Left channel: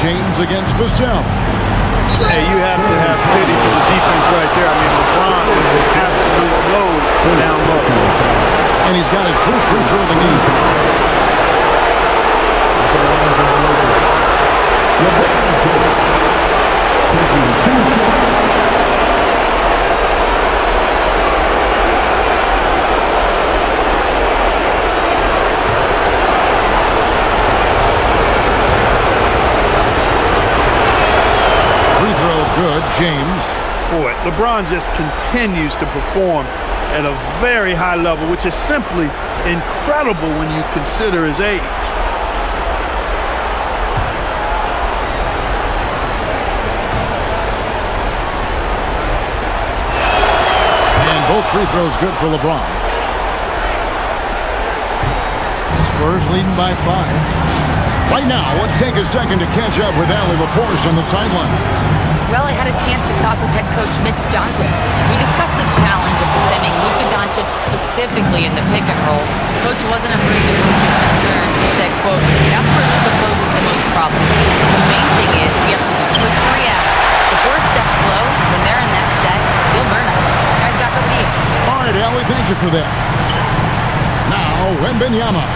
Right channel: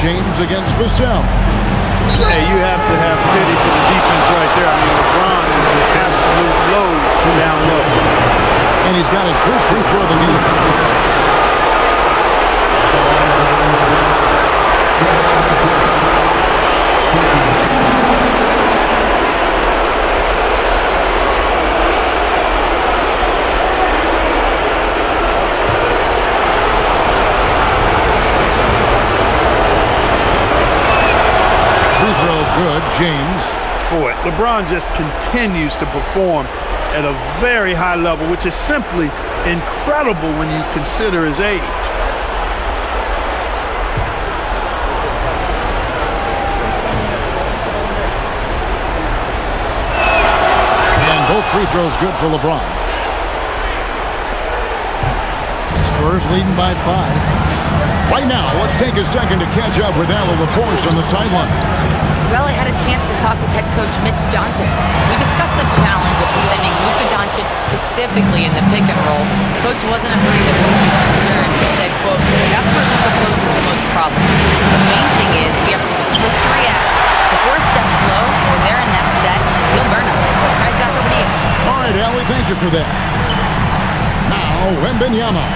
James against Vassell. Hey, you have to have pity for the defense right there. I mean, LeBron is an absolute load down low. And he's got his first free throw of the game. Free throw good, James. Boy, LeBron just continues to perform at a very high level, which is simply incredible when you consider his age. And both free throws good for LeBron. Spurs leading by 5. Right now, let's take a second to catch up with Allie LaForce on the sideline. Well, I had a chance to talk with head coach Mitch Johnson. We discussed the challenge of defending Luka Doncic specifically in the pick and roll. Coach wasn't afraid to voice his concerns. He said, quote, "That's where Luka poses the most problems. The main thing is we have to be quick to react. If we're a step slow, when they're in that set, he'll burn us. Guys, back over to you." All right, Allie, thank you for that. Now, Wembanyama.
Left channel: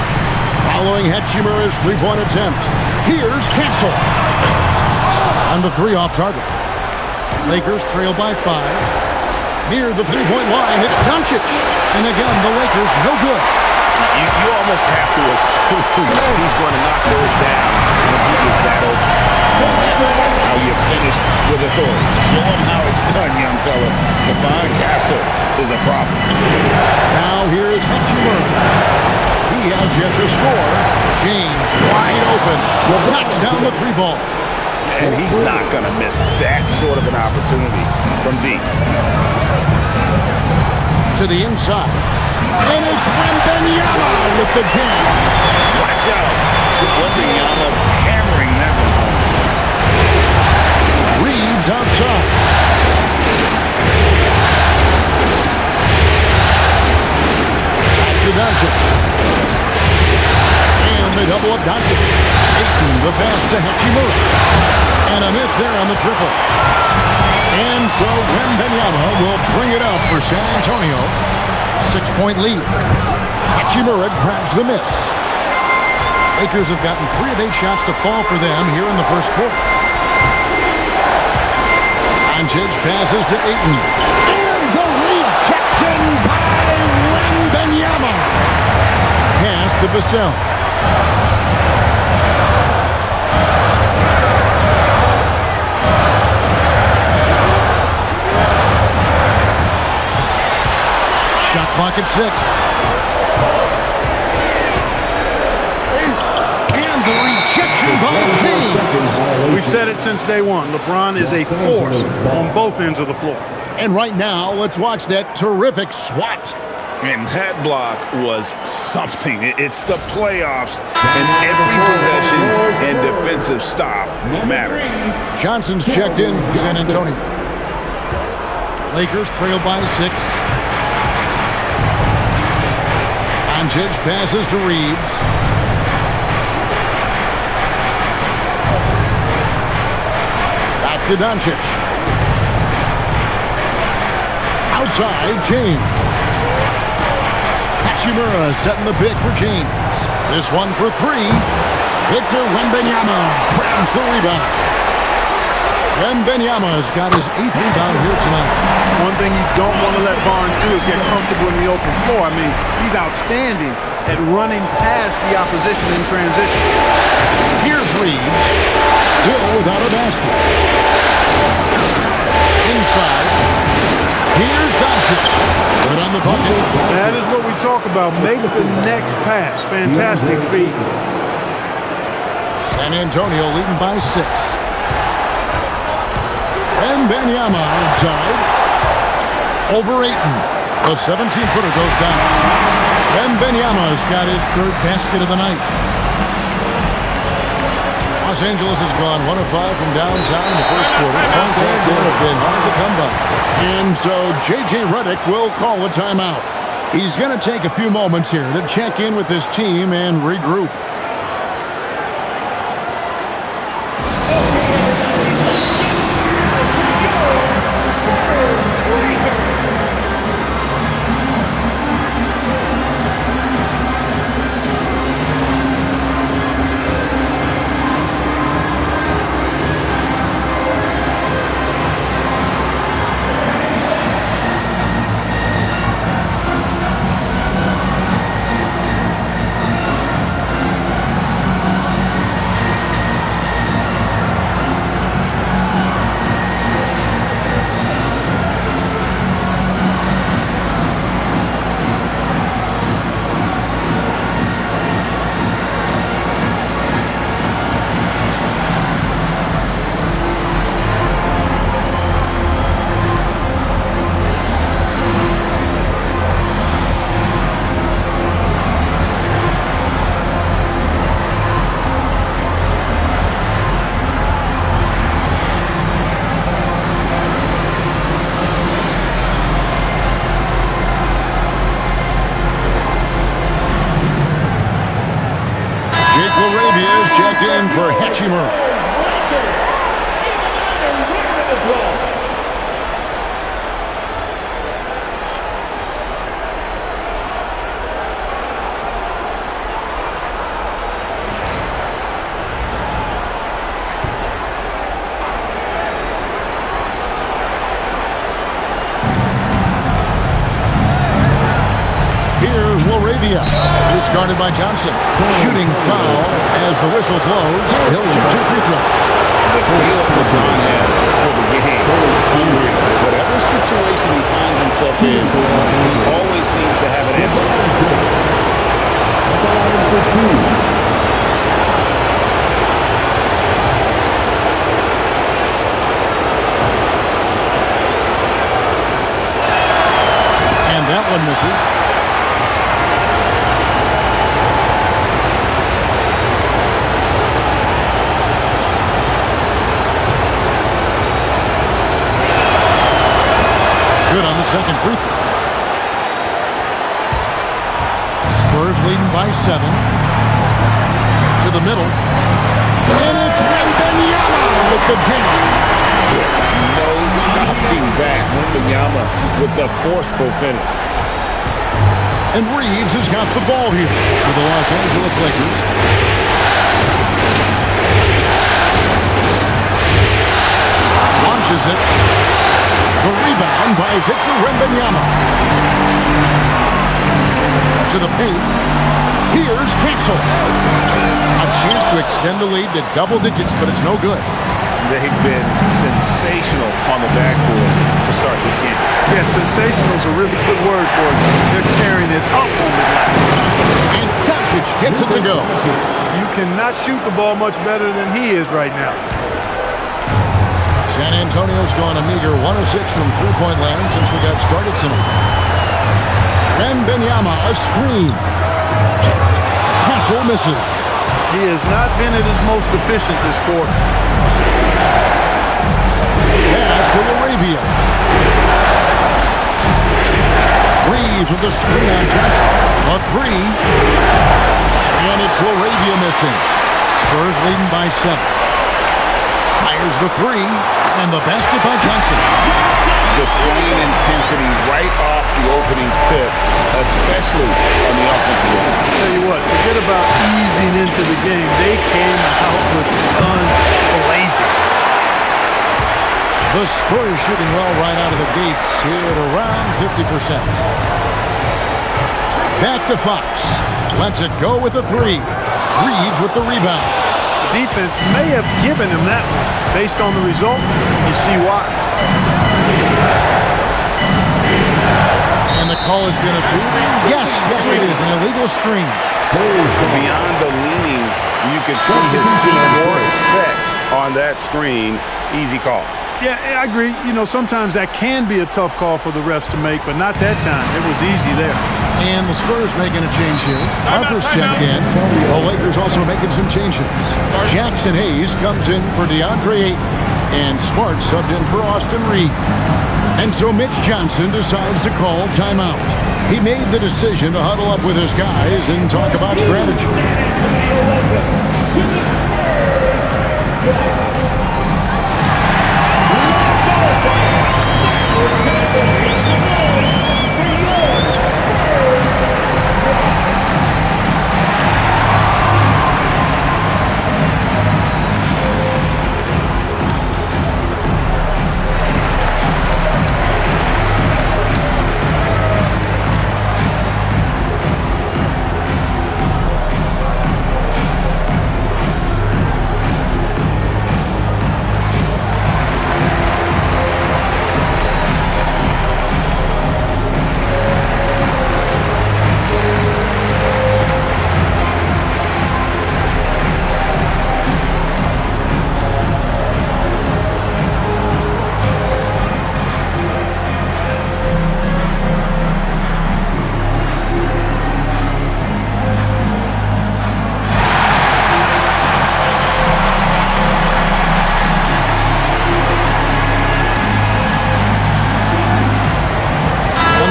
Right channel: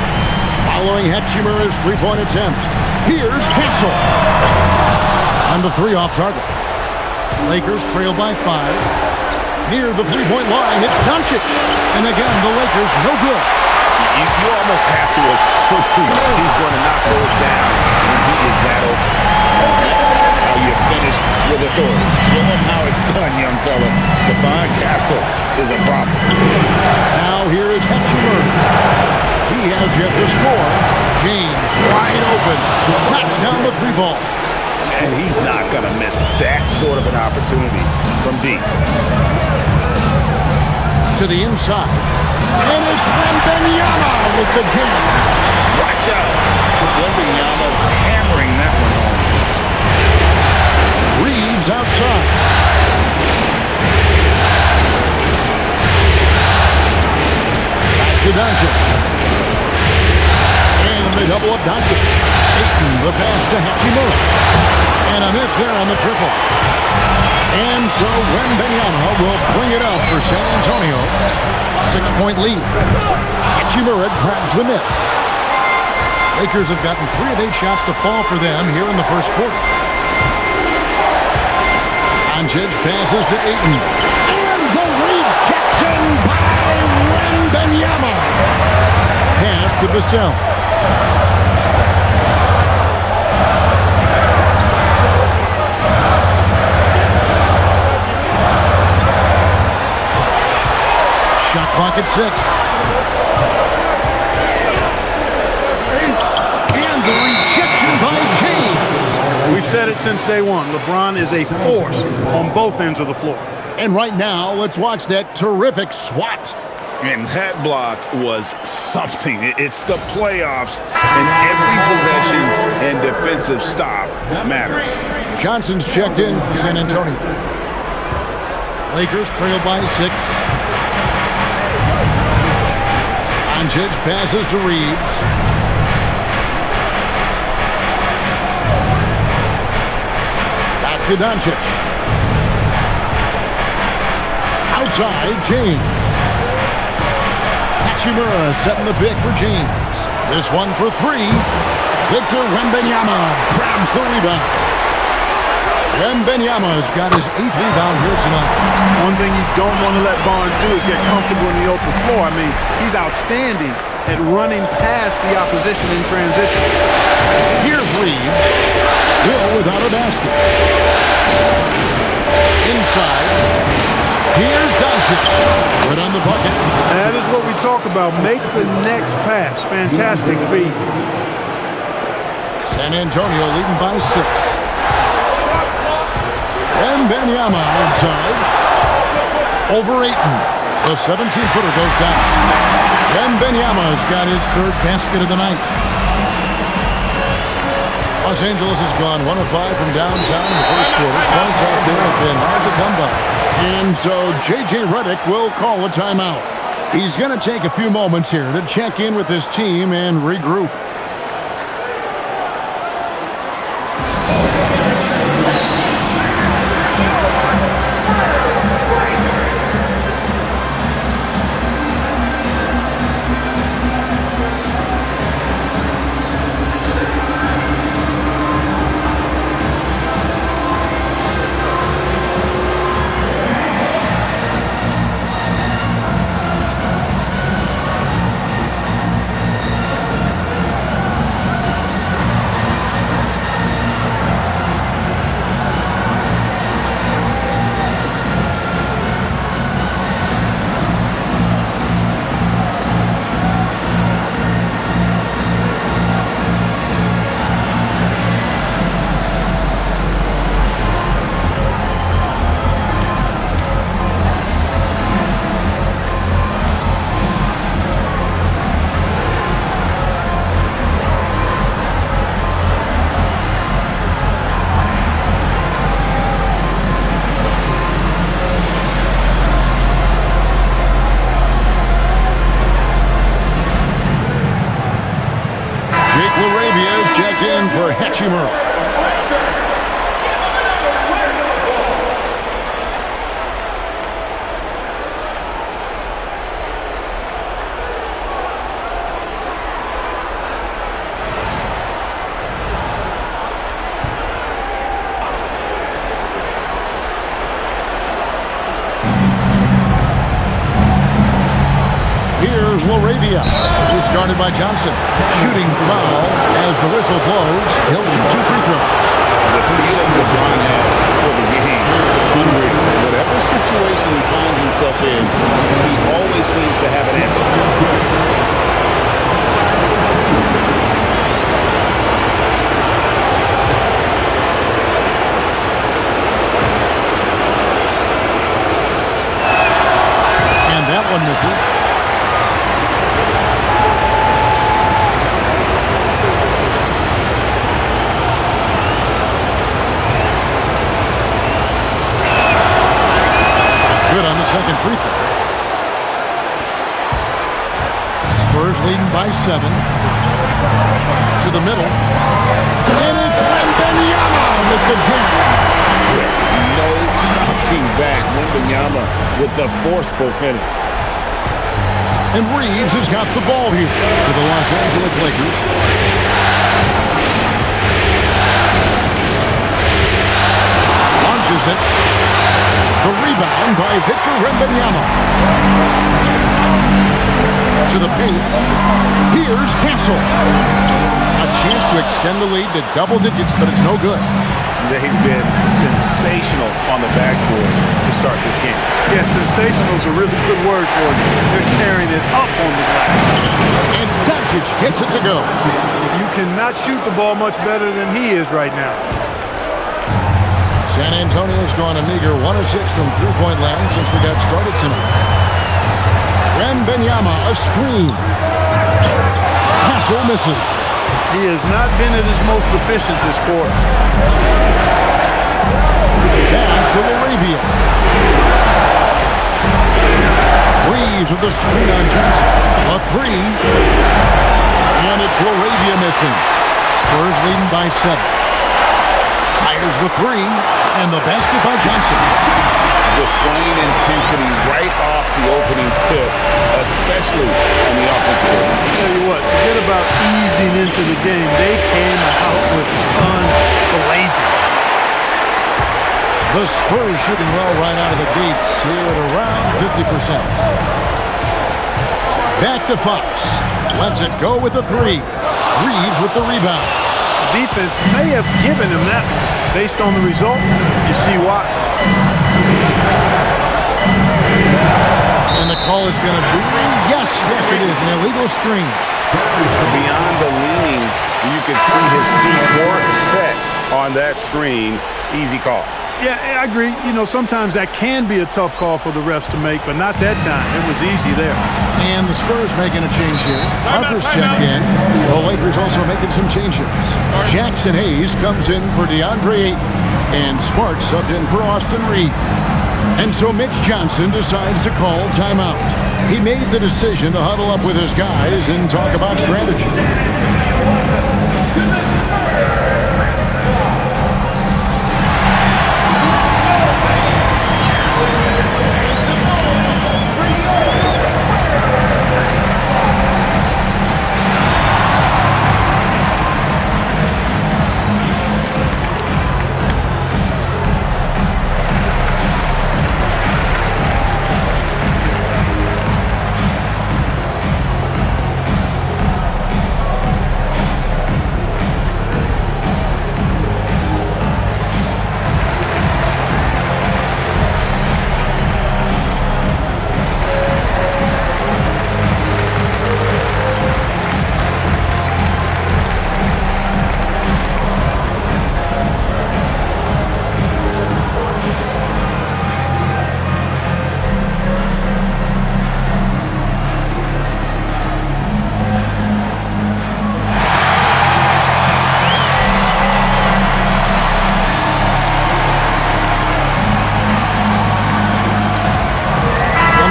Following Hachimura's three-point attempt. Here's Castle. On the 3 off target. Lakers trail by 5. Near the three-point line, it's Doncic. And again, the Lakers no good. You almost have to assume he's going to knock those down when he is that open. And that's how you finish with authority. Show him how it's done, young fella. Stephon Castle is a problem. Now here is Hachimura. He has yet to score. James wide open. Knocks down the 3 ball. And he's not going to miss that sort of an opportunity from deep. To the inside. And it's Wembanyama with the jam. Watch out. Wembanyama hammering that one home. Reeves outside. Back to Doncic. And they double up Doncic. Ayton, the pass to Hachimura. And a miss there on the triple. And so Wembanyama will bring it up for San Antonio. 6-point lead. Hachimura grabs the miss. Lakers have gotten 3 of 8 shots to fall for them here in the first quarter. Doncic passes to Ayton. And the rejection by Wembanyama. Pass to Vassell. Shot clock at 6. And the rejection by James. We've said it since day one. LeBron is a force on both ends of the floor. And right now, let's watch that terrific swat. And that block was something. It's the playoffs, and every possession and defensive stop matters. Johnson's checked in for San Antonio. Lakers trail by 6. Doncic passes to Reeves. Back to Doncic. Outside, James. Hachimura setting the pick for James. This one for 3. Victor Wembanyama grabs the rebound. Wembanyama's got his 8th rebound here tonight. One thing you don't want to let Barnes do is get comfortable in the open floor. I mean, he's outstanding at running past the opposition in transition. Here's Reeves, still without a basket. Inside, here's Doncic. Good on the bucket. That is what we talk about. Make the next pass. Fantastic feed. San Antonio leading by 6. Wembanyama outside. Over Ayton. The 17-footer goes down. Wembanyama's got his 3rd basket of the night. Los Angeles has gone 1 of 5 from downtown in the first quarter. Points out there have been hard to come by. And so J.J. Redick will call a timeout. He's going to take a few moments here to check in with his team and regroup. Jake LaRavia is checked in for Hachimura. Here's LaRavia, who's guarded by Johnson. Shooting foul as the whistle blows. He'll shoot 2 free throws. The feel LeBron has for the game, unreal. Whatever situation he finds himself in, he always seems to have an answer. And that one misses. Good on the second free throw. Spurs leading by 7. To the middle. And it's Wembanyama with the jam. There's no stopping that. Wembanyama with the forceful finish. And Reeves has got the ball here for the Los Angeles Lakers. Launches it. The rebound by Victor Wembanyama. To the paint. Here's Castle. A chance to extend the lead to double digits, but it's no good. They've been sensational on the backboard to start this game. Yeah, sensational is a really good word for it. They're tearing it up on the glass. And Doncic gets it to go. You cannot shoot the ball much better than he is right now. San Antonio's gone a meager 1 of 6 from three-point land since we got started tonight. Wembanyama, a screen. Castle misses. He has not been at his most efficient this quarter. Pass to LaRavia. Reeves with the screen on Johnson. A 3. And it's LaRavia missing. Spurs leading by 7. Fires the 3. And the basket by Johnson. Displaying intensity right off the opening tip, especially on the offensive end. I'll tell you what, forget about easing into the game. They came out with guns blazing. The Spurs shooting well right out of the gates here at around 50%. Back to Fox. Lets it go with the 3. Reeves with the rebound. The defense may have given him that one. Based on the result, you see why. And the call is going to be, yes, it is, an illegal screen. Beyond the leaning, you could see his feet weren't set on that screen. Easy call. Yeah, I agree. You know, sometimes that can be a tough call for the refs to make, but not that time. It was easy there. And the Spurs making a change here. Harper's checked in. The Lakers also making some changes. Jackson Hayes comes in for DeAndre Ayton. And Smart subbed in for Austin Reed. And so Mitch Johnson decides to call timeout. He made the decision to huddle up with his guys and talk about strategy.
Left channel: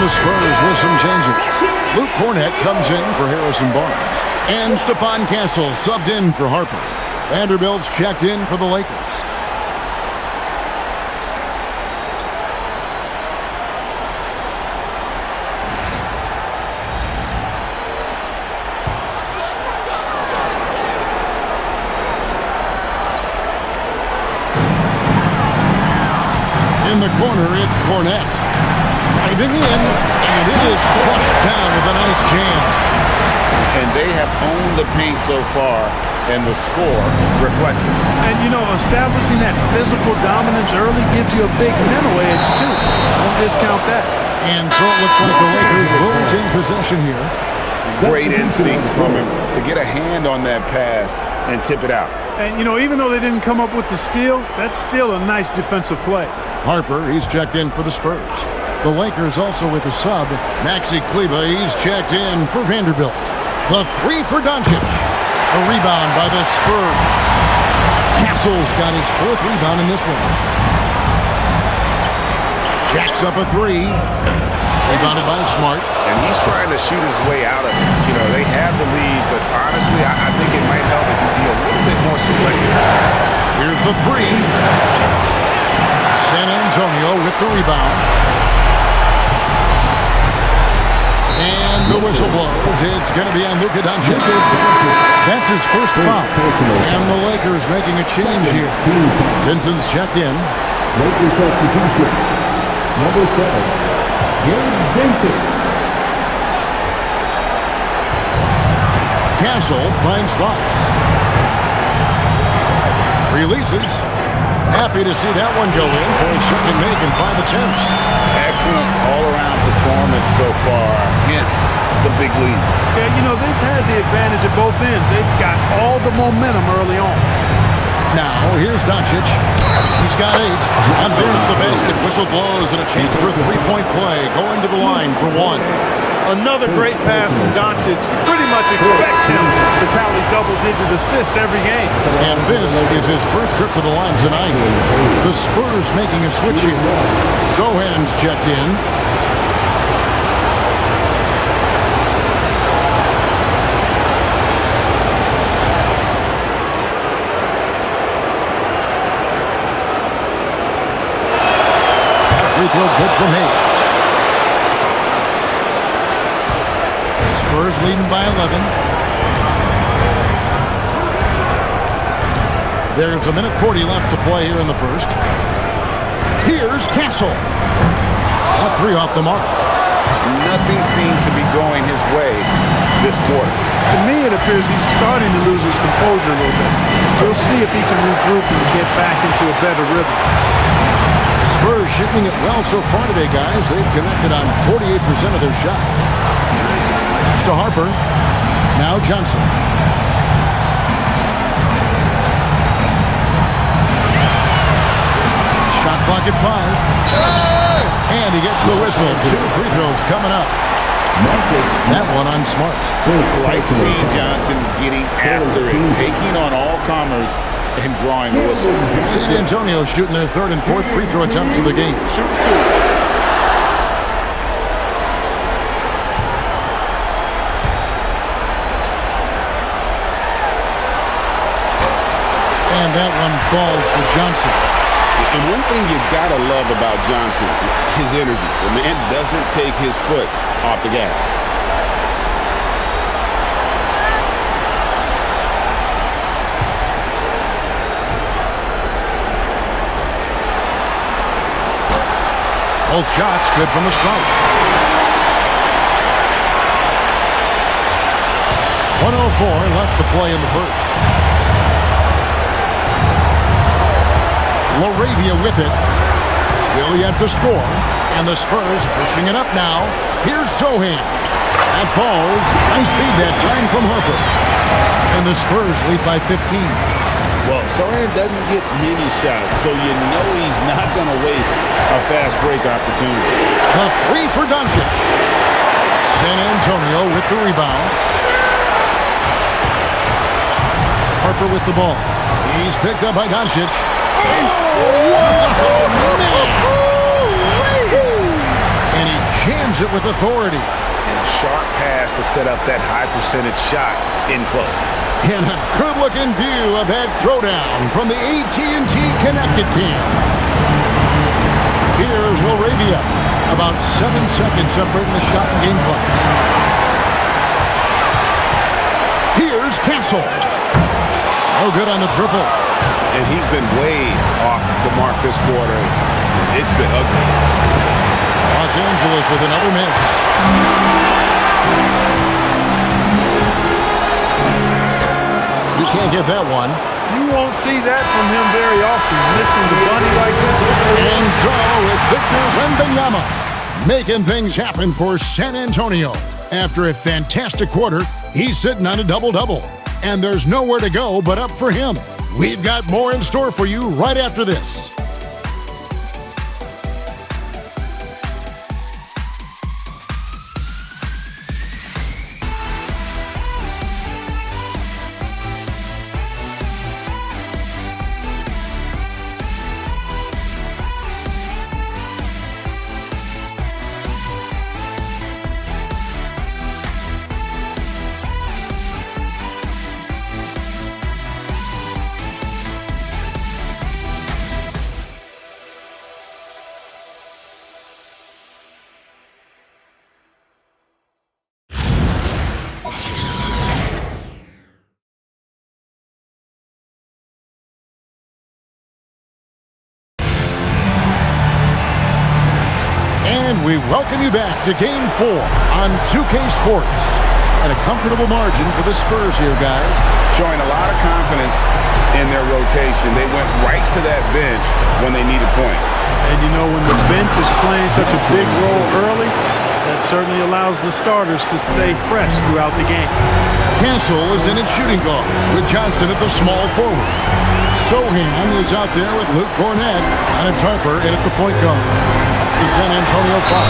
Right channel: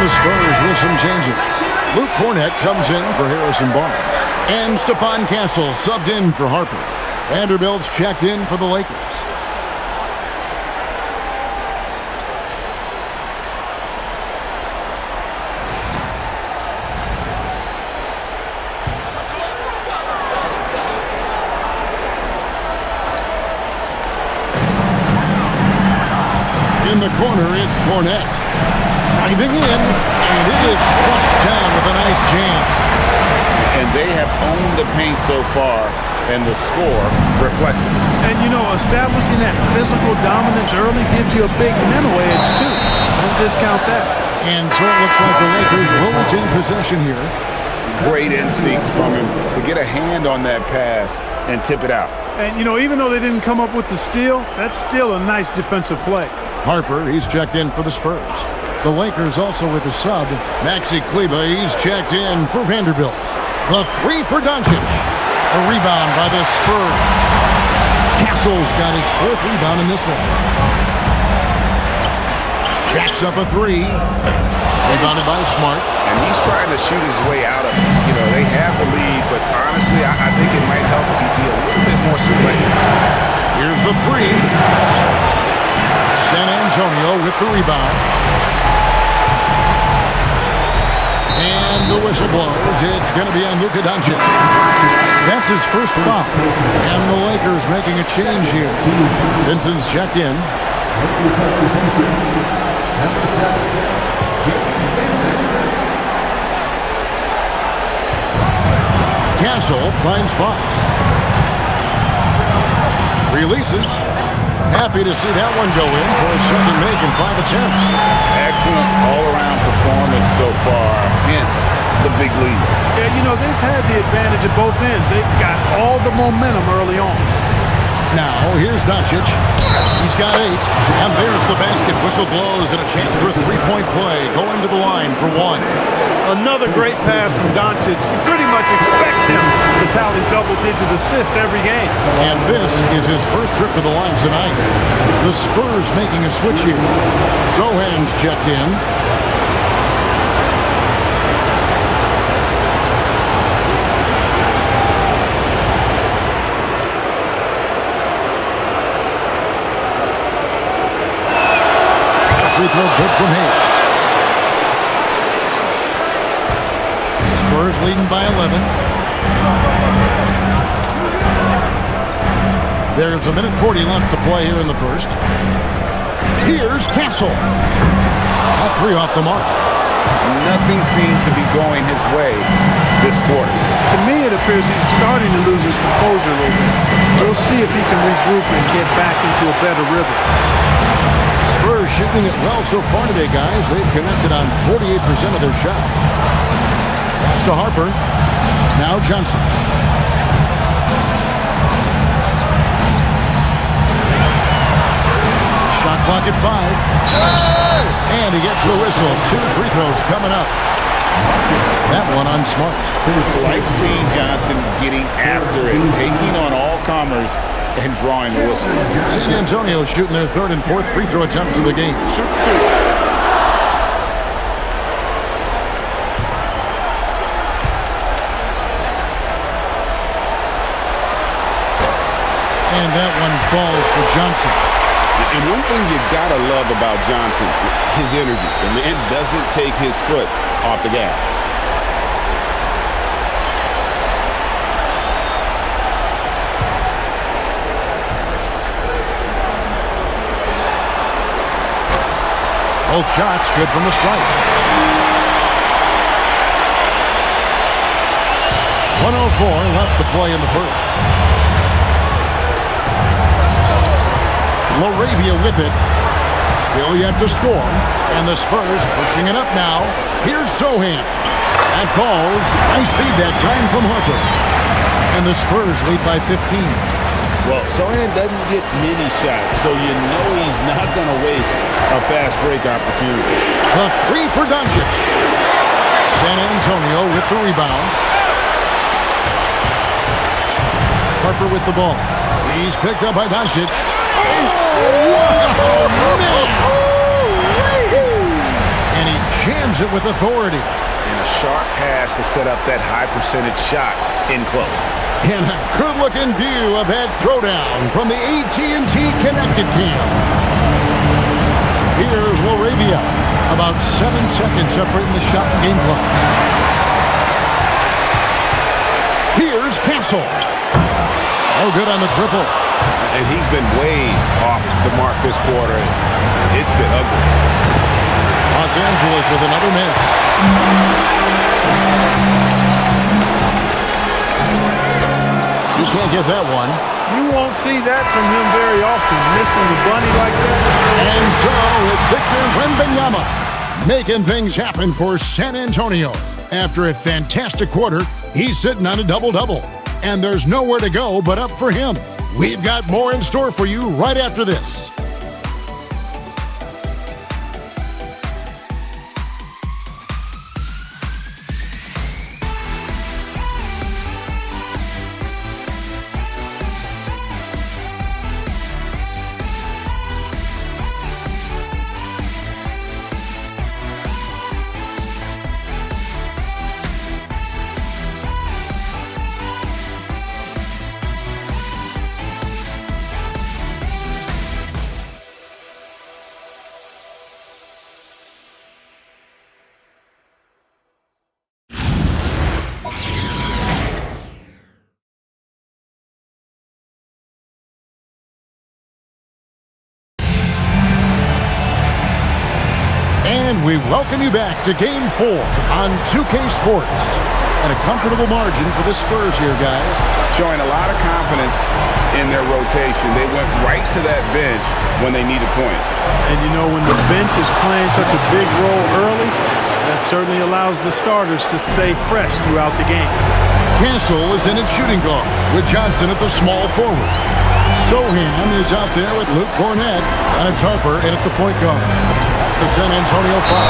The Spurs with some changes. Luke Cornett comes in for Harrison Barnes. And Stephon Castle subbed in for Harper. Vanderbilt's checked in for the Lakers. In the corner, it's Cornett. Driving in, and it is flushed down with a nice jam. And they have owned the paint so far, and the score reflects it. And, you know, establishing that physical dominance early gives you a big mental edge, too. Don't discount that. And so it looks like the Lakers will retain possession here. Great instincts from him to get a hand on that pass and tip it out. And, you know, even though they didn't come up with the steal, that's still a nice defensive play. Harper, he's checked in for the Spurs. The Lakers also with a sub. Maxi Kleber, he's checked in for Vanderbilt. The three for Doncic. A rebound by the Spurs. Castle's got his fourth rebound in this one. Jacks up a three. Rebounded by Smart. And he's trying to shoot his way out of it. You know, they have the lead, but honestly, I think it might help if he'd be a little bit more selective. Here's the three. San Antonio with the rebound. And the whistle blows. It's going to be on Luka Doncic. That's his first foul. And the Lakers making a change here. Vincent's checked in. Lakers substitution. Number 7, Gabe Vincent. Castle finds Fox. Releases. Happy to see that one go in for a second make in 5 attempts. Excellent all-around performance so far, hence the big lead. Yeah, you know, they've had the advantage at both ends. They've got all the momentum early on. Now, here's Doncic. He's got 8. And there's the basket. Whistle blows and a chance for a three-point play. Going to the line for 1. Another great pass from Doncic. You pretty much expect him to tally double-digit assists every game. And this is his first trip to the line tonight. The Spurs making a switch here. Sohan's checked in. That free throw good from Hayes. Spurs leading by 11. There's 1:40 left to play here in the first. Here's Castle. That three off the mark. Nothing seems to be going his way this quarter. To me, it appears he's starting to lose his composure a little bit. We'll see if he can regroup and get back into a better rhythm. Spurs shooting it well so far today, guys. They've connected on 48% of their shots. Pass to Harper. Now Johnson. Shot clock at 5. And he gets the whistle. 2 free throws coming up. That one on Smart. Like seeing Johnson getting after it, taking on all comers and drawing the whistle. San Antonio shooting their 3rd and 4th free throw attempts of the game. Shoot 2. And that one falls for Johnson. And one thing you gotta love about Johnson, his energy. The man doesn't take his foot off the gas. Both shots good from the stripe. 1:04 left to play in the first. Laravia with it. Still yet to score. And the Spurs pushing it up now. Here's Sohan. That falls. Nice feed that time from Harper. And the Spurs lead by 15. Well, Sohan doesn't get many shots, so you know he's not going to waste a fast break opportunity. The 3 for Doncic. San Antonio with the rebound. Harper with the ball. He's picked up by Doncic. Oh, man! And he jams it with authority. and a sharp pass to set up that high-percentage shot in close. And a good-looking view of that throwdown from the AT&T Connected Cam. Here's Laravia. About 7 seconds separating the shot and game clocks. Here's Castle. Oh, good on the triple. And he's been way off the mark this quarter. It's been ugly. Los Angeles with another miss. You can't get that one. You won't see that from him very often, missing the bunny like that. And so it's Victor Wembanyama making things happen for San Antonio. After a fantastic quarter, he's sitting on a double-double. And there's nowhere to go but up for him. We've got more in store for you right after this. And we welcome you back to Game 4 on 2K Sports. And a comfortable margin for the Spurs here, guys. Showing a lot of confidence in their rotation. They went right to that bench when they needed points. And you know, when the bench is playing such a big role early, that certainly allows the starters to stay fresh throughout the game. Castle is in at shooting guard with Johnson at the small forward. Sohan is out there with Luke Cornett, and it's Harper in at the point guard. That's the San Antonio foul.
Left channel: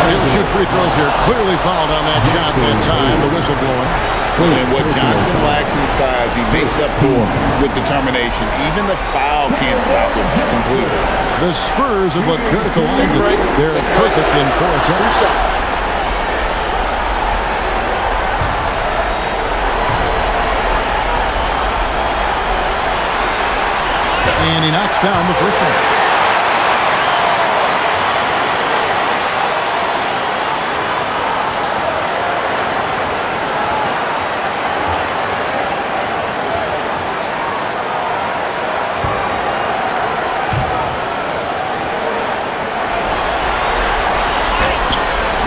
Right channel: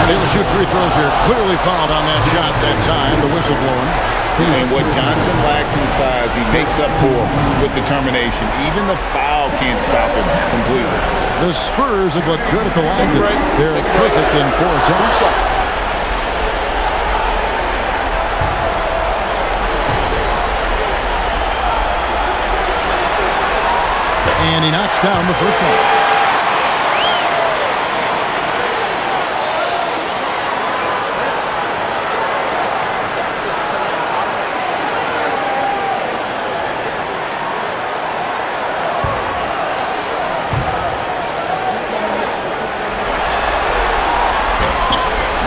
And he'll shoot free throws here. Clearly fouled on that shot that time, the whistle blowing. And what Johnson lacks in size, he makes up for with determination. Even the foul can't stop him completely. The Spurs have looked good at the line. They're perfect in 4 attempts. And he knocks down the first one.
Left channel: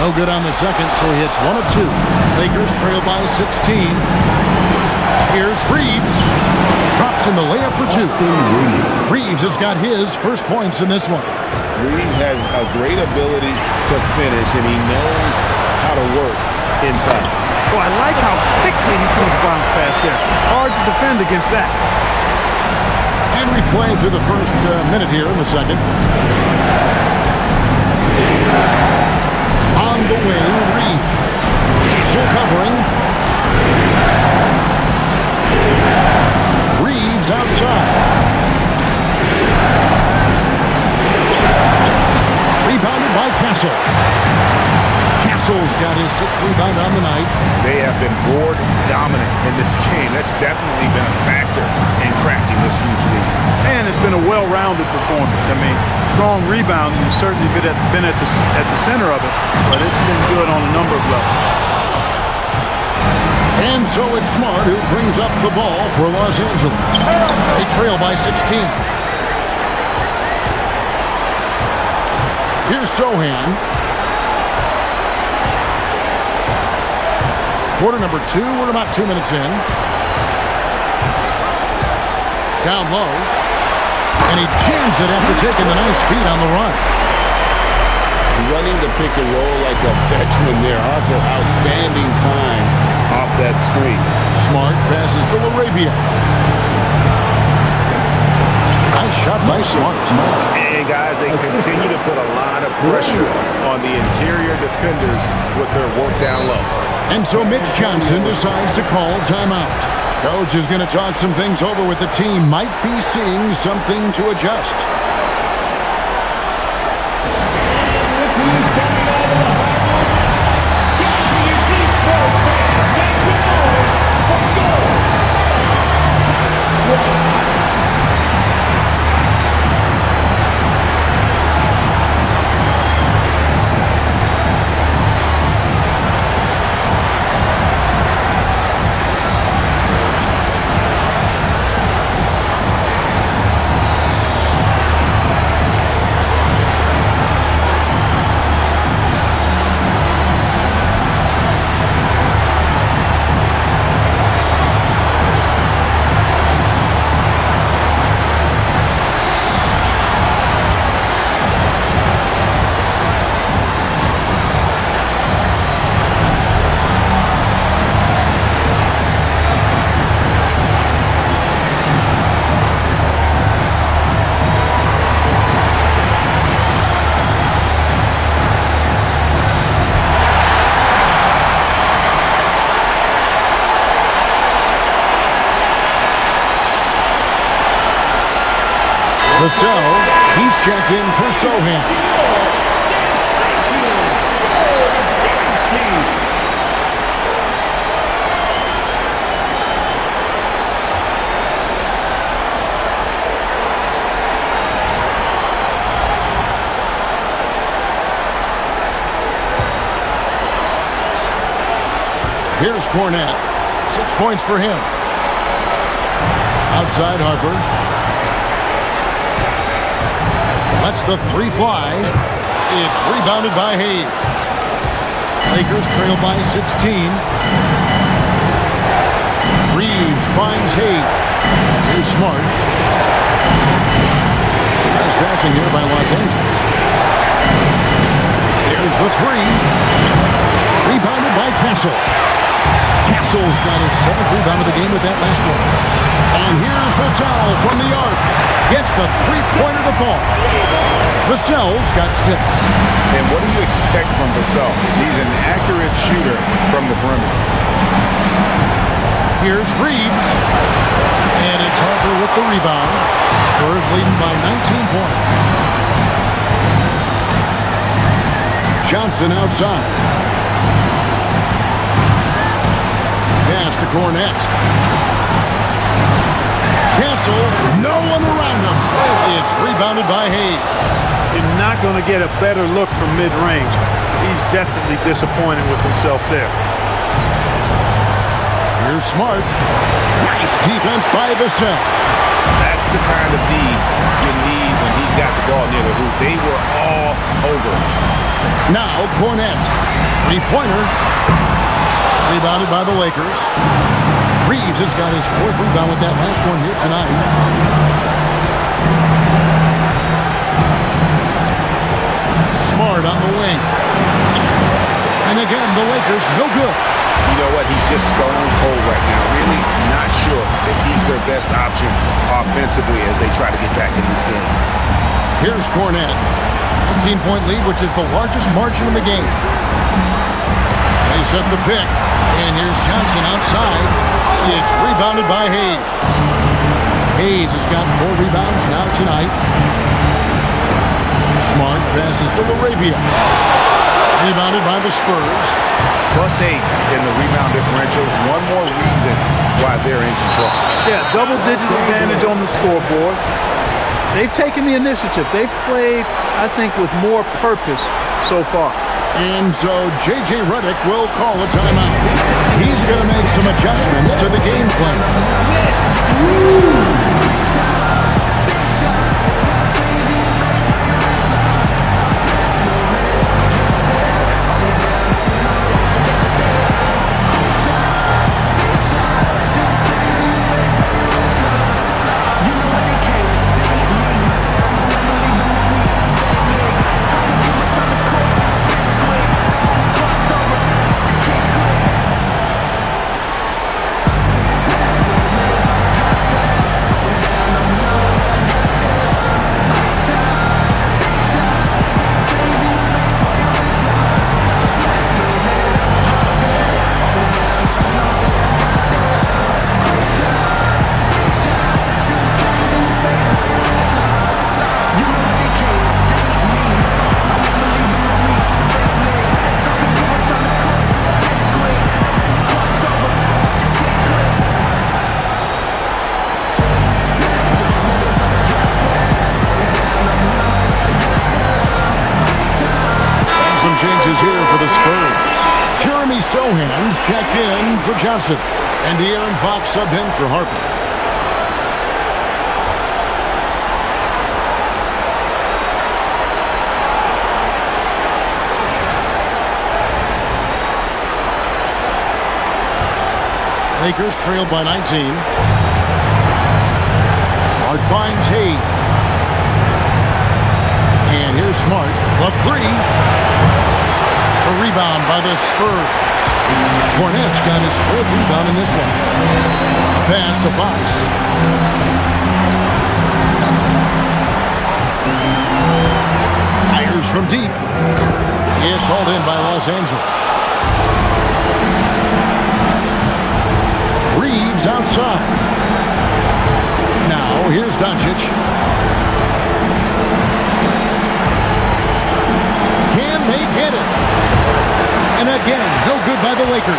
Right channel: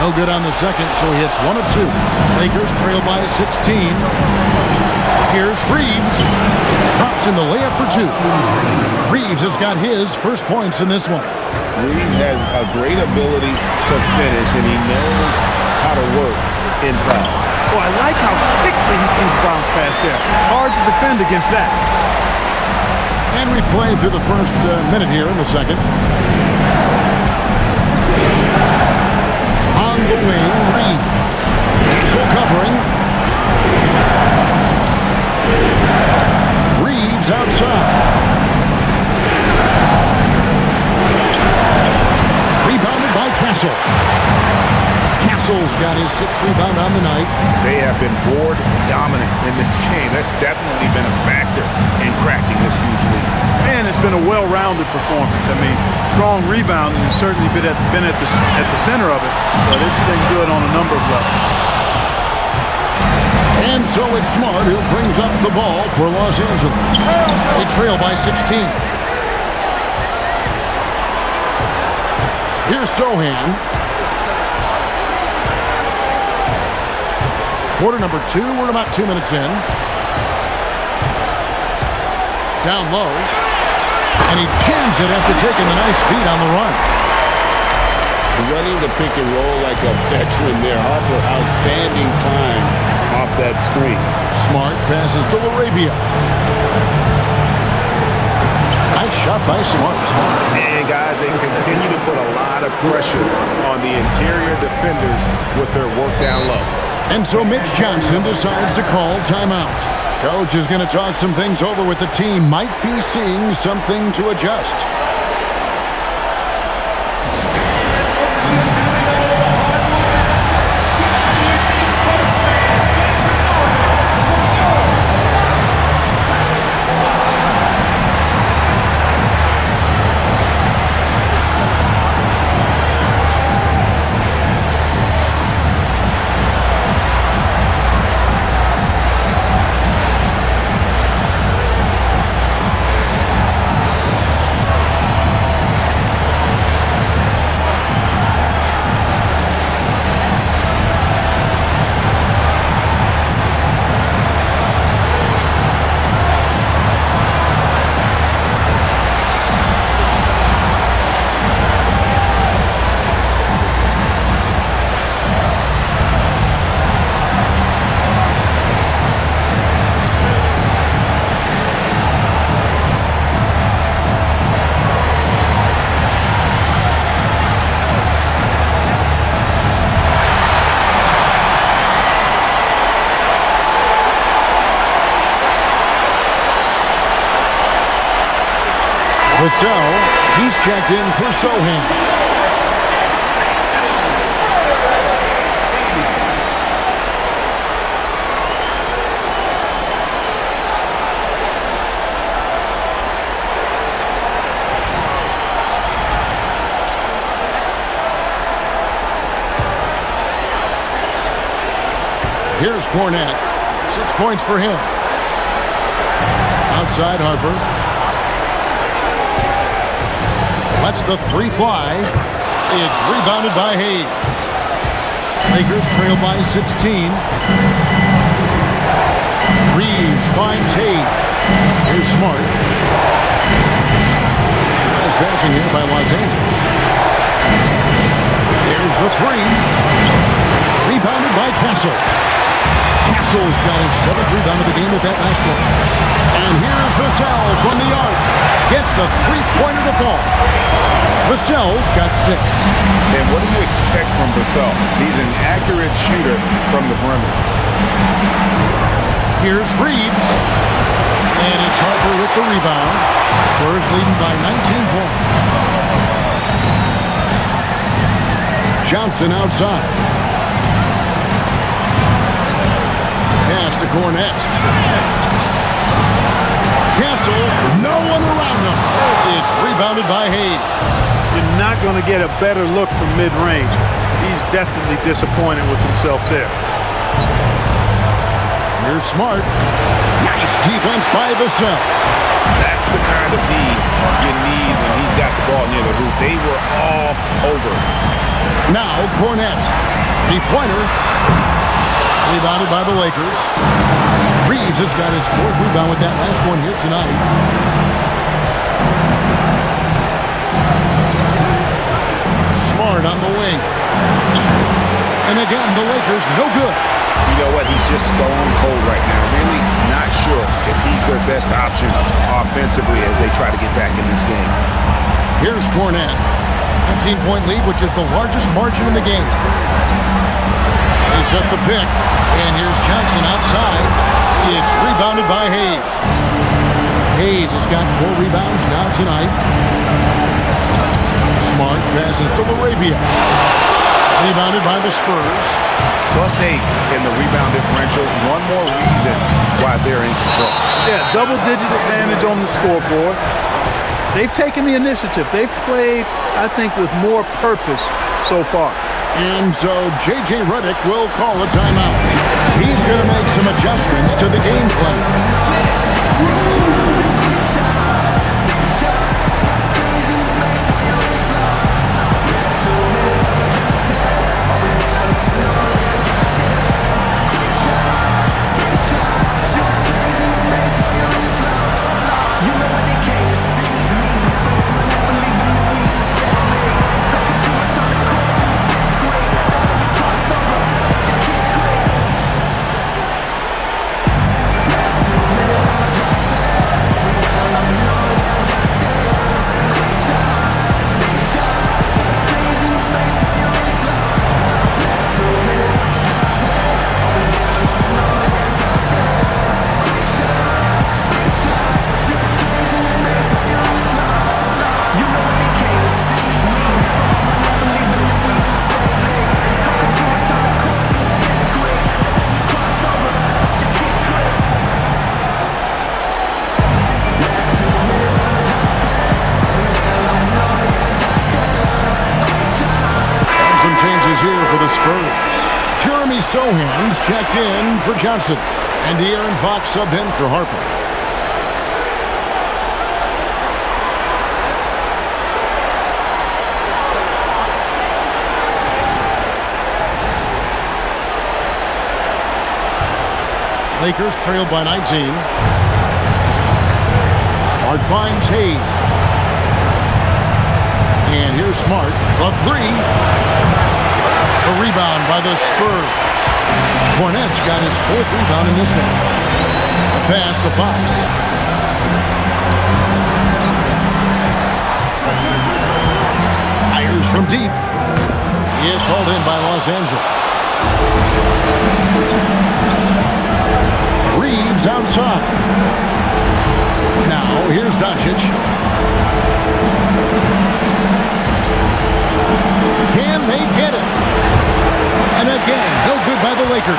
No good on the second, so he hits 1 of 2. Lakers trail by 16. Here's Reeves. Drops in the layup for 2. Reeves has got his first points in this one. Reeves has a great ability to finish, and he knows how to work inside. Oh, I like how quickly he threw the bounce pass there. Hard to defend against that. And we've played through the first minute here in the second. On the wing, Reeves. Castle covering. Reeves outside. Rebounded by Castle. Castle's got his 6th rebound on the night. They have been board dominant in this game. That's definitely been a factor in crafting this huge lead. And it's been a well-rounded performance. I mean, strong rebounding has certainly been at the center of it, but it's been good on a number of levels. And so it's Smart who brings up the ball for Los Angeles. They trail by 16. Here's Sohan. Quarter number 2, we're about 2 minutes in. Down low. And he jams it after taking the nice feed on the run. Running the pick and roll like a veteran there. Harper, outstanding find off that screen. Smart passes to Laravia. Nice shot by Smart. And guys, they continue to put a lot of pressure on the interior defenders with their work down low. And so Mitch Johnson decides to call timeout. Coach is going to talk some things over with the team. Might be seeing something to adjust. Vassell, he's checked in for Sohan. Here's Cornette. 6 points for him. Outside Harper. Lets the three fly. It's rebounded by Hayes. Lakers trail by 16. Reeves finds Hayes. Here's Smart. Nice passing here by Los Angeles. There's the three. Rebounded by Castle. Castle's got his 7th rebound of the game with that last one. And here's Vassell from the arc. Gets the three-pointer to fall. Vassell's got 6. And what do you expect from Vassell? He's an accurate shooter from the perimeter. Here's Reeves. And it's Harper with the rebound. Spurs leading by 19 points. Johnson outside. Pass to Cornette. Castle, no one around him. It's rebounded by Hayes. You're not going to get a better look from mid-range. He's definitely disappointed with himself there. Here's Smart. Nice defense by Vassell. That's the kind of D you need when he's got the ball near the hoop. They were all over. Now Cornette. Three-pointer. Rebounded by the Lakers. Reeves has got his 4th rebound with that last one here tonight. Smart on the wing. And again, the Lakers no good. You know what? He's just stone cold right now. Really not sure if he's their best option offensively as they try to get back in this game. Here's Cornette. 19-point lead, which is the largest margin in the game. They set the pick. And here's Johnson outside. It's rebounded by Hayes. Hayes has got 4 rebounds now tonight. Smart passes to LaRavia. Rebounded by the Spurs. +8 in the rebound differential. One more reason why they're in control. Yeah, double-digit advantage on the scoreboard. They've taken the initiative. They've played, I think, with more purpose so far. And so J.J. Redick will call a timeout. He's going to make some adjustments to the game plan. Here for the Spurs. Jeremy Sohan's checked in for Johnson. And De'Aaron Fox subbed in for Harper. Lakers trail by 19. Smart finds Hayes. And here's Smart. The three. A rebound by the Spurs. Cornette's got his 4th rebound in this one. A pass to Fox. Fires from deep. It's hauled in by Los Angeles. Reeves outside. Now here's Doncic. Can they get it? And again, no good by the Lakers.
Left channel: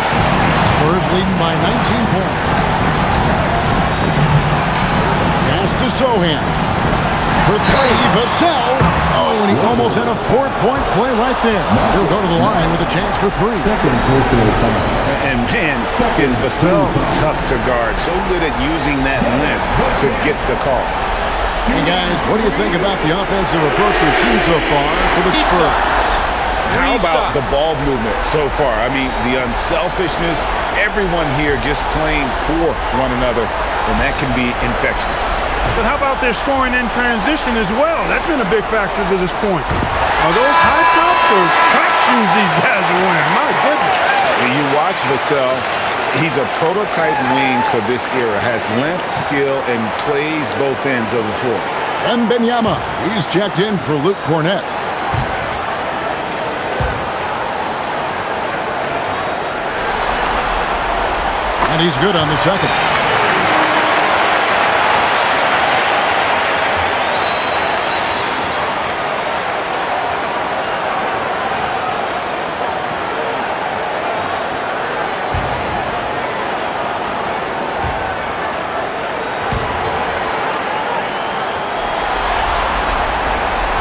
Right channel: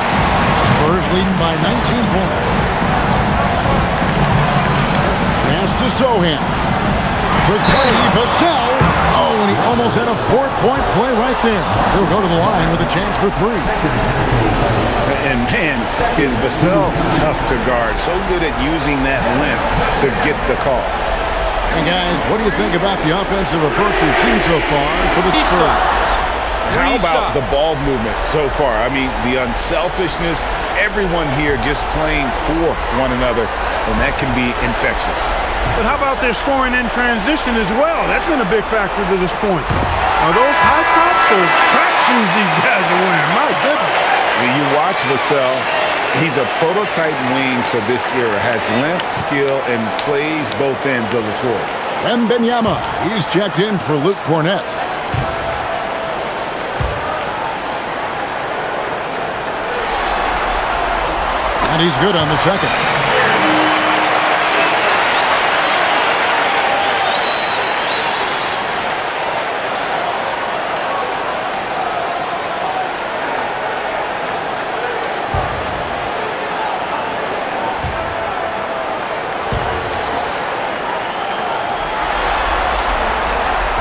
Spurs leading by 19 points. Pass to Sohan. For three, Vassell. Oh, and he almost had a 4-point play right there. He'll go to the line with a chance for three. And man, is Vassell tough to guard. So good at using that length to get the call. And guys, what do you think about the offensive approach we've seen so far for the Spurs? How about the ball movement so far? I mean, the unselfishness, everyone here just playing for one another, and that can be infectious. But how about their scoring in transition as well? That's been a big factor to this point. Are those high tops or track shoes these guys are wearing? My goodness. You watch Vassell, he's a prototype wing for this era. Has length, skill, and plays both ends of the floor. Wembanyama, he's checked in for Luke Cornett. And he's good on the second.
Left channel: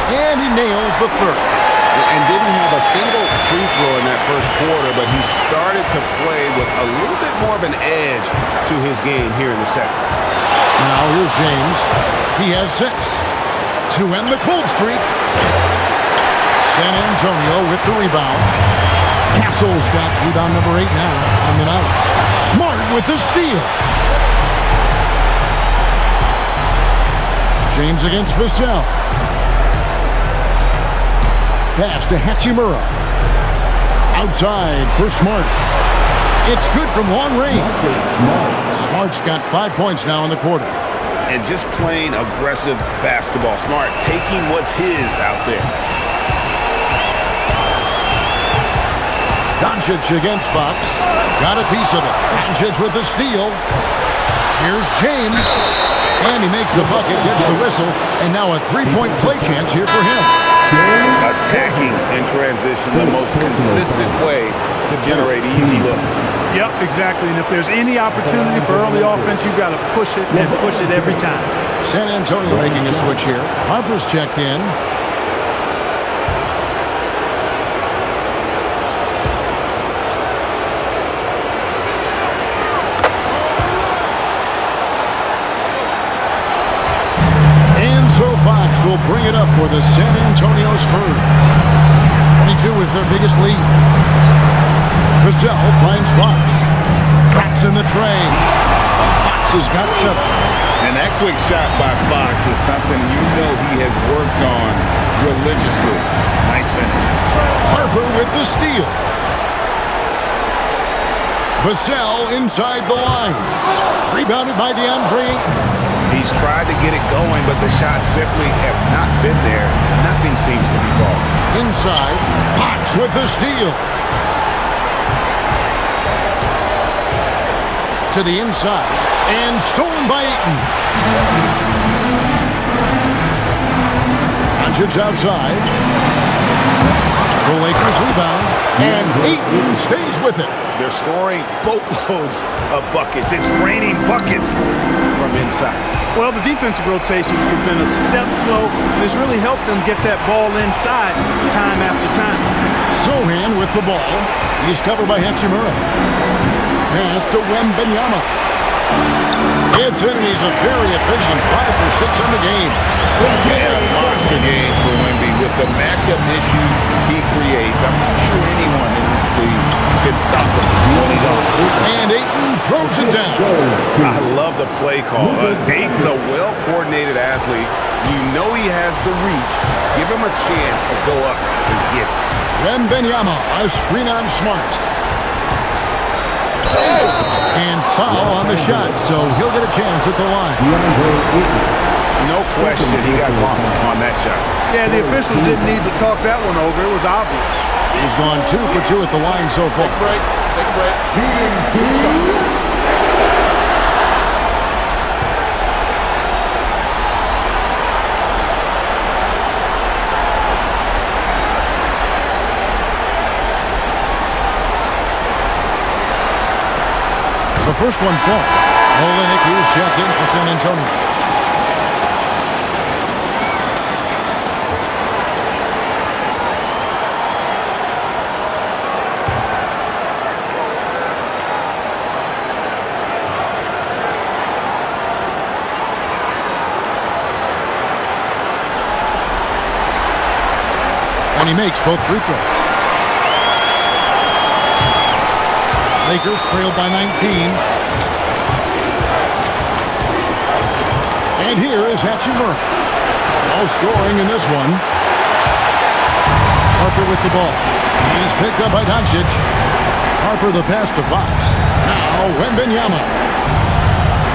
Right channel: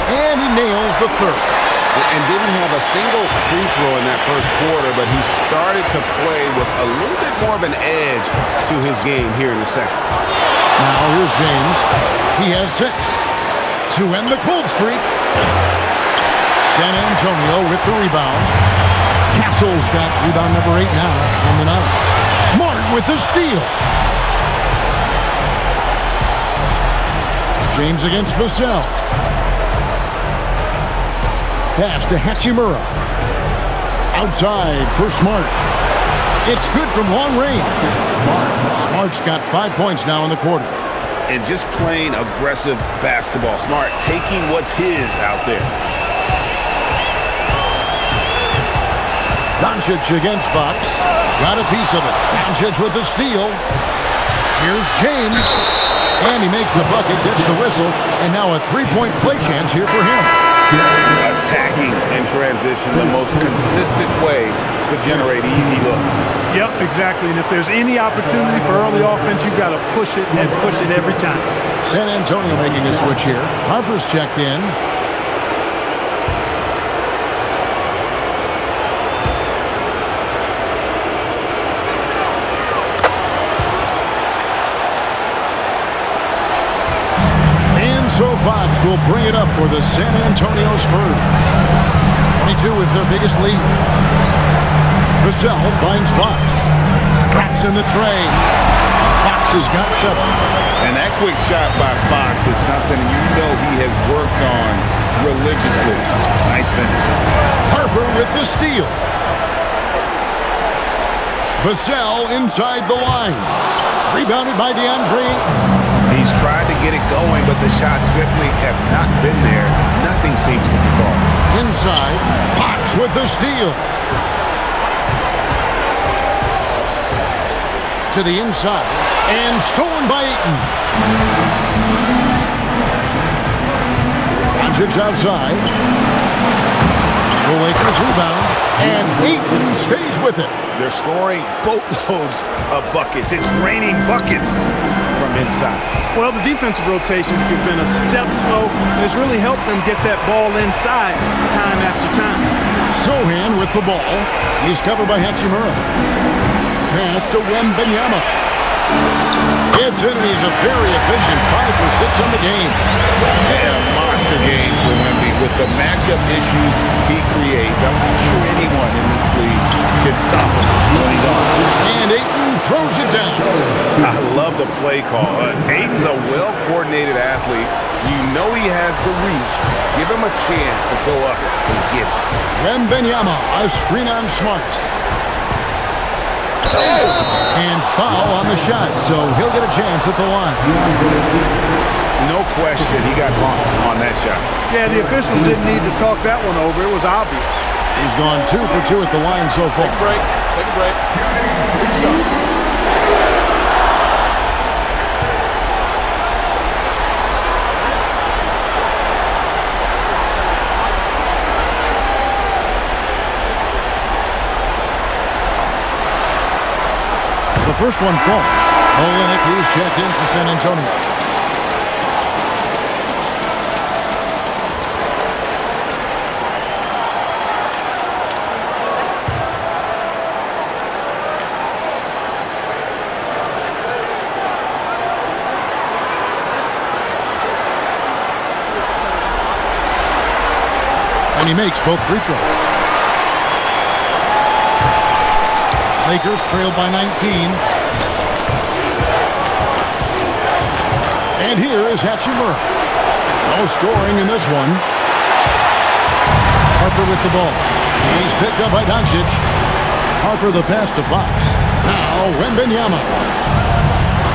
And he nails the third. And didn't have a single free throw in that first quarter, but he started to play with a little bit more of an edge to his game here in the second. Now here's James. He has 6 to end the cold streak. San Antonio with the rebound. Castle's got rebound number 8 now on the night. Smart with the steal. James against Vassell. Pass to Hachimura. Outside for Smart. It's good from long range. Smart's got 5 points now in the quarter. And just playing aggressive basketball. Smart taking what's his out there. Doncic against Fox. Got a piece of it. Doncic with the steal. Here's James. And he makes the bucket, gets the whistle, and now a 3-point play chance here for him. Attacking in transition, the most consistent way to generate easy looks. Yep, exactly. And if there's any opportunity for early offense, you've got to push it and push it every time. San Antonio making a switch here. Harper's checked in. And so Fox will bring it up for the San Antonio Spurs. 22 is their biggest lead. Vassell finds Fox. Traps in the tray. Fox has got 7. And that quick shot by Fox is something you know he has worked on religiously. Nice finish. Harper with the steal. Vassell inside the line. Rebounded by DeAndre Ayton. He's tried to get it going, but the shots simply have not been there. Nothing seems to be falling. Inside, Fox with the steal. To the inside, and stolen by Ayton. Doncic outside. The Lakers rebound, and Ayton stays with it. They're scoring boatloads of buckets. It's raining buckets from inside. Well, the defensive rotations have been a step slow, and it's really helped them get that ball inside time after time. Sohan with the ball. He's covered by Hachimura. Pass to Wembanyama. It's in, and he's a very efficient 5 for 6 in the game. And a monster game for Wemby with the matchup issues he creates. I'm not sure anyone in this league can stop him when he's on. And Ayton throws it down. I love the play call. Ayton's a well-coordinated athlete. You know he has the reach. Give him a chance to go up and get it. Wembanyama, a screen on Smart. And foul on the shot, so he'll get a chance at the line. No question he got bumped on that shot. Yeah, the officials didn't need to talk that one over. It was obvious. He's gone 2 for 2 at the line so far. Take a break. Take a break. Good shot. first one falls. Olenek is checked in for San Antonio. And he makes both free throws. Lakers trail by 19. And here is Hachimura. No scoring in this one. Harper with the ball. He's picked up by Doncic. Harper the pass to Fox. Now Wembanyama.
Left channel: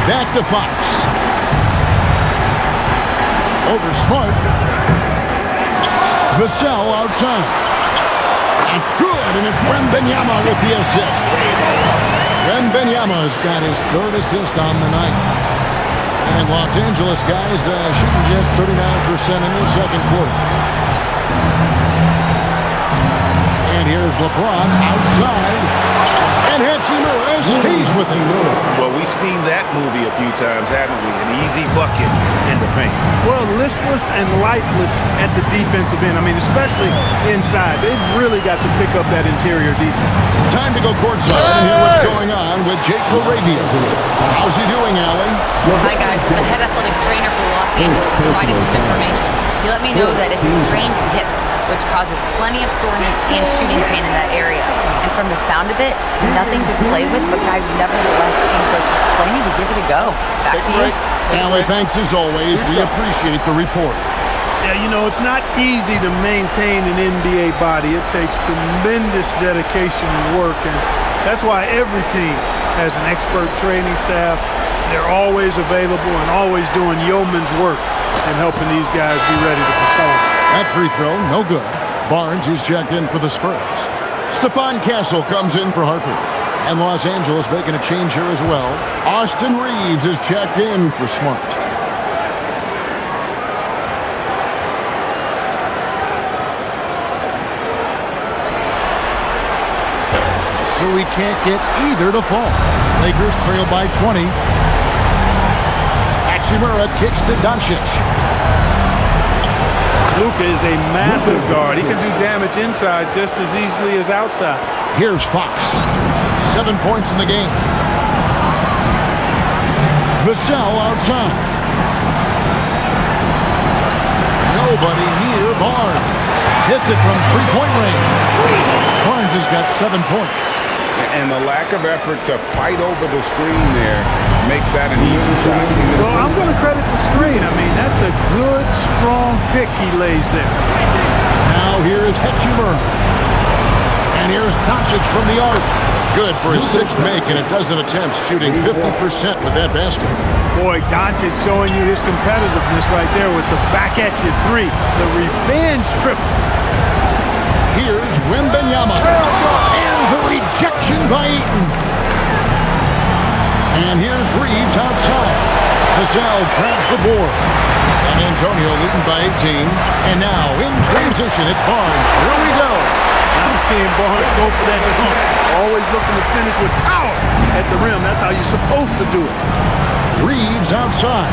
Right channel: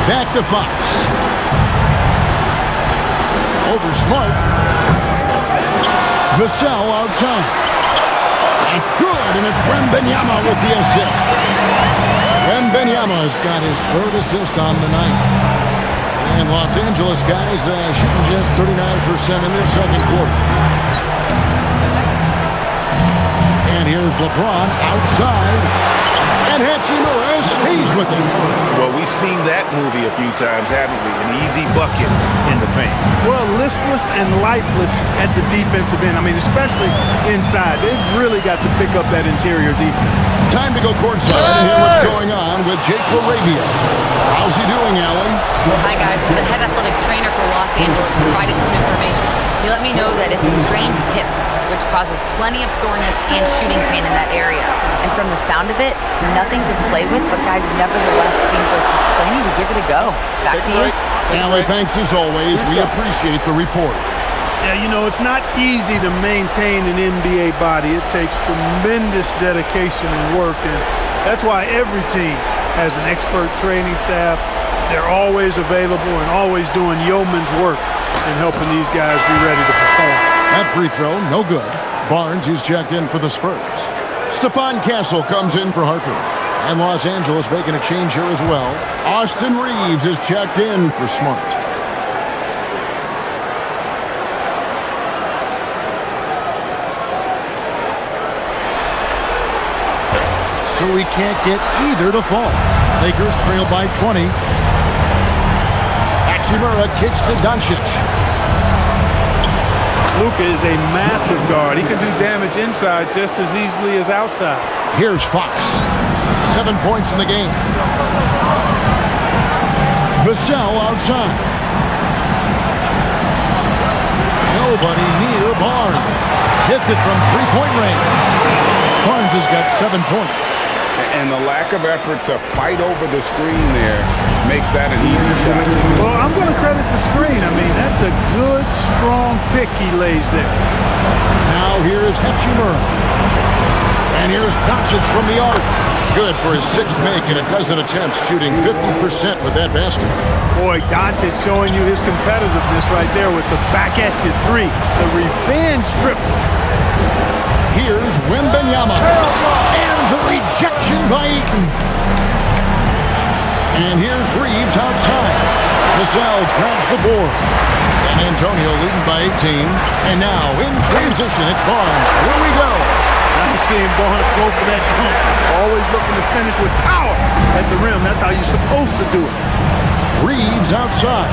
Back to Fox. Over Smart. Vassell outside. That's good, and it's Wembanyama with the assist. Wembanyama's got his third assist on the night. And Los Angeles guys shooting just 39% in their second quarter. And here's LeBron outside. And Hachimura stays with it. Well, we've seen that movie a few times, haven't we? An easy bucket in the paint. Well, listless and lifeless at the defensive end. I mean, especially inside. They've really got to pick up that interior defense. Time to go courtside and hear what's going on with Jake LaRavia. How's he doing, Allie? Hi, guys. Well, the head athletic trainer for Los Angeles provided some information. He let me know that it's a strained hip, which causes plenty of soreness and shooting pain in that area. And from the sound of it, nothing to play with, but guys, nevertheless, seems like he's planning to give it a go. Back to you. Allie, thanks as always. We appreciate the report. Yeah, you know, it's not easy to maintain an NBA body. It takes tremendous dedication and work, and that's why every team has an expert training staff. They're always available and always doing yeoman's work in helping these guys be ready to perform. That free throw, no good. Barnes, he's checked in for the Spurs. Stephon Castle comes in for Harper. And Los Angeles making a change here as well. Austin Reeves is checked in for Smart. So we can't get either to fall. Lakers trail by 20. Hachimura kicks to Doncic. Luka is a massive guard. He can do damage inside just as easily as outside. Here's Fox. 7 points in the game. Vassell outside. Nobody near Barnes. Hits it from three-point range. Barnes has got 7 points. And the lack of effort to fight over the screen there makes that an easy shot. Well, I'm going to credit the screen. I mean, that's a good, strong pick he lays there. Now here is Hachimura. And here's Doncic from the arc. Good for his sixth make and a dozen attempts, shooting 50% with that basket. Boy, Doncic showing you his competitiveness right there with the back-at-you three. The revenge triple. Here's Wembanyama. And the rejection by Eaton. And here's Reeves outside. Vassell grabs the board. San Antonio leading by 18. And now in transition, it's Barnes. Here we go. Nice seeing Barnes go for that dunk. Always looking to finish with power at the rim. That's how you're supposed to do it. Reeves outside.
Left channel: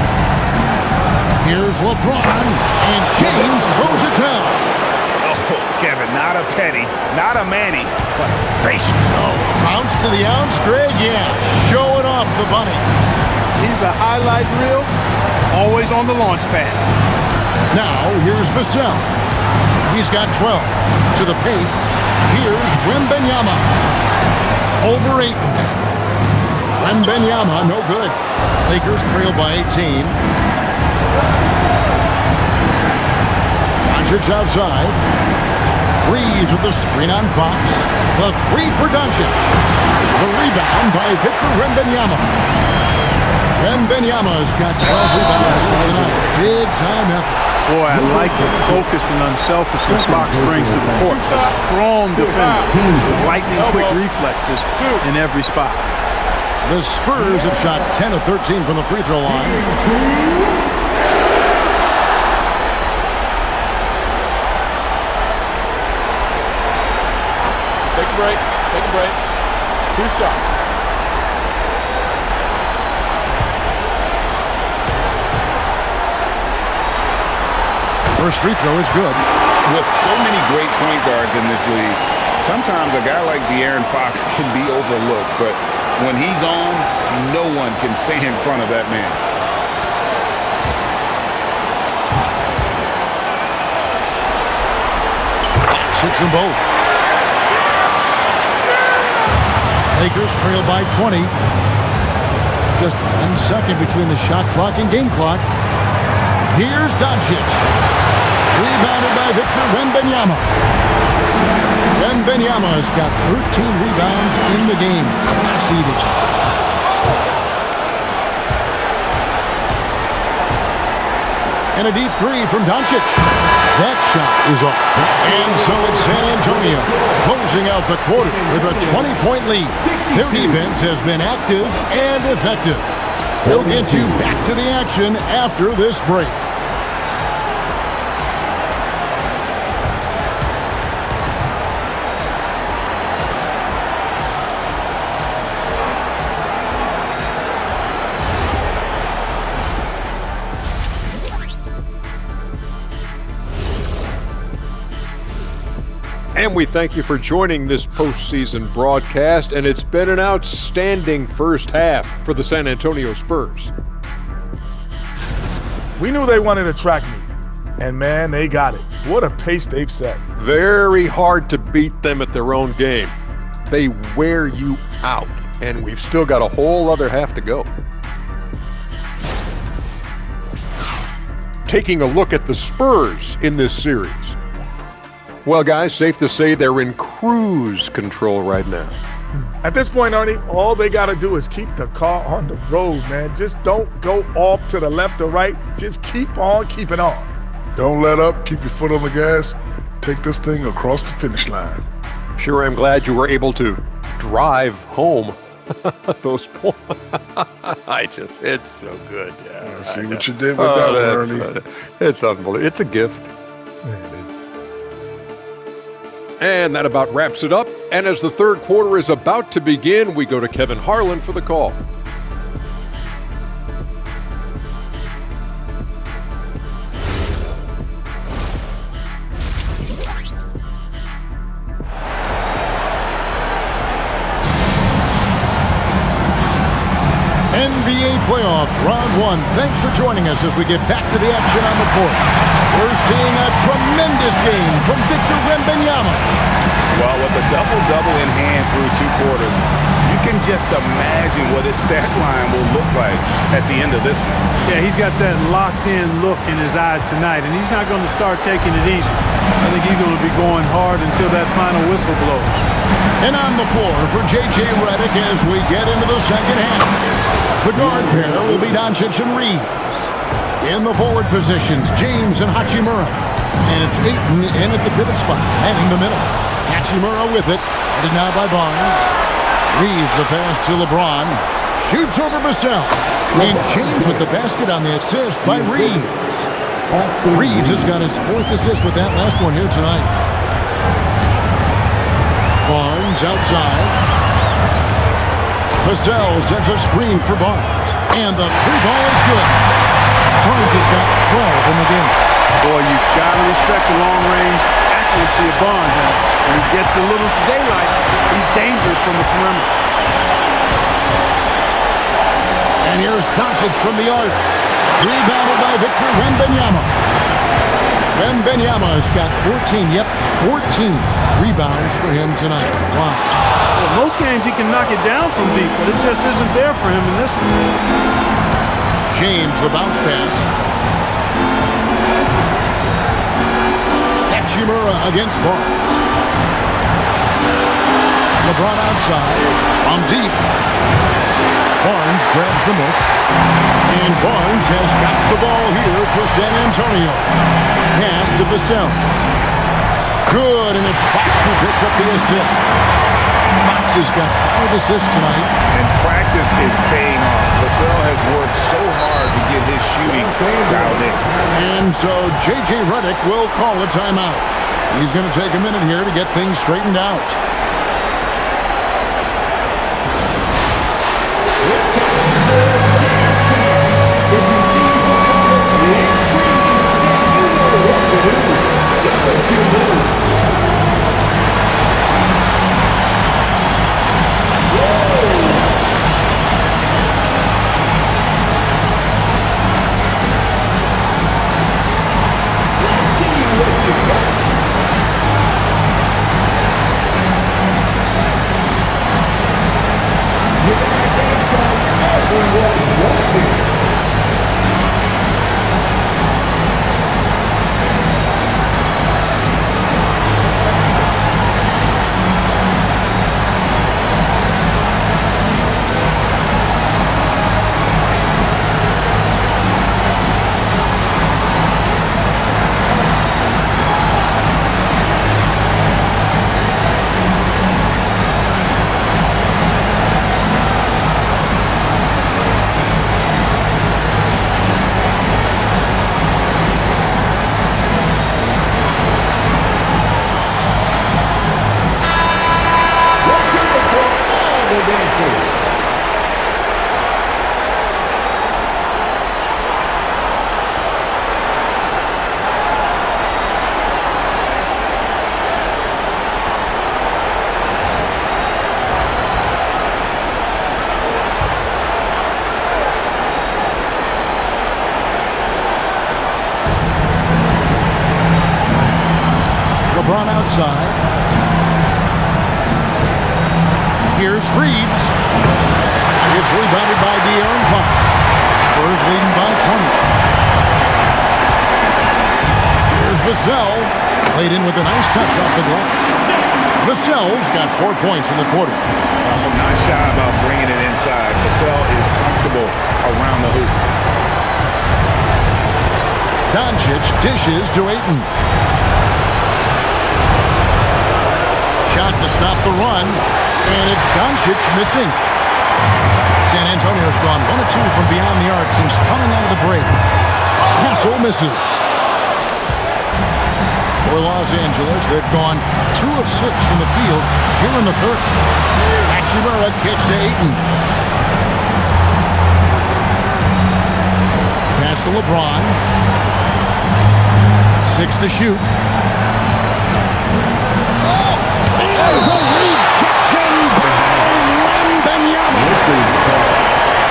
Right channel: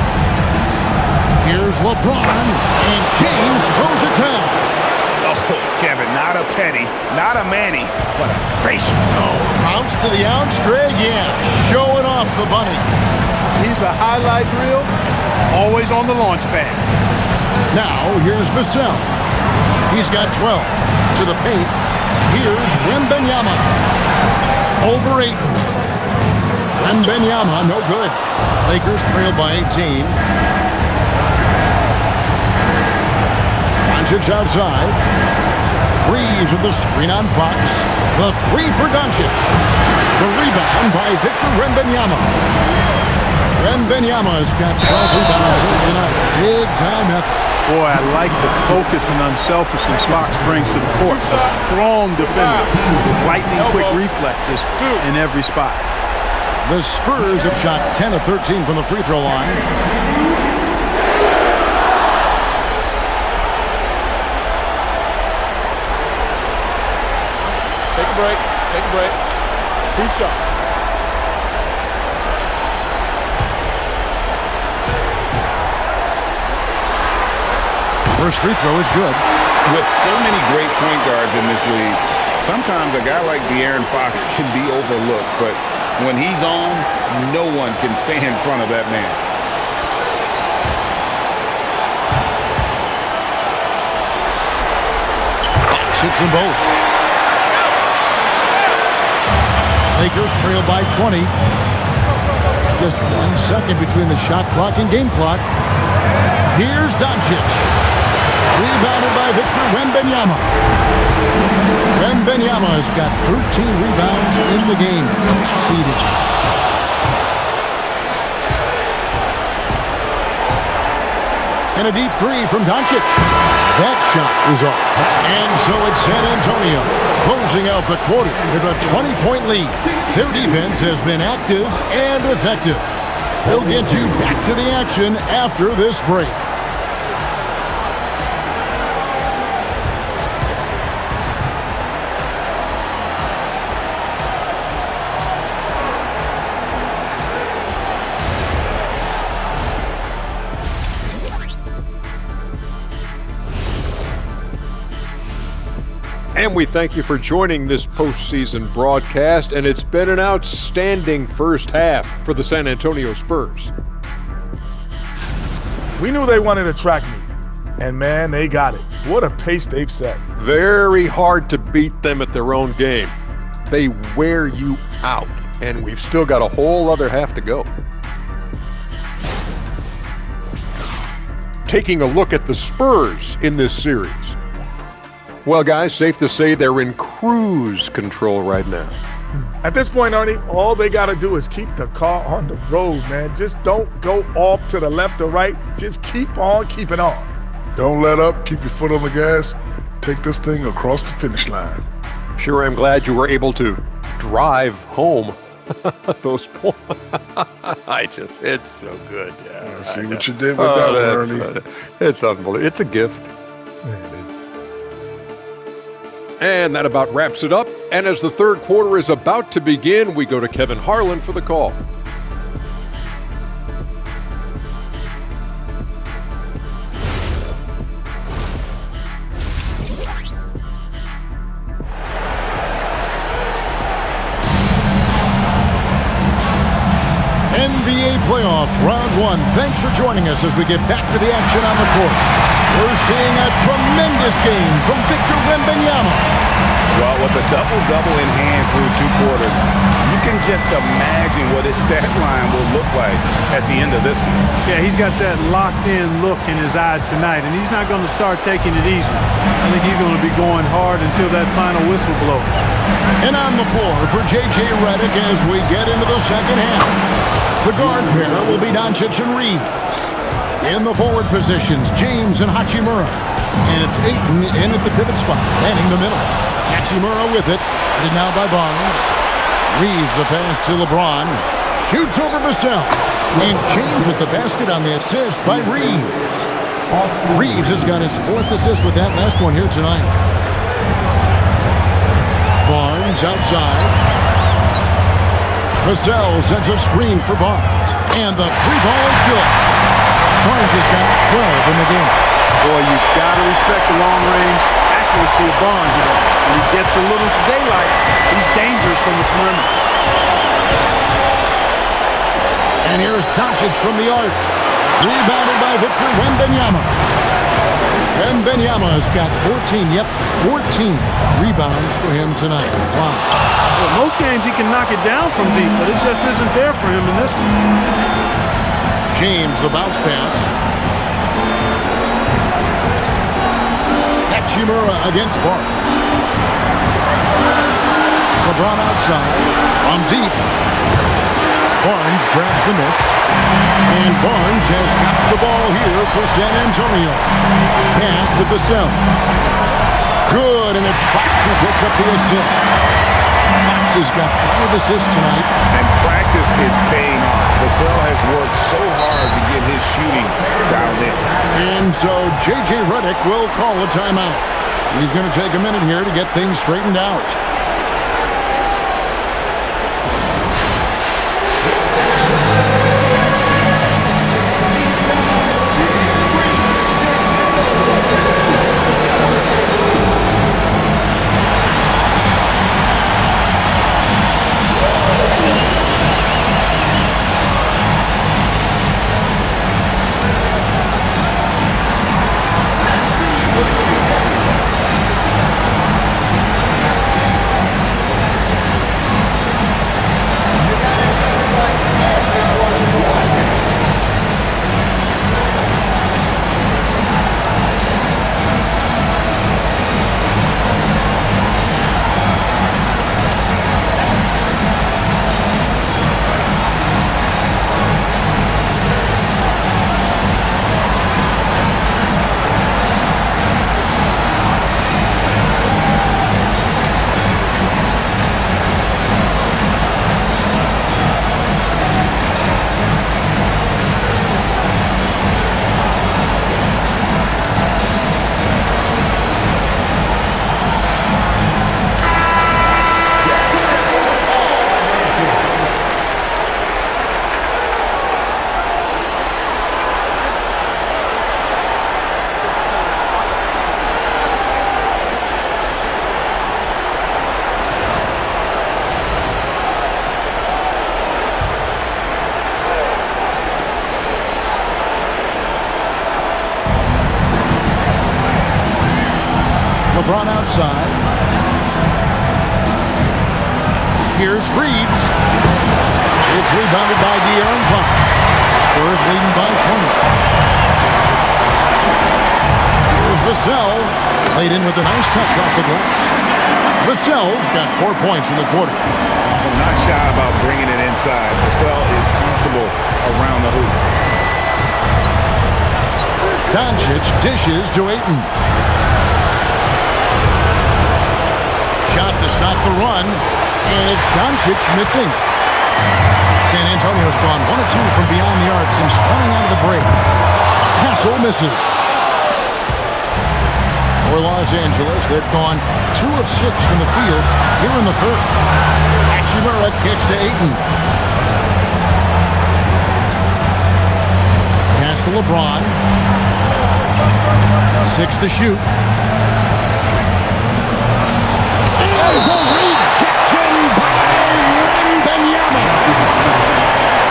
Here's LeBron. And James throws it down. Oh, Kevin, not a Petty, not a Manny, but a facial. Oh, a bounce to the ounce, Greg? Yeah, showing off the bunny. He's a highlight reel, always on the launch pad. Now, here's Vassell. He's got 12. To the paint, here's Wembanyama. Over Ayton. Wembanyama, no good. Lakers trail by 18. Doncic outside. Reeves with the screen on Fox. The three for Doncic. The rebound by Victor Wembanyama. Wembanyama's got 12 rebounds here tonight. Big time effort. Boy, I like the focus and unselfishness Fox brings to the court. A strong defender with lightning-quick reflexes in every spot. The Spurs have shot 10 of 13 from the free throw line. Take a break. Take a break. 2 shots. First free throw is good. With so many great point guards in this league, sometimes a guy like De'Aaron Fox can be overlooked, but when he's on, no one can stay in front of that man. Fox hits them both. Lakers trail by 20. Just 1 second between the shot clock and game clock. Here's Doncic. Rebounded by Victor Wembanyama. Wembanyama has got 13 rebounds in the game. Class eating. And a deep three from Doncic. That shot is off. And so it's San Antonio closing out the quarter with a 20-point lead. Their defense has been active and effective. We'll get you back to the action after this break. And we thank you for joining this postseason broadcast, and it's been an outstanding first half for the San Antonio Spurs. We knew they wanted a track meet, and man, they got it. What a pace they've set. Very hard to beat them at their own game. They wear you out, and we've still got a whole other half to go. Taking a look at the Spurs in this series. Well, guys, safe to say they're in cruise control right now. At this point, Ernie, all they got to do is keep the car on the road, man. Just don't go off to the left or right. Just keep on keeping on. Don't let up. Keep your foot on the gas. Take this thing across the finish line. Sure, I'm glad you were able to drive home those points. It's so good. Yeah, I see what you did with that one, Ernie. It's unbelievable. It's a gift. Yeah, it is. And that about wraps it up. And as the third quarter is about to begin, we go to Kevin Harlan for the call. NBA playoffs, round one. Thanks for joining us as we get back to the action on the court. We're seeing a tremendous game from Victor Wembanyama. Well, with a double-double in hand through 2 quarters, you can just imagine what his stat line will look like at the end of this one. Yeah, he's got that locked-in look in his eyes tonight, and he's not going to start taking it easy. I think he's going to be going hard until that final whistle blows. And on the floor for J.J. Redick as we get into the second half. The guard pair will be Doncic and Reeves. In the forward positions, James and Hachimura. And it's Ayton in at the pivot spot, manning the middle. Hachimura with it, guarded now by Barnes. Reeves the pass to LeBron. Shoots over Vassell. And James with the basket on the assist by Reeves. Reeves has got his 4th assist with that last one here tonight. Barnes outside. Vassell sends a screen for Barnes. And the 3-ball is good. Barnes has got 12 in the game. Boy, you've got to respect the long-range accuracy of Barnes now. When he gets a little daylight, he's dangerous from the perimeter. And here's Doncic from the arc. Rebounded by Victor Wembanyama. Wembanyama has got 14 rebounds for him tonight. Wow. Well, most games he can knock it down from deep, but it just isn't there for him in this one. James, the bounce pass. Hachimura against Barnes. LeBron outside from deep. Barnes grabs the miss. And Barnes has got the ball here for San Antonio. Pass to Vassell. Good, and it's Fox who picks up the assist. Fox has got 5 assists tonight. And practice is paying off. Vassell has worked so hard to get his shooting dialed in. And so J.J. Redick will call a timeout. He's going to take a minute here to get things straightened out. LeBron outside. Here's Reeves. It's rebounded by De'Aaron Fox. Spurs leading by 20. Here's Vassell. Played in with a nice touch off the glass. Vassell's got 4 points in the quarter. I'm not shy about bringing it inside. Vassell is comfortable around the hoop. Doncic dishes to Ayton. Shot to stop the run, and it's Doncic missing. San Antonio's gone 1 of 2 from beyond the arc since coming out of the break. Hassel misses. For Los Angeles, they've gone 2 of 6 from the field here in the third. Hachimura kicks to Ayton. Pass to LeBron. 6 to shoot. And the rejection by Wembanyama.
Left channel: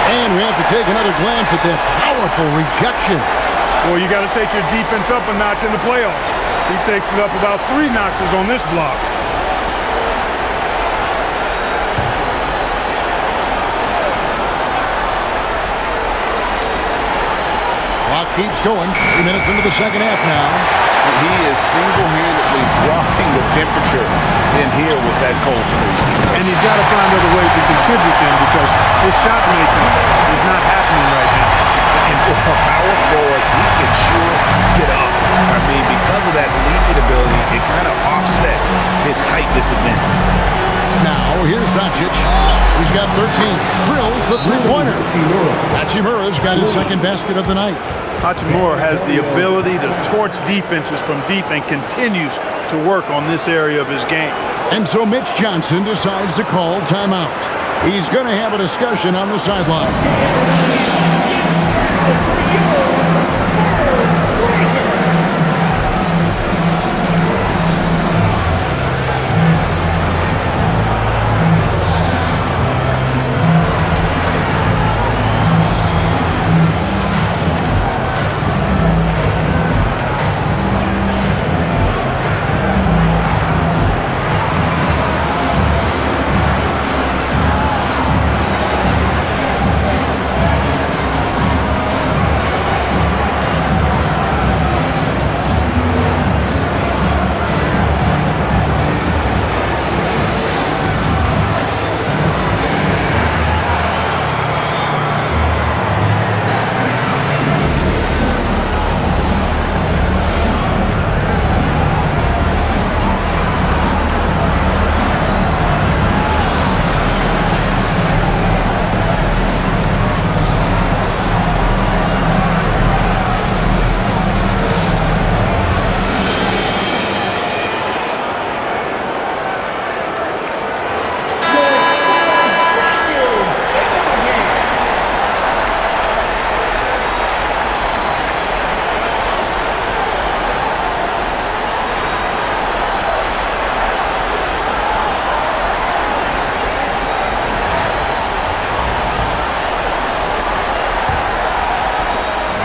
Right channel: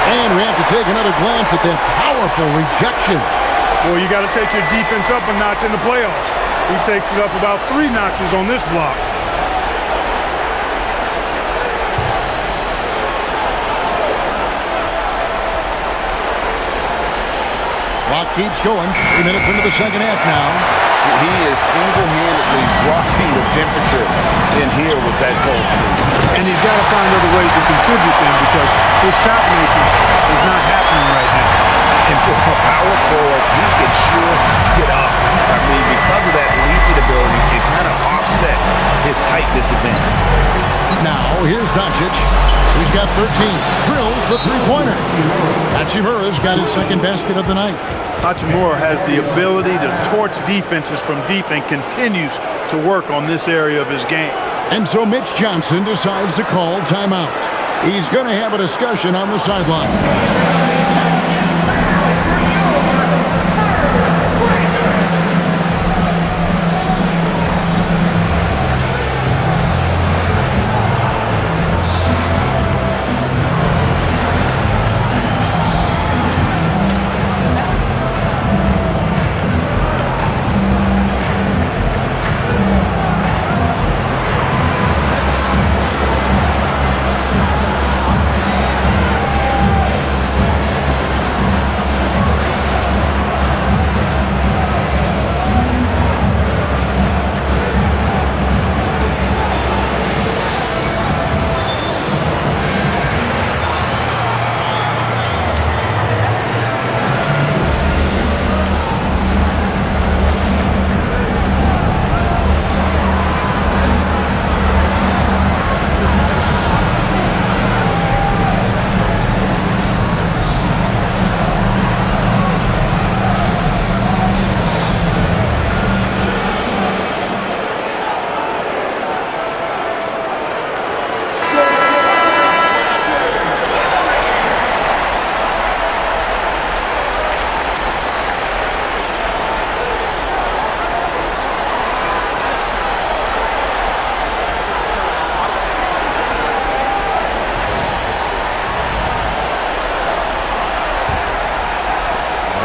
And we have to take another glance at that powerful rejection. Well, you got to take your defense up a notch in the playoffs. He takes it up about 3 notches on this block. Clock keeps going. 3 minutes into the second half now. He is single-handedly dropping the temperature in here with that cold streak. And he's got to find other ways to contribute then, because his shot making is not happening right now. And for a power forward, he can sure get up. I mean, because of that leaping ability, it kind of offsets his height disadvantage. Now, here's Doncic. He's got 13. Drills the three-pointer. Hachimura's got his second basket of the night. Hachimura has the ability to torch defenses from deep and continues to work on this area of his game. And so Mitch Johnson decides to call timeout. He's going to have a discussion on the sideline.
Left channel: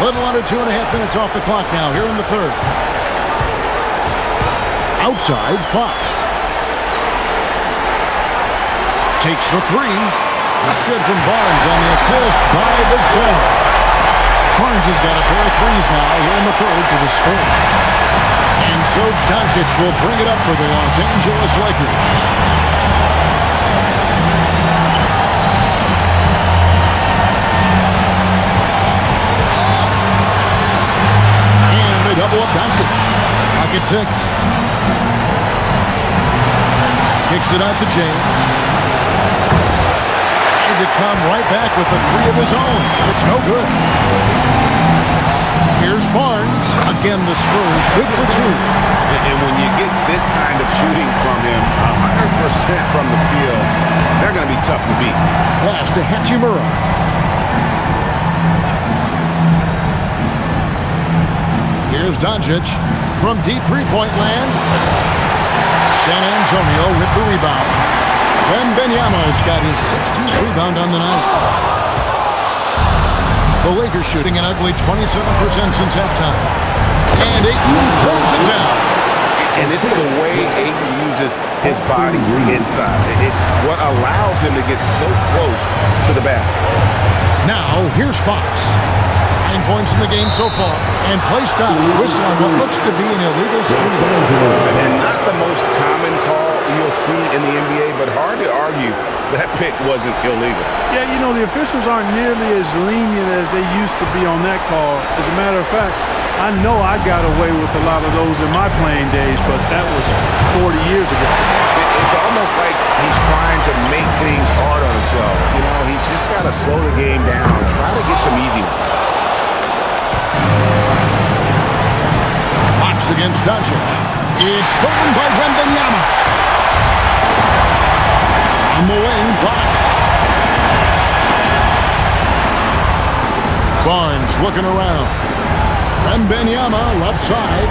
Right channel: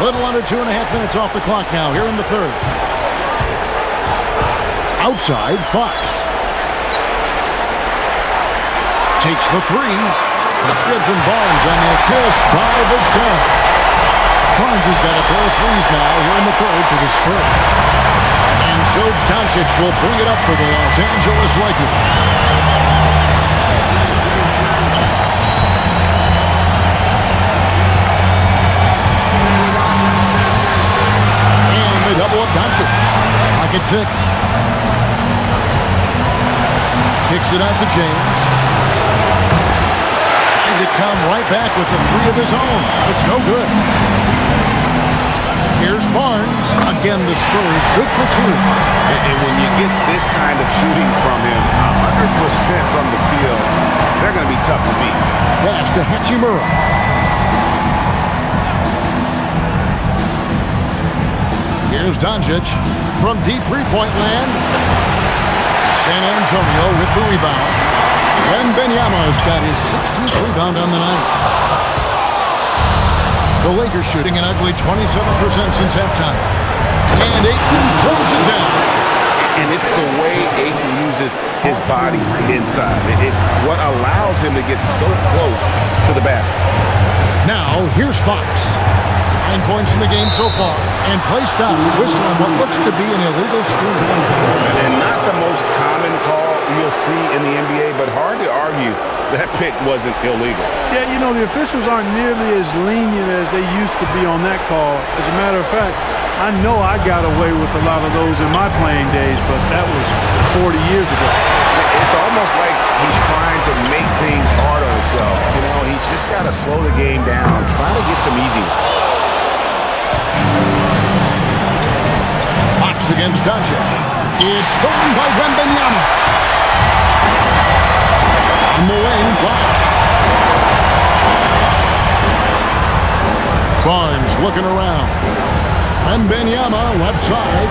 Little under 2.5 minutes off the clock now here in the third. Outside, Fox. Takes the three. That's good from Barnes on the assist by Vassell. Barnes has got a pair of threes now here in the third for the Spurs. And so Doncic will bring it up for the Los Angeles Lakers. They double up Doncic. Pocket 6. Kicks it out to James. Trying to come right back with the three of his own, but it's no good. Here's Barnes. Again, the Spurs good for 2. And when you get this kind of shooting from him, 100% from the field, they're going to be tough to beat. Pass to Hachimura. Here's Doncic from deep three-point land. San Antonio with the rebound. Wembanyama's got his 16th rebound on the night. The Lakers shooting an ugly 27% since halftime. And Ayton throws it down. And it's the way Ayton uses his body inside. It's what allows him to get so close to the basket. Now, here's Fox. 9 points in the game so far. And play stops. Whistle on what looks to be an illegal screen. And not the most common call you'll see in the NBA, but hard to argue that pick wasn't illegal. Yeah, you know, the officials aren't nearly as lenient as they used to be on that call. As a matter of fact, I know I got away with a lot of those in my playing days, but that was 40 years ago. It's almost like he's trying to make things hard on himself. You know, he's just got to slow the game down, try to get some easy ones. Fox against Doncic. It's stolen by Wembanyama. On the wing, Fox. Barnes looking around. Wembanyama left side.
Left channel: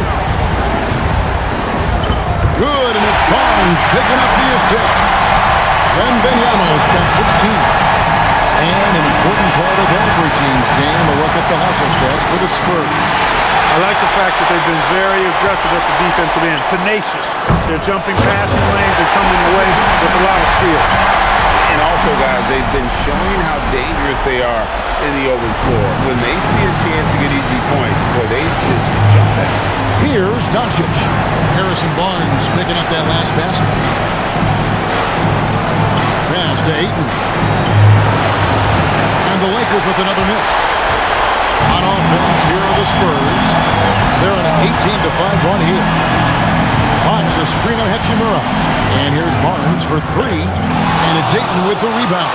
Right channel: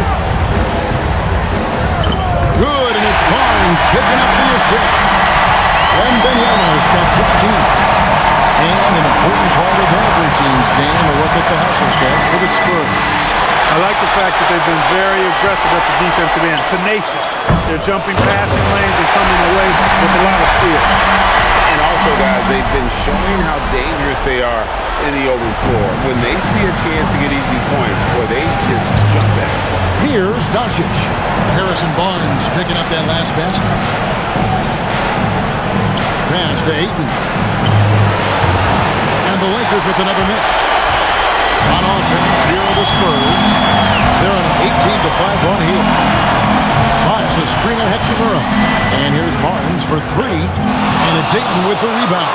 Good, and it's Barnes picking up the assist. Wembanyama's got 16. And an important part of every team's game, a look at the hustle sketch for the Spurs. I like the fact that they've been very aggressive at the defensive end, tenacious. They're jumping passing lanes and coming away with a lot of skill. And also, guys, they've been showing how dangerous they are in the open floor. When they see a chance to get easy points, boy, they just jump at it. Here's Doncic. Harrison Barnes picking up that last basket. Pass to Ayton. And the Lakers with another miss. On offense, here are the Spurs. They're on an 18-5 run here. Fox a screen on Hachimura. And here's Barnes for 3. And it's Ayton with the rebound.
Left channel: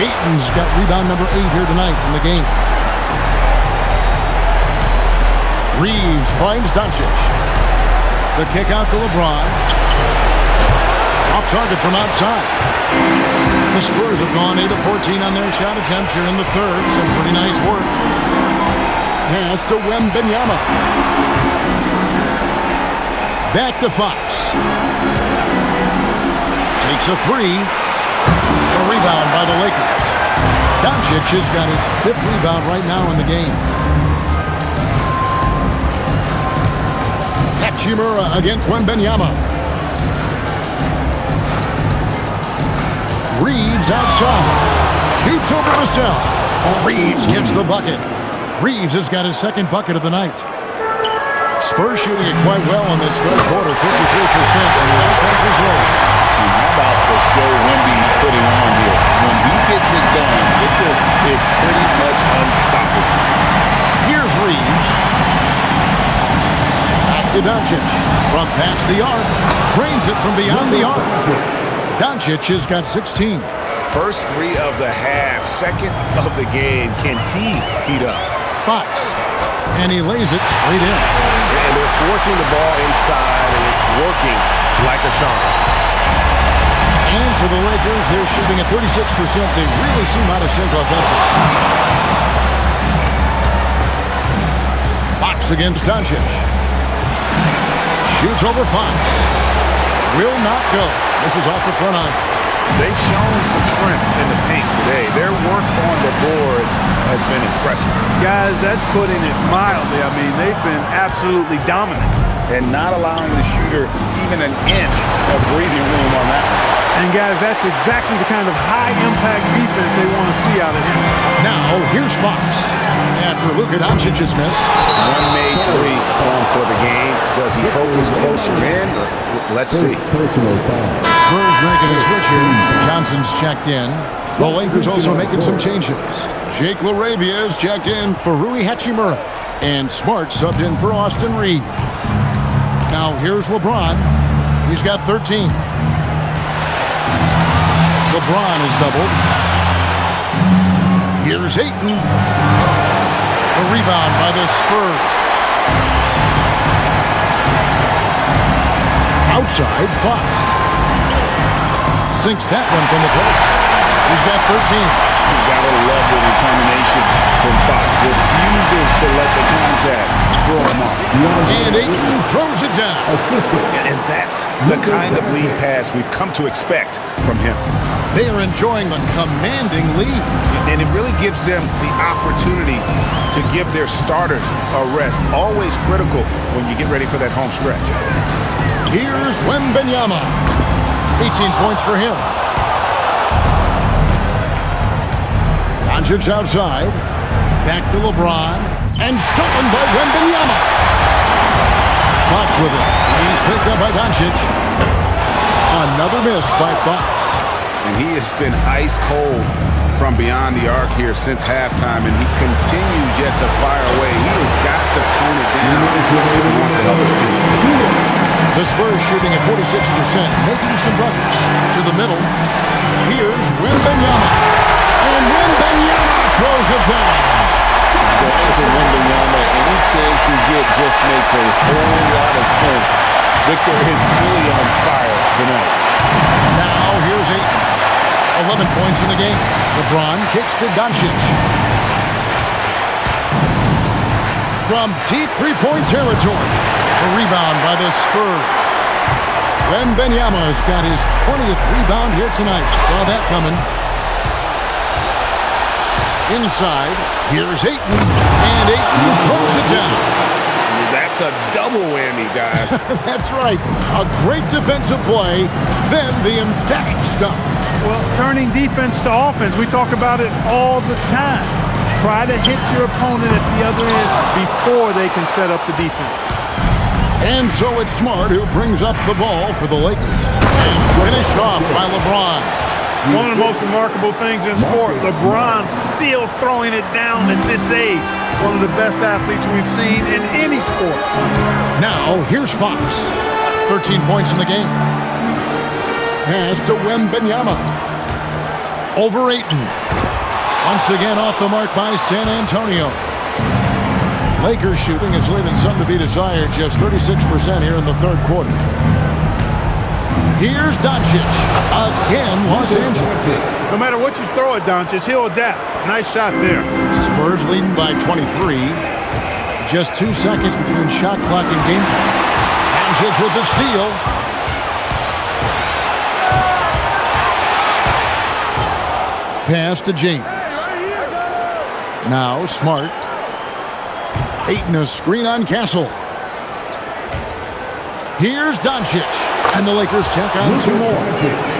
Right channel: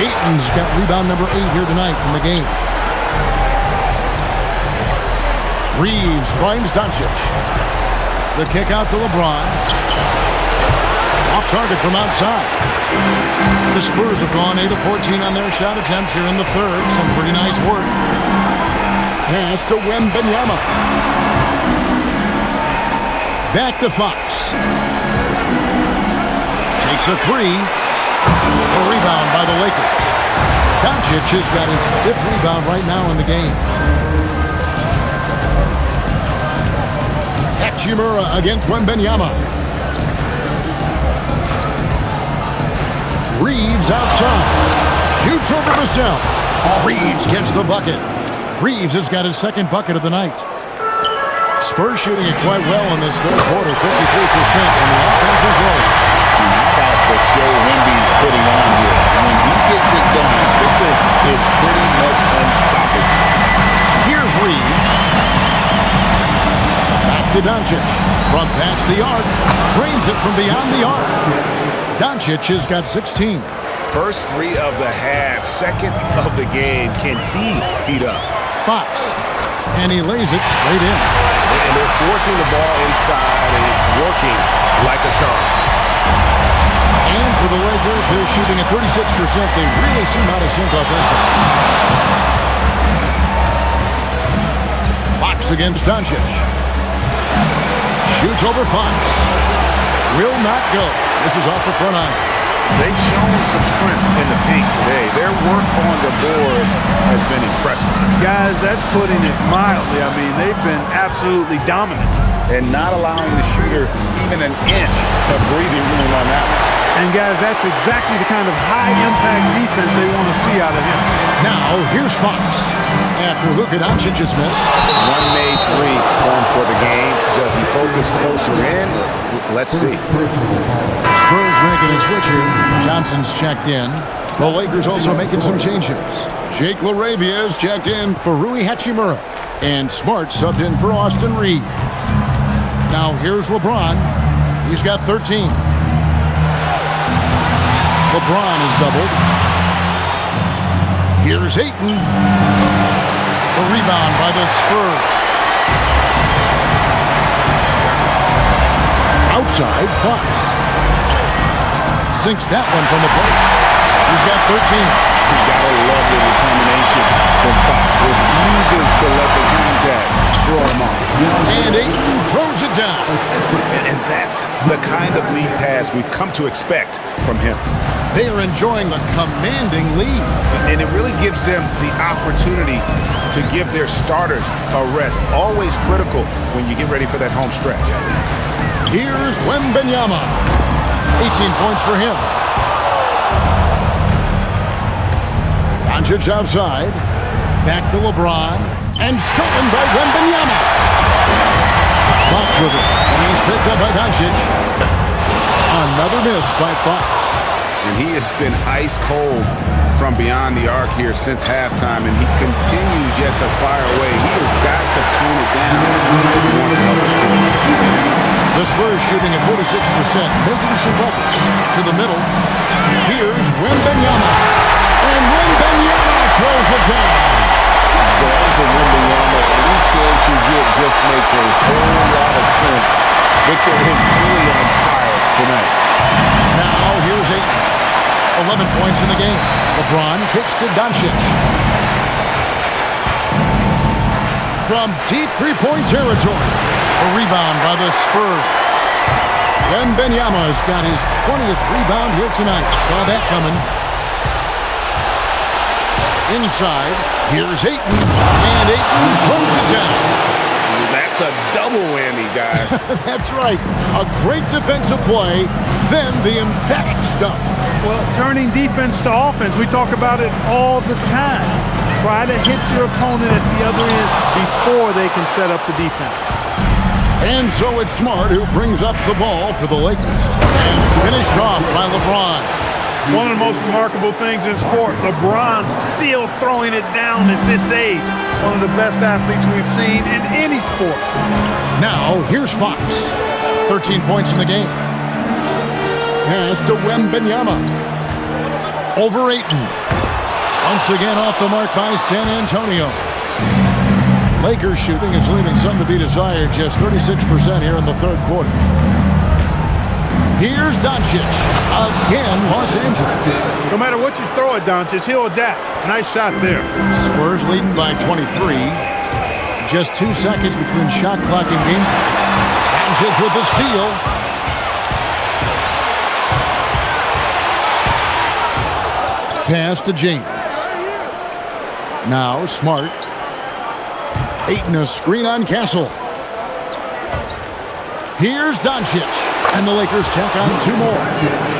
Ayton's got rebound number 8 here tonight in the game. Reeves finds Doncic. The kick out to LeBron. Off target from outside. The Spurs have gone 8 of 14 on their shot attempts here in the third. Some pretty nice work. Pass to Wembanyama. Back to Fox. Takes a 3. A rebound by the Lakers. Doncic has got his 5th rebound right now in the game. Hachimura against Wembanyama. Reeves outside. Shoots over Vassell. Reeves gets the bucket. Reeves has got his 2nd bucket of the night. Spurs shooting it quite well in this third quarter, 53%, and the offense is rolling. And how about the show Wemby's putting on here? When he gets it done, Victor is pretty much unstoppable. Here's Reeves. Back to Doncic. From past the arc. Drains it from beyond the arc. Doncic has got 16. First 3 of the half, 2nd of the game. Can he heat up? Fox. And he lays it straight in. And they're forcing the ball inside, and it's working like a charm. And for the Lakers, they're shooting at 36%. They really seem out of sync offensively. Fox against Doncic. Shoots over Fox. Will not go. This is off the front iron. They've shown some strength in the paint today. Their work on the boards has been impressive. Guys, that's putting it mildly. I mean, they've been absolutely dominant. And not allowing the shooter even an inch of breathing room on that one. And guys, that's exactly the kind of high-impact defense they want to see out of him. Now, here's Fox. After Luka Doncic's miss. One made 3 for him for the game. Does he focus closer in? Let's see. Spurs making a switch here. Johnson's checked in. The Lakers also making some changes. Jake LaRavia is checked in for Rui Hachimura. And Smart subbed in for Austin Reeves. Now here's LeBron. He's got 13. LeBron is doubled. Here's Ayton. The rebound by the Spurs. Outside, Fox. Sinks that one from the post. He's got 13. You gotta love the determination from Fox. Refuses to let the contact throw him off. And Ayton throws it down. And that's the kind of lead pass we've come to expect from him. They are enjoying a commanding lead. And it really gives them the opportunity to give their starters a rest. Always critical when you get ready for that home stretch. Here's Wembanyama. 18 points for him. Doncic outside. Back to LeBron. And stolen by Wembanyama. Fox with it. He's picked up by Doncic. Another miss by Fox. And he has been ice cold from beyond the arc here since halftime, and he continues yet to fire away. He has got to tone it down if he wants to help his team. The Spurs shooting at 46%, making some buckets. To the middle. Here's Wembanyama. And Wembanyama throws it down. Going to Wembanyama, any chance you get just makes a whole lot of sense. Victor is really on fire tonight. Now here's Ayton. 11 points in the game. LeBron kicks to Doncic. From deep three-point territory. A rebound by the Spurs. Wembanyama's got his 20th rebound here tonight. Saw that coming. Inside, here's Ayton. And Ayton throws it down. That's a double whammy, guys. That's right. A great defensive play, then the emphatic stuff. Well, turning defense to offense, we talk about it all the time. Try to hit your opponent at the other end before they can set up the defense. And so it's Smart who brings up the ball for the Lakers. And finished off by LeBron. One of the most remarkable things in sport, LeBron still throwing it down at this age. One of the best athletes we've seen in any sport. Now, here's Fox. 13 points in the game. Pass to Wembanyama. Over Ayton. Once again off the mark by San Antonio. Lakers shooting is leaving some to be desired, just 36% here in the third quarter. Here's Doncic. Again, Los Angeles. No matter what you throw at Doncic, he'll adapt. Nice shot there. Spurs leading by 23. Just 2 seconds between shot clock and game clock. Doncic with the steal. Pass to James. Now Smart. Ayton a screen on Castle. Here's Doncic. And the Lakers check on 2 more.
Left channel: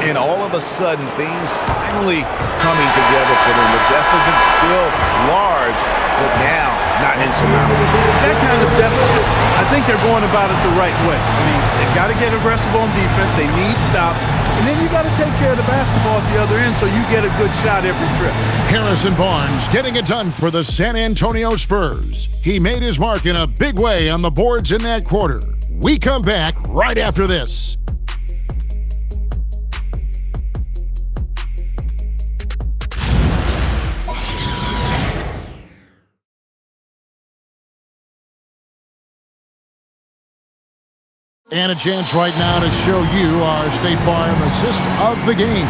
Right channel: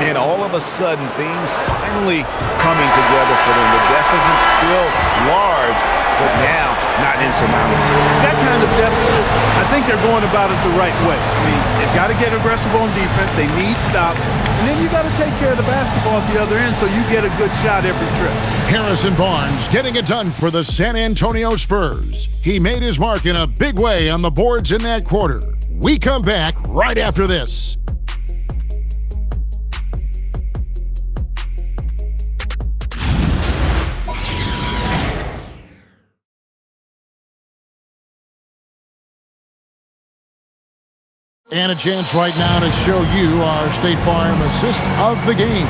And all of a sudden, things finally coming together for them. The deficit's still large, but now not insurmountable. That kind of deficit, I think they're going about it the right way. I mean, they've got to get aggressive on defense. They need stops. And then you got to take care of the basketball at the other end so you get a good shot every trip. Harrison Barnes getting it done for the San Antonio Spurs. He made his mark in a big way on the boards in that quarter. We come back right after this. And a chance right now to show you our State Farm assist of the game.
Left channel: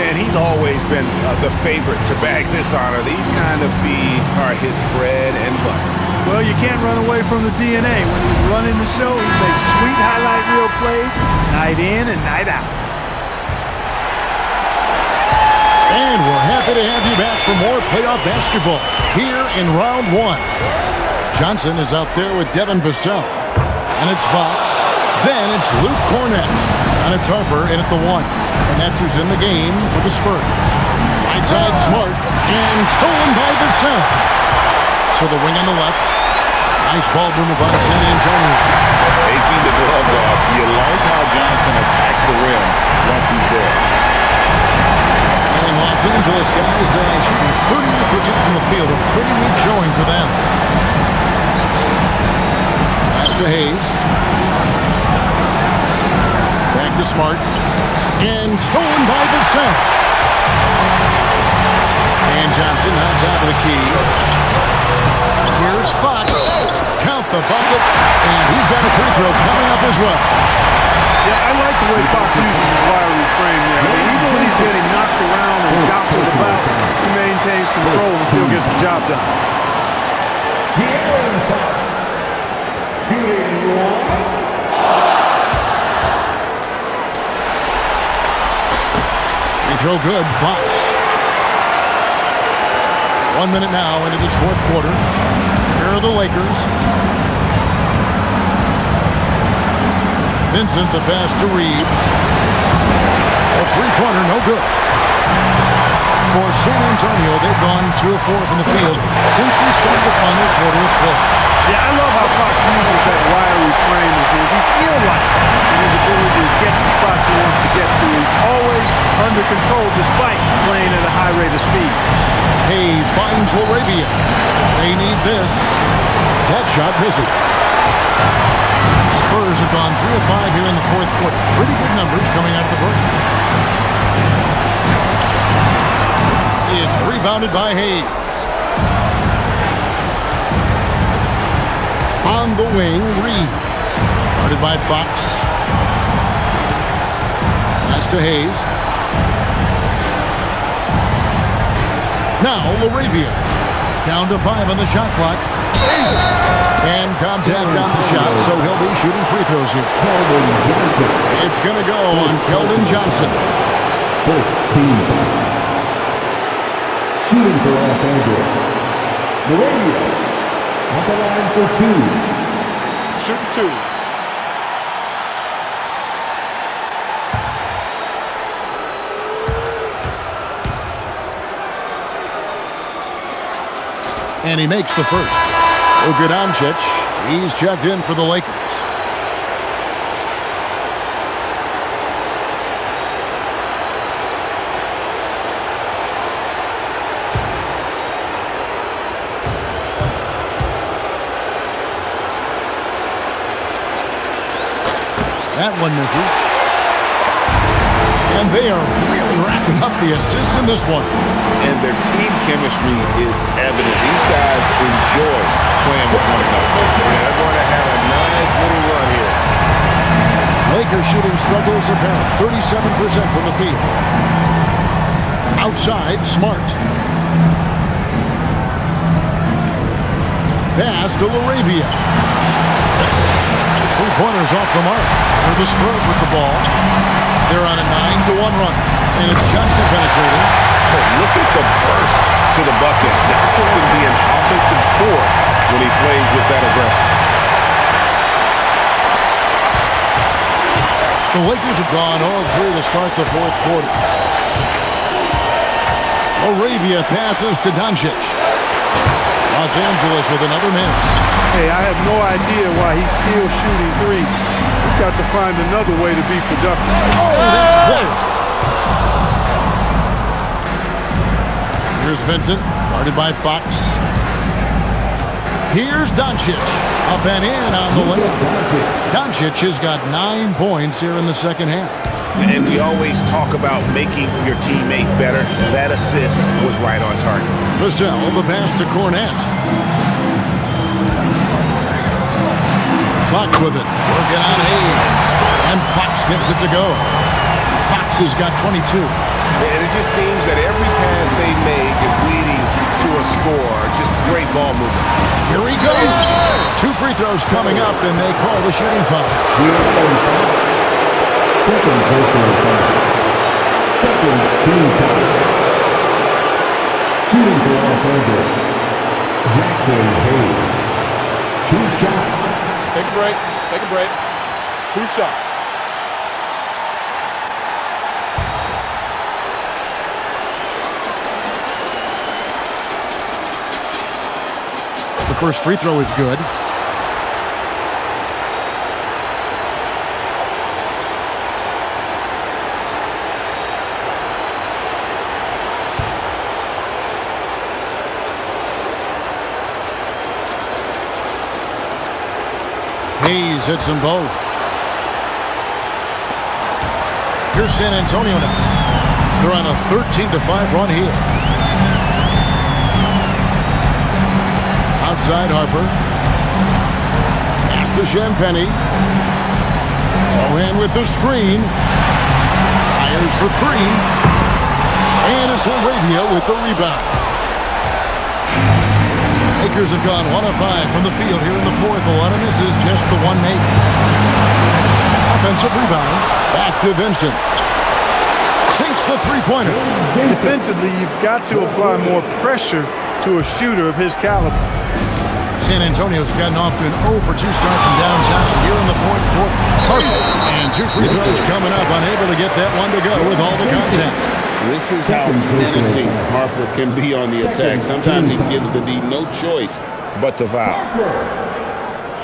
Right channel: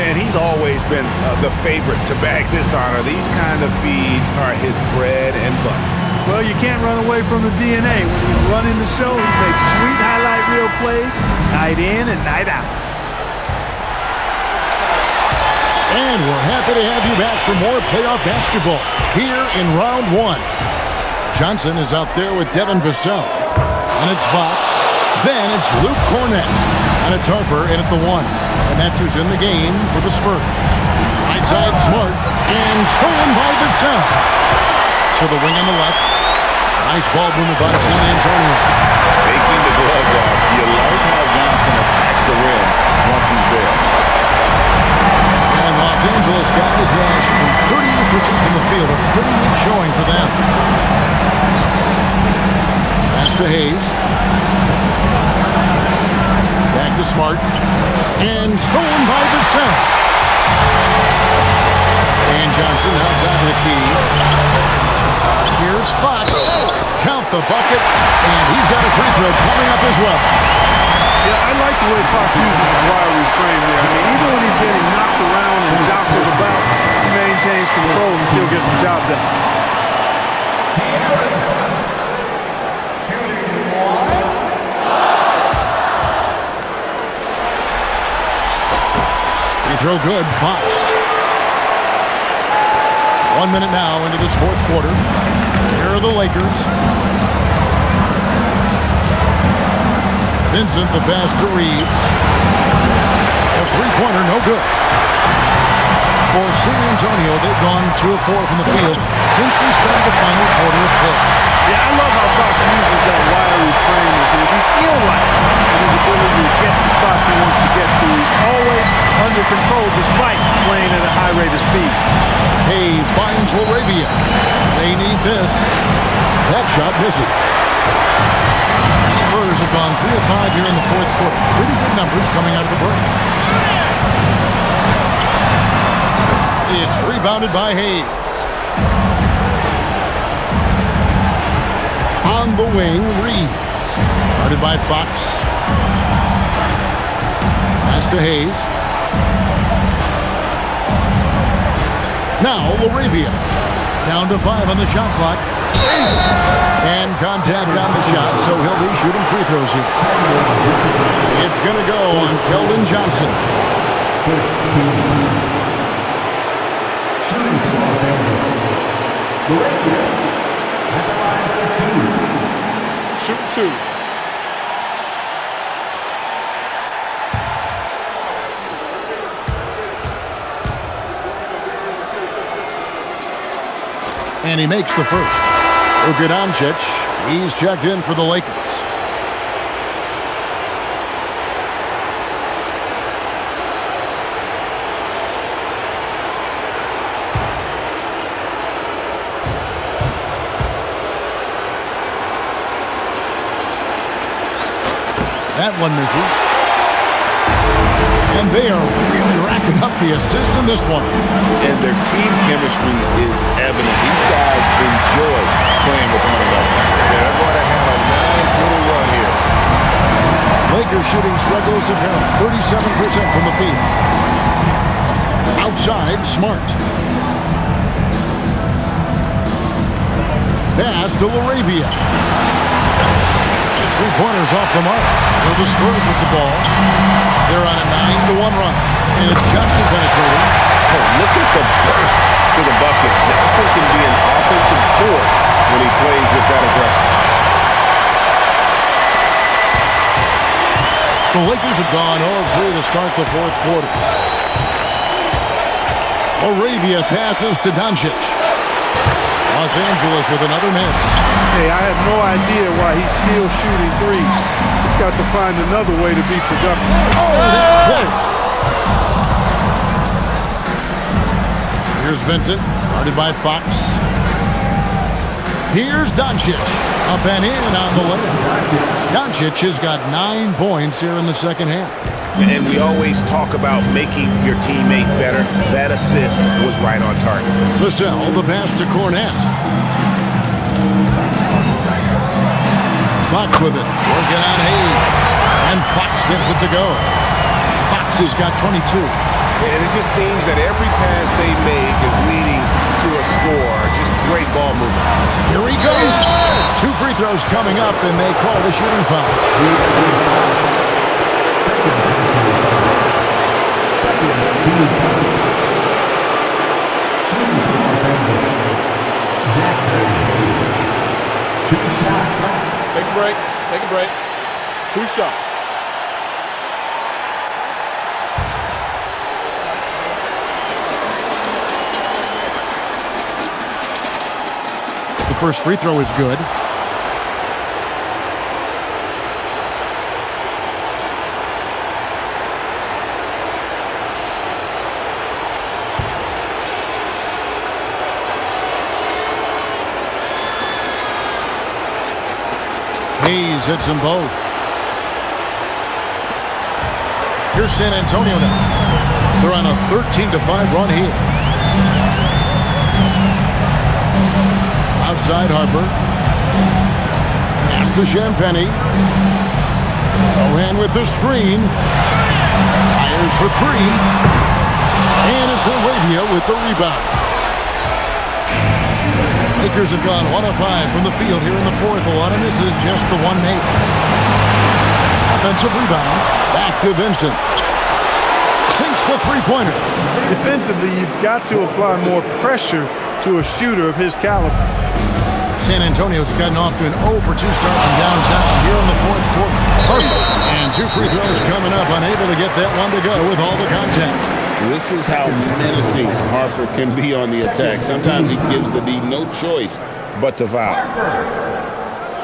And he's always been the favorite to bag this honor. These kind of feeds are his bread and butter. Well, you can't run away from the DNA. When he's running the show, he makes sweet highlight reel plays night in and night out. And we're happy to have you back for more playoff basketball here in round 1. Johnson is out there with Devin Vassell. And it's Fox. Then it's Luke Cornett. And it's Harper in at the 1. And that's who's in the game for the Spurs. Right side Smart. And stolen by Vassell. To the wing on the left. Nice ball movement by San Antonio. Taking the gloves off. You like how Johnson attacks the rim once he's there. And Los Angeles guys shooting 38% from the field. A pretty weak showing for them. Pass to Hayes. Back to Smart. And stolen by Vassell. And Johnson nods out of the key. Here's Fox. Count the bucket. And he's got a free throw coming up as well. Yeah, I like the way Fox uses his wiry frame there. I mean, even when he's getting knocked around and jostled about, he maintains control and still gets the job done. Free throw good, Fox. 1 minute now into this fourth quarter. Here are the Lakers. Vincent, the pass to Reeves. A three-pointer, no good. For San Antonio, they've gone 2 of 4 from the field since we started the final quarter of play. Yeah, I love how Fox uses that wiry frame of his. He's eel-like in his ability to get to spots he wants to get to. He's always under control despite playing at a high rate of speed. Hayes finds Laravia. They need this. That shot misses. Spurs have gone 3 of 5 here in the fourth quarter. Pretty good numbers coming out of the break. It's rebounded by Hayes. On the wing, Reeves. Guarded by Fox. Pass to Hayes. Now Laravia. Down to 5 on the shot clock. And contact on the shot, so he'll be shooting free throws here. It's going to go on Keldon Johnson. Shooting for Los Angeles. Laravia at the line for 2. Shooting 2. And he makes the first. Luka Doncic, he's checked in for the Lakers. That one misses. And they are really racking up the assists in this one. And their team chemistry is evident. These guys enjoy playing with one another. Yeah, they're going to have a nice little run here. Lakers shooting struggles apparent. 37% from the field. Outside, Smart. Pass to Laravia. His three-pointers off the mark. Here are the Spurs with the ball. They're on a 9-1 run. And it's Johnson penetrating. Oh, look at the burst to the bucket. Johnson can be an offensive force when he plays with that aggression. The Lakers have gone 0-3 to start the fourth quarter. Laravia passes to Doncic. Los Angeles with another miss. Hey, I have no idea why he's still shooting threes. He's got to find another way to be productive. Oh, that's blocked. Here's Vincent, guarded by Fox. Here's Doncic, up and in on the layup. Doncic has got 9 points here in the second half. And we always talk about making your teammate better. That assist was right on target. Vassell, the pass to Cornette. Fox with it, working on Hayes. And Fox gets it to go. Fox has got 22. And it just seems that every pass they make is leading to a score. Just great ball movement. Here he goes. 2 free throws coming up, and they call the shooting foul. Second personal foul. Second team foul. Shooting for Los Angeles. Jackson Hayes. 2 shots. Take a break. Take a break. 2 shots. The first free throw is good. Hayes hits them both. Here's San Antonio now. They're on a 13-5 run here. Outside Harper. Pass to Champagny. Sohan with the screen. Fires for 3. And it's Laravia with the rebound. Lakers have gone 1 of 5 from the field here in the fourth. A lot of misses, just the one make. Offensive rebound. Back to Vincent. Sinks the three-pointer. Defensively, you've got to apply more pressure to a shooter of his caliber. San Antonio's gotten off to an 0 for 2 start from downtown here in the fourth quarter. And 2 free throws coming up, unable to get that one to go with all the contact. This is how menacing Harper can be on the attack. Sometimes he gives the D no choice but to foul.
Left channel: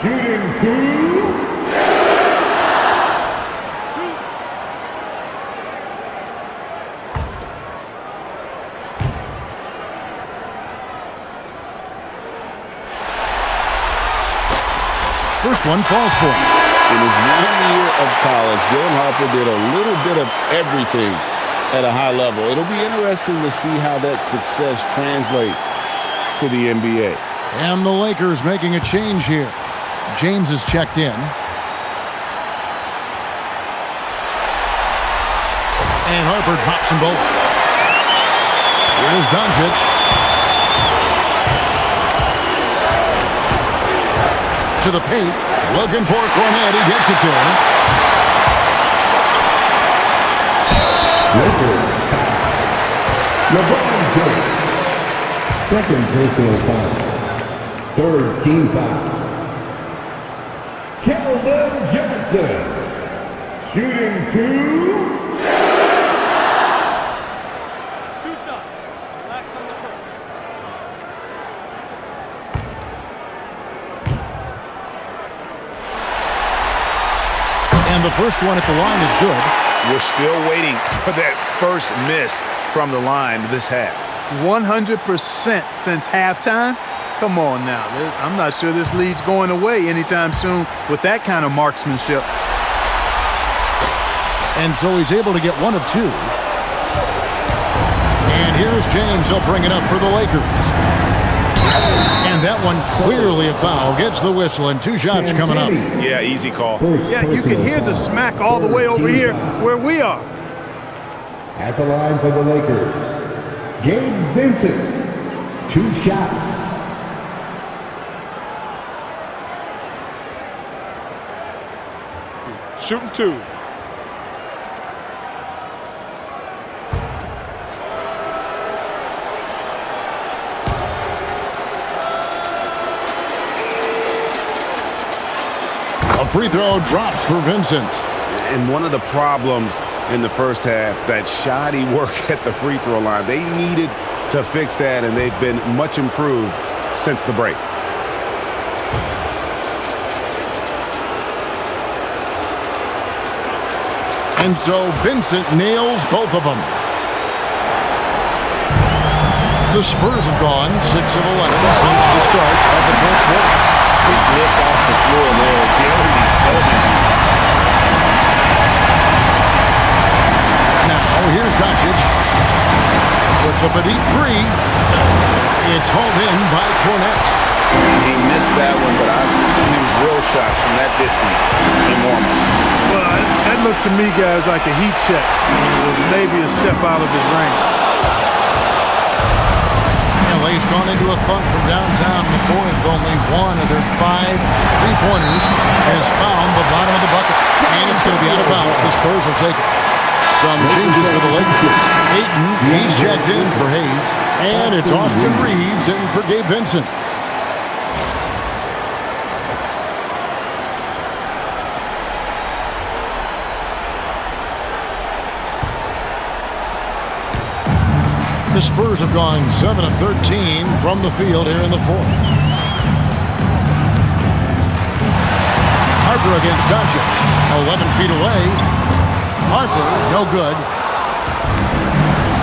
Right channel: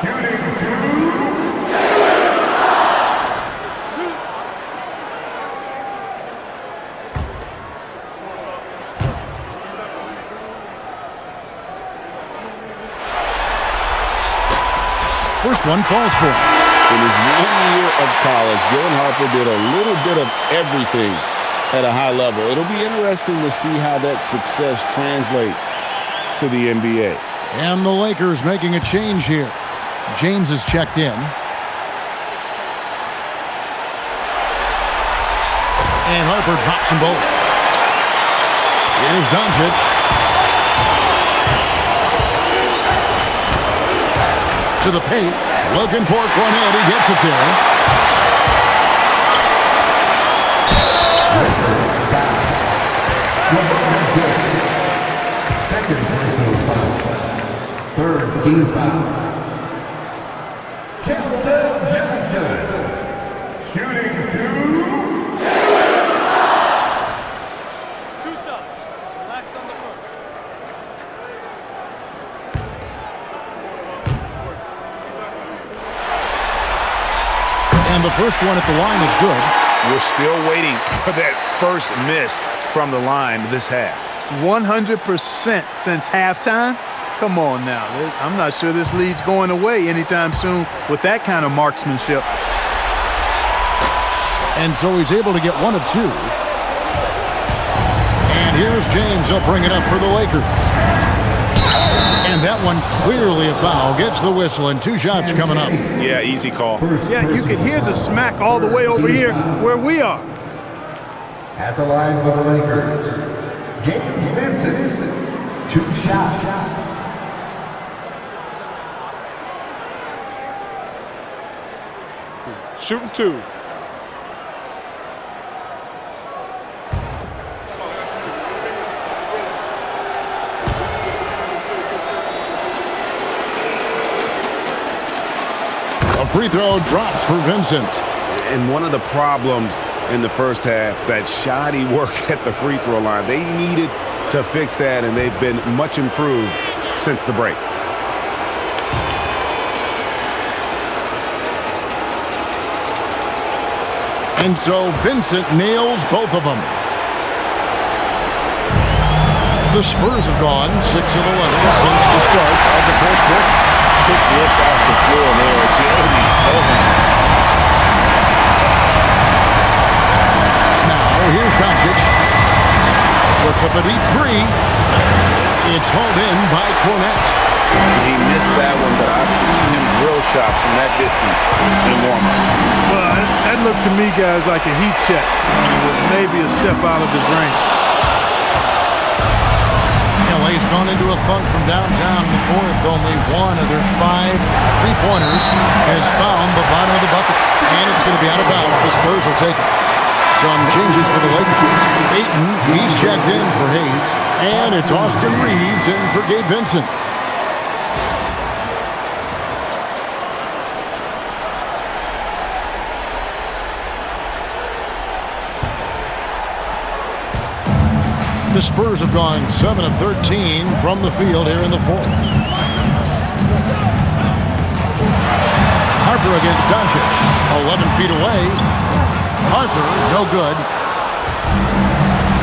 Shooting 2. First one falls for him. In his 1 year of college, Dylan Harper did a little bit of everything at a high level. It'll be interesting to see how that success translates to the NBA. And the Lakers making a change here. James is checked in. And Harper drops them both. Here's Doncic. To the paint, looking for Cornet. He gets it there. Lakers foul. LeBron James. Second personal foul. Third team foul. Keldon Johnson. Shooting 2. 2 shots. Relax on the first. And the first one at the line is good. We're still waiting for that first miss from the line this half. 100% since halftime. Come on now. I'm not sure this lead's going away anytime soon with that kind of marksmanship. And so he's able to get 1 of 2. And here's James. He'll bring it up for the Lakers. And that one clearly a foul. Gets the whistle and 2 shots coming up. Yeah, easy call. Yeah, you can hear the smack all the way over here where we are. At the line for the Lakers, Gabe Vincent. 2 shots. Shooting 2. A free throw drops for Vincent. And one of the problems in the first half, that shoddy work at the free throw line. They needed to fix that, and they've been much improved since the break. And so Vincent nails both of them. The Spurs have gone 6 of 11 since the start of the fourth quarter. Quick lift off the floor there. Jeremy Sohan. Now here's Doncic. Puts up a deep 3. It's hauled in by Cornet. He missed that one, but I've seen him drill shots from that distance in warm-up. Well, that looked to me, guys, like a heat check. With maybe a step out of his range. LA's gone into a funk from downtown in the fourth. Only 1 of their 5 3-pointers has found the bottom of the bucket. And it's going to be out of bounds. The Spurs will take it. Some changes for the Lakers. Ayton, he's checked in for Hayes. And it's Austin Reeves in for Gabe Vincent. The Spurs have gone 7 of 13 from the field here in the fourth. Harper against Doncic. 11 feet away. Harper, no good.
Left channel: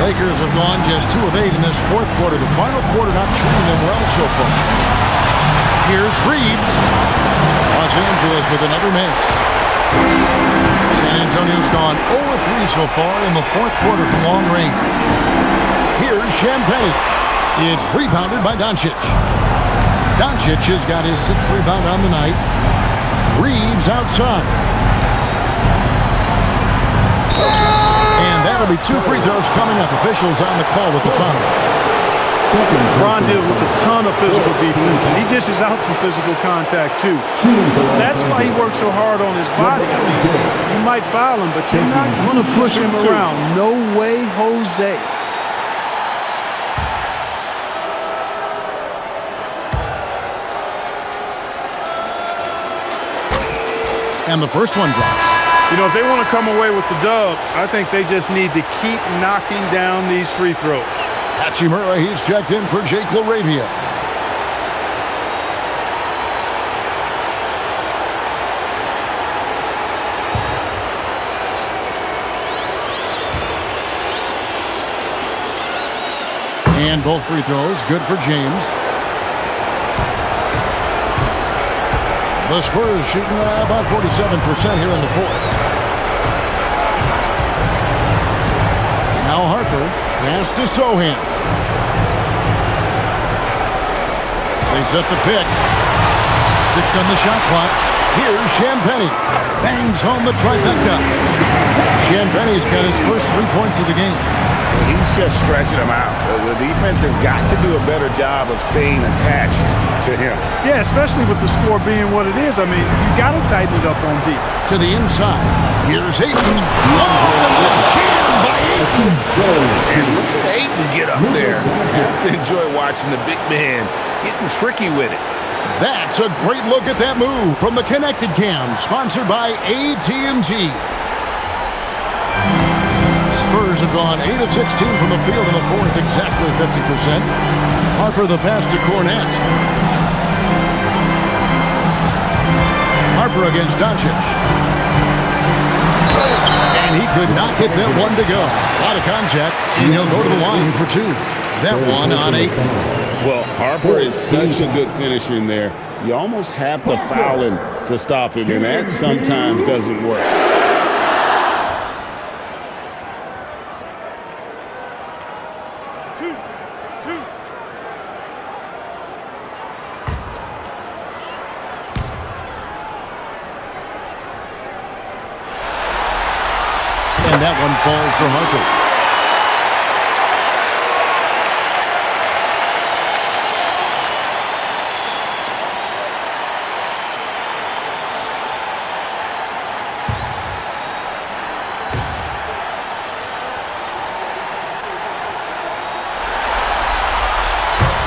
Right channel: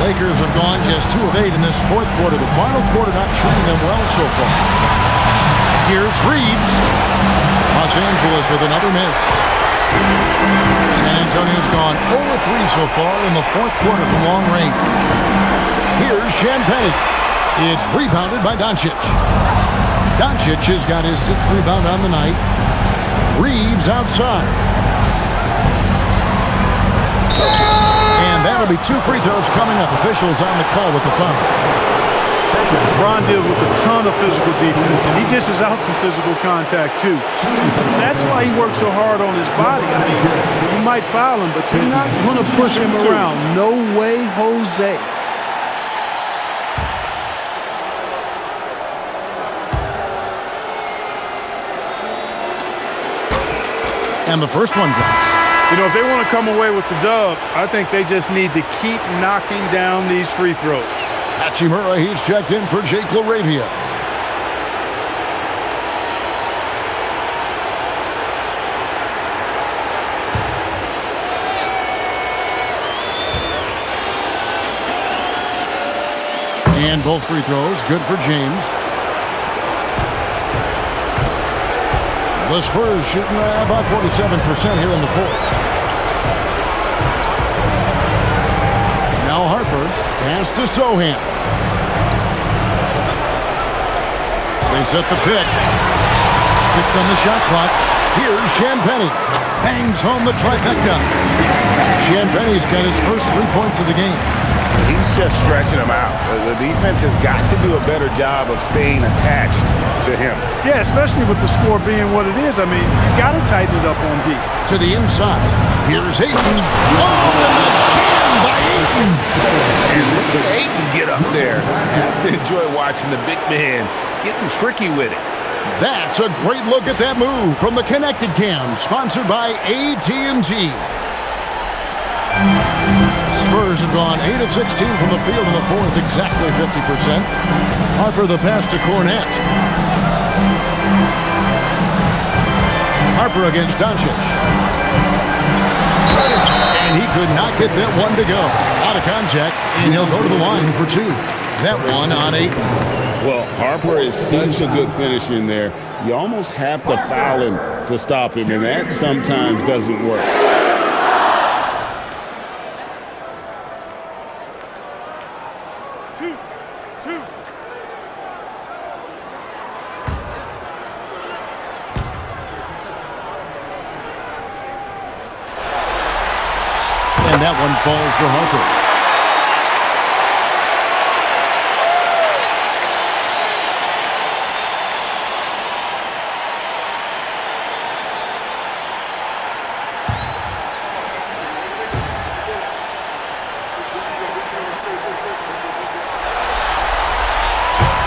Lakers have gone just 2 of 8 in this fourth quarter. The final quarter not treating them well so far. Here's Reeves. Los Angeles with another miss. San Antonio's gone 0 of 3 so far in the fourth quarter from long range. Here's Champagne. It's rebounded by Doncic. Doncic has got his 6th rebound on the night. Reeves outside. And that'll be 2 free throws coming up. Officials on the call with the foul. LeBron deals with a ton of physical defense, and he dishes out some physical contact, too. That's why he works so hard on his body. I mean, you might foul him, but you're not going to push him around. No way, Jose. And the first one drops. You know, if they want to come away with the dub, I think they just need to keep knocking down these free throws. Hachimura, he's checked in for Jake LaRavia. And both free throws, good for James. The Spurs shooting about 47% here in the fourth. Now Harper, pass to Sohan. They set the pick. 6 on the shot clock. Here's Champagnie. Bangs home the trifecta. Champagnie's got his first 3 points of the game. He's just stretching them out. The defense has got to do a better job of staying attached to him. Yeah, especially with the score being what it is. I mean, you got to tighten it up on D. To the inside. Here's Ayton. Oh, and the jam by Ayton. And look at Ayton get up there. Have to enjoy watching the big man getting tricky with it. That's a great look at that move from the Connected Cam, sponsored by AT&T. Spurs have gone 8 of 16 from the field in the fourth, exactly 50%. Harper the pass to Cornette. Harper against Doncic. And he could not get that one to go. A lot of contact, and he'll go to the line for 2. That one on Ayton. Well, Harper is such a good finisher in there. You almost have to foul him to stop him, and that sometimes doesn't work. And that one falls for Harper.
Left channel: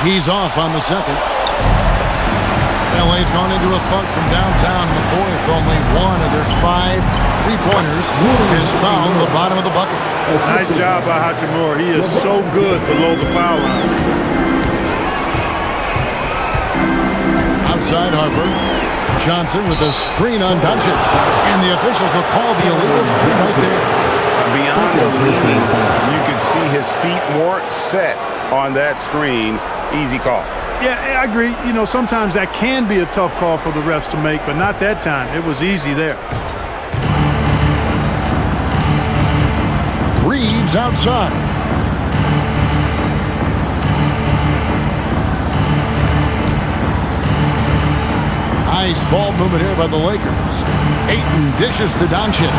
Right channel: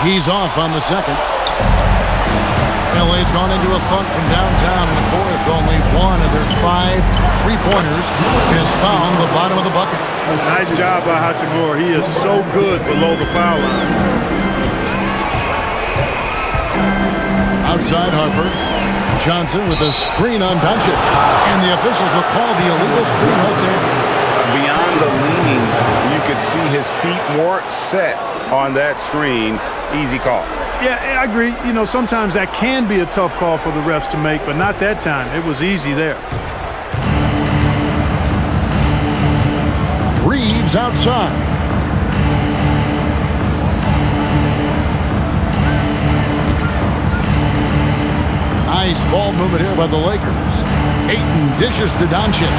He's off on the second. LA's gone into a funk from downtown in the fourth. Only one of their 5 3-pointers has found the bottom of the bucket. Nice job by Hachimura. He is so good below the foul line. Outside Harper. Johnson with a screen on Doncic. And the officials will call the illegal screen right there. Beyond the leaning, you could see his feet weren't set on that screen. Easy call. Yeah, I agree. You know, sometimes that can be a tough call for the refs to make, but not that time. It was easy there. Reeves outside. Nice ball movement here by the Lakers. Ayton dishes to Doncic.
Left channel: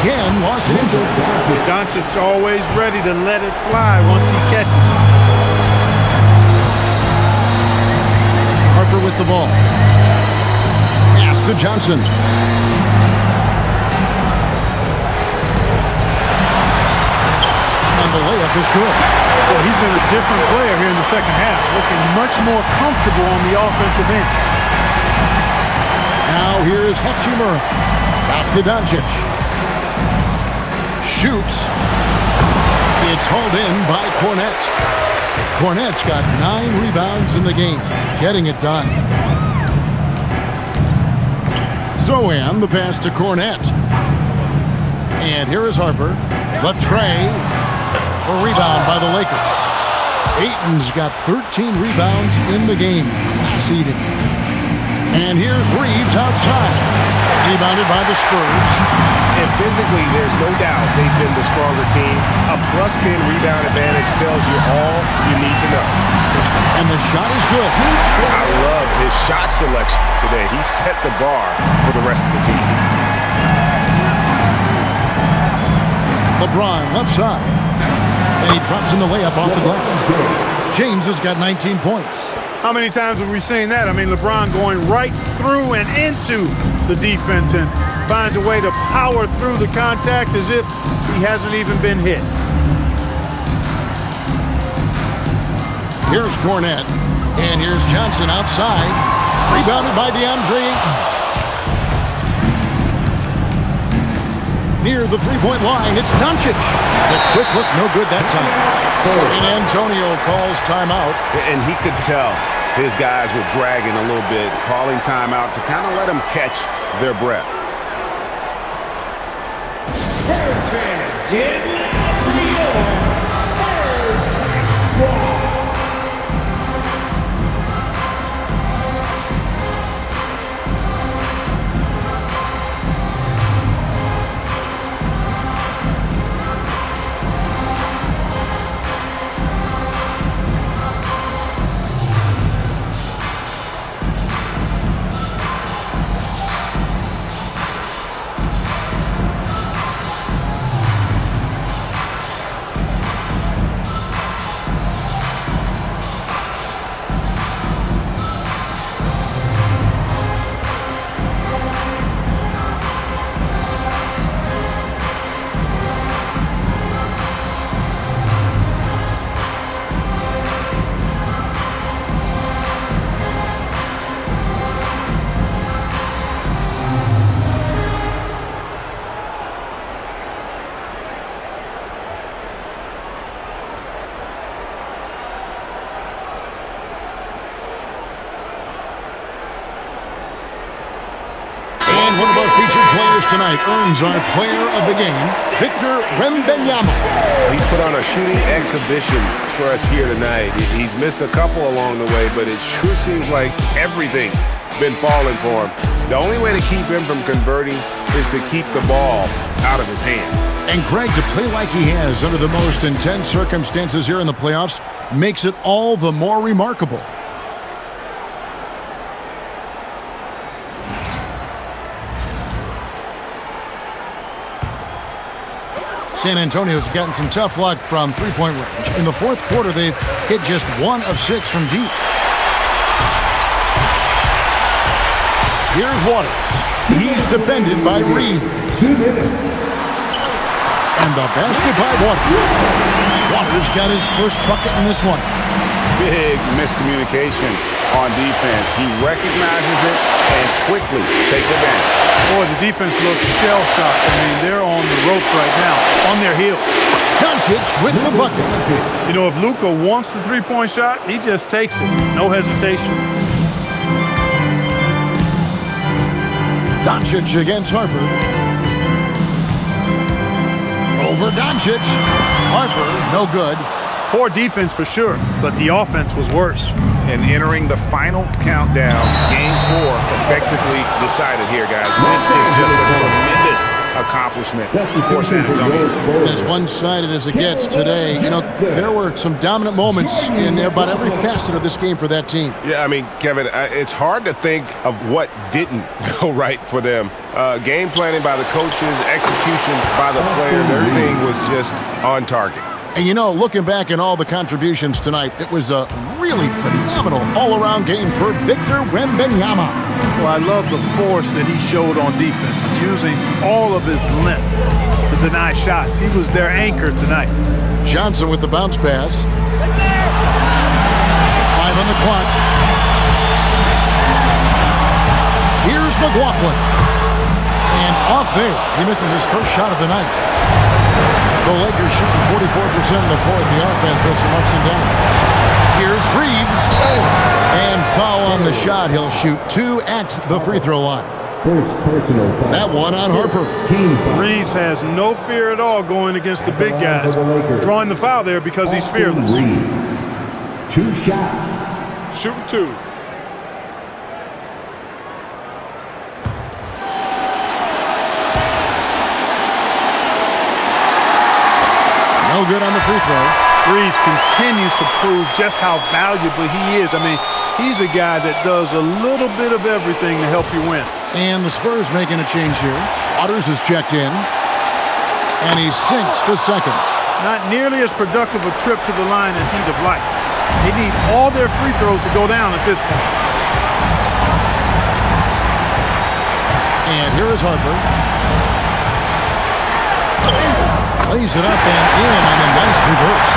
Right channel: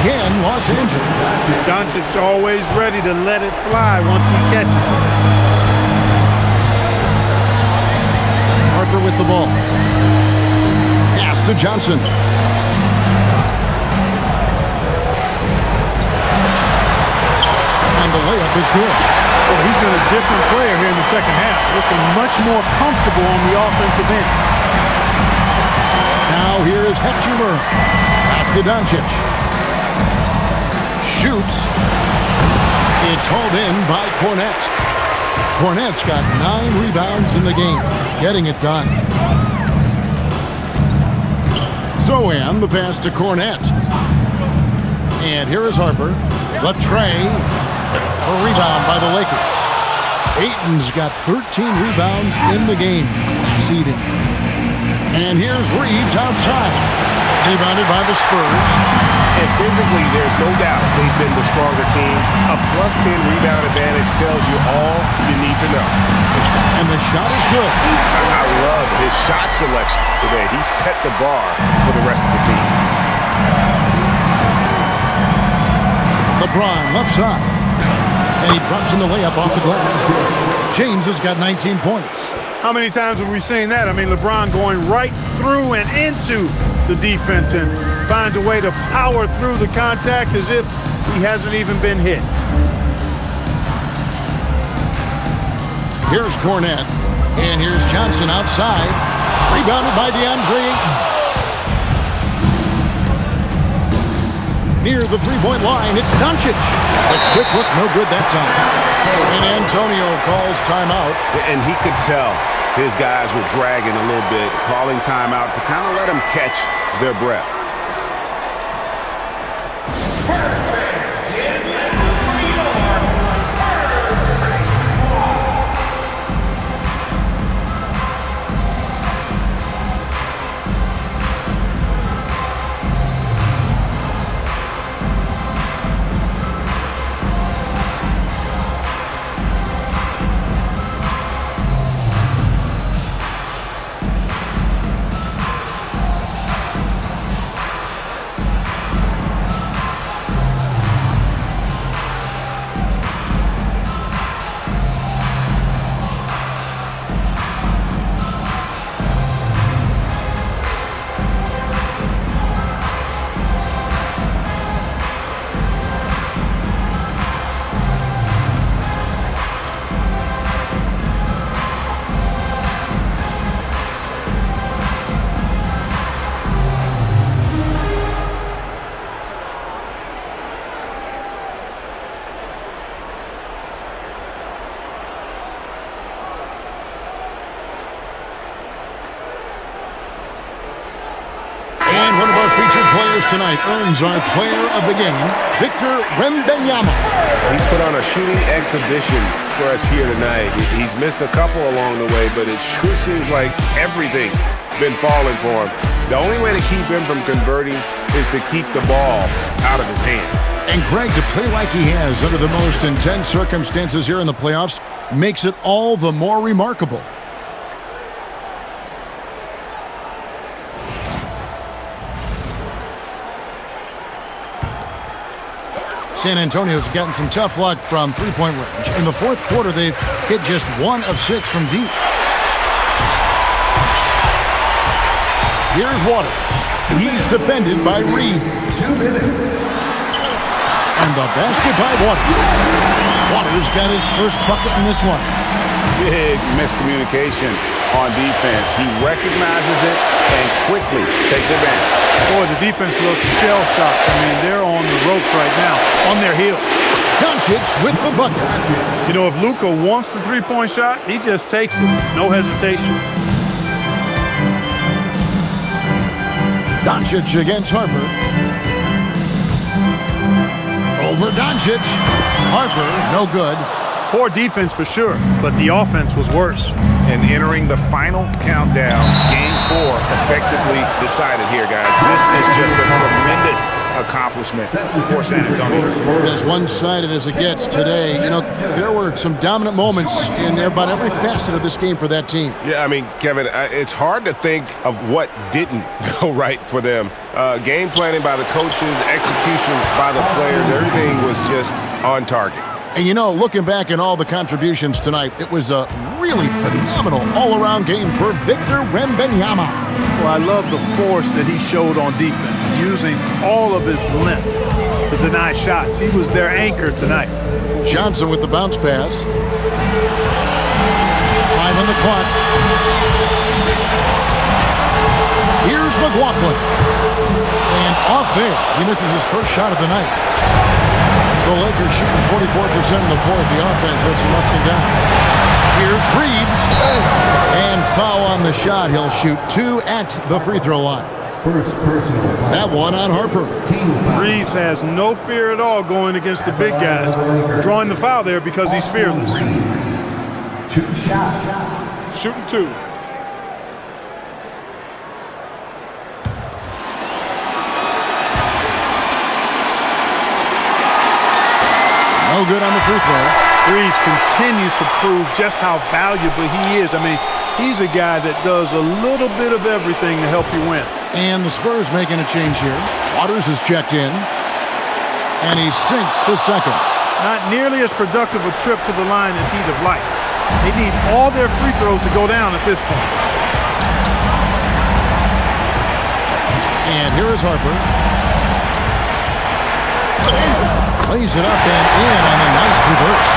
Again, Los Angeles. Doncic always ready to let it fly once he catches it. Harper with the ball. Pass to Johnson. And the layup is good. Well, he's been a different player here in the second half, looking much more comfortable on the offensive end. Now here is Hachimura. Back to Doncic. Shoots. It's hauled in by Cornette. Cornette's got 9 rebounds in the game. Getting it done. Zohan, the pass to Cornette. And here is Harper. The tray. A rebound by the Lakers. Ayton's got 13 rebounds in the game. Class eating. And here's Reeves outside. Rebounded by the Spurs. And physically, there's no doubt they've been the stronger team. A +10 rebound advantage tells you all you need to know. And the shot is good. I love his shot selection today. He set the bar for the rest of the team. LeBron left side. And he drops in the layup off the glass. James has got 19 points. How many times have we seen that? I mean, LeBron going right through and into the defense and finds a way to power through the contact as if he hasn't even been hit. Here's Cornette. And here's Johnson outside. Rebounded by DeAndre Ayton. near the three-point line. It's Doncic. The quick look, no good that time. San Antonio calls timeout. And he could tell his guys were dragging a little bit, calling timeout to kind of let them catch their breath. And one of our featured players tonight earns our player of the game, Victor Wembanyama. He's put on a shooting exhibition for us here tonight. He's missed a couple along the way, but it sure seems like everything's been falling for him. The only way to keep him from converting is to keep the ball out of his hands. And Greg, to play like he has under the most intense circumstances here in the playoffs makes it all the more remarkable. San Antonio's gotten some tough luck from three-point range. In the fourth quarter, they've hit just 1 of 6 from deep. Here's Waters. He's defended by Reed. 2 minutes. And the basket by Waters. Waters got his first bucket in this one. Big miscommunication on defense. He recognizes it and quickly takes advantage. Boy, the defense looks shell-shocked. I mean, they're on the ropes right now, on their heels. Doncic with the bucket. You know, if Luka wants the three-point shot, he just takes it. No hesitation. Doncic against Harper. Over Doncic. Harper, no good. Poor defense for sure, but the offense was worse. And entering the final countdown, Game 4 effectively decided here, guys. This is just a tremendous accomplishment for San Antonio. As one-sided as it gets today, you know, there were some dominant moments in about every facet of this game for that team. Yeah, I mean, Kevin, it's hard to think of what didn't go right for them. Game planning by the coaches, execution by the players, everything was just on target. And, you know, looking back at all the contributions tonight, it was a really phenomenal all-around game for Victor Wembanyama. Well, I love the force that he showed on defense, using all of his length to deny shots. He was their anchor tonight. Johnson with the bounce pass. 5 on the clock. Here's McLaughlin. And off there, he misses his first shot of the night. The Lakers shooting 44% in the fourth. The offense has some ups and downs. Here's Reeves. And foul on the shot. He'll shoot 2 at the free throw line. First personal foul. That one on Harper. Team foul. Reeves has no fear at all going against the big guys, drawing the foul there because he's fearless. Reeves. 2 shots. Shooting 2. No good on the free throw. Reeves continues to prove just how valuable he is. I mean, he's a guy that does a little bit of everything to help you win. And the Spurs making a change here. Waters is checked in. And he sinks the second. Not nearly as productive a trip to the line as he'd have liked. They need all their free throws to go down at this point. And here is Harper. Lays it up and in on the nice reverse.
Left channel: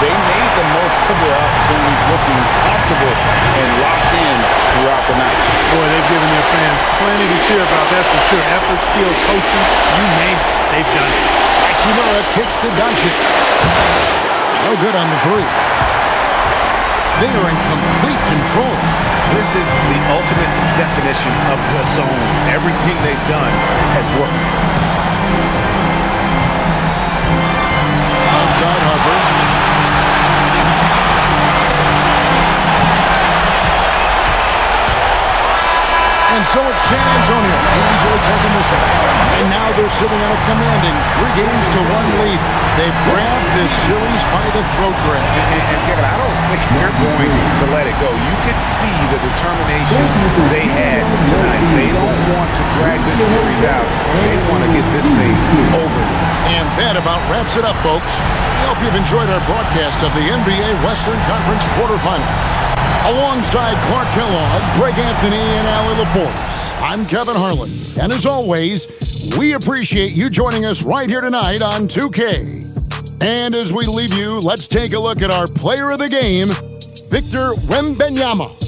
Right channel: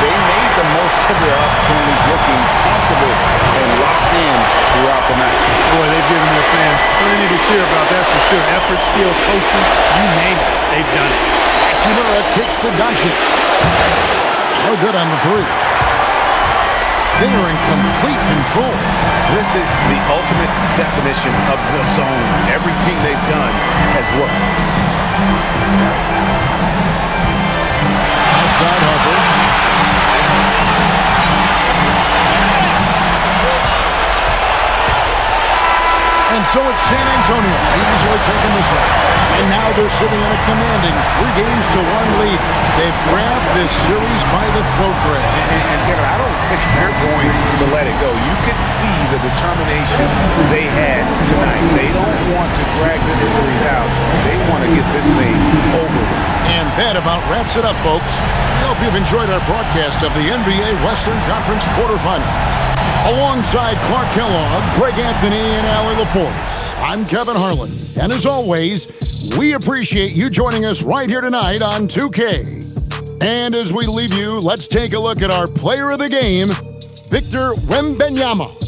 They made the most of their opportunities, looking comfortable and locked in throughout the night. Boy, they've given their fans plenty to cheer about, that's for sure. Effort, skill, coaching, you name it, they've done it. Hachimura kicks to Doncic. No good on the three. They are in complete control. This is the ultimate definition of the zone. Everything they've done has worked. Outside Harper. And so it's San Antonio easily taking this one. And now they're sitting on a commanding 3-1 lead. They've grabbed this series by the throat, Greg. And Kevin, I don't think they're going to let it go. You could see the determination they had tonight. They don't want to drag this series out. They want to get this thing over with. And that about wraps it up, folks. We hope you've enjoyed our broadcast of the NBA Western Conference quarterfinals. Alongside Clark Kellogg, Greg Anthony, and Allie LaForce, I'm Kevin Harlan. And as always, we appreciate you joining us right here tonight on 2K. And as we leave you, let's take a look at our player of the game, Victor Wembanyama.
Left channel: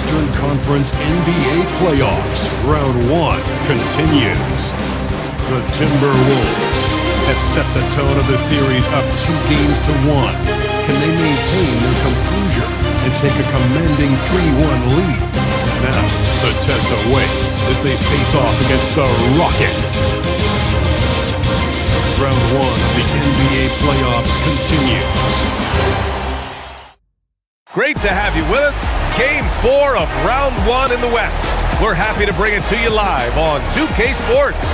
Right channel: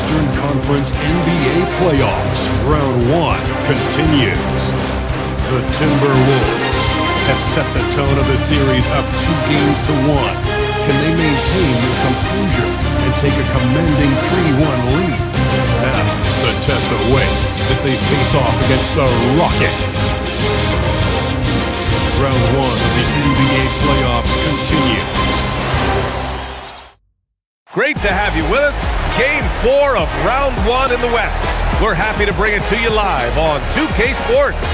Western Conference NBA playoffs. Round 1 continues. The Timberwolves have set the tone of the series up 2-1. Can they maintain their composure and take a commanding 3-1 lead? Now, the test awaits as they face off against the Rockets. Round 1 of the NBA playoffs continues. Great to have you with us. Game 4 of Round 1 in the West. We're happy to bring it to you live on 2K Sports.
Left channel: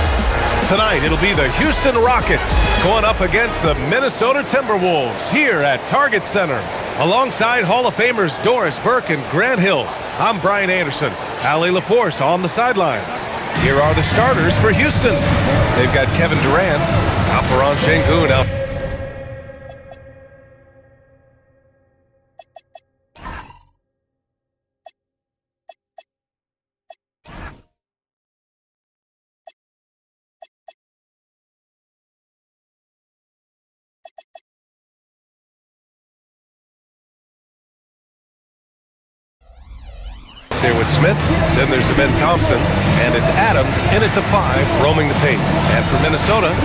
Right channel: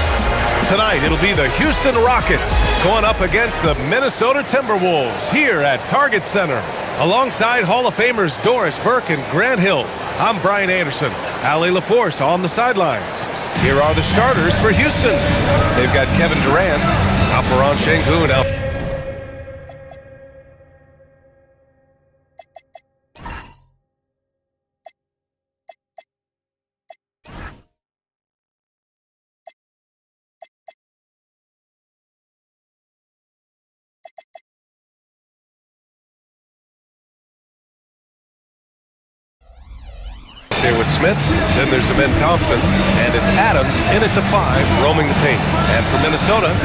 Tonight, it'll be the Houston Rockets going up against the Minnesota Timberwolves here at Target Center. Alongside Hall of Famers Doris Burke and Grant Hill, I'm Brian Anderson. Allie LaForce on the sidelines. Here are the starters for Houston. They've got Kevin Durant, Alperen Şengün out. There with Smith, then there's Ben Thompson, and it's Adams in at the 5, roaming the paint. And for Minnesota,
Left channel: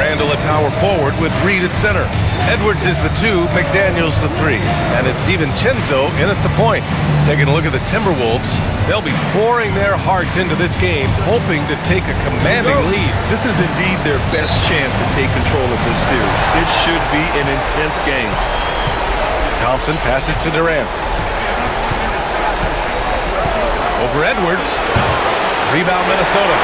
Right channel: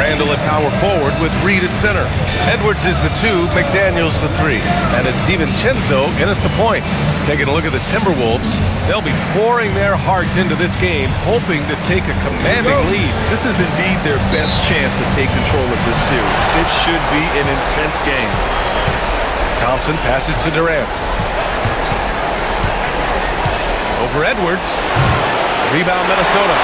Randall at power forward with Reed at center. Edwards is the 2, McDaniels the 3, and it's DiVincenzo in at the point. Taking a look at the Timberwolves, they'll be pouring their hearts into this game, hoping to take a commanding lead. This is indeed their best chance to take control of this series. It should be an intense game. Thompson passes to Durant. Over Edwards. Rebound Minnesota.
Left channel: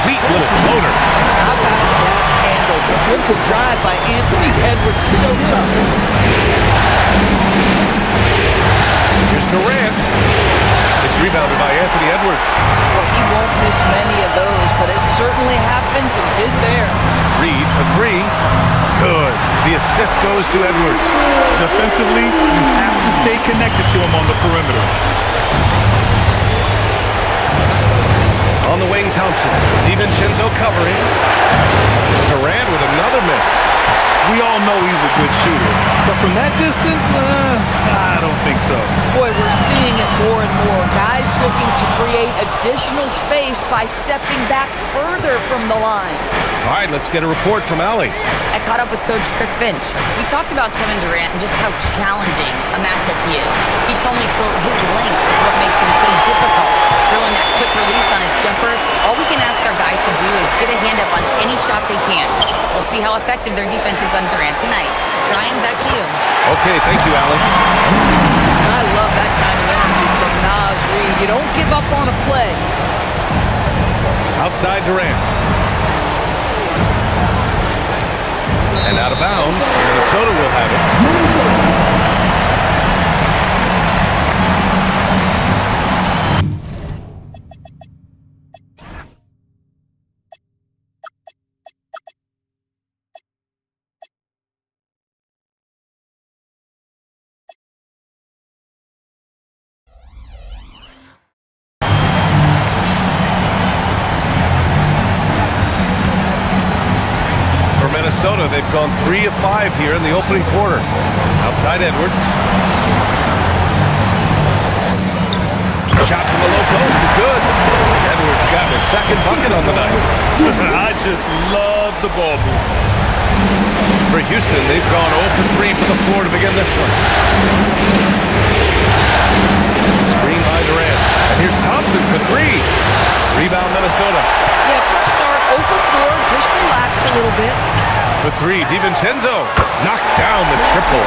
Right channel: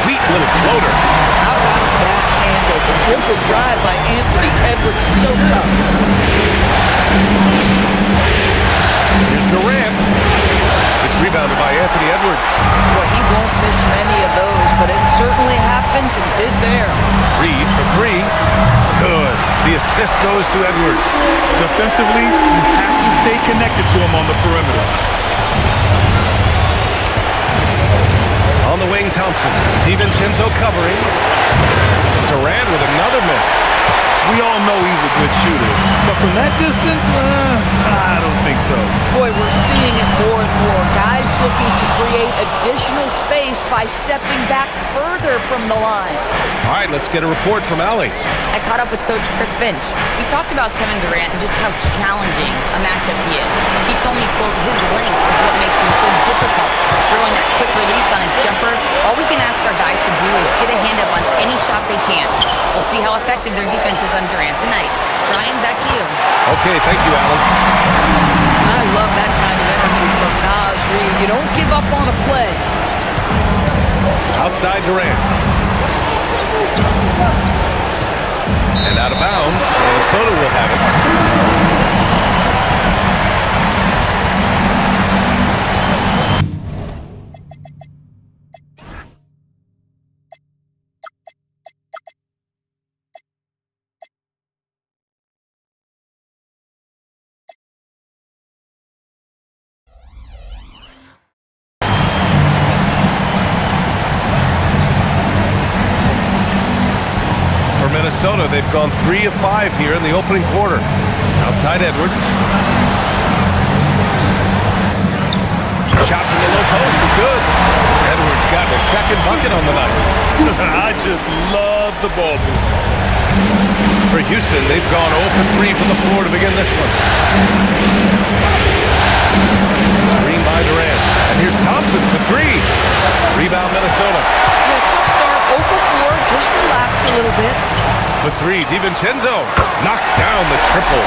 Sweet little floater. How about that handle? The triple drive by Anthony Edwards, so tough. Here's Durant. It's rebounded by Anthony Edwards. Well, he won't miss many of those, but it certainly happens and did there. Reed for 3. Good. The assist goes to Edwards. Defensively, you have to stay connected to him on the perimeter. On the wing, Thompson. DiVincenzo covering. Durant with another miss. We all know he's a good shooter, but from that distance, I don't think so. Boy, we're seeing it more and more. Guys looking to create additional space by stepping back further from the line. All right, let's get a report from Allie. I caught up with Coach Chris Finch. We talked about Kevin Durant and just how challenging a matchup he is. He told me, quote, his length is what makes him so difficult. Throwing that quick release on his jumper, all we can ask our guys to do is get a hand up on any shot they can. We'll see how effective their defense is on Durant tonight. Brian, back to you. Okay, thank you, Allie. I love that kind of energy from Naz Reid. You don't give up on a play. Outside Durant. And out of bounds, Minnesota will have it. For Minnesota, they've gone 3 of 5 here in the opening quarter. Outside Edwards. Shot from the low post is good. Edwards got his second bucket on the night. I just love the ball movement. For Houston, they've gone 0 for 3 from the floor to begin this one. Screen by Durant. And here's Thompson for 3. Rebound Minnesota. Yeah, tough start. 0 for 4. Just relax a little bit. For 3, DiVincenzo knocks down the triple.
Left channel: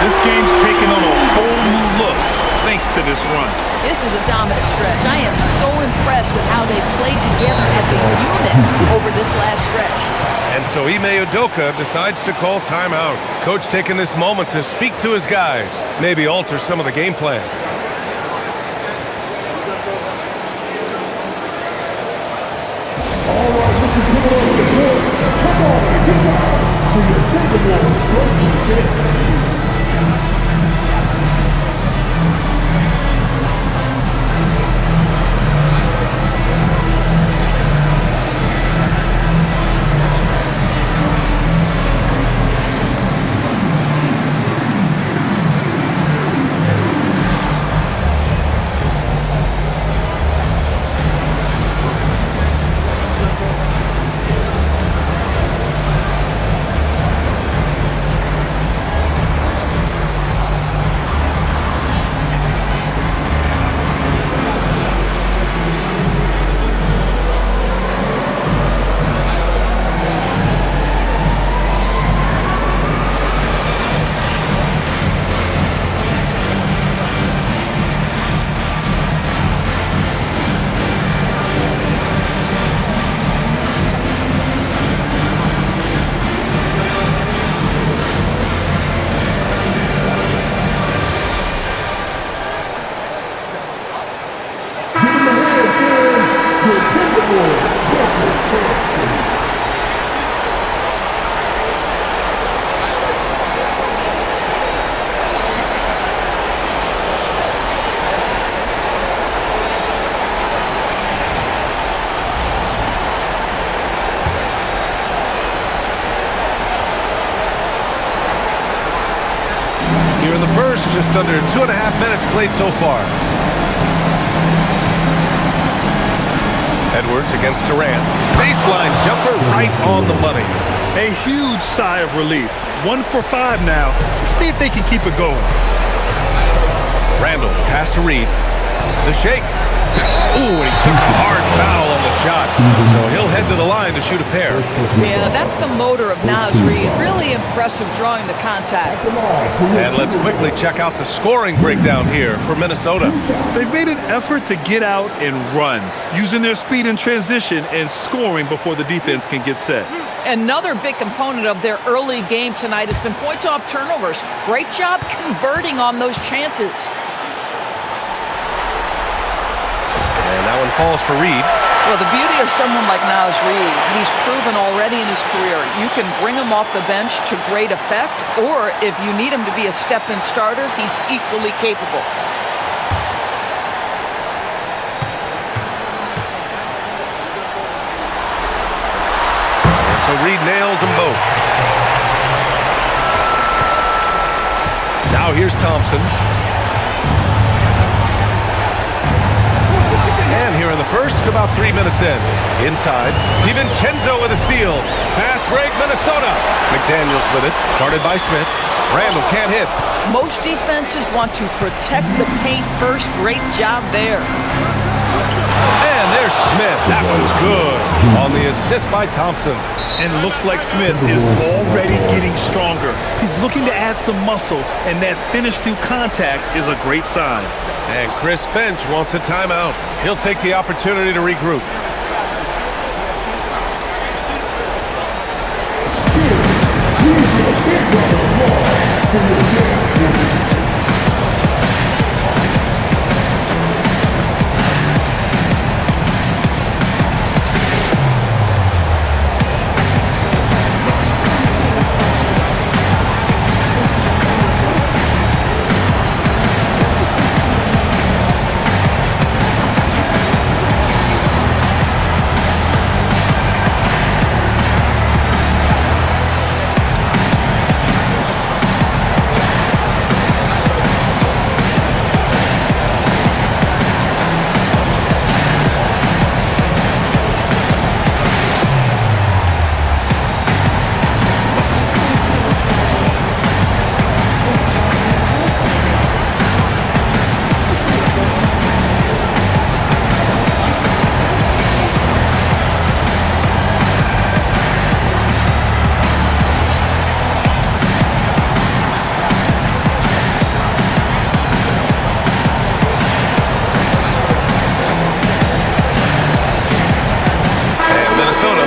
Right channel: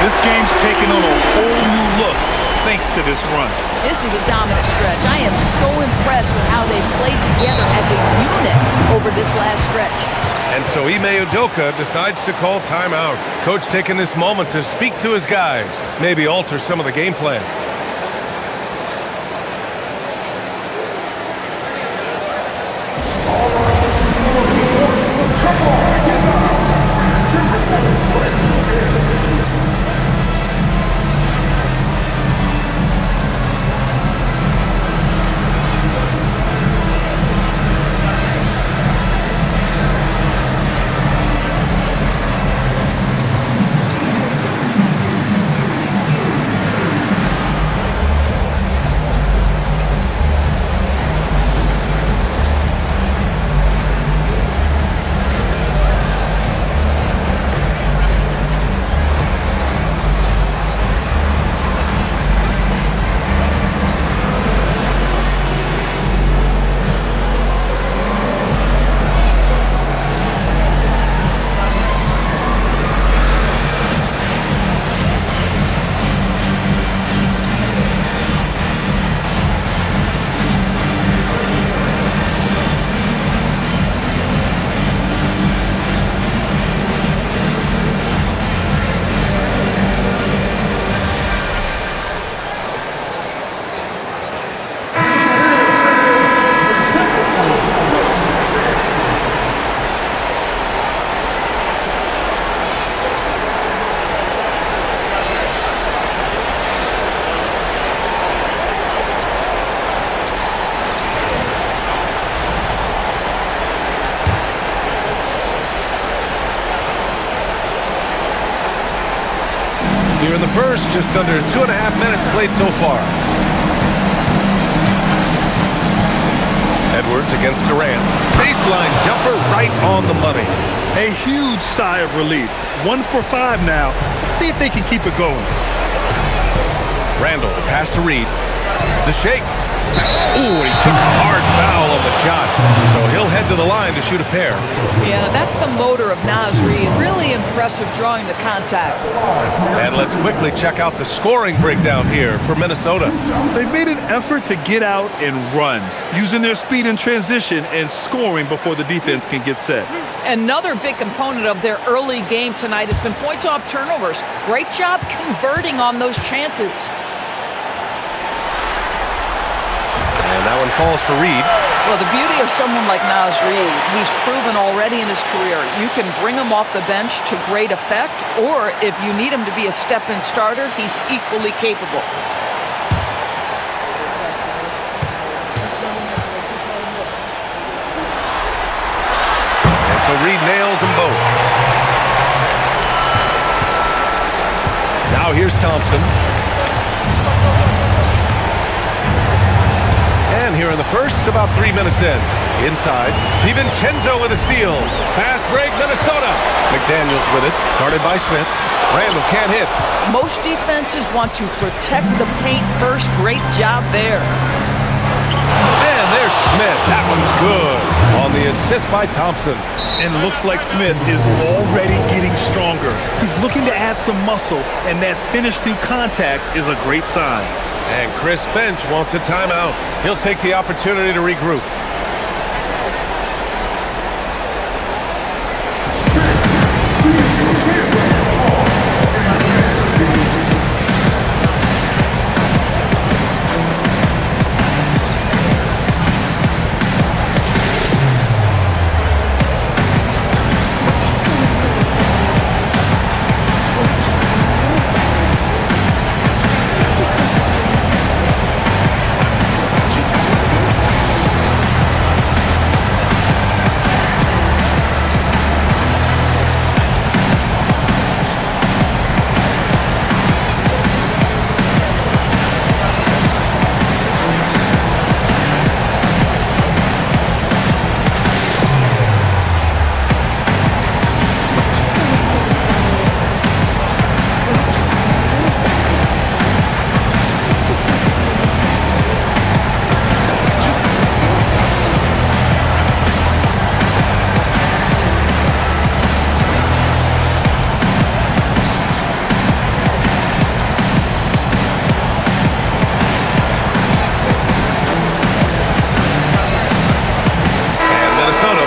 This game's taken on a whole new look thanks to this run. This is a dominant stretch. I am so impressed with how they've played together as a unit over this last stretch. And so Ime Udoka decides to call timeout. Coach taking this moment to speak to his guys, maybe alter some of the game plan. Here in the first, just under 2.5 minutes played so far. Edwards against Durant. Baseline jumper right on the money. A huge sigh of relief. 1 for 5 now. Let's see if they can keep it going. Randall, the pass to Reed. The shake. Ooh, and he took a hard foul on the shot. So he'll head to the line to shoot a pair. Yeah, that's the motor of Naz Reid. Really impressive drawing the contact. And let's quickly check out the scoring breakdown here for Minnesota. They've made an effort to get out and run, using their speed in transition and scoring before the defense can get set. Another big component of their early game tonight has been points off turnovers. Great job converting on those chances. And that one falls for Reed. Well, the beauty of someone like Naz Reid, he's proven already in his career, you can bring him off the bench to great effect, or if you need him to be a step-in starter, he's equally capable. And so Reed nails them both. Now here's Thompson. And here in the first, about 3 minutes in. Inside, DiVincenzo with a steal. Fast break, Minnesota. McDaniels with it, guarded by Smith. Randall can't hit. Most defenses want to protect the paint first. Great job there. And there's Smith. That one's good. On the assist by Thompson. And looks like Smith is already getting stronger. He's looking to add some muscle, and that finish through contact is a great sign. And Chris Finch wants a timeout. He'll take the opportunity to regroup.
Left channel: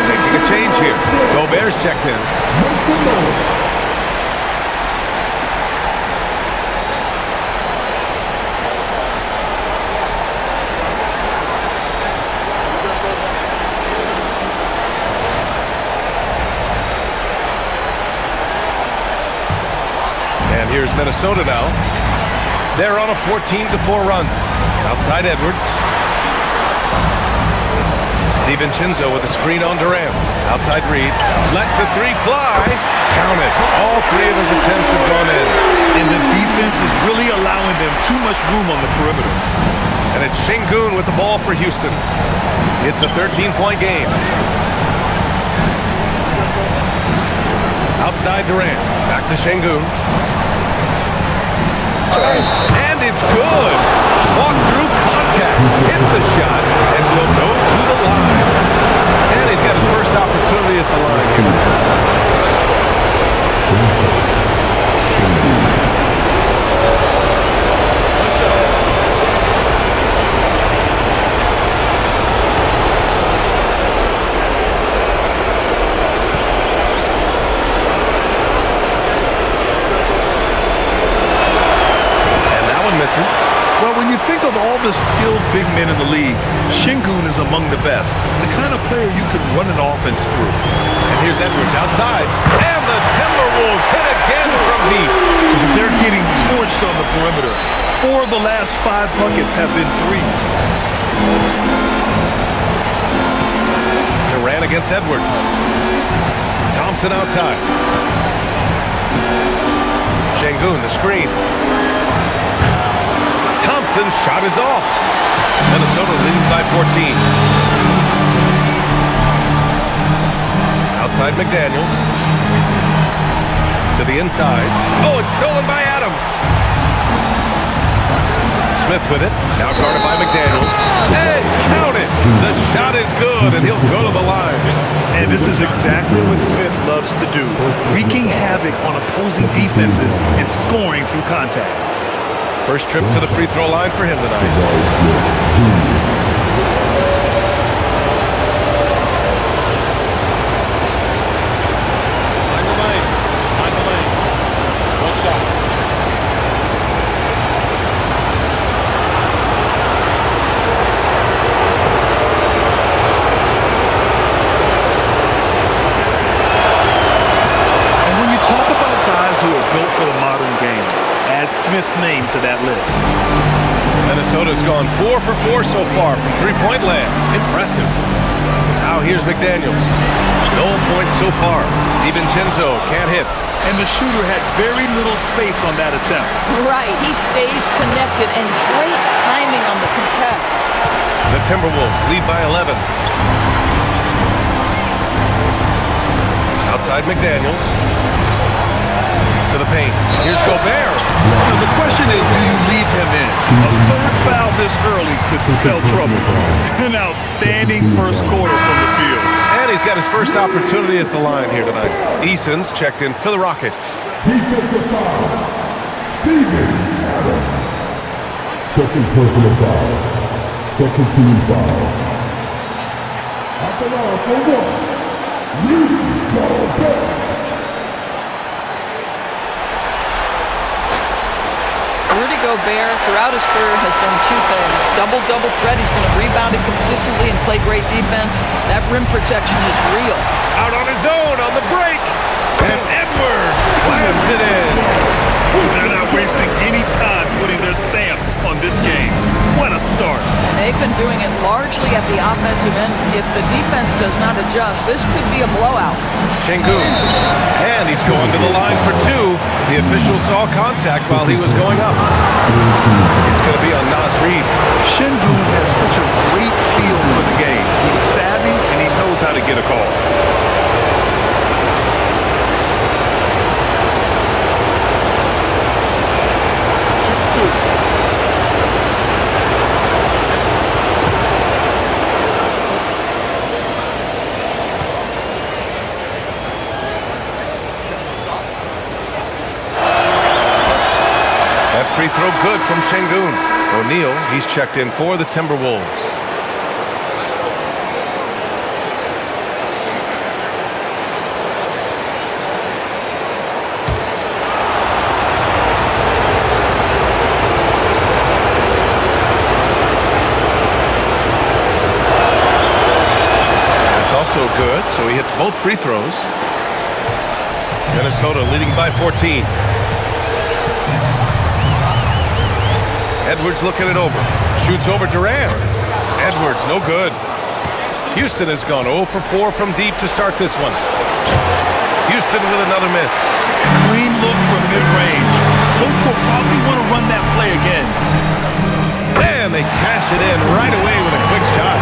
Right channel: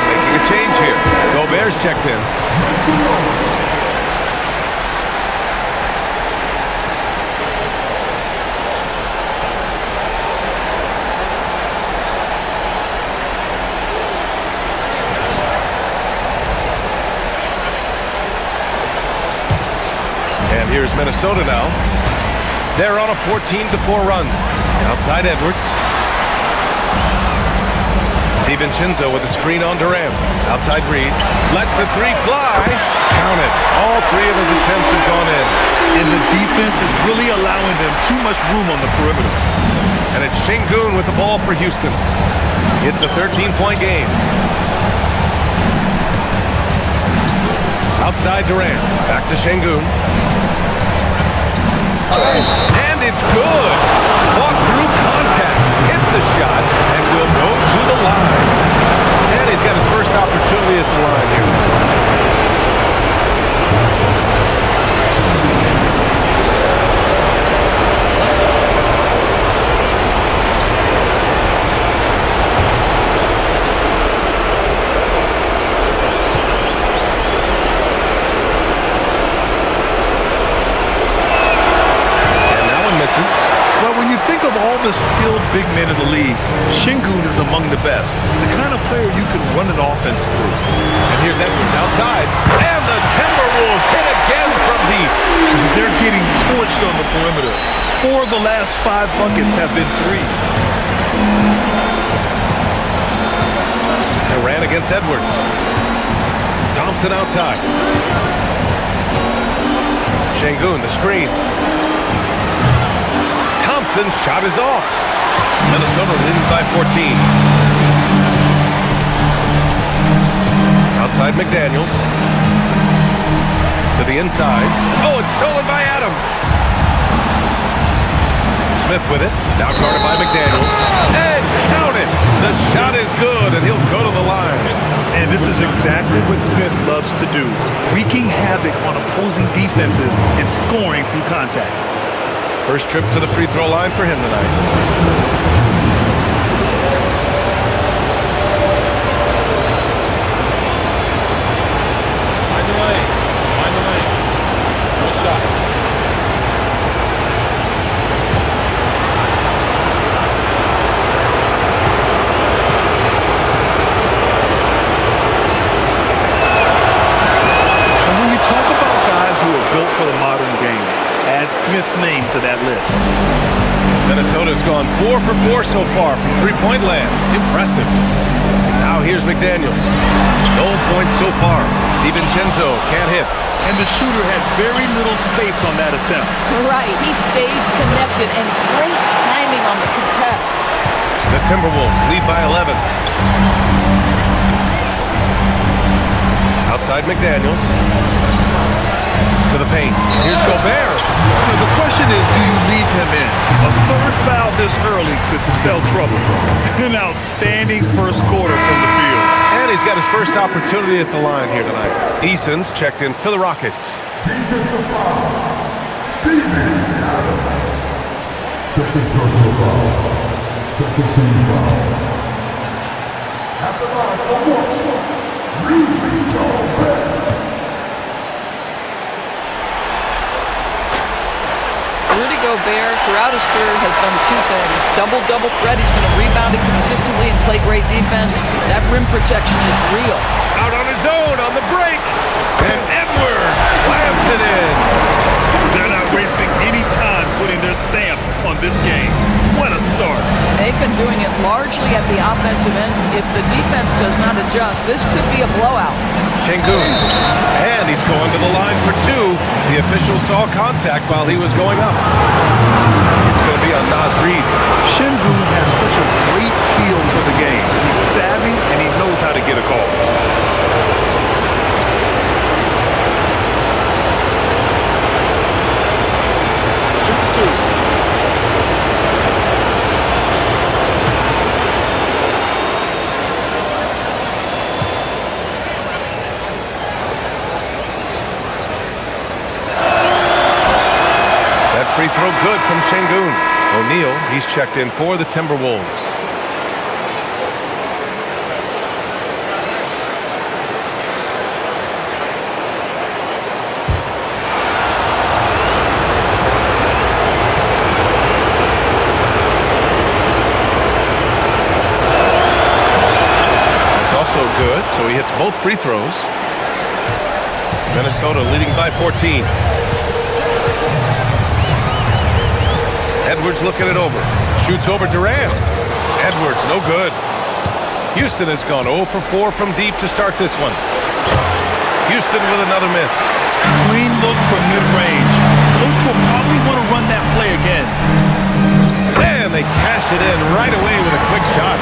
Making a change here. Gobert's checked in. And here's Minnesota now. They're on a 14-4 run. Outside Edwards. DiVincenzo with a screen on Durant. Outside Reed. Lets the three fly. Count it. All three of his attempts have gone in. And the defense is really allowing them too much room on the perimeter. And it's Şengün with the ball for Houston. It's a 13-point game. Outside Durant. Back to Şengün. And it's good. Fought through contact. Hit the shot and will go to the line. And he's got his first opportunity at the line here. One shot. And that one misses. Well, when you think of all the skilled big men in the league, Şengün is among the best. The kind of player you can run an offense through. And here's Edwards outside. And the Timberwolves hit again from deep. They're getting torched on the perimeter. 4 of the last 5 buckets have been threes. Durant against Edwards. Thompson outside. Şengün, the screen. Thompson's shot is off. Minnesota leading by 14. Outside McDaniels. To the inside. Oh, it's stolen by Adams. Smith with it. Now guarded by McDaniels. And count it. The shot is good, and he'll go to the line. And this is exactly what Smith loves to do, wreaking havoc on opposing defenses and scoring through contact. First trip to the free throw line for him tonight. Find the lane. Find the lane. One shot. And when you talk about guys who are built for the modern game, add Smith's name to that list. Minnesota's gone 4 for 4 so far from three-point land. Impressive. Now here's McDaniels. No points so far. DiVincenzo can't hit. And the shooter had very little space on that attempt. Right, he stays connected, and great timing on the contest. The Timberwolves lead by 11. Outside McDaniels. To the paint. Here's Gobert. The question is, do you leave him in? A third foul this early could spell trouble. An outstanding first quarter from the field. And he's got his first opportunity at the line here tonight. Eason's checked in for the Rockets. Defensive foul. Steven Adams. Second personal foul. Second team foul. At the line for one. Rudy Gobert. Rudy Gobert, throughout his career, has done two things. Double-double threat. He's been a rebounder consistently and play great defense. That rim protection is real. Out on his own on the break. And Edwards slams it in. They're not wasting any time putting their stamp on this game. What a start. And they've been doing it largely at the offensive end. If the defense does not adjust, this could be a blowout. Şengün. And he's going to the line for two. The official saw contact while he was going up. It's going to be on Naz Reid. Şengün has such a great feel for the game. He's savvy and he knows how to get a call. Shoot two. That free throw good from Şengün. O'Neal, he's checked in for the Timberwolves. That's also good, so he hits both free throws. Minnesota leading by 14. Edwards looking it over. Shoots over Durant. Edwards, no good. Houston has gone 0 for 4 from deep to start this one. Houston with another miss. Clean look from mid-range. Coach will probably want to run that play again. And they cash it in right away with a quick shot.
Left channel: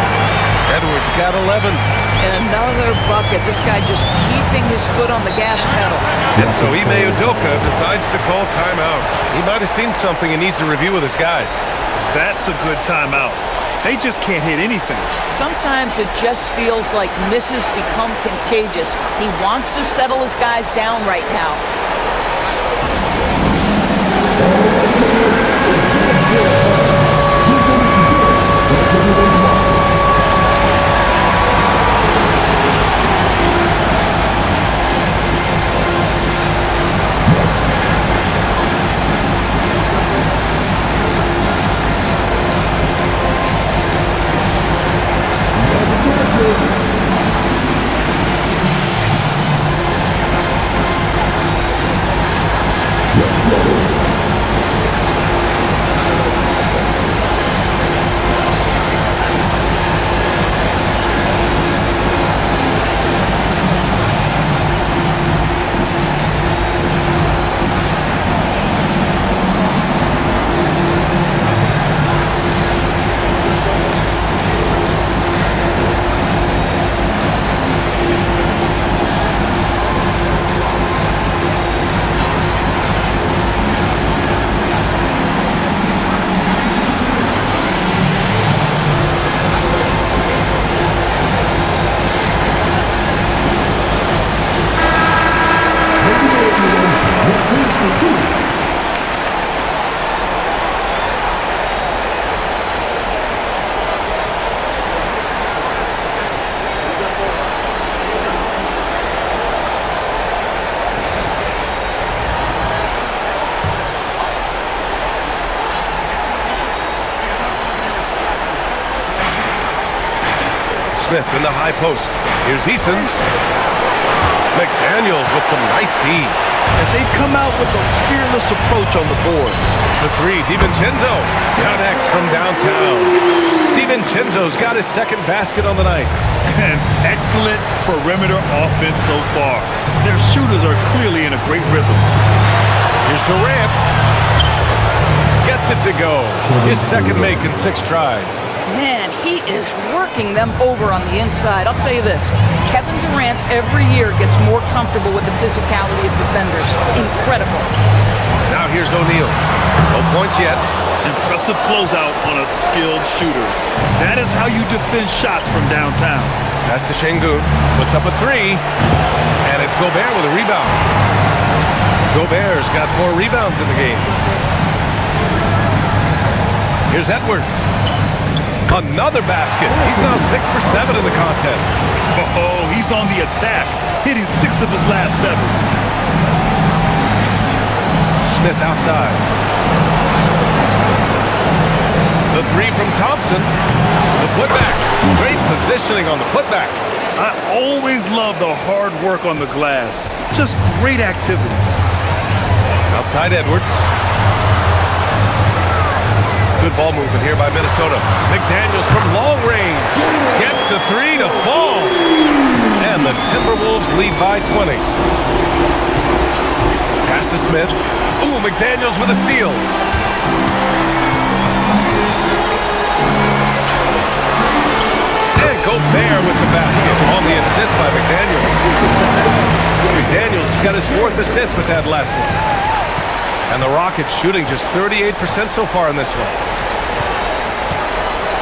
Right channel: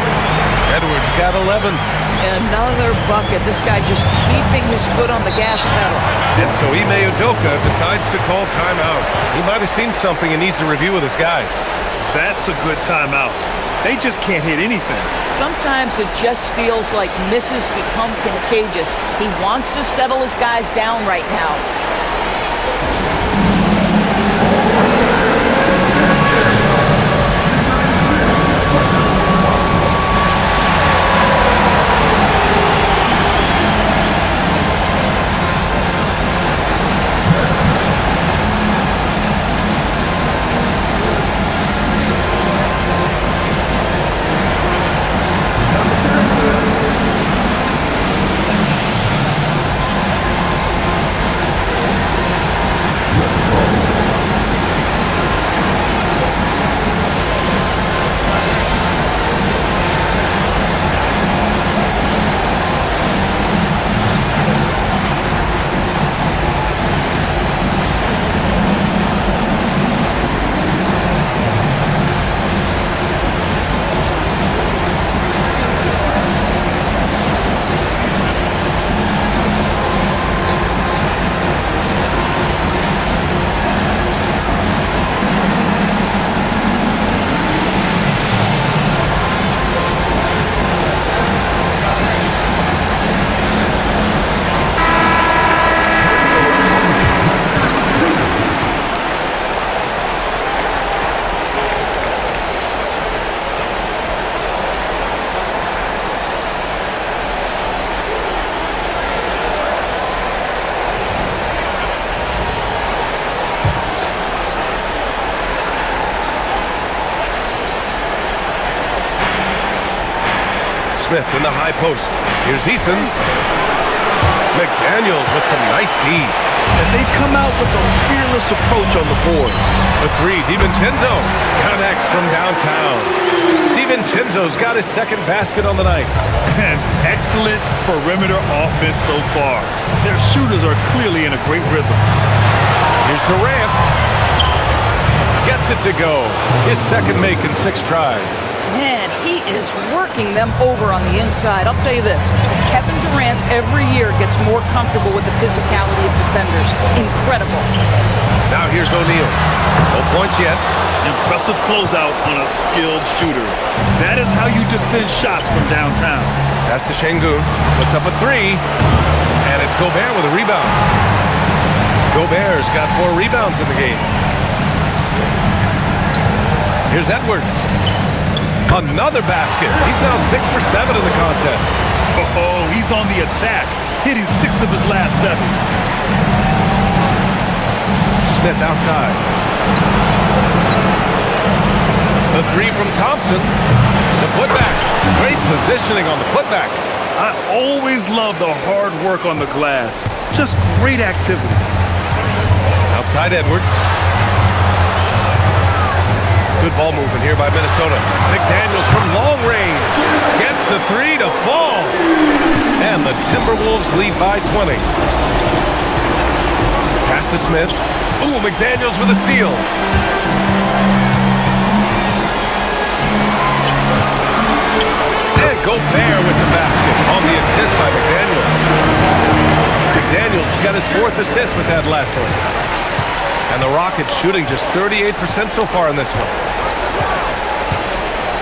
Edwards got 11. Another bucket. This guy just keeping his foot on the gas pedal. And so Ime Udoka decides to call timeout. He might have seen something and needs to review with his guys. That's a good timeout. They just can't hit anything. Sometimes it just feels like misses become contagious. He wants to settle his guys down right now. Smith in the high post. Here's Eason. McDaniels with some nice D. And they've come out with a fearless approach on the boards. For three, DiVincenzo connects from downtown. DiVincenzo's got his second basket on the night. And excellent perimeter offense so far. Their shooters are clearly in a great rhythm. Here's Durant. Gets it to go. His second make in 6 tries. Man, he is working them over on the inside. I'll tell you this, Kevin Durant every year gets more comfortable with the physicality of defenders. Incredible. Now here's O'Neal. No points yet. Impressive closeout on a skilled shooter. That is how you defend shots from downtown. Pass to Şengün. Puts up a 3. And it's Gobert with a rebound. Gobert's got 4 rebounds in the game. Here's Edwards. Another basket. He's now 6 for 7 in the contest. Oh, he's on the attack, hitting 6 of his last 7. Smith outside. The 3 from Thompson. The putback. Great positioning on the putback. I always love the hard work on the glass. Just great activity. Outside Edwards. Good ball movement here by Minnesota. McDaniels from long range. Gets the 3 to fall. And the Timberwolves lead by 20. Pass to Smith. Ooh, McDaniels with a steal. And Gobert with the basket on the assist by McDaniels. McDaniels got his 4th assist with that last one. And the Rockets shooting just 38% so far in this one.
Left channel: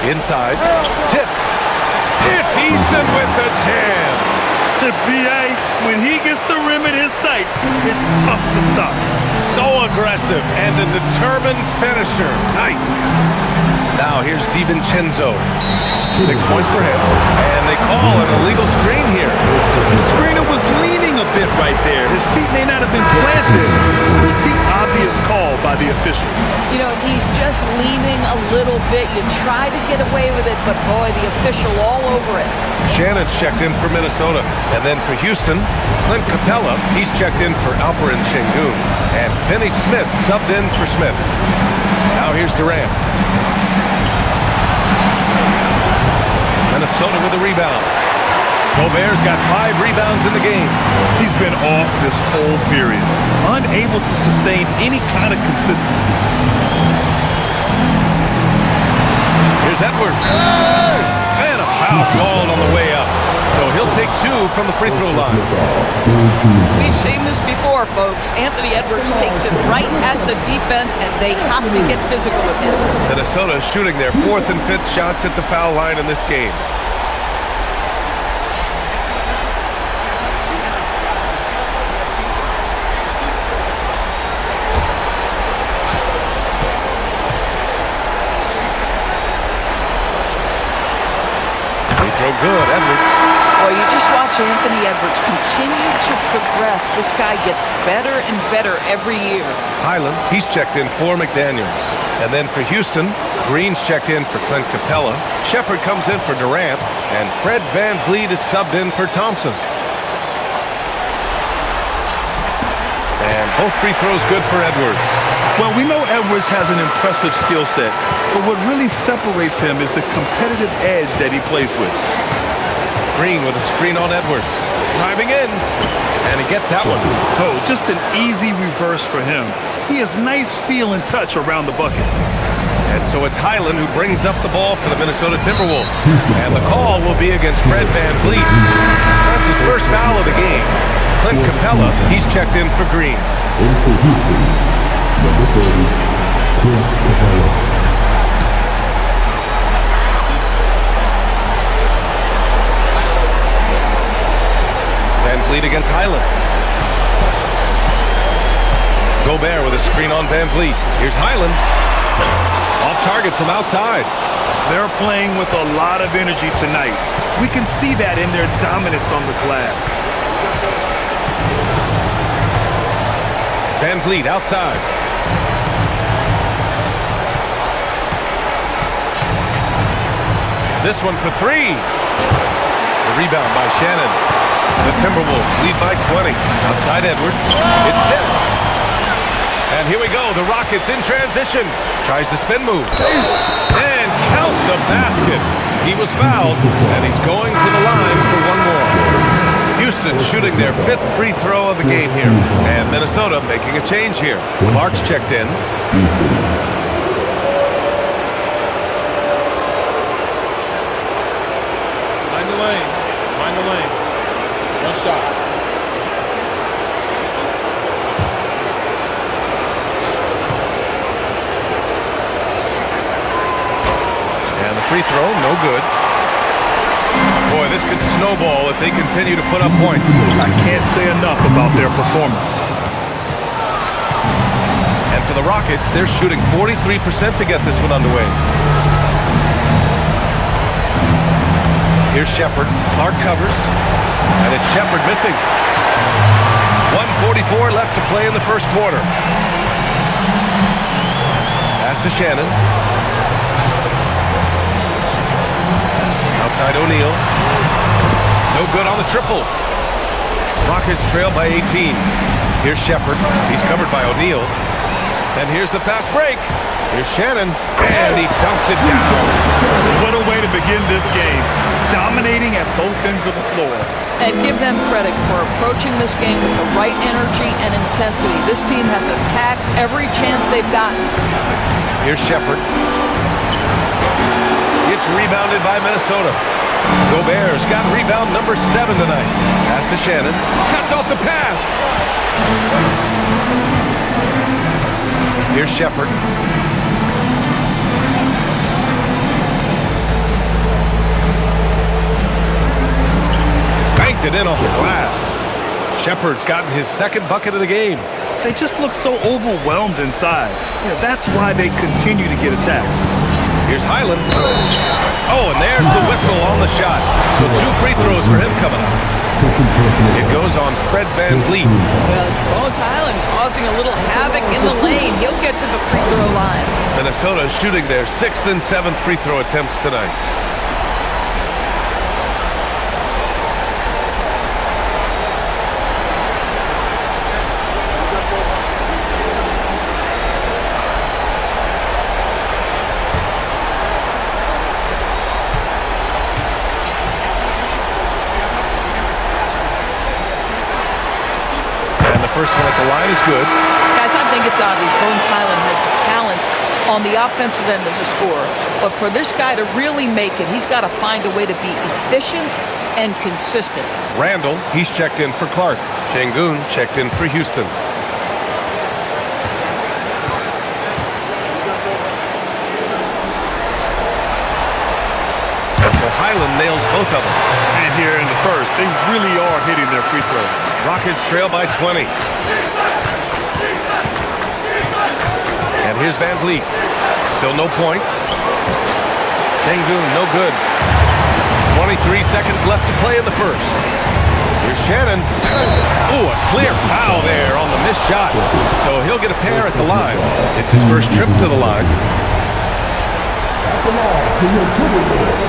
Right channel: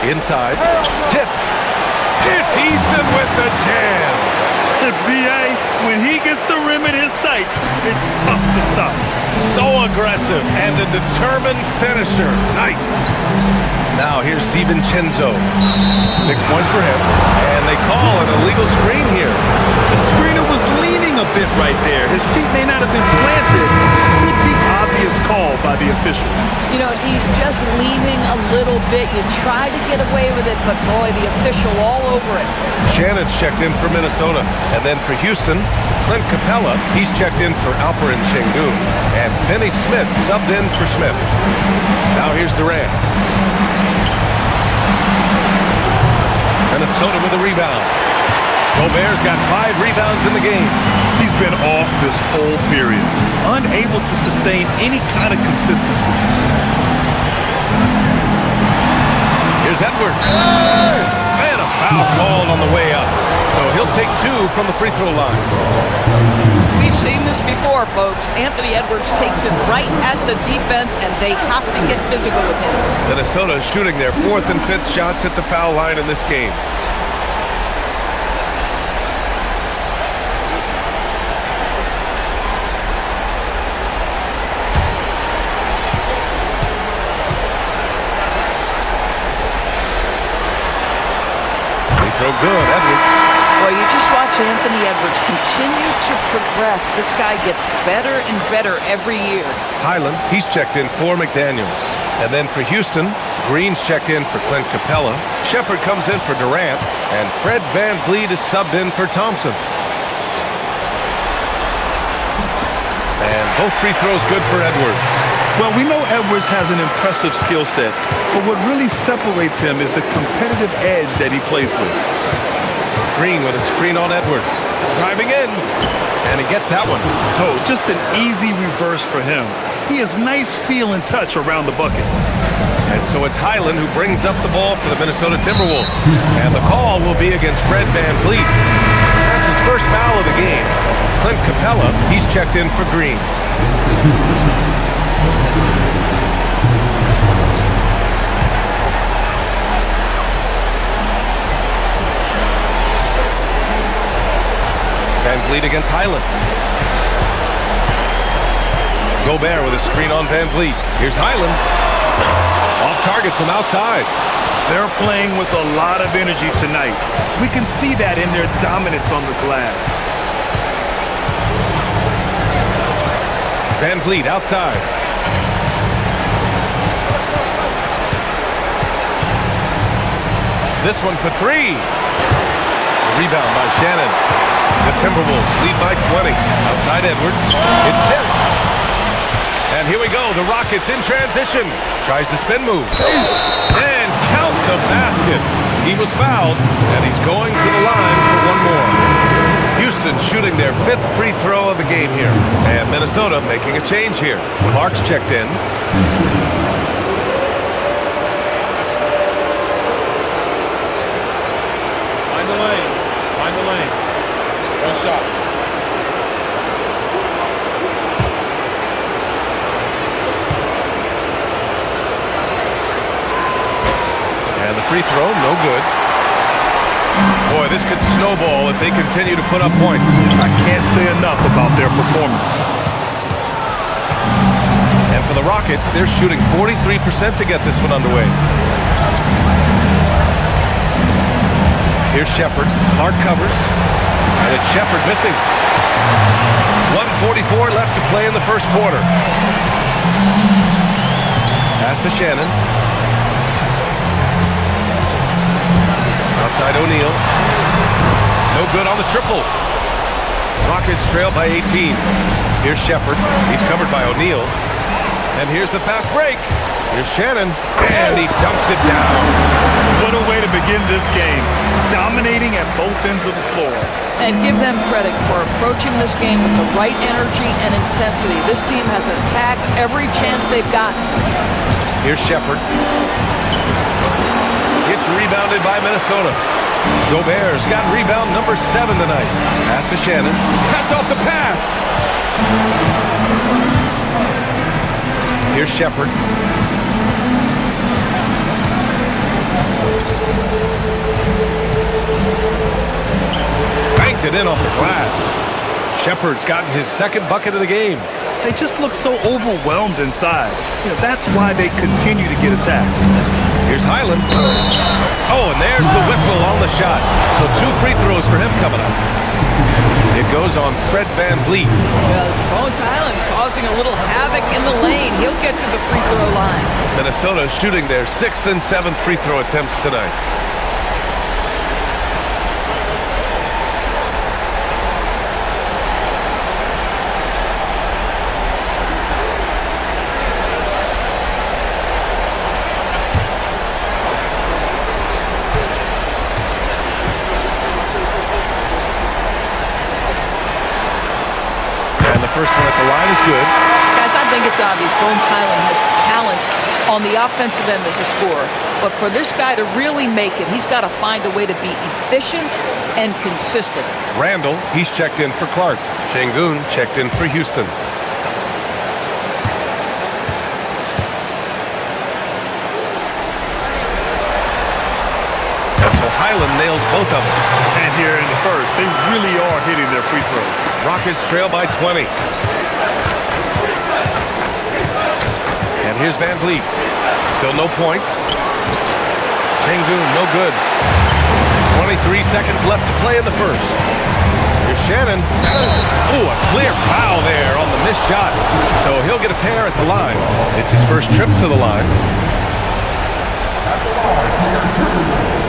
Inside. Tipped. It's Eason with the jam. B.A., when he gets the rim in his sights, it's tough to stop. So aggressive and a determined finisher. Nice. Now here's DiVincenzo. 6 points for him. And they call an illegal screen here. The screener was leaning a bit right there. His feet may not have been planted. Pretty obvious call by the officials. You know, he's just leaning a little bit. You try to get away with it, but boy, the official all over it. Shannon's checked in for Minnesota. And then for Houston, Clint Capella, he's checked in for Alperen Şengün. And Finney Smith subbed in for Smith. Now here's Durant. Minnesota with a rebound. Gobert's got 5 rebounds in the game. He's been off this whole period, unable to sustain any kind of consistency. Here's Edwards. And a foul called on the way up. So he'll take 2 from the free throw line. We've seen this before, folks. Anthony Edwards takes it right at the defense, and they have to get physical with him. Minnesota is shooting their 4th and 5th shots at the foul line in this game. Free throw good, Edwards. Boy, you just watch Anthony Edwards continue to progress. This guy gets better and better every year. Highland, he's checked in for McDaniels. And then for Houston, Green's checked in for Clint Capella. Shepard comes in for Durant. And Fred VanVleet is subbed in for Thompson. And both free throws good for Edwards. Well, we know Edwards has an impressive skill set, but what really separates him is the competitive edge that he plays with. Green with a screen on Edwards. Driving in. And he gets that one. Oh, just an easy reverse for him. He has nice feel and touch around the bucket. And so it's Highland who brings up the ball for the Minnesota Timberwolves. And the call will be against Fred VanVleet. That's his first foul of the game. Clint Capella, he's checked in for Green. VanVleet against Highland. Gobert with a screen on VanVleet. Here's Highland. Off target from outside. They're playing with a lot of energy tonight. We can see that in their dominance on the glass. VanVleet outside. This one for 3. The rebound by Shannon. The Timberwolves lead by 20. Outside Edwards. It's Dent. And here we go. The Rockets in transition. Tries the spin move. And count the basket. He was fouled, and he's going to the line for one more. Houston shooting their 5th free throw of the game here. And Minnesota making a change here. Clark's checked in. Find the lanes. Find the lanes. One shot. And the free throw, no good. Boy, this could snowball if they continue to put up points. I can't say enough about their performance. And for the Rockets, they're shooting 43% to get this one underway. Here's Shepard. Clark covers. And it's Shepard missing. 1:44 left to play in the first quarter. Pass to Shannon. Outside O'Neal. No good on the triple. Rockets trail by 18. Here's Shepard. He's covered by O'Neal. And here's the fast break. Here's Shannon. And he dunks it down. What a way to begin this game. Dominating at both ends of the floor. And give them credit for approaching this game with the right energy and intensity. This team has attacked every chance they've gotten. Here's Shepard. It's rebounded by Minnesota. Gobert's got rebound number 7 tonight. Pass to Shannon. Cuts off the pass. Here's Shepard. Banked it in off the glass. Shepard's gotten his 2nd bucket of the game. They just look so overwhelmed inside. That's why they continue to get attacked. Here's Highland. Oh, and there's the whistle on the shot. So 2 free throws for him coming up. It goes on Fred VanVleet. Well, Bones Highland causing a little havoc in the lane. He'll get to the free throw line. Minnesota shooting their 6th and 7th free throw attempts tonight. First one at the line is good. Guys, I think it's obvious Bones Highland has talent on the offensive end as a scorer. But for this guy to really make it, he's got to find a way to be efficient and consistent. Randall, he's checked in for Clark. Şengün checked in for Houston. And so Highland nails both of them. And here in the first, they really are hitting their free throws. Rockets trail by 20. And here's VanVleet. Still no points. Şengün, no good. 23 seconds left to play in the first. Here's Shannon. Ooh, a clear foul there on the missed shot. So he'll get a pair at the line. It's his first trip to the line. At the line for your Timberwolves,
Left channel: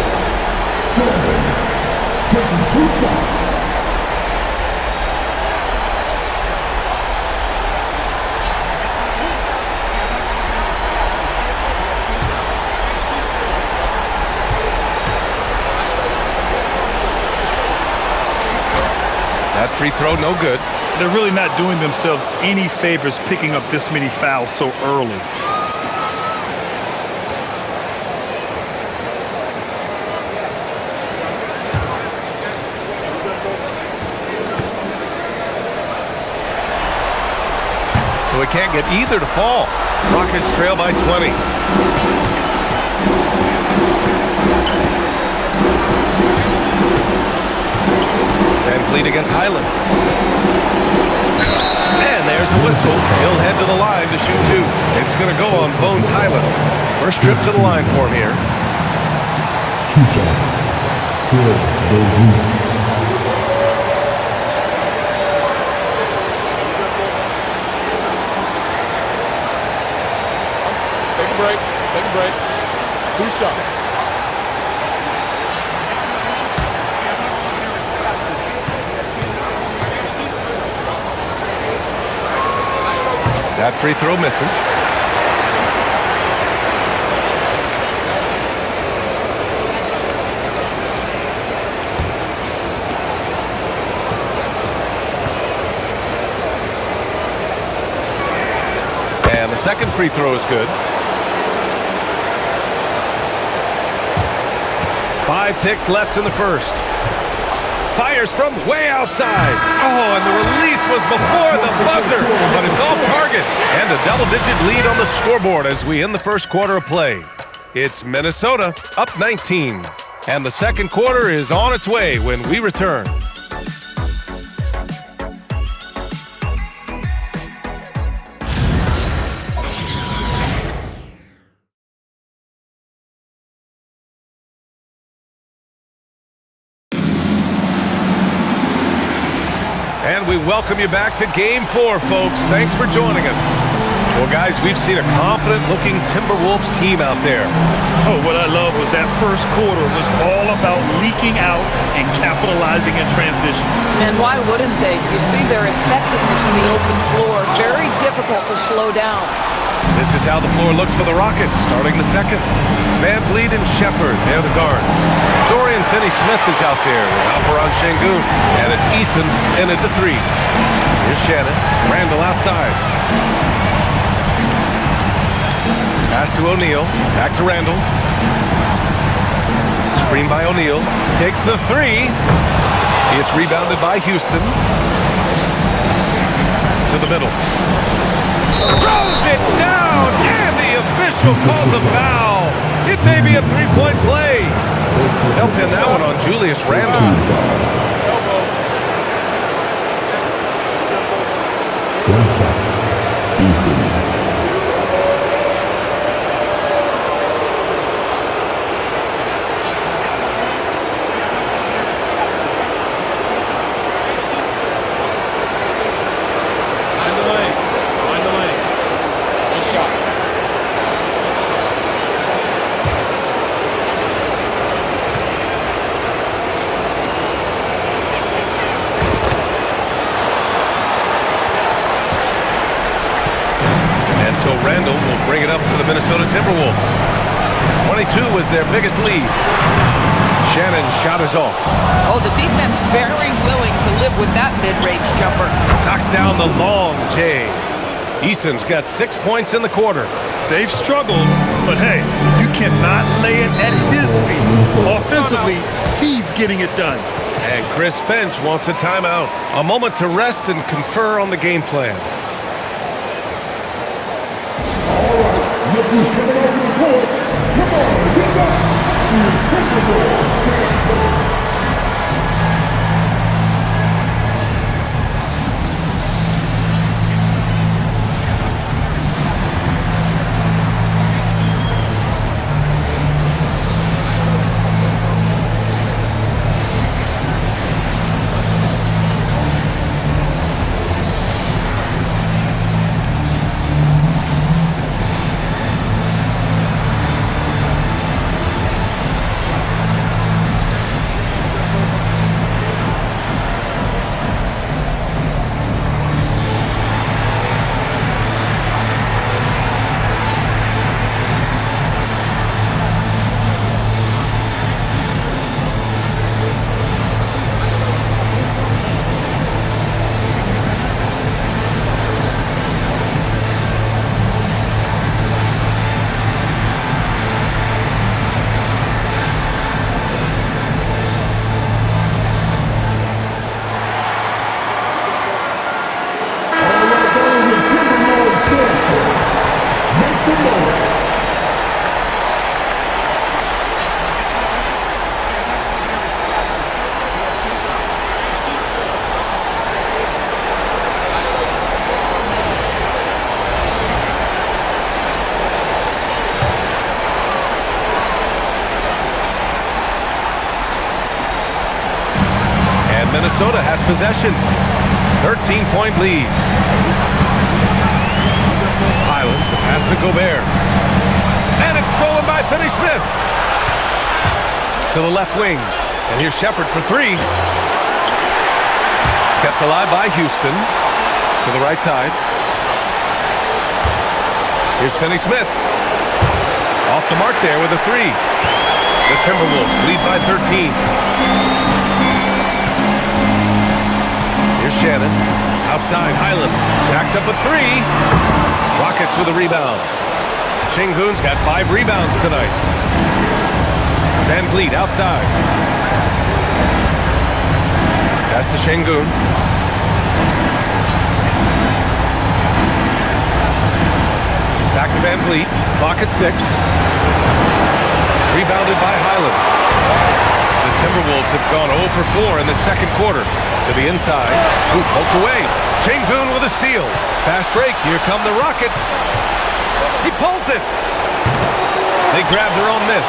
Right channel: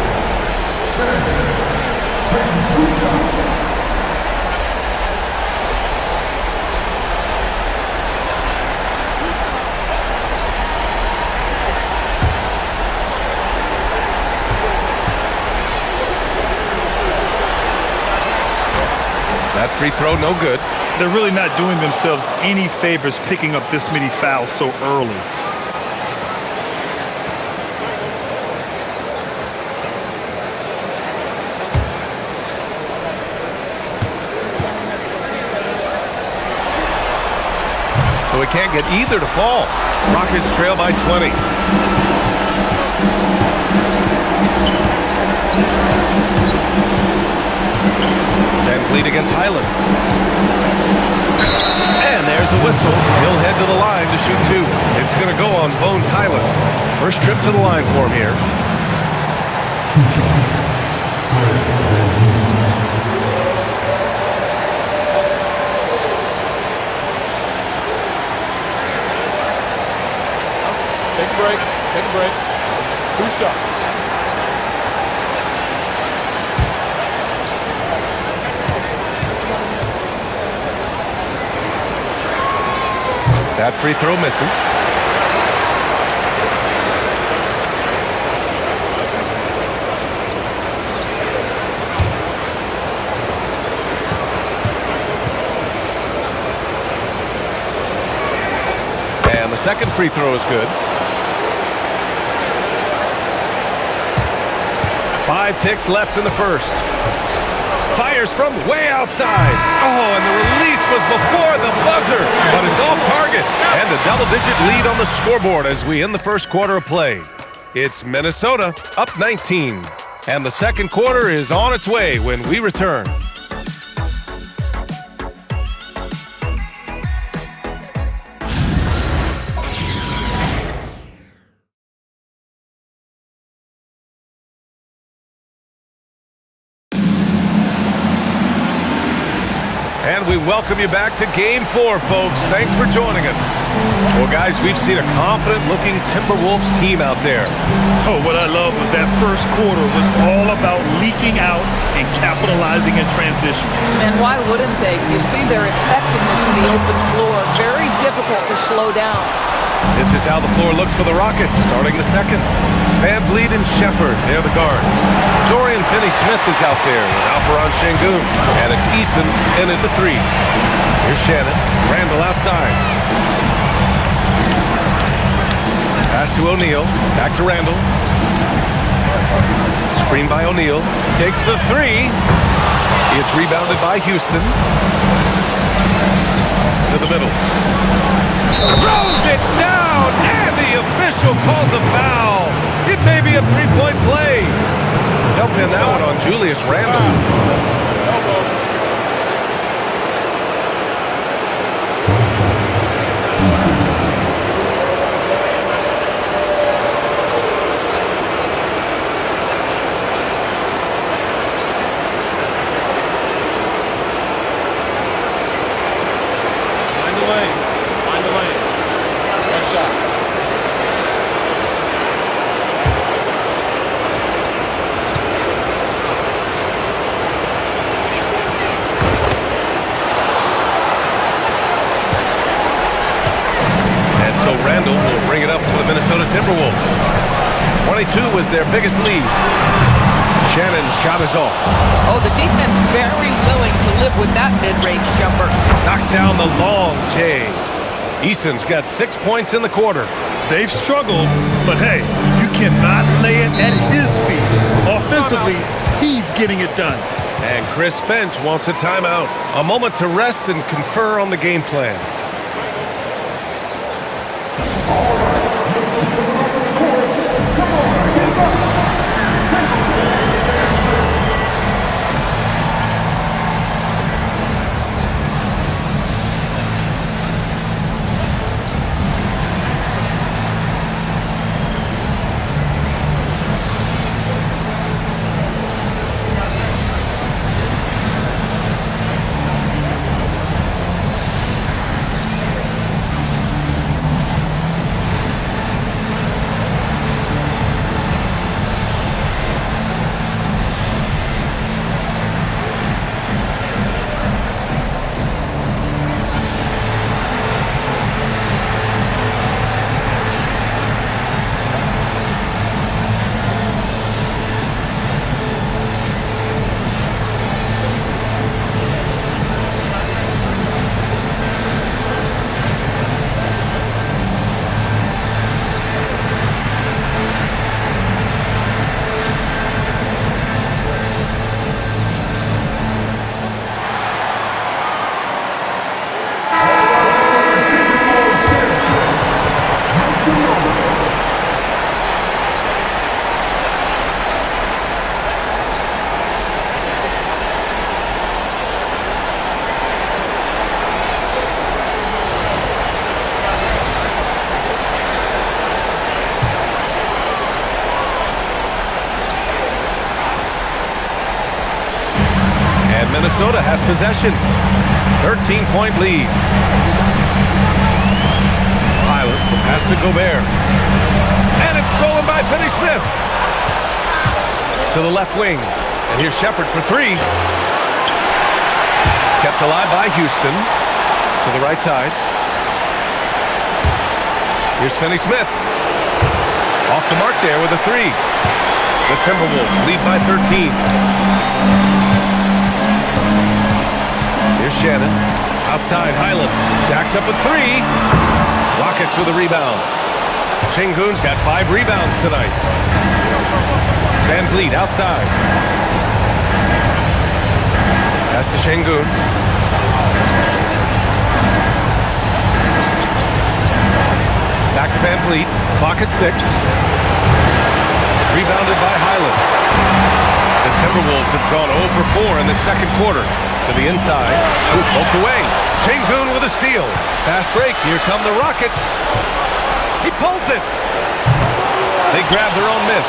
Shannon, taking 2 shots. That free throw, no good. They're really not doing themselves any favors picking up this many fouls so early. So we can't get either to fall. Rockets trail by 20. VanVleet against Highland. And there's a whistle. He'll head to the line to shoot 2. It's going to go on Bones Highland. First trip to the line for him here. 2 shots. Take a break. Take a break. 2 shots. That free throw misses. And the second free throw is good. 5 ticks left in the first. Fires from way outside. Oh, and the release was before the buzzer, but it's off target. And a double-digit lead on the scoreboard as we end the first quarter of play. It's Minnesota up 19. And the second quarter is on its way when we return. And we welcome you back to Game 4, folks. Thanks for joining us. Well, guys, we've seen a confident-looking Timberwolves team out there. Oh, what I love was that first quarter was all about leaking out and capitalizing in transition. And why wouldn't they? You see their effectiveness in the open floor. Very difficult to slow down. This is how the floor looks for the Rockets, starting the second. Van Vliet and Shepard, they're the guards. Dorian Finney-Smith is out there with Alperon Şengün. And it's Eason in at the 3. Here's Shannon. Randall outside. Pass to O'Neal. Back to Randall. Screen by O'Neal. Takes the 3. It's rebounded by Houston. To the middle. Throws it down, and the official calls a foul. It may be a three-point play. They'll pin that one on Julius Randle. Find the lanes. Find the lanes. One shot. And so Randall will bring it up for the Minnesota Timberwolves. 22 was their biggest lead. Shannon's shot is off. Oh, the defense very willing to live with that mid-range jumper. Knocks down the long J. Eason's got 6 points in the quarter. They've struggled, but hey, you cannot lay it at his feet. Offensively, he's getting it done. And Chris Finch wants a timeout. A moment to rest and confer on the game plan. Minnesota has possession. 13-point lead. Highland, the pass to Gobert. And it's stolen by Finney-Smith. To the left wing. And here's Shepard for 3. Kept alive by Houston. To the right side. Here's Finney-Smith. Off the mark there with a three. The Timberwolves lead by 13. Here's Shannon. Outside, Highland. Jacks up a three. Rockets with a rebound. Şengün's got 5 rebounds tonight. Van Vliet outside. Pass to Şengün. Back to Van Vliet. Clock at 6. Rebounded by Highland. The Timberwolves have gone 0 for 4 in the second quarter. To the inside. Ooh, poked away. Şengün with a steal. Fast break. Here come the Rockets. He pulls it. They grab their own miss.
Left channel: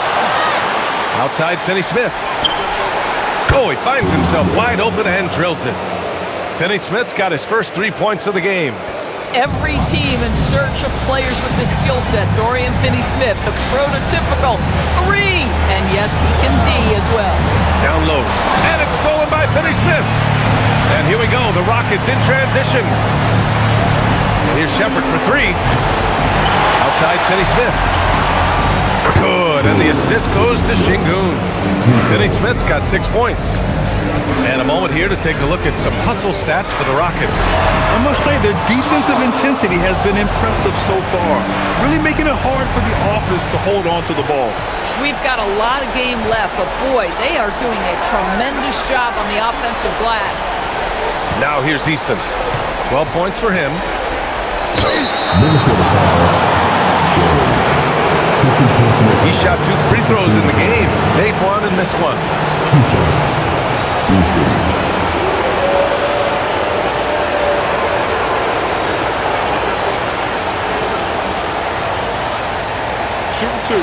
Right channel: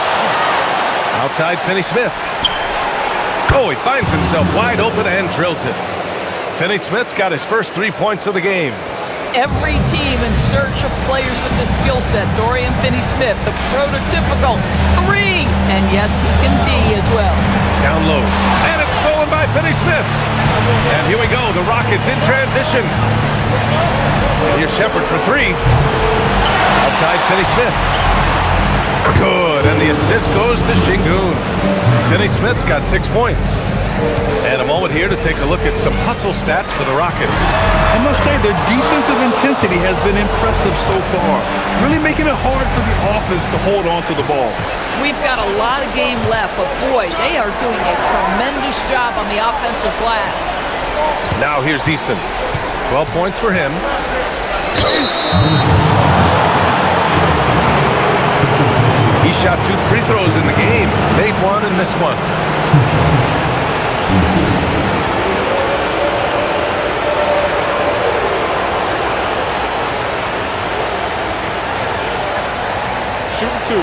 Outside Finney-Smith. Oh, he finds himself wide open and drills it. Finney-Smith's got his first 3 points of the game. Every team in search of players with this skill set. Dorian Finney-Smith, the prototypical three. And yes, he can D as well. Down low. And it's stolen by Finney-Smith. And here we go. The Rockets in transition. And here's Shepherd for three. Outside Finney-Smith. Good. And the assist goes to Şengün. Finney-Smith's got 6 points. And a moment here to take a look at some hustle stats for the Rockets. I must say their defensive intensity has been impressive so far, really making it hard for the offense to hold on to the ball. We've got a lot of game left, but boy, they are doing a tremendous job on the offensive glass. Now here's Easton. 12 points for him. He shot 2 free throws in the game. Made one and missed one. Shooting 2.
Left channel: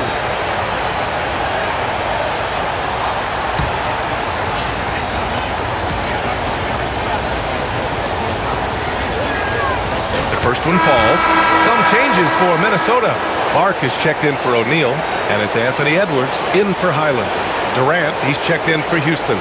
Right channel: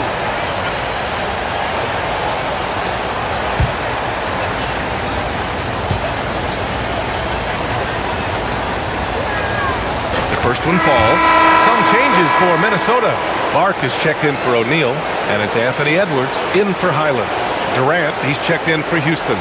The first one falls. Some changes for Minnesota. Clark is checked in for O'Neal, and it's Anthony Edwards in for Highland. Durant, he's checked in for Houston.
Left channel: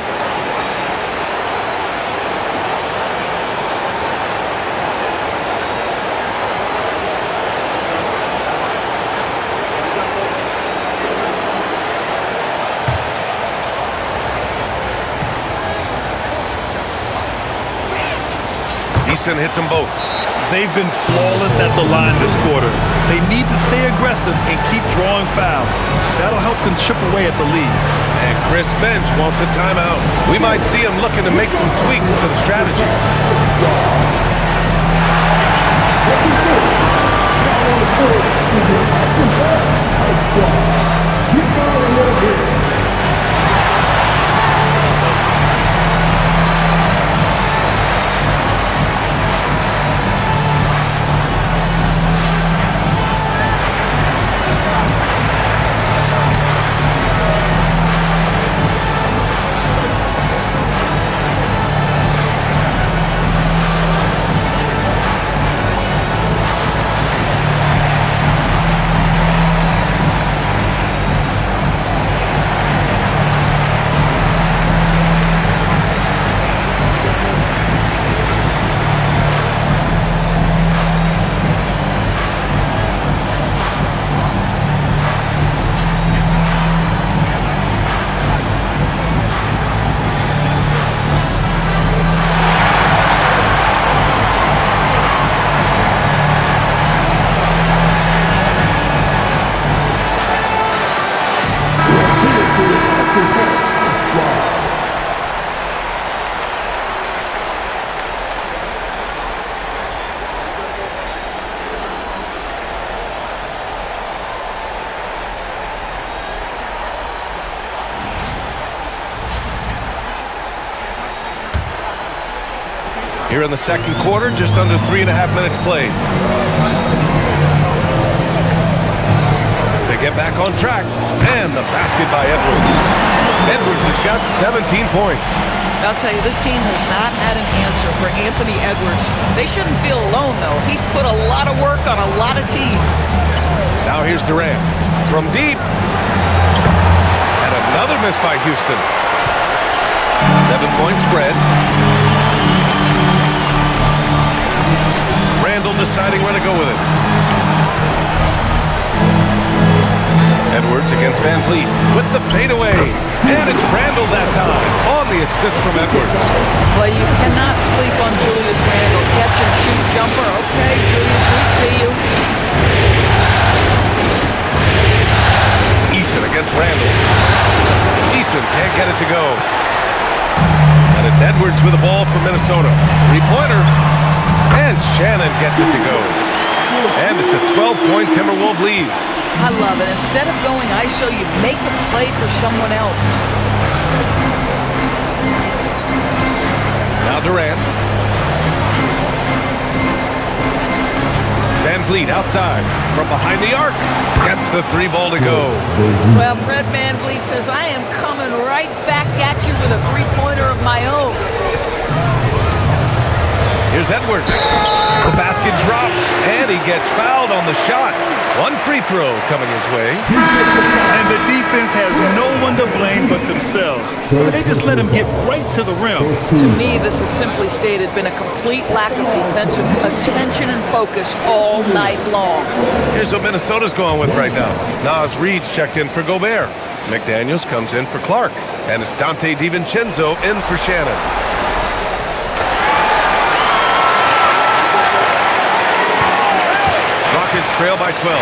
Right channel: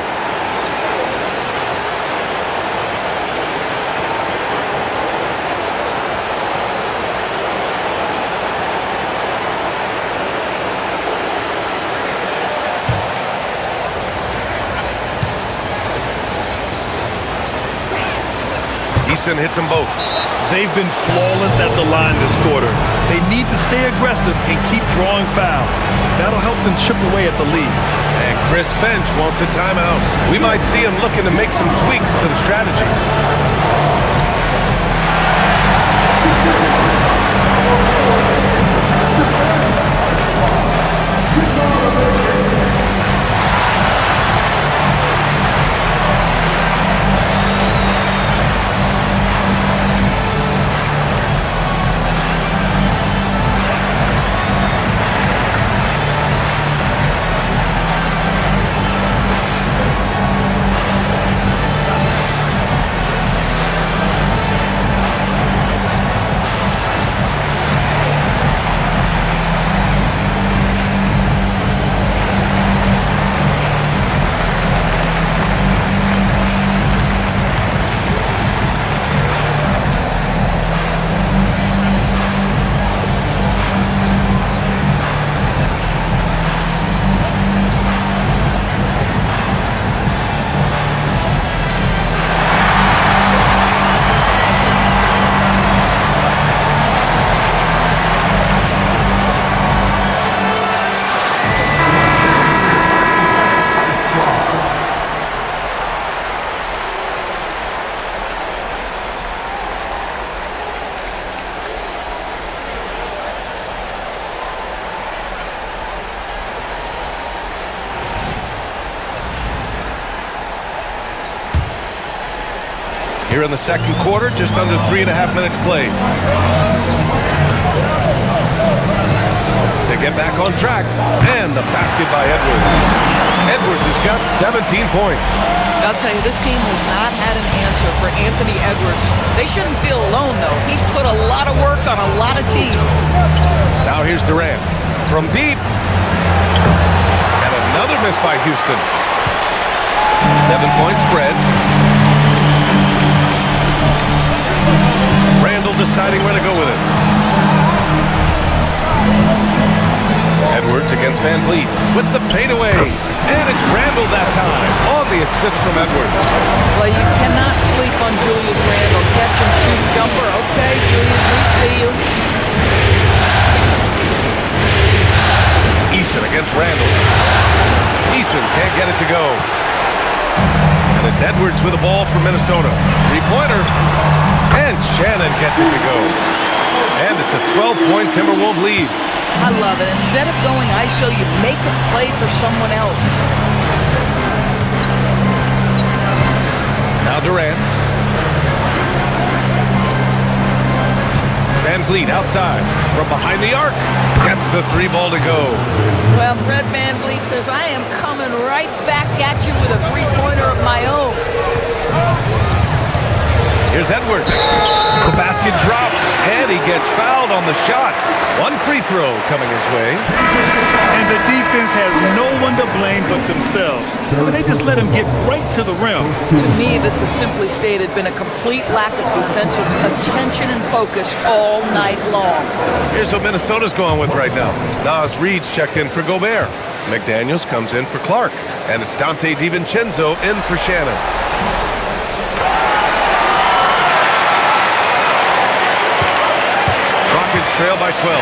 Easton hits them both. They've been flawless at the line this quarter. They need to stay aggressive and keep drawing fouls. That'll help them chip away at the lead. And Chris Finch wants a timeout. We might see him looking to make some tweaks to the strategy. Here in the second quarter, just under 3.5 minutes played. To get back on track, and the basket by Edwards. Edwards has got 17 points. I'll tell you, this team has not had an answer for Anthony Edwards. They shouldn't feel alone, though. He's put a lot of work on a lot of teams. Now here's Durant. From deep. And another miss by Houston. 7-point spread. Randall deciding where to go with it. Edwards against Van Vliet with the fadeaway. And it's Randle that time on the assist from Edwards. Well, you cannot sleep on Julius Randle. Catch and shoot jumper. Okay, Julius, we see you. Eason against Randle. Eason can't get it to go. And it's Edwards with the ball for Minnesota. Three-pointer. And Shannon gets it to go. And it's a 12-point Timberwolves lead. I love it. Instead of going ISO, you make a play for someone else. Now Durant. Van Vliet outside from behind the arc. Gets the three ball to go. Well, Fred Van Vliet says, I am coming right back at you with a three-pointer of my own. Here's Edwards. The basket drops, and he gets fouled on the shot. One free throw coming his way. And the defense has no one to blame but themselves. I mean, they just let him get right to the rim. To me, this has simply stated been a complete lack of defensive attention and focus all night long. Here's what Minnesota's going with right now. Nas Reed's checked in for Gobert. McDaniels comes in for Clark. And it's Dante DiVincenzo in for Shannon. Rockets trail by 12.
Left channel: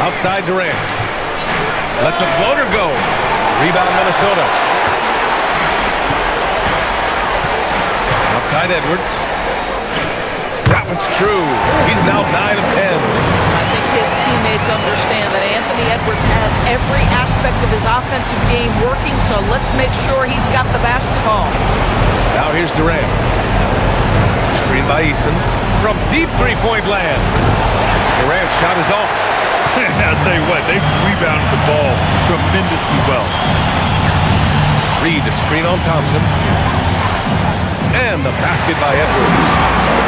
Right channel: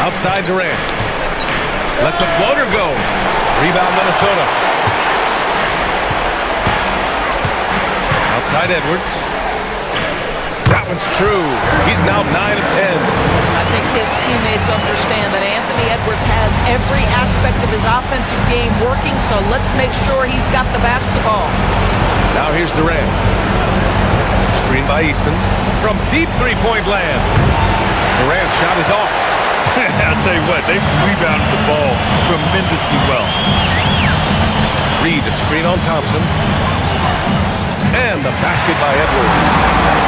Outside Durant. Lets a floater go. Rebound Minnesota. Outside Edwards. That one's true. He's now 9 of 10. I think his teammates understand that Anthony Edwards has every aspect of his offensive game working, so let's make sure he's got the basketball. Now here's Durant. Screen by Eason from deep three-point land. Durant's shot is off. I'll tell you what, they rebounded the ball tremendously well. Reed a screen on Thompson. And the basket by Edwards.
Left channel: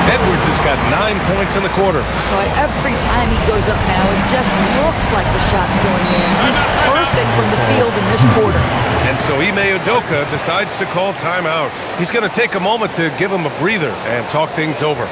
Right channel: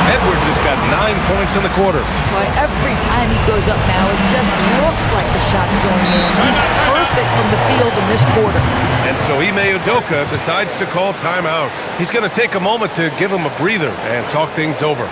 Edwards has got 9 points in the quarter. Boy, every time he goes up now, it just looks like the shot's going in. He's perfect from the field in this quarter. And so Ime Udoka decides to call timeout. He's going to take a moment to give him a breather and talk things over.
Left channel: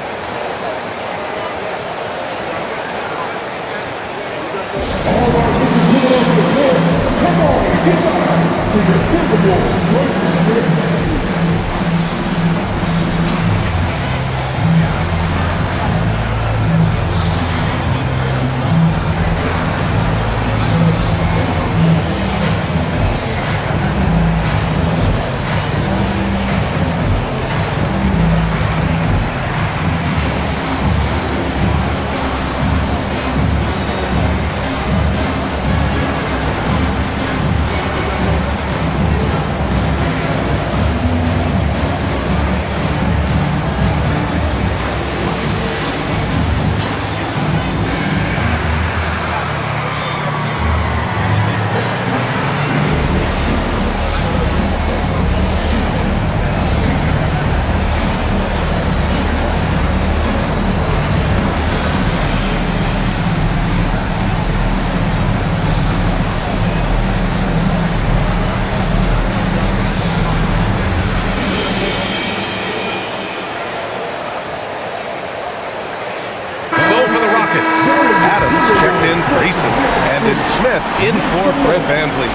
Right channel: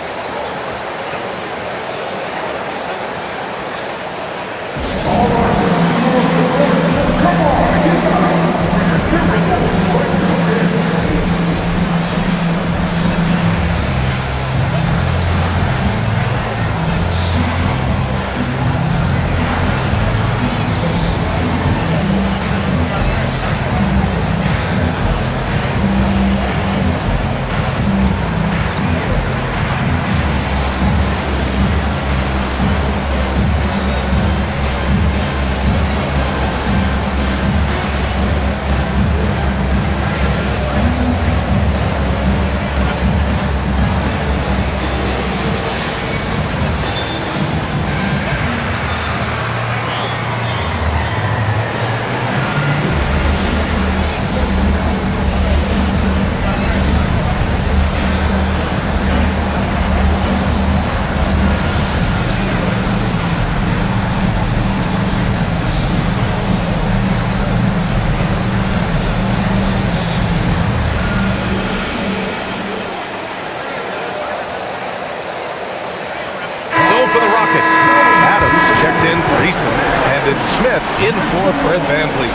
For the Rockets, Adams checked in for Eason, and it's Smith in for Fred Van Vliet.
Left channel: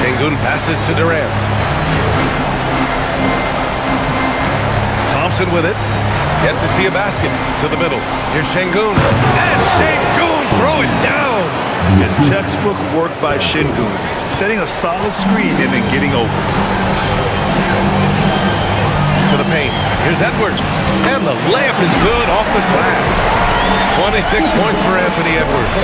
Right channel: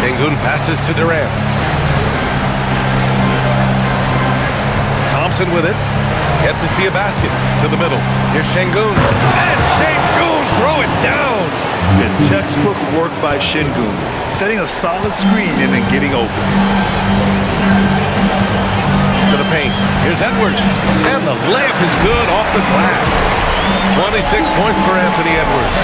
Şengün passes to Durant. Thompson with it. Yet to see a basket. To the middle. Here's Şengün. And Şengün throw it down. Yeah, textbook work by Şengün. Setting a solid screen and then getting open. To the paint. Here's Edwards. And the layup is good off the glass. 26 points for Anthony Edwards.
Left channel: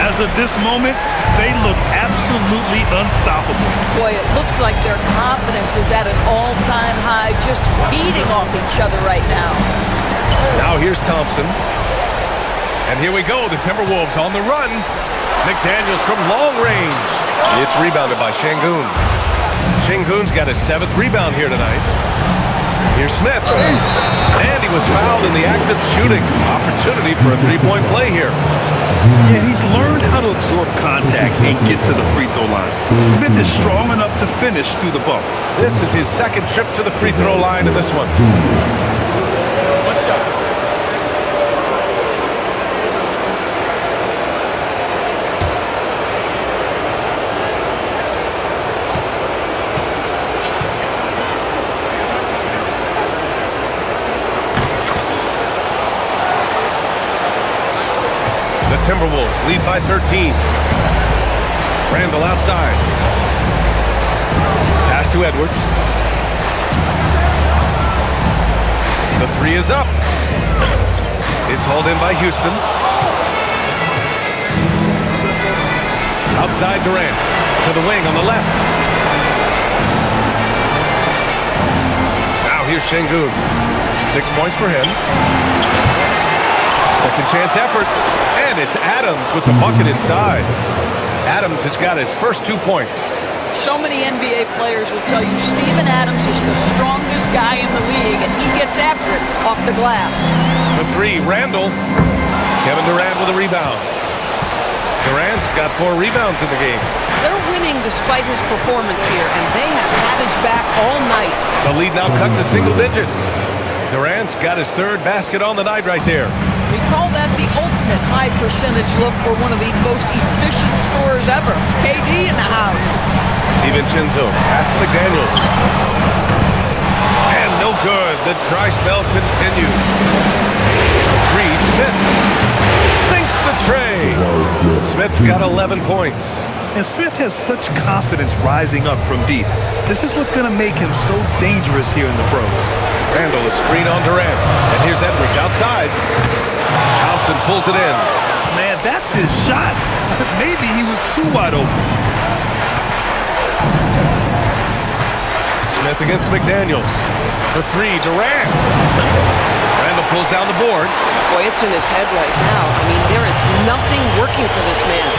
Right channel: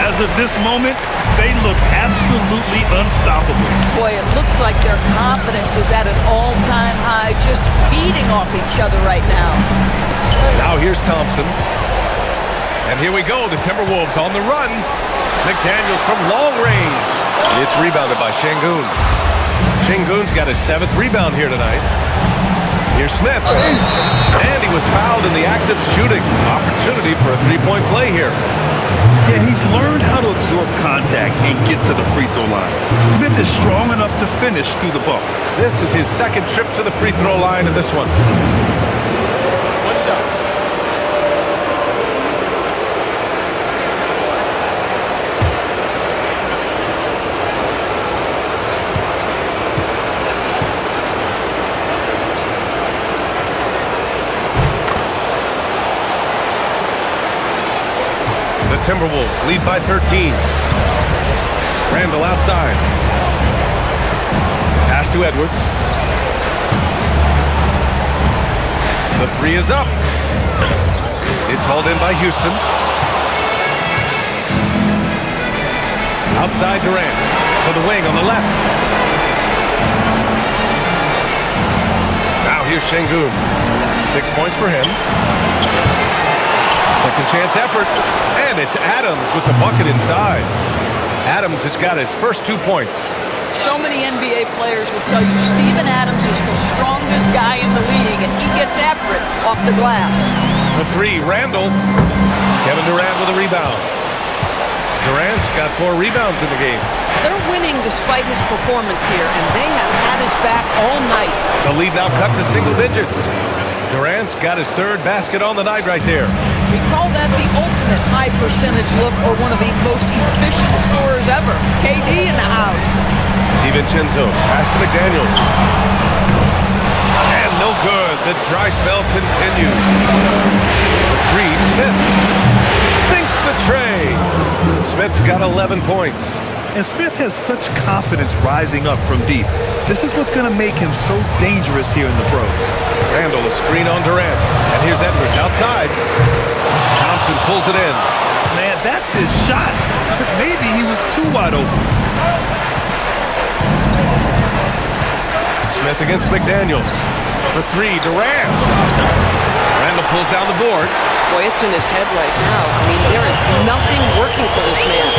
As of this moment, they look absolutely unstoppable. Boy, it looks like their confidence is at an all-time high, just feeding off each other right now. Now here's Thompson. And here we go, the Timberwolves on the run. McDaniels from long range. It's rebounded by Şengün. Şengün's got his 7th rebound here tonight. Here's Smith. And he was fouled in the act of shooting. Opportunity for a three-point play here. Yeah, he's learned how to absorb contact and get to the free throw line. Smith is strong enough to finish through the bump. This is his second trip to the free throw line in this one. One shot. The Timberwolves lead by 13. Randall outside. Pass to Edwards. The three is up. It's hauled in by Houston. Outside Durant. To the wing on the left. Now here's Şengün. 6 points for him. Second chance effort. And it's Adams with the bucket inside. Adams has got his first 2 points. So many NBA players will tell you Steven Adams is the strongest guy in the league, and he gets after it off the glass. For three, Randall. Kevin Durant with a rebound. Durant's got 4 rebounds in the game. They're winning despite his performance here, and they have had his back all night. The lead now cut to single digits. Durant's got his 3rd basket on the night right there. We call that the ultimate high percentage look for one of the most efficient scorers ever. KD in the house. DiVincenzo, pass to McDaniels. And no good. The dry spell continues. For 3, Smith sinks the tray. Smith's got 11 points. And Smith has such confidence rising up from deep. This is what's going to make him so dangerous here in the pros. Randall, a screen on Durant. And here's Edwards outside. Thompson pulls it in. Man, that's his shot. Maybe he was too wide open. Smith against McDaniels. For 3, Durant. Randall pulls down the board. Boy, it's in his head right now. I mean, there is nothing working for this man.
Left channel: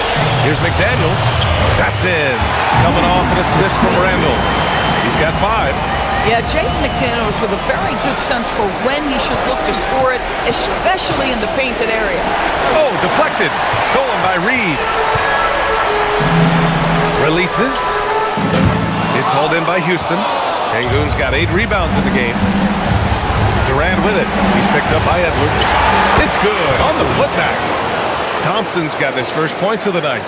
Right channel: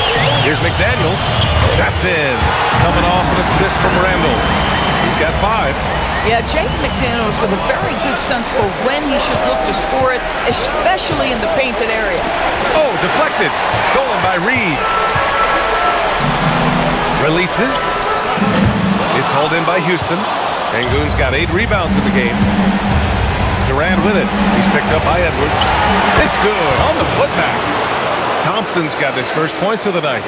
Here's McDaniels. That's in. Coming off an assist from Randall. He's got 5. Yeah, Jake McDaniels with a very good sense for when he should look to score it, especially in the painted area. Oh, deflected. Stolen by Reed. Releases. It's hauled in by Houston. Şengün's got 8 rebounds in the game. Durant with it. He's picked up by Edwards. It's good on the putback. Thompson's got his first points of the night.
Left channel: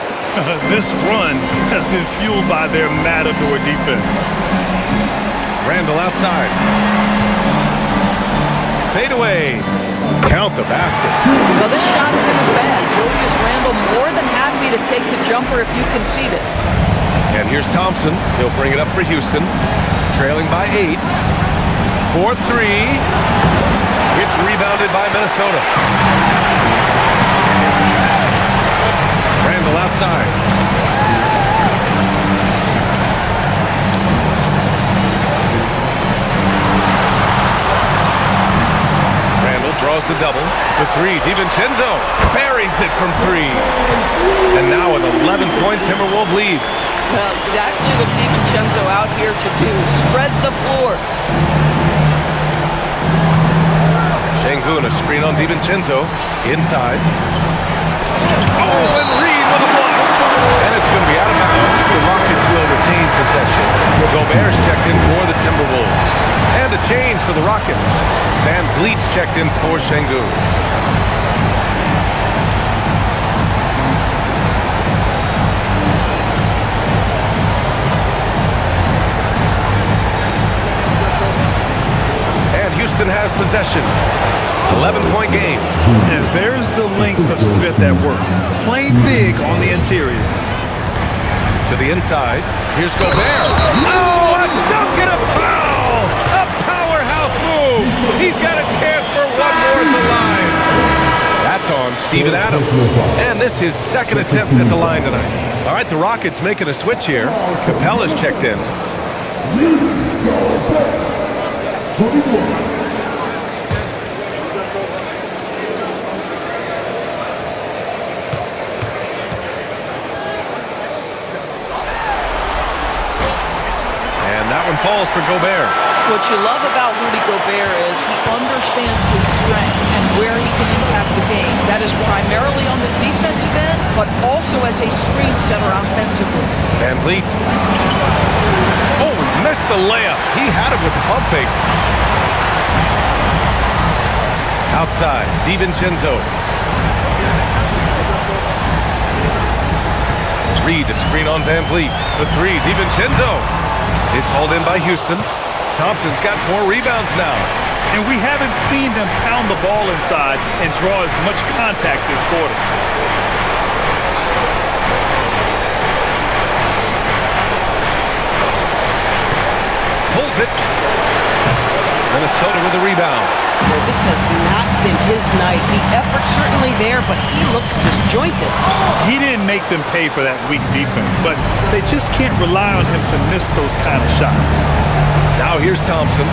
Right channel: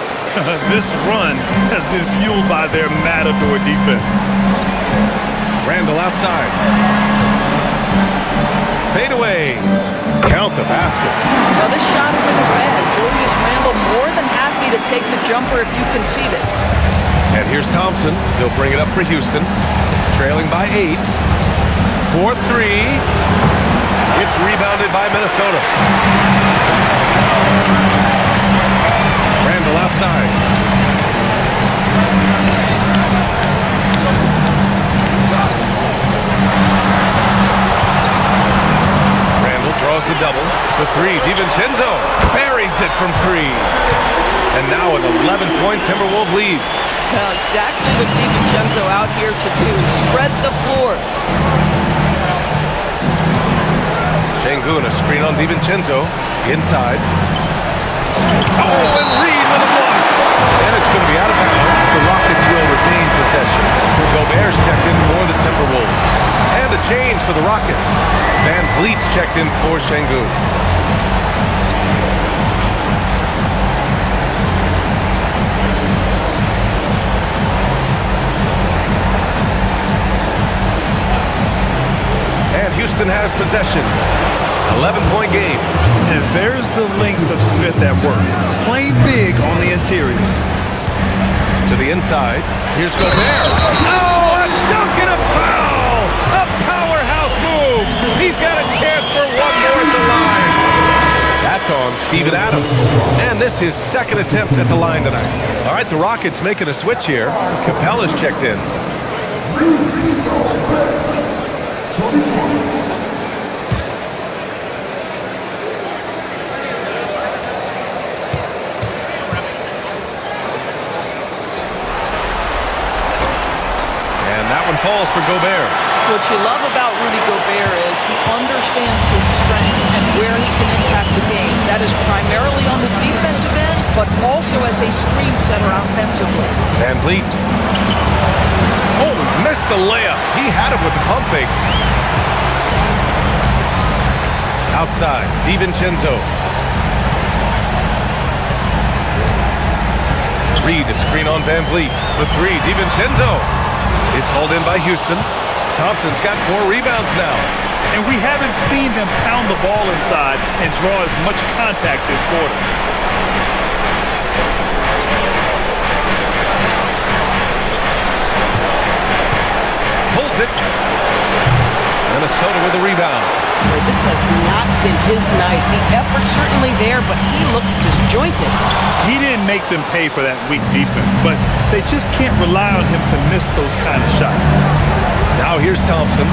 This run has been fueled by their matador defense. Randall outside. Fade away. Count the basket. Well, this shot is in his bag. Julius Randle more than happy to take the jumper if you concede it. And here's Thompson. He'll bring it up for Houston. Trailing by 8. 4-3. It's rebounded by Minnesota. Randall outside. Randall draws the double. For 3, DiVincenzo buries it from 3. And now an 11-point Timberwolves lead. Well, exactly what DiVincenzo out here to do. Spread the floor. Şengün, a screen on DiVincenzo. Inside. Oh, and Reed with a block. And it's going to be out of bounds. The Rockets will retain possession. Gobert's checked in for the Timberwolves. And a change for the Rockets. Van Vliet's checked in for Şengün. And Houston has possession. 11-point game. And there's the length of Smith at work. Playing big on the interior. To the inside. Here's Gobert. Oh, a dunk and a foul! A powerhouse move. He's got a chance for one more at the line. That's on Steven Adams. And this is his second attempt at the line tonight. All right, the Rockets making a switch here. Capella's checked in. And that one falls for Gobert. What you love about Rudy Gobert is he understands his strengths and where he can impact the game. That is primarily on the defensive end, but also as a screen setter offensively. Van Vliet. Oh, he missed the layup. He had it with the pump fake. Outside, DiVincenzo. Reed to screen on Van Vliet. For three, DiVincenzo. It's hauled in by Houston. Thompson's got 4 rebounds now. And we haven't seen them pound the ball inside and draw as much contact this quarter. Pulls it. Minnesota with a rebound. Boy, this has not been his night. The effort's certainly there, but he looks disjointed. He didn't make them pay for that weak defense, but they just can't rely on him to miss those kind of shots. Now here's Thompson.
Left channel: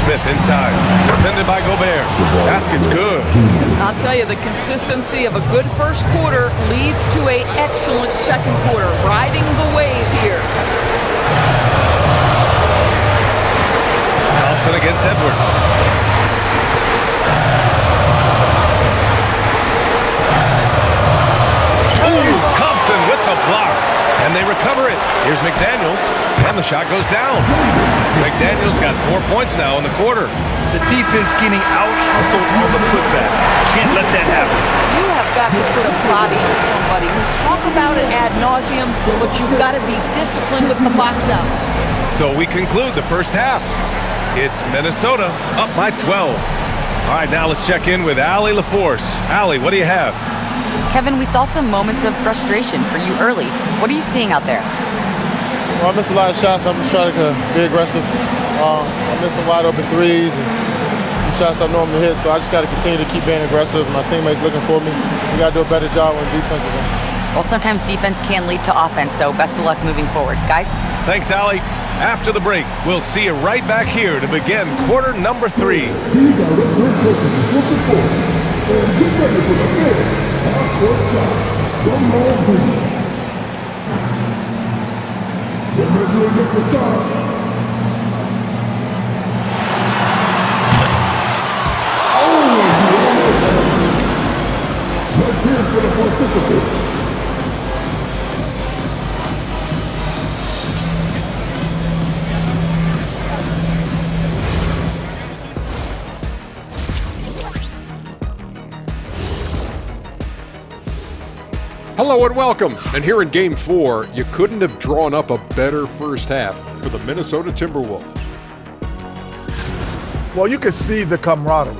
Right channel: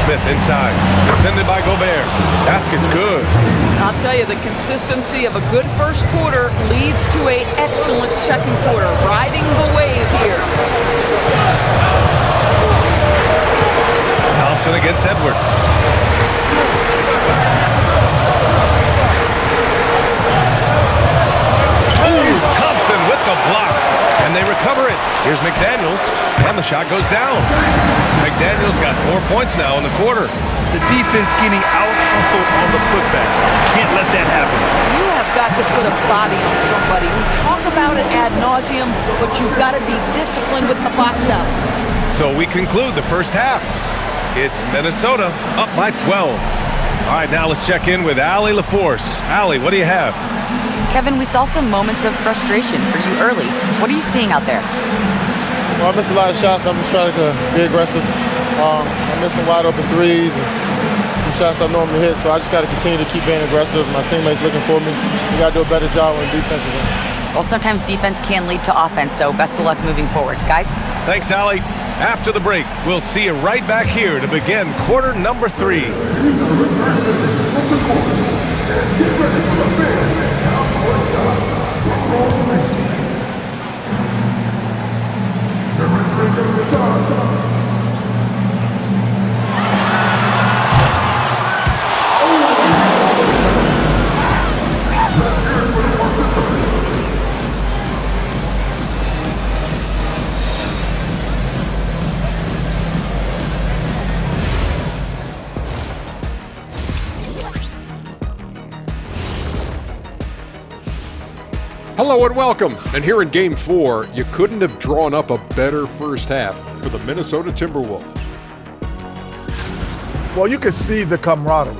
Smith inside. Defended by Gobert. Basket's good. I'll tell you, the consistency of a good first quarter leads to an excellent second quarter. Riding the wave here. Thompson against Edwards. Oh, Thompson with the block. And they recover it. Here's McDaniels. And the shot goes down. McDaniels got 4 points now in the quarter. The defense getting out-hustled on the putback. Can't let that happen. You have got to put a body on somebody. We talk about it ad nauseum, but you've got to be disciplined with the box outs. So we conclude the first half. It's Minnesota up by 12. All right, now let's check in with Allie LaForce. Allie, what do you have? Kevin, we saw some moments of frustration for you early. What are you seeing out there? Well, I missed a lot of shots. I'm just trying to be aggressive. I missed some wide open threes and some shots I normally hit, so I just got to continue to keep being aggressive. My teammates looking for me. We got to do a better job on defensive end. Well, sometimes defense can lead to offense, so best of luck moving forward. Guys? Thanks, Allie. After the break, we'll see you right back here to begin quarter number 3. Let's hear it for the participants. Hello and welcome. And here in Game 4, you couldn't have drawn up a better first half for the Minnesota Timberwolves. Well, you can see the camaraderie.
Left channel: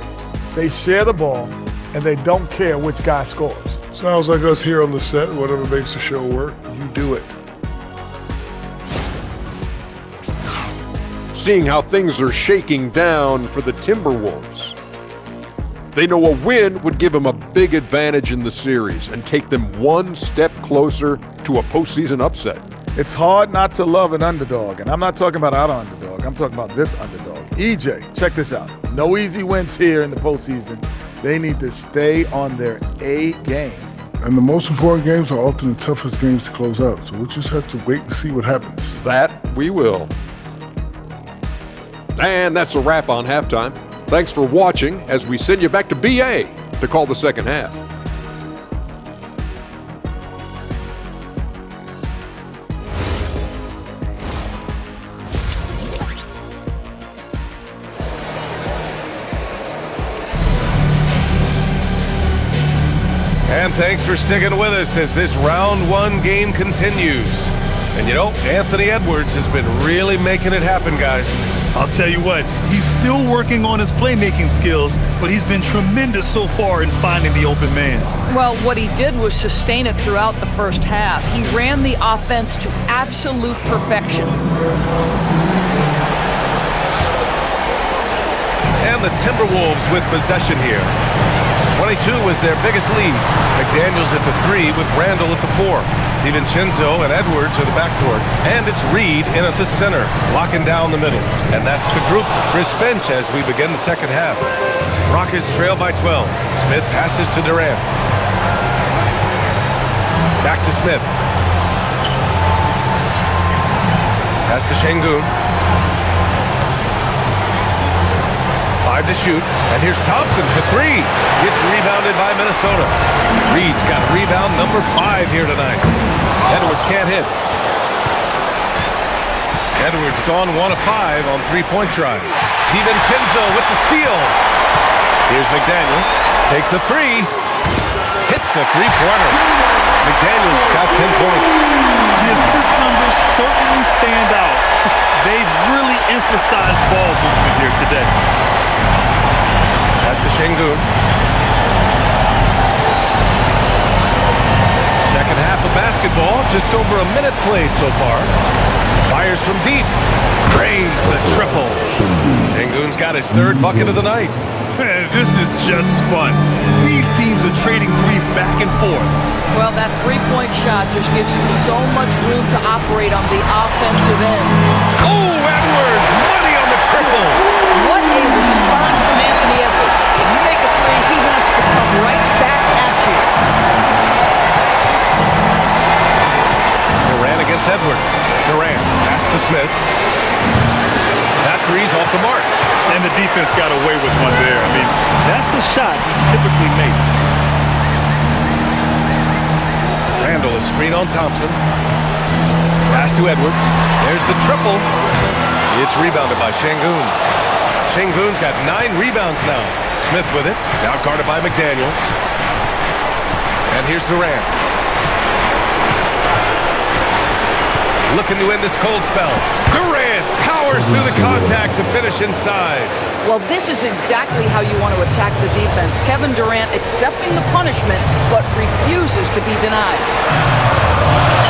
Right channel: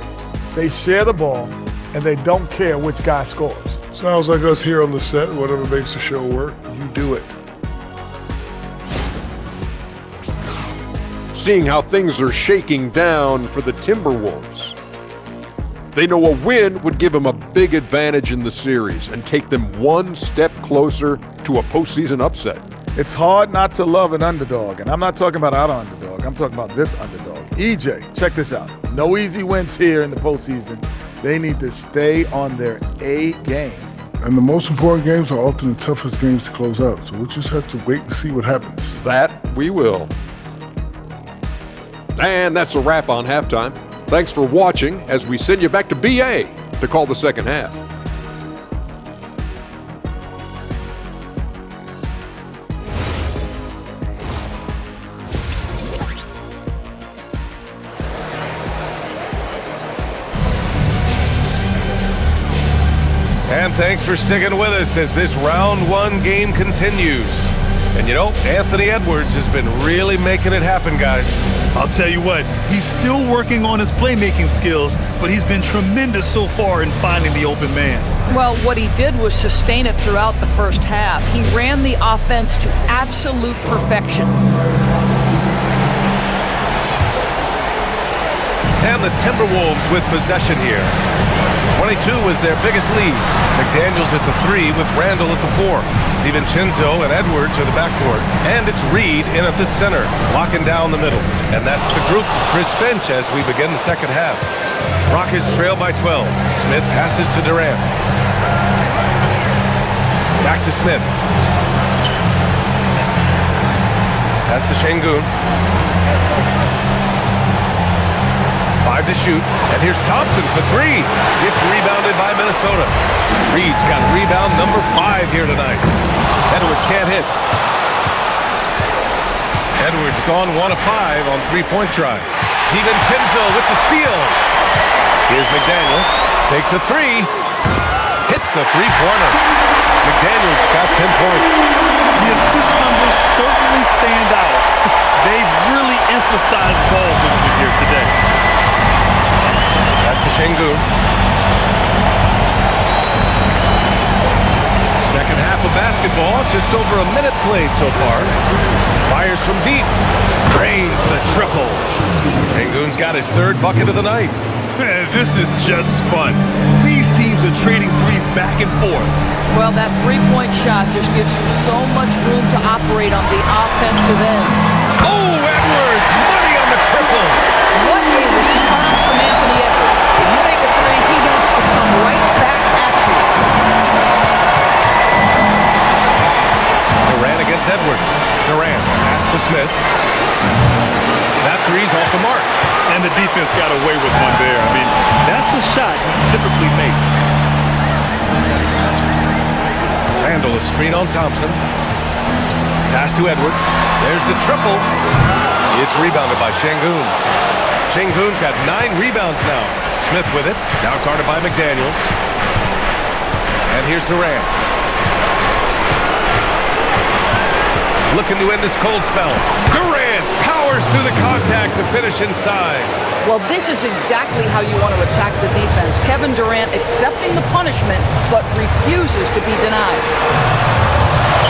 They share the ball, and they don't care which guy scores. Sounds like us here on the set. Whatever makes the show work, you do it. Seeing how things are shaking down for the Timberwolves. They know a win would give them a big advantage in the series and take them one step closer to a postseason upset. It's hard not to love an underdog, and I'm not talking about our underdog. I'm talking about this underdog. EJ, check this out. No easy wins here in the postseason. They need to stay on their A game. And the most important games are often the toughest games to close out, so we'll just have to wait and see what happens. That we will. And that's a wrap on halftime. Thanks for watching as we send you back to BA to call the second half. And thanks for sticking with us as this round 1 game continues. And you know, Anthony Edwards has been really making it happen, guys. I'll tell you what, he's still working on his playmaking skills, but he's been tremendous so far in finding the open man. Well, what he did was sustain it throughout the first half. He ran the offense to absolute perfection. And the Timberwolves with possession here. 22 was their biggest lead. McDaniels at the 3 with Randall at the 4. DiVincenzo and Edwards are the backcourt. And it's Reed in at the center, locking down the middle. And that's the group for Chris Finch as we begin the second half. Rockets trail by 12. Smith passes to Durant. Back to Smith. Pass to Şengün. 5 to shoot. And here's Thompson for 3. It's rebounded by Minnesota. Reed's got rebound number 5 here tonight. Edwards can't hit. Edwards gone 1 of 5 on 3-point tries. DiVincenzo with the steal. Here's McDaniels. Takes a 3. Hits a three-pointer. McDaniels got 10 points. The assist numbers certainly stand out. They've really emphasized ball movement here today. Pass to Şengün. Second half of basketball, just over a minute played so far. Fires from deep. Drains the triple. Şengün's got his 3rd bucket of the night. This is just fun. These teams are trading threes back and forth. Well, that three-point shot just gives you so much room to operate on the offensive end. Oh, Edwards! Money on the triple! What a response from Anthony Edwards. If you make a 3, he wants to come right back at you. Durant against Edwards. Durant, pass to Smith. That 3's off the mark. And the defense got away with one there. I mean, that's a shot he typically makes. Randall, a screen on Thompson. Pass to Edwards. There's the triple. It's rebounded by Şengün. Şengün's got 9 rebounds now. Smith with it. Now guarded by McDaniels. And here's Durant. Looking to end this cold spell. Durant powers through the contact to finish inside. Well, this is exactly how you want to attack the defense. Kevin Durant accepting the punishment, but refuses to be denied.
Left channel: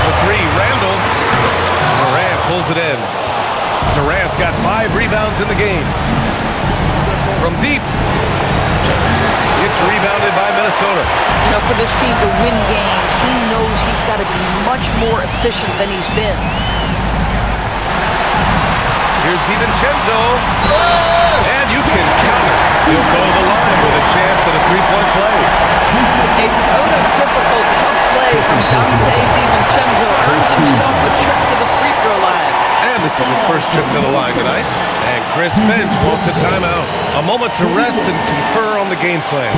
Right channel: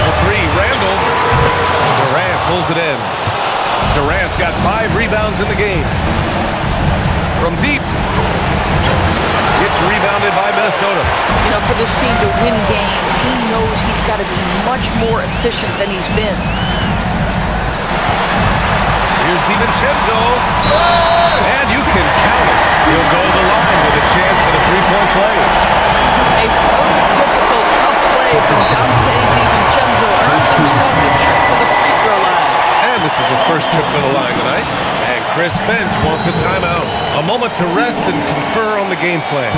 The 3, Randall. Durant pulls it in. Durant's got 5 rebounds in the game. From deep. It's rebounded by Minnesota. You know, for this team to win games, he knows he's got to be much more efficient than he's been. Here's DiVincenzo. And you can count it. He'll go to the line with a chance at a 3-point play. A prototypical tough play from Dante DiVincenzo earns himself a trip to the free throw line. And this is his first trip to the line tonight. And Chris Finch wants a timeout. A moment to rest and confer on the game plan.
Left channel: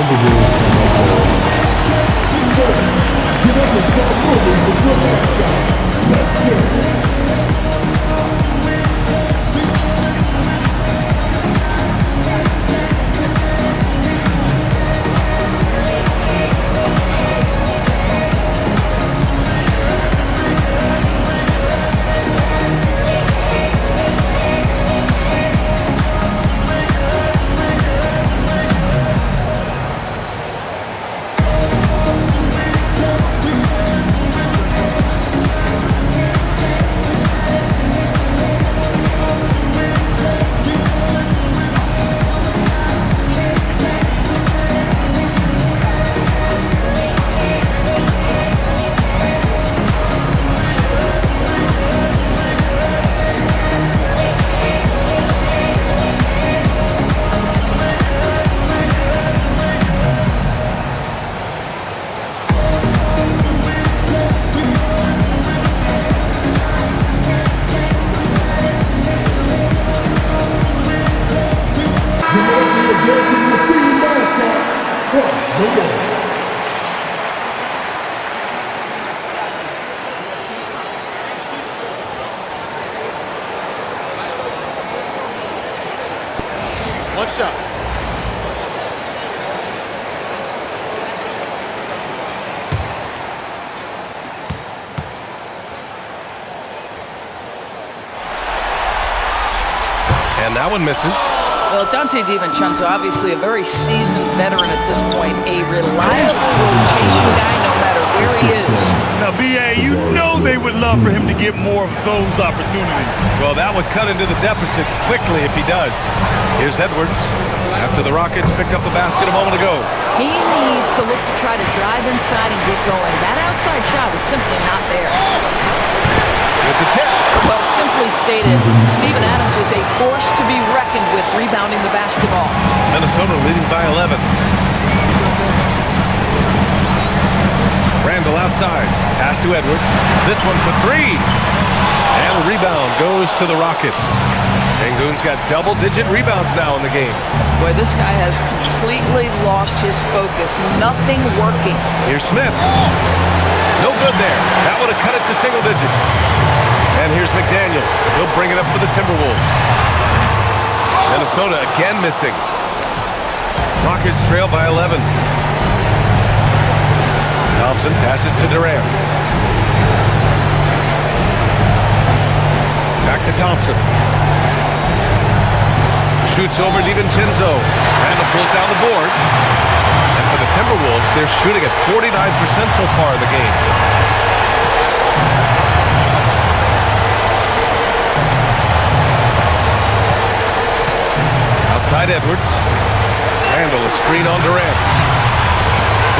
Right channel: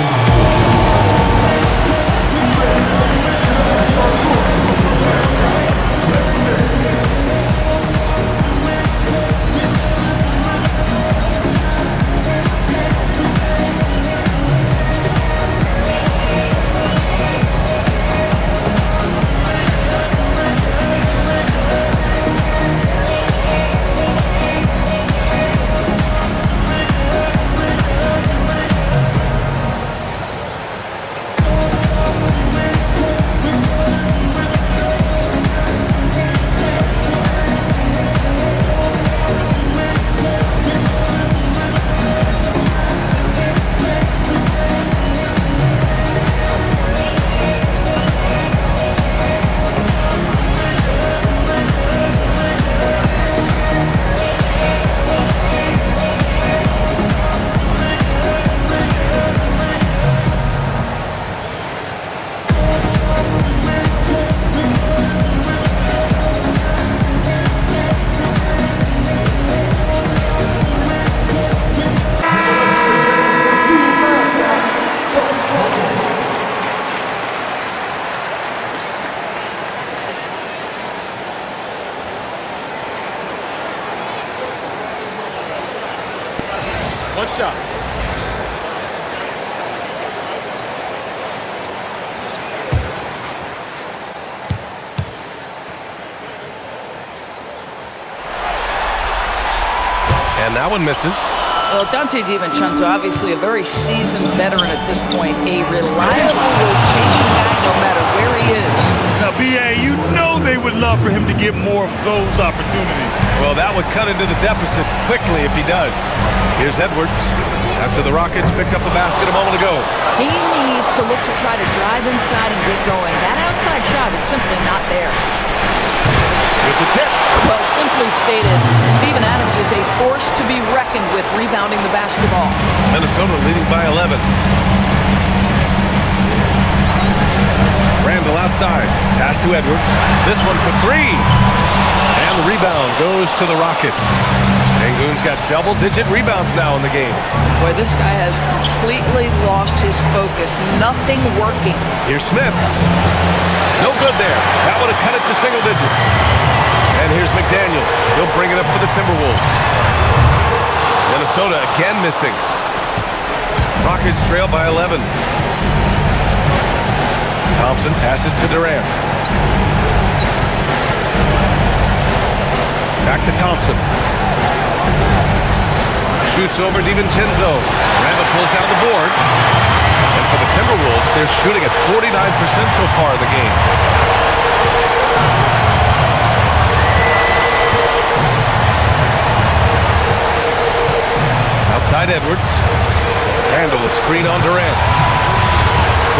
One shot. And that one misses. Well, Dante DiVincenzo, obviously a very seasoned veteran at this point, a reliable rotation guy no matter where he is. Now, B.A., you know they would love for him to get more of those opportunities. Well, that would cut into the deficit quickly if he does. Here's Edwards. After the Rockets picked up a basket a moment ago. He needs to look to try to drive inside and get going. That outside shot is simply not there. With the tip. Well, simply stated, Steven Adams is a force to be reckoned with rebounding the basketball. Minnesota leading by 11. Randall outside. Pass to Edwards. This one for 3. And the rebound goes to the Rockets. Sengun's got double-digit rebounds now in the game. Boy, this guy has completely lost his focus. Nothing working. Here's Smith. No good there. That would have cut it to single digits. And here's McDaniels. He'll bring it up for the Timberwolves. Minnesota again missing. Rockets trail by 11. Thompson passes to Durant. Back to Thompson. Shoots over DiVincenzo. Randall pulls down the board. And for the Timberwolves, they're shooting at 49% so far in the game. Outside Edwards. Randall, a screen on Durant.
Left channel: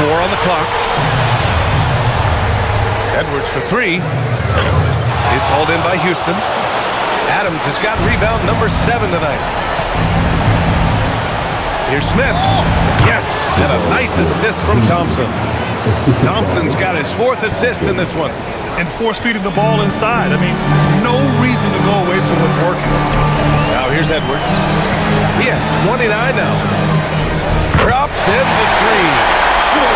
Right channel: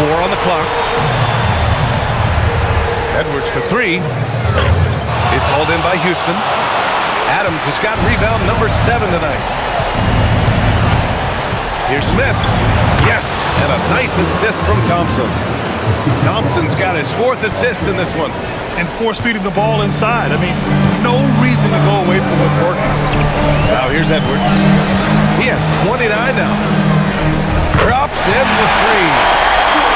4 on the clock. Edwards for 3. It's hauled in by Houston. Adams has got rebound number 7 tonight. Here's Smith. Yes, and a nice assist from Thompson. Thompson's got his 4th assist in this one. And force-feeding the ball inside. I mean, no reason to go away from what's working. Now here's Edwards. He has 29 now. Drops in the 3.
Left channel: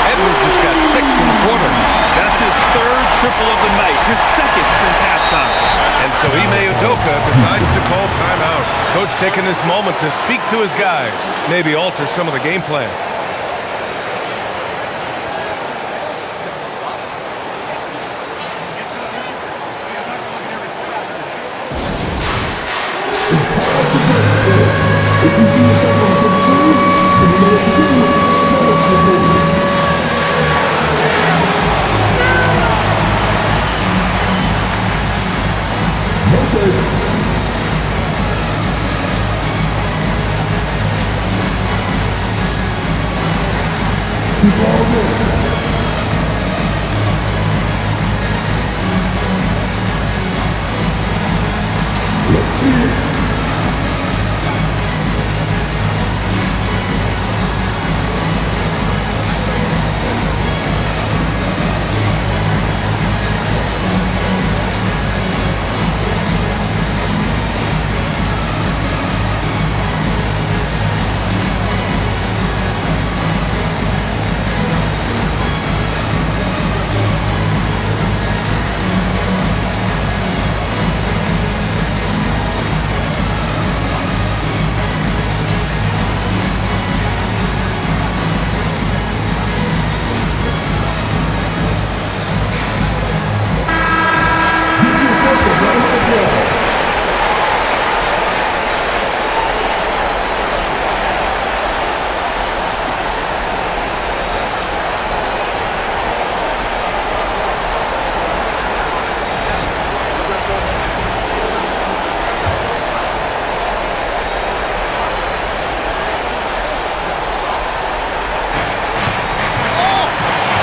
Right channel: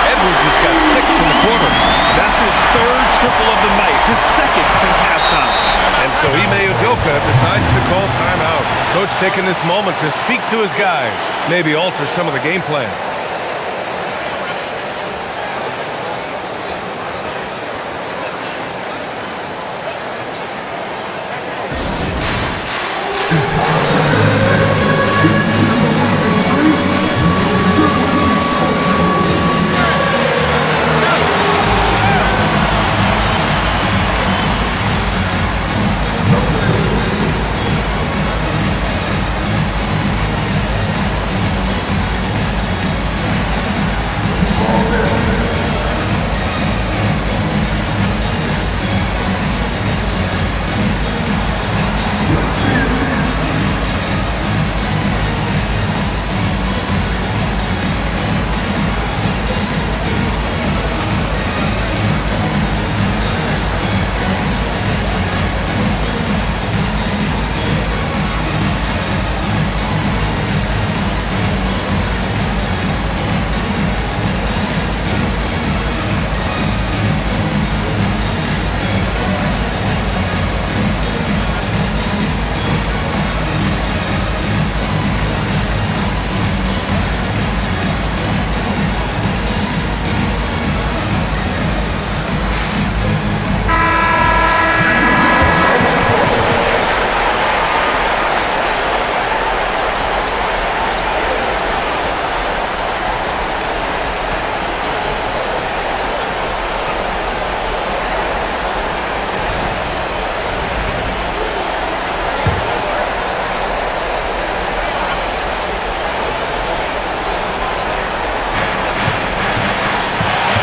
Edwards has got 6 in the quarter. That's his 3rd triple of the night, his 2nd since halftime. And so Ime Udoka decides to call timeout. Coach taking this moment to speak to his guys, maybe alter some of the game plan.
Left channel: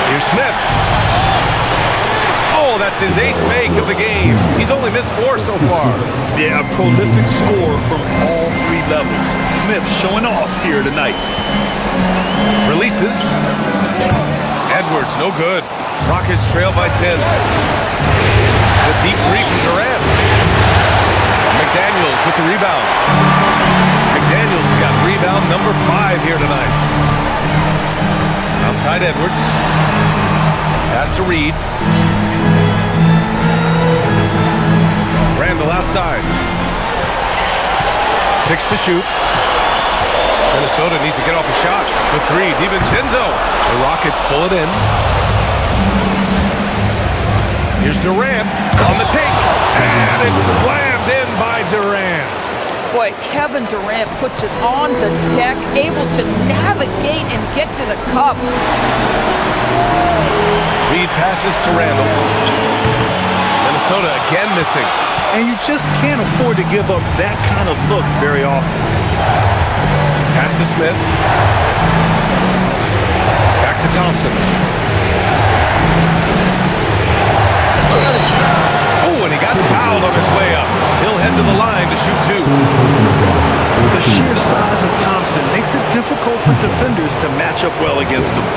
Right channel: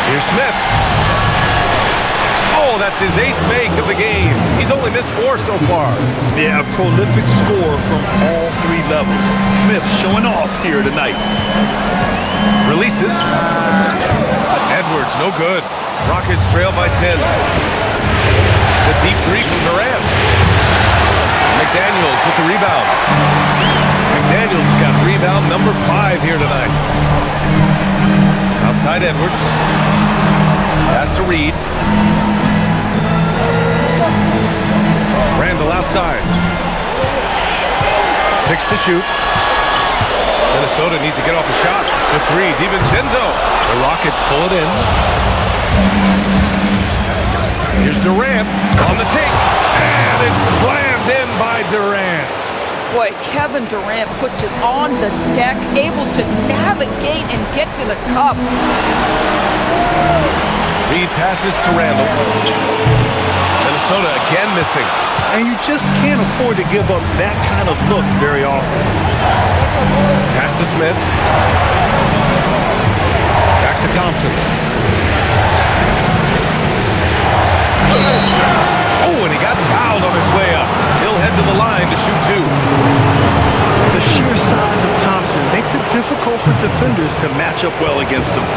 Here's Smith. Oh, that's his 8th make of the game. He's only missed 4 so far. Yeah, a prolific scorer from all 3 levels. Smith showing off here tonight. Releases. Edwards, no good. Rockets trail by 10. The deep 3 from Durant. McDaniels with the rebound. McDaniels got rebound number 5 here tonight. Outside Edwards. Pass to Reed. Randall outside. 6 to shoot. Minnesota needs to get off a shot. The 3, DiVincenzo. The Rockets pull it in. Here's Durant on the take. And it's slammed in by Durant. Boy, Kevin Durant puts it on the deck, able to navigate and get to the cup. Reed passes to Randall. Minnesota again missing. And you just can't afford to give up that kind of look very often. Pass to Smith. Back to Thompson. Oh, and he got fouled on his way up. He'll head to the line to shoot 2. The sheer size of Thompson makes it difficult for defenders to match up well against him.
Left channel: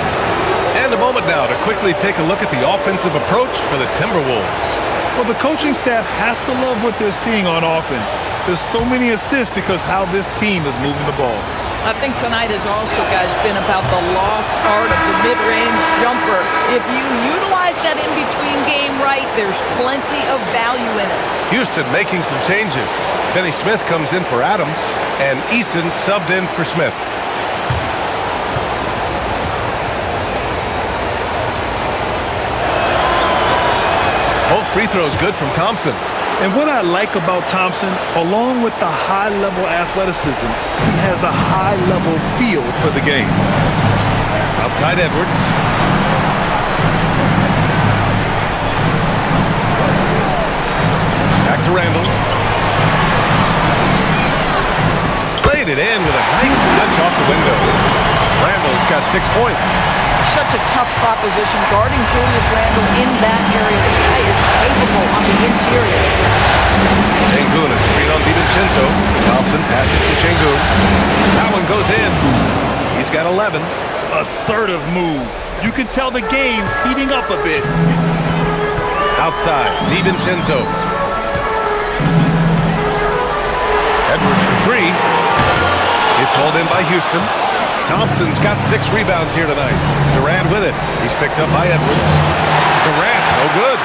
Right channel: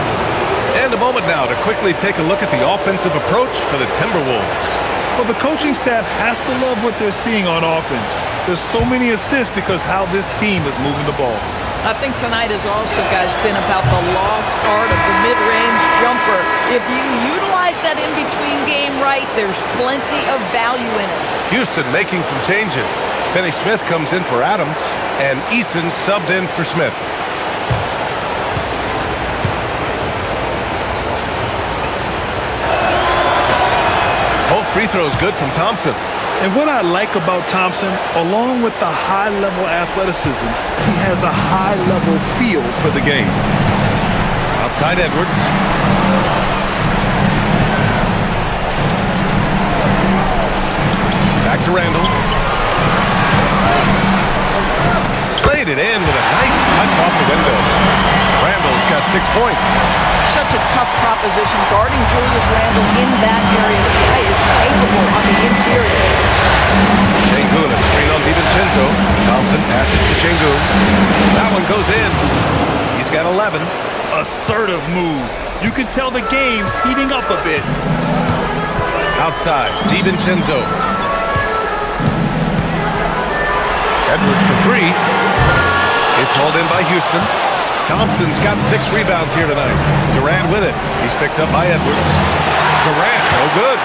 And a moment now to quickly take a look at the offensive approach for the Timberwolves. Well, the coaching staff has to love what they're seeing on offense. There's so many assists because how this team is moving the ball. I think tonight has also, guys, been about the lost art of the mid-range jumper. If you utilize that in-between game right, there's plenty of value in it. Houston making some changes. Finney Smith comes in for Adams, and Eason subbed in for Smith. Both free throws good from Thompson. And what I like about Thompson, along with the high-level athleticism, he has a high-level feel for the game. Outside Edwards. Back to Randall. Laid it in with a nice touch off the window. Randall's got 6 points. Such a tough proposition guarding Julius Randle in that area. This guy is capable on the interior. Şengün, a screen on DiVincenzo. Thompson passes to Şengün. That one goes in. He's got 11. Assertive move. You can tell the game's heating up a bit. Outside, DiVincenzo. Edwards for 3. It's hauled in by Houston. Thompson's got 6 rebounds here tonight. Durant with it. He's picked up by Edwards. Durant, no good.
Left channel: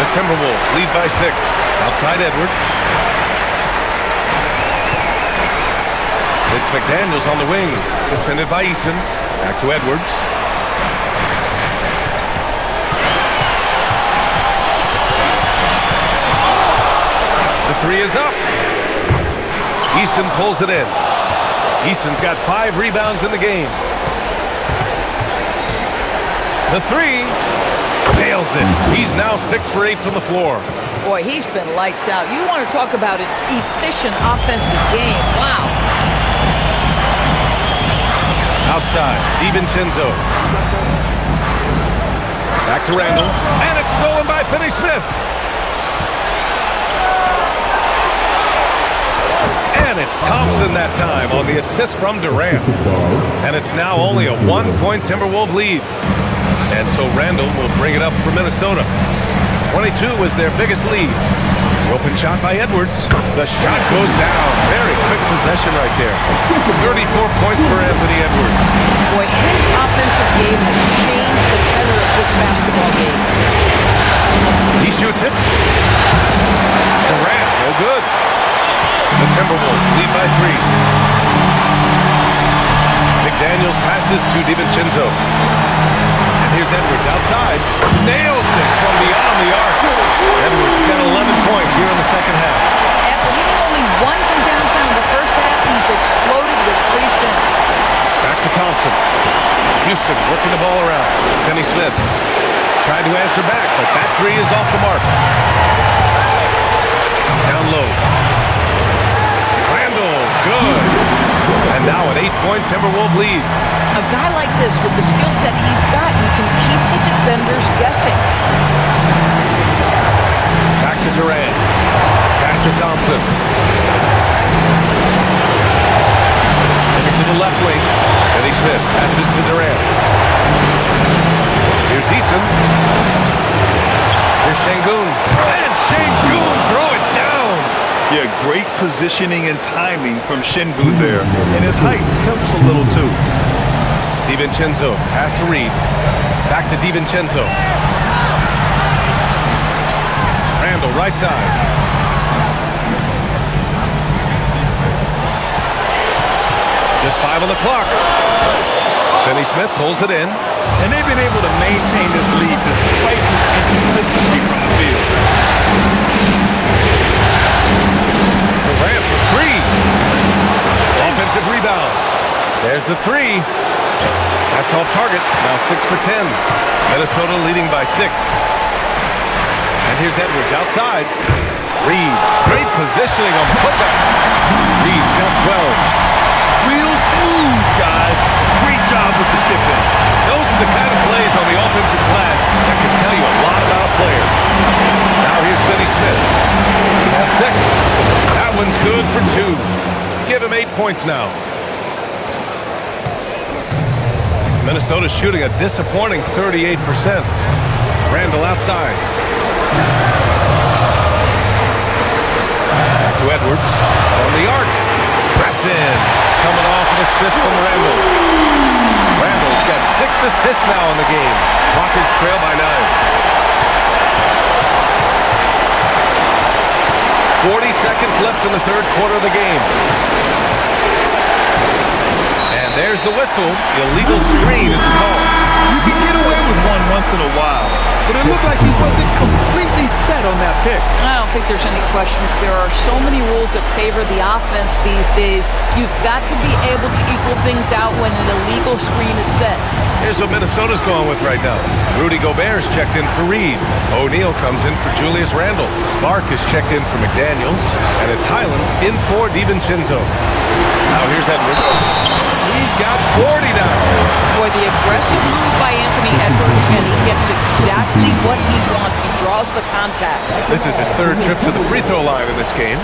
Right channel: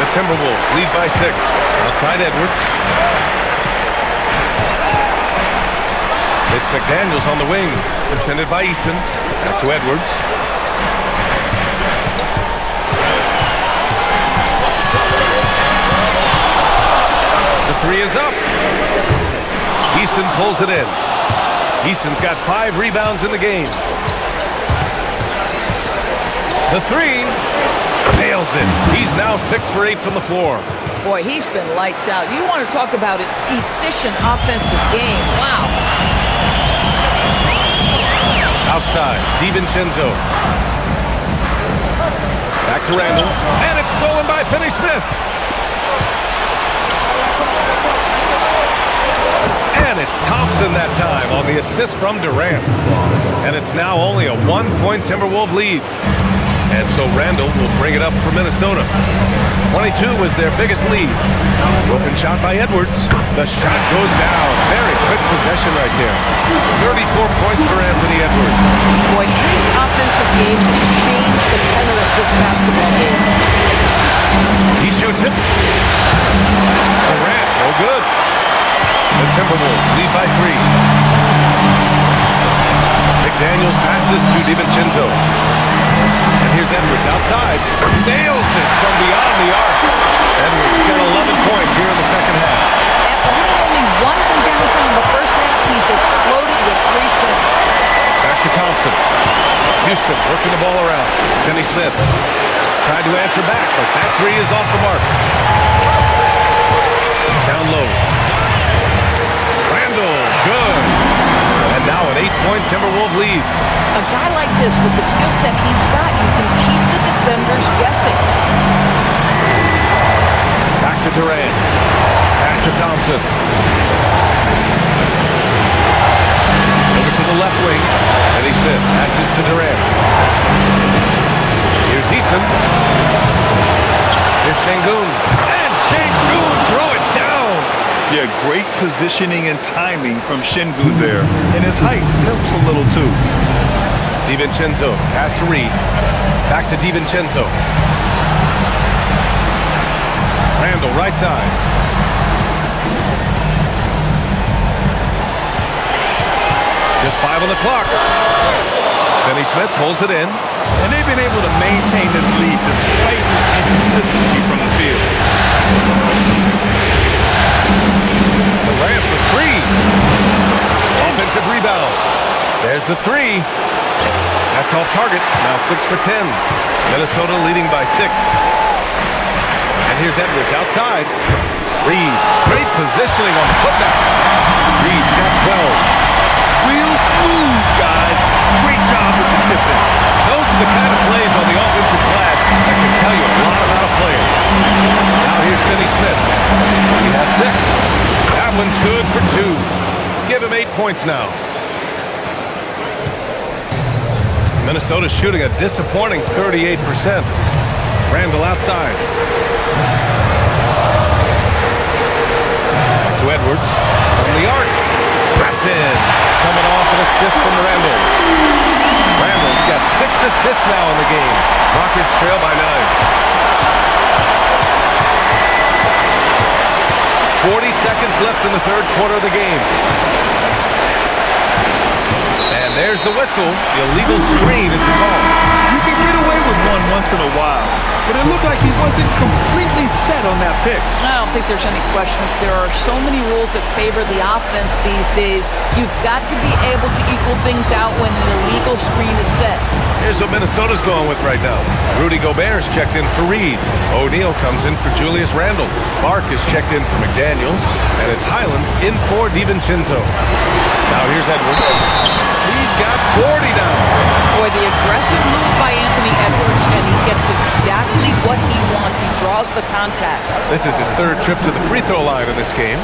The Timberwolves lead by 6. Outside Edwards. It's McDaniels on the wing. Defended by Eason. Back to Edwards. The 3 is up. Eason pulls it in. Eason's got 5 rebounds in the game. The 3 nails it. He's now 6 for 8 from the floor. Boy, he's been lights out. You want to talk about an efficient offensive game. Wow. Outside, DiVincenzo. Back to Randall. And it's stolen by Finney Smith. And it's Thompson that time on the assist from Durant. And it's now only a 1-point Timberwolves lead. And so Randall will bring it up for Minnesota. 22 was their biggest lead. The open shot by Edwards. The shot goes down. Very quick possession right there. 34 points for Anthony Edwards. Boy, his offensive game has changed the tenor of this basketball game. He shoots it. Durant, no good. The Timberwolves lead by 3. McDaniels passes to DiVincenzo. And here's Edwards outside. Nails it from beyond the arc. Edwards got 11 points here in the second half. After hitting only 1 from downtown in the first half, he's exploded with 3 since. Back to Thompson. Houston working the ball around. Finney Smith tried to answer back, but that 3 is off the mark. Down low. Randall, good. And now an 8-point Timberwolves lead. A guy like this, with the skill set he's got, you can keep the defenders guessing. Back to Durant. Pass to Thompson. Over to the left wing. Finney Smith passes to Durant. Here's Eason. Here's Şengün. And Şengün throw it down. Yeah, great positioning and timing from Şengün there. And his height helps a little too. DiVincenzo, pass to Reed. Back to DiVincenzo. Randall, right side. Just 5 on the clock. Finney Smith pulls it in. And they've been able to maintain this lead despite his inconsistency from the field. Durant for 3. Offensive rebound. There's the 3. That's off target. Now 6 for 10. Minnesota leading by 6. And here's Edwards outside. Reed. Great positioning on the putback. Reed's got 12. Real smooth, guys. Great job with the tip-in. Those are the kind of plays on the offensive glass that can tell you a lot about a player. Now here's Finney Smith. He has 6. That one's good for 2. Give him 8 points now. Minnesota's shooting a disappointing 38%. Randall outside. Back to Edwards from the arc. That's in. Coming off an assist from Randall. Randall's got 6 assists now in the game. Rockets trail by 9. 40 seconds left in the third quarter of the game. And there's the whistle. Illegal screen is the call. You can get away with one once in a while, but it looked like he wasn't completely set on that pick. I don't think there's any question. There are so many rules that favor the offense these days. You've got to be able to equal things out when an illegal screen is set. Here's what Minnesota's going with right now. Rudy Gobert's checked in for Reed. O'Neal comes in for Julius Randle. Clark is checked in for McDaniels. And it's Highland in for DiVincenzo. Now here's Edwards. He's got 40 now. Boy, the aggressive move by Anthony Edwards, and he gets exactly what he wants. He draws the contact. This is his third trip to the free throw line in this game.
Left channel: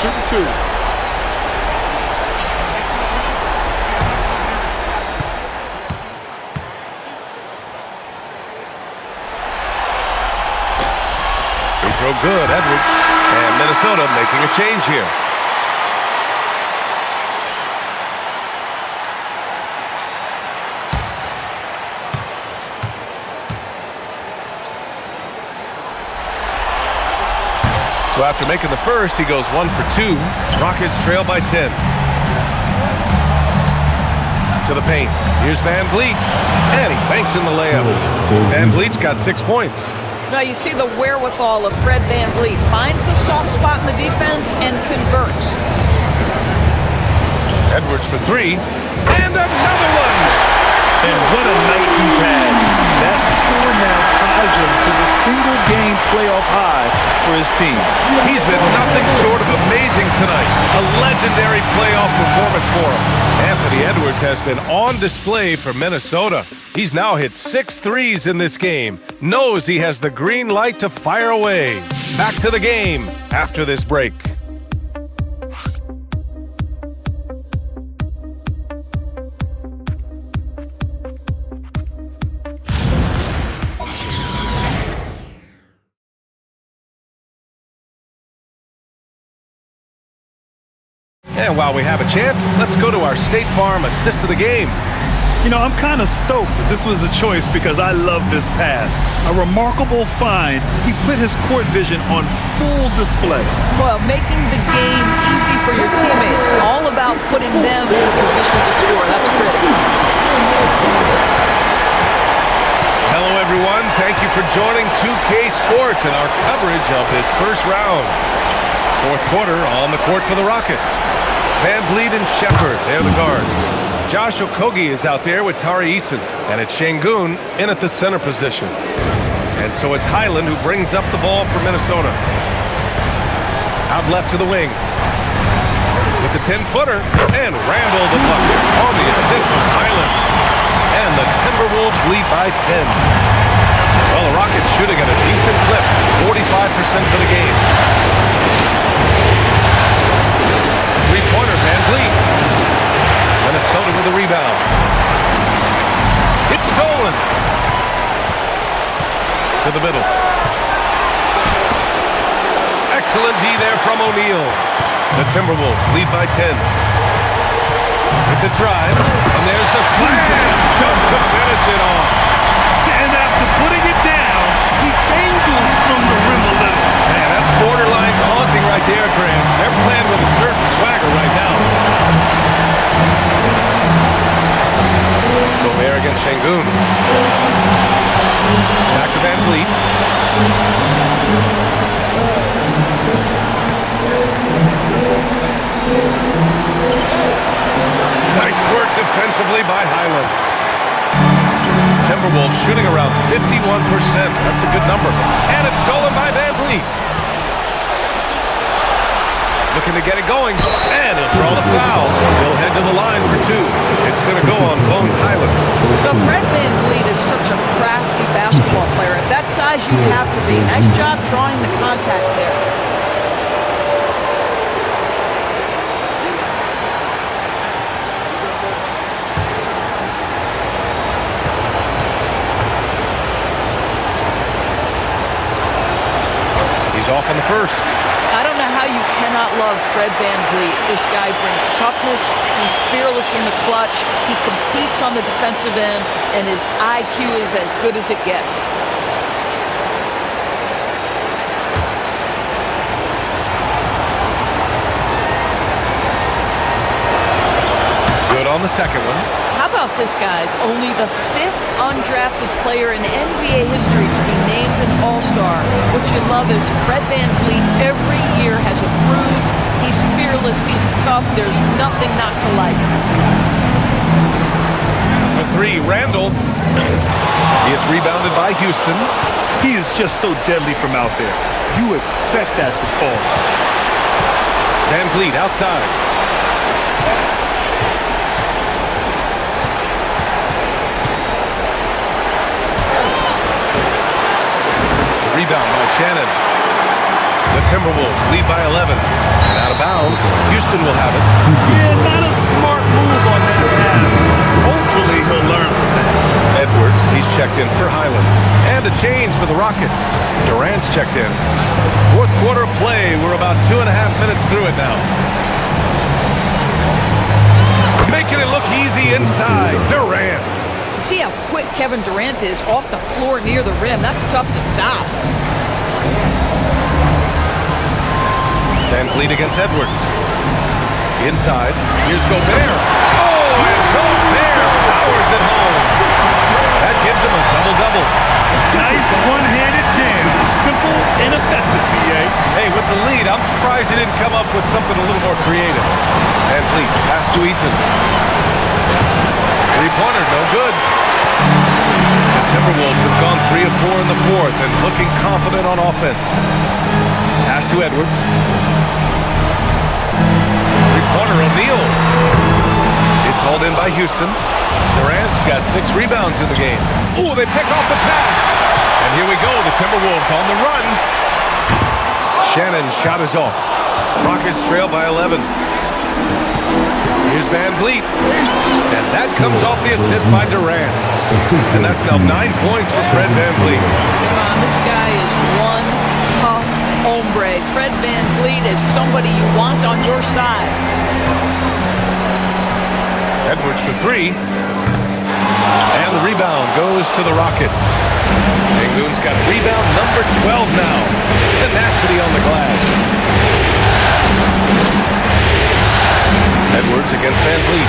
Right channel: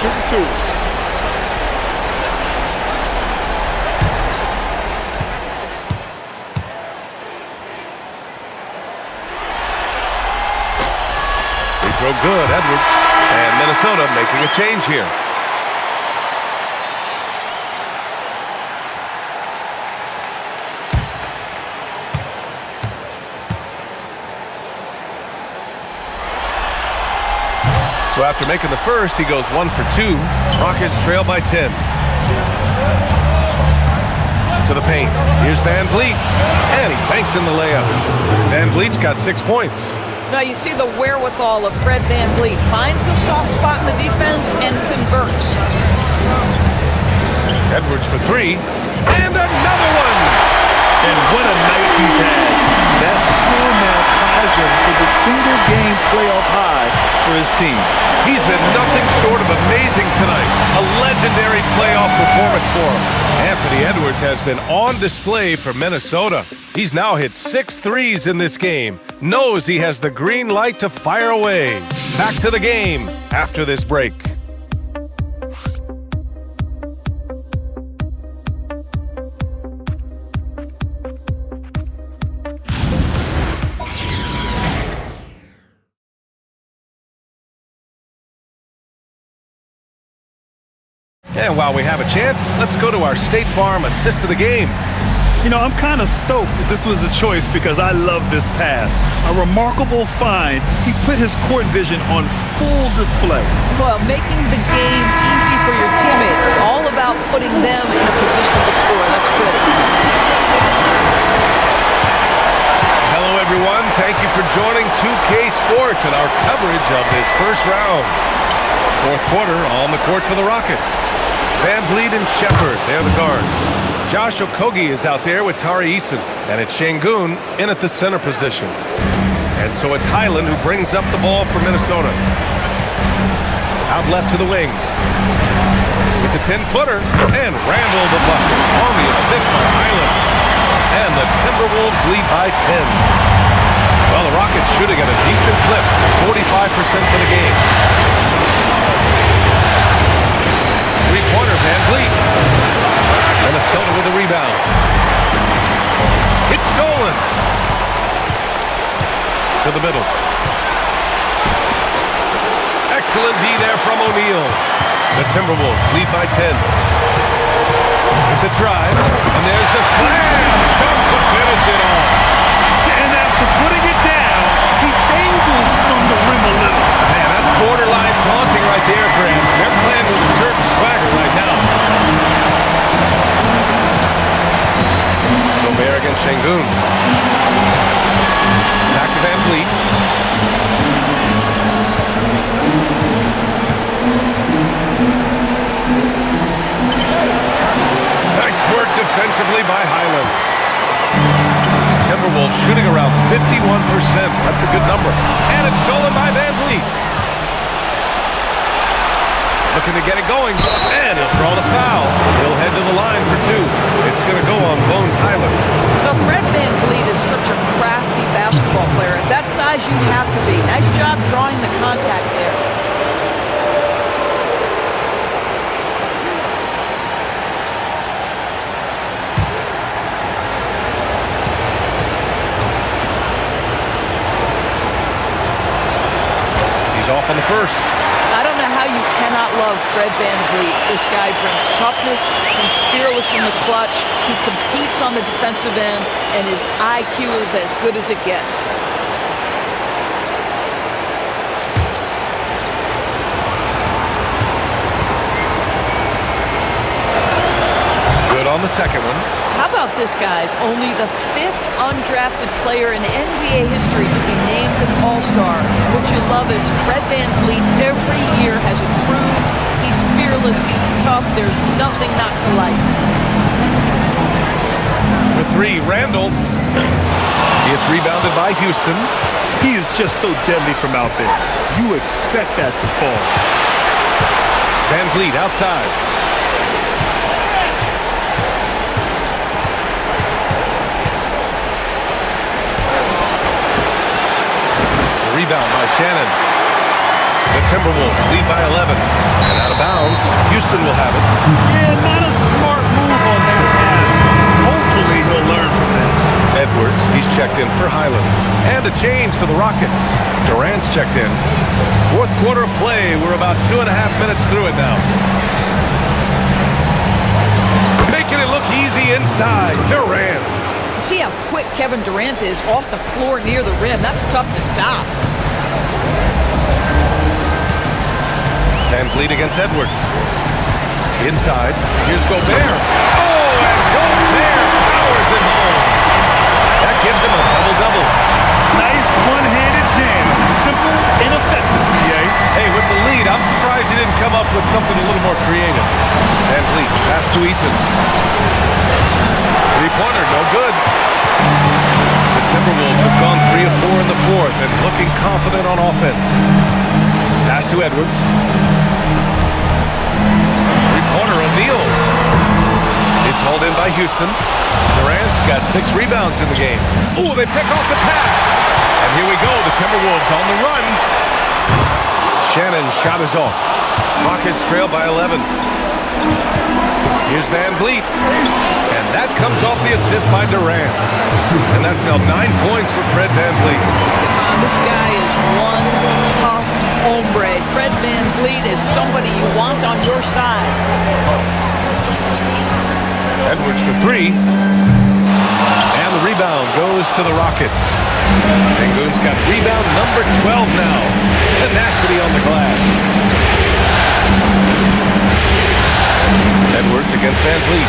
Shooting 2. Free throw good, Edwards. And Minnesota making a change here. So after making the first, he goes 1 for 2. Rockets trail by 10. To the paint. Here's Van Vliet. And he banks in the layup. Van Vliet's got 6 points. Now you see the wherewithal of Fred Van Vliet. Finds the soft spot in the defense and converts. Edwards for 3. And another one! And what a night he's had. That score now ties him for the single-game playoff high for his team. He's been nothing short of amazing tonight. A legendary playoff performance for him. Anthony Edwards has been on display for Minnesota. He's now hit 6 threes in this game. Knows he has the green light to fire away. Back to the game after this break. And while we have a chance, let's go to our State Farm assist of the game. You know, I'm kind of stoked that this was a choice because I love this pass. A remarkable find. He put his court vision on full display. Well, making the game easy for your teammates. All about putting them in a position to score. That's pretty. Hello, everyone. Thank you for joining 2K Sports and our coverage of this first round. Fourth quarter on the court for the Rockets. Van Vliet and Shepard, they're the guards. Josh Okogie is out there with Tari Eason, and it's Şengün in at the center position. And so it's Highland who brings up the ball for Minnesota. Out left to the wing. With the 10-footer, and Randall the bucket on the assist by Highland. And the Timberwolves lead by 10. Well, the Rockets shooting at a decent clip, 45% for the game. Three-pointer, Van Vliet. Minnesota with a rebound. It's stolen. To the middle. Excellent D there from O'Neal. The Timberwolves lead by 10. With the drive, and there's the slam dunk to finish it off. And after putting it down, he dangles from the rim a little. Man, that's borderline taunting right there, Grant. They're playing with a certain swagger right now. Gobert against Şengün. Back to Van Vliet. Nice work defensively by Highland. Timberwolves shooting around 51%. That's a good number. And it's stolen by Van Vliet. Looking to get it going. And he'll draw the foul. He'll head to the line for 2. It's going to go on Bones Highland. So Fred Van Vliet is such a crafty basketball player. At that size, you have to be. Nice job drawing the contact there. He's off on the first. I don't know how you cannot love Fred VanVleet. This guy brings toughness. He's fearless in the clutch. He competes on the defensive end, and his IQ is as good as it gets. Good on the second one. How about this, guys? Only the 5th undrafted player in NBA history to be named an All-Star. What you love is Fred VanVleet every year has improved. He's fearless. He's tough. There's nothing not to like. For three, Randall. It's rebounded by Houston. He is just so deadly from out there. You expect that to fall. VanVleet outside. Rebound by Shannon. The Timberwolves lead by 11. And out of bounds, Houston will have it. Yeah, not a smart move on that pass. Hopefully he'll learn from that. Edwards, he's checked in for Highland. And a change for the Rockets. Durant's checked in. Fourth quarter of play. We're about 2.5 minutes through it now. Making it look easy inside. Durant. See how quick Kevin Durant is off the floor near the rim. That's tough to stop. VanVleet against Edwards. Inside. Here's Gobert. Oh, and Gobert powers it home. That gives him a double-double. Nice one-handed jam. Simple and effective, B.A. Hey, with the lead, I'm surprised he didn't come up with something a little more creative. VanVleet, pass to Eason. Three-pointer, no good. The Timberwolves have gone 3 of 4 in the fourth and looking confident on offense. Pass to Edwards. Three-pointer, O'Neal. It's hauled in by Houston. Durant's got 6 rebounds in the game. Ooh, they pick off the pass. And here we go, the Timberwolves on the run. Shannon's shot is off. Rockets trail by 11. Here's VanVleet. And that comes off the assist by Durant. And that's now 9 points for Fred VanVleet. Come on, this guy is one tough hombre. Fred VanVleet is somebody you want on your side. Edwards for 3. And the rebound goes to the Rockets. Sengun's got rebound number 12 now. Tenacity on the glass. Edwards against VanVleet.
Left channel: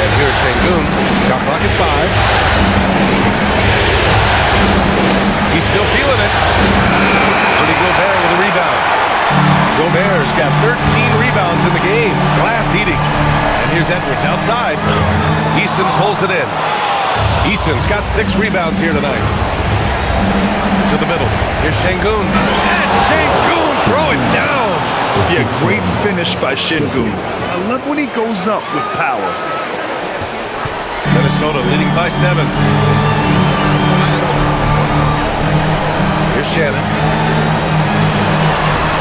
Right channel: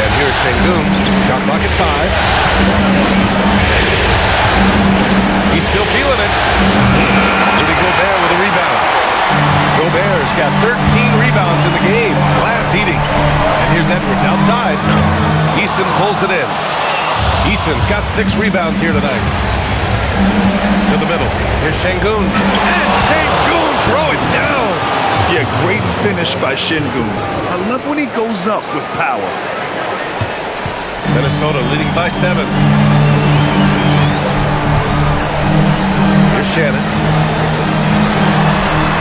And here's Sengun. Shot clock at 5. He's still feeling it. Rudy Gobert with a rebound. Gobert's got 13 rebounds in the game. Glass eating. And here's Edwards outside. Eason pulls it in. Eason's got 6 rebounds here tonight. To the middle. Here's Sengun. And Sengun throw it down. Yeah, great finish by Sengun. I love when he goes up with power. Minnesota leading by 7. Here's Shannon.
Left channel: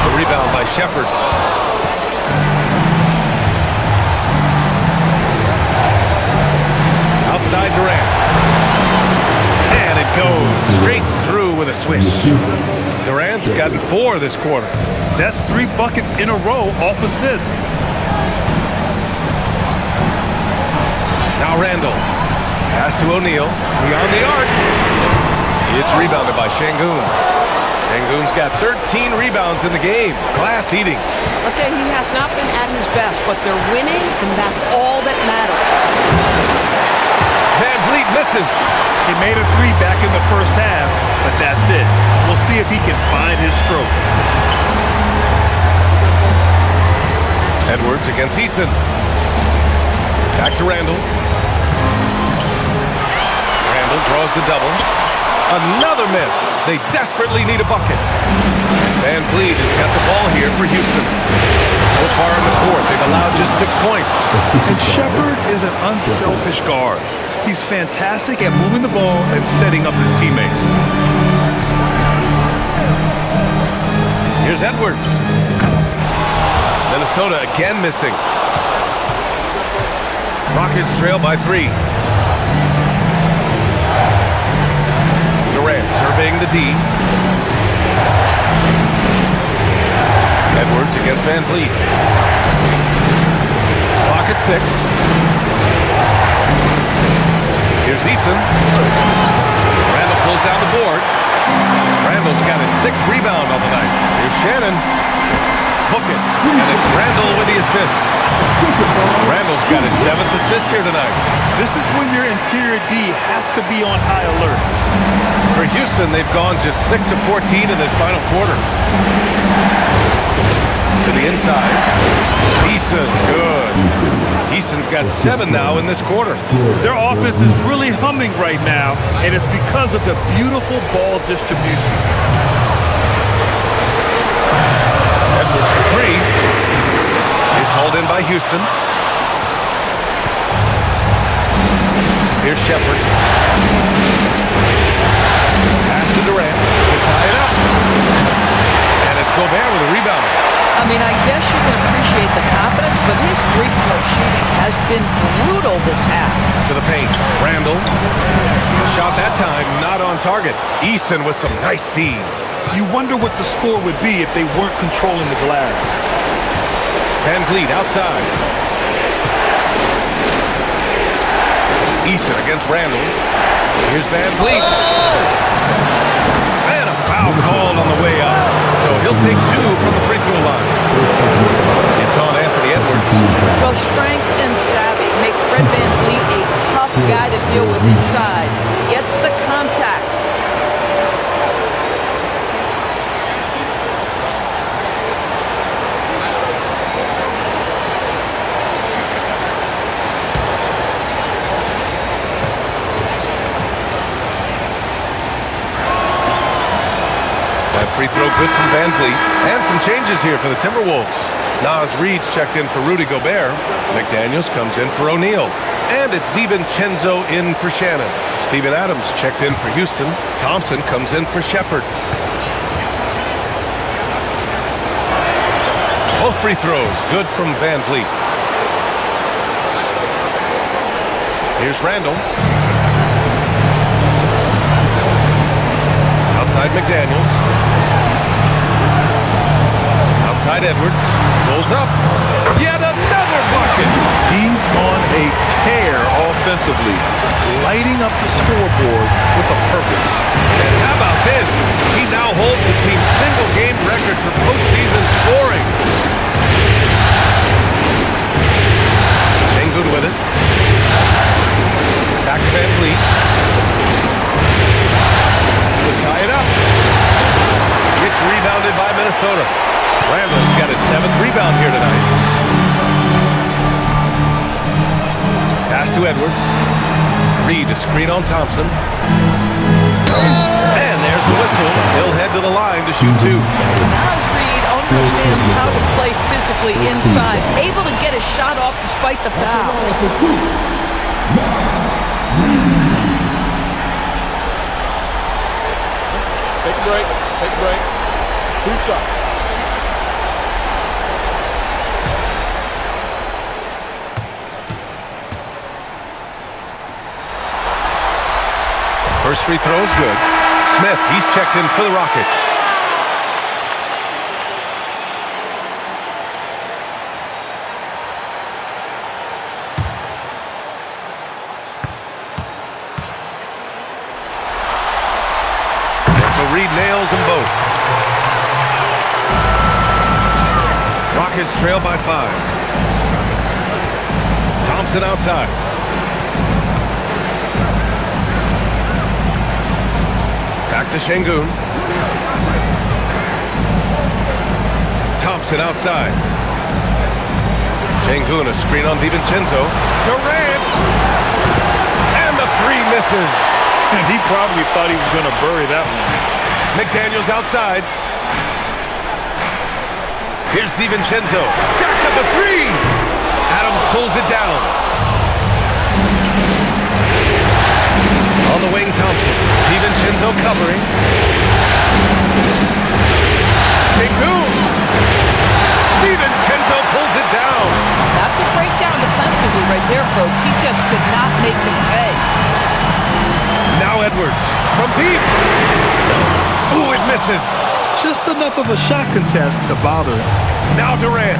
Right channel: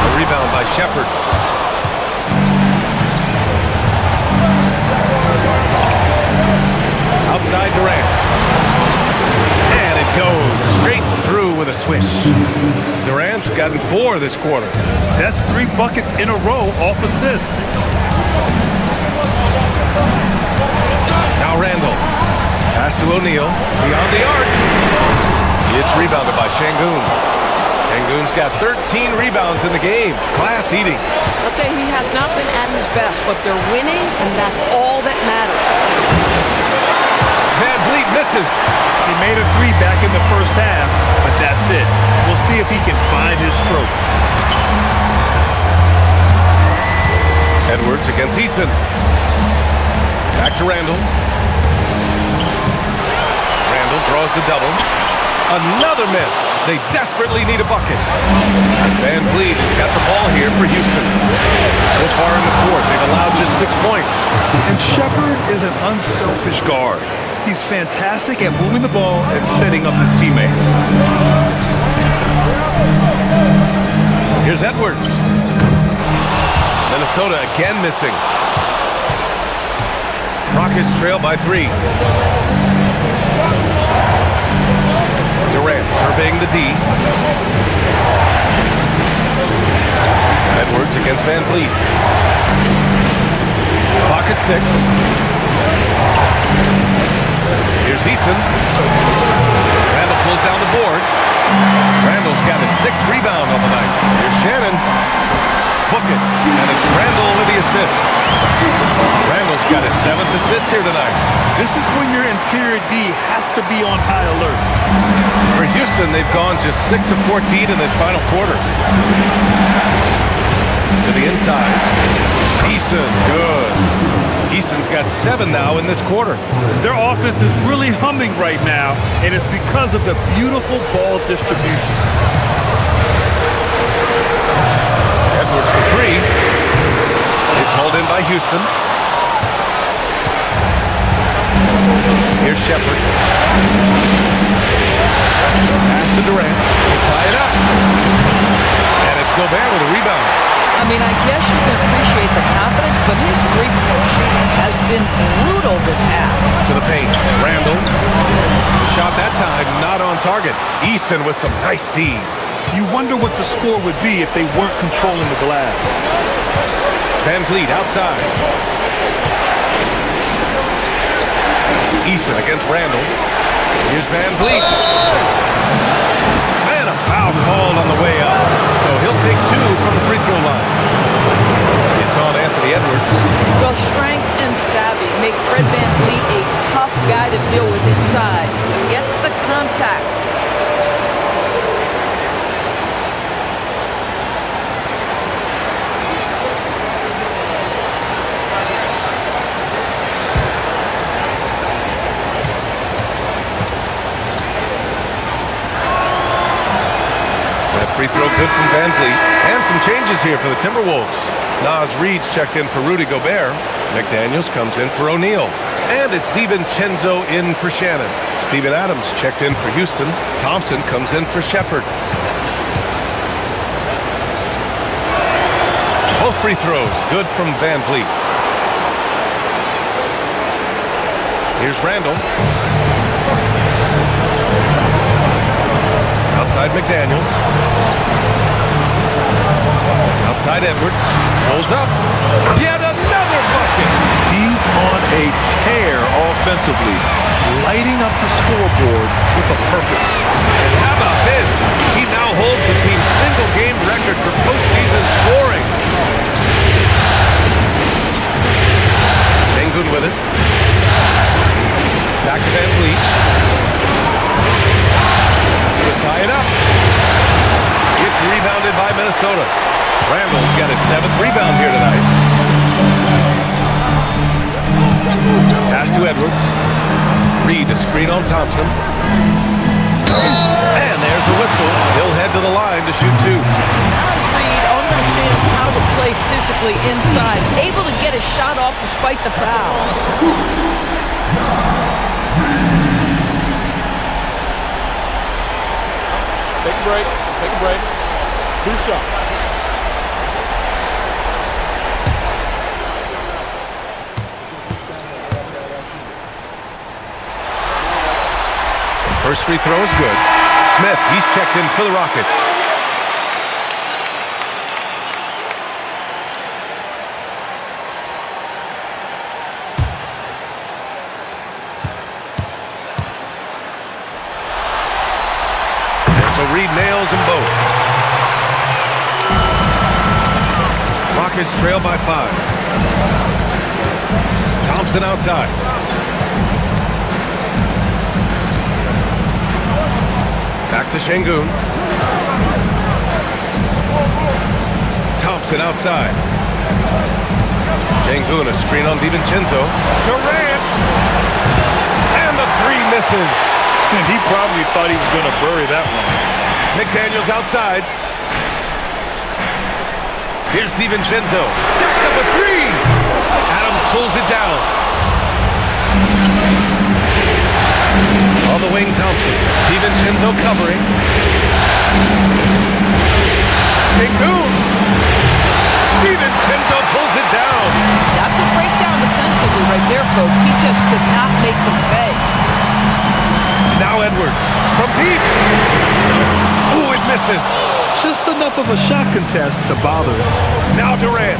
The rebound by Shepard. Outside Durant. And it goes straight through with a swish. Durant's gotten 4 this quarter. That's 3 buckets in a row off assist. Now Randall. Pass to O'Neal. Beyond the arc. It's rebounded by Sengun. Sengun's got 13 rebounds in the game. Glass eating. I'll tell you, he has not been at his best, but they're winning, and that's all that matters. VanVleet misses. He made a 3 back in the first half, but that's it. We'll see if he can find his stroke. Edwards against Eason. Back to Randall. Randall draws the double. Another miss. They desperately need a bucket. VanVleet has got the ball here for Houston. So far in the fourth, they've allowed just 6 points. And Shepard is an unselfish guard. He's fantastic at moving the ball and setting up his teammates. Here's Edwards. Minnesota again missing. Rockets trail by 3. Durant surveying the D. Edwards against Van Vliet. Clock at 6. Here's Eason. Randall pulls down the board. Randall's got his 6th rebound on the night. Here's Shannon. Book it. And it's Randall with the assist. Randall's got his 7th assist here tonight. This is when your interior D has to be on high alert. For Houston, they've gone just 6 of 14 in this final quarter. To the inside. Eason, good. Eason's got 7 now in this quarter. Their offense is really humming right now, and it's because of the beautiful ball distribution. Edwards for 3. It's hauled in by Houston. Here's Shepard. Pass to Durant to tie it up. And it's Gobert with a rebound. I mean, I guess you can appreciate the confidence, but his three-point shooting has been brutal this half. To the paint. Randall. The shot that time not on target. Eason with some nice D. You wonder what the score would be if they weren't controlling the glass. Van Vliet outside. Eason against Randall. Here's Van Vliet. And a foul called on the way up. So he'll take 2 from the free throw line. It's on Anthony Edwards. Well, strength and savvy make Fred Van Vliet a tough guy to deal with inside. Gets the contact. That free throw good from Van Vliet. And some changes here for the Timberwolves. Naz Reid's checked in for Rudy Gobert. McDaniels comes in for O'Neal. And it's DiVincenzo in for Shannon. Steven Adams checked in for Houston. Thompson comes in for Shepard. Both free throws good from Van Vliet. Here's Randall. Outside McDaniels. Outside Edwards. Pulls up. Yet another bucket. He's on a tear offensively, lighting up the scoreboard with a purpose. And how about this? He now holds the team's single-game record for postseason scoring. Sengun with it. Back to Van Vliet. To tie it up. It's rebounded by Minnesota. Randall's got his 7th rebound here tonight. Pass to Edwards. Reid a screen on Thompson. And there's a whistle. He'll head to the line to shoot 2. Naz Reid understands how to play physically inside, able to get a shot off despite the foul. Take a break. Take a break. 2 shots. First free throw is good. Smith, he's checked in for the Rockets. And so Reid nails them both. Rockets trail by 5. Thompson outside. Back to Sengun. Thompson outside. Sengun a screen on DiVincenzo. Durant! And the 3 misses. And he probably thought he was going to bury that one. McDaniels outside. Here's DiVincenzo. Jacks up a 3. Adams pulls it down. On the wing, Thompson. DiVincenzo covering. Sengun. DiVincenzo pulls it down. That's a breakdown defensively right there, folks. He just could not make them pay. Now Edwards from deep. Ooh, it misses. Just enough of a shot contest to bother him. Now Durant.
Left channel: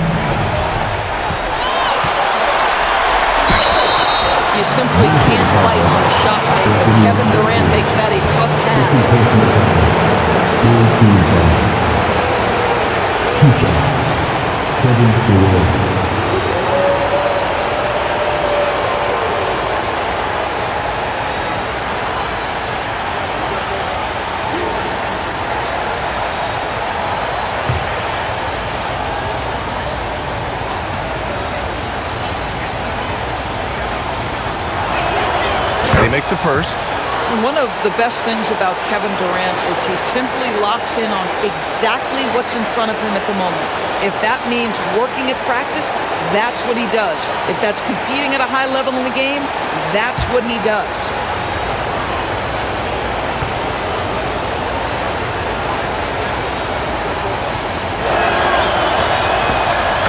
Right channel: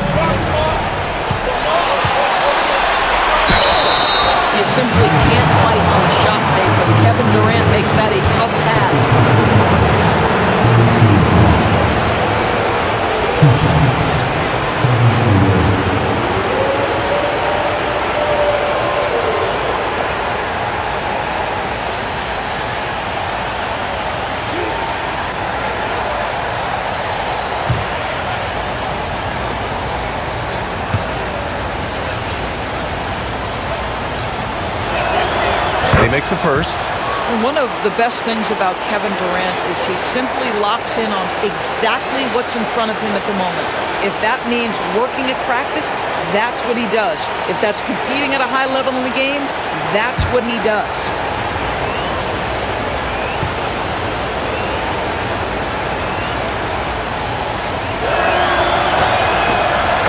You simply can't bite on the shot fake, but Kevin Durant makes that a tough task. 2 shots. Kevin Durant. He makes a first. And one of the best things about Kevin Durant is he simply locks in on exactly what's in front of him at the moment. If that means working at practice, that's what he does. If that's competing at a high level in the game, that's what he does.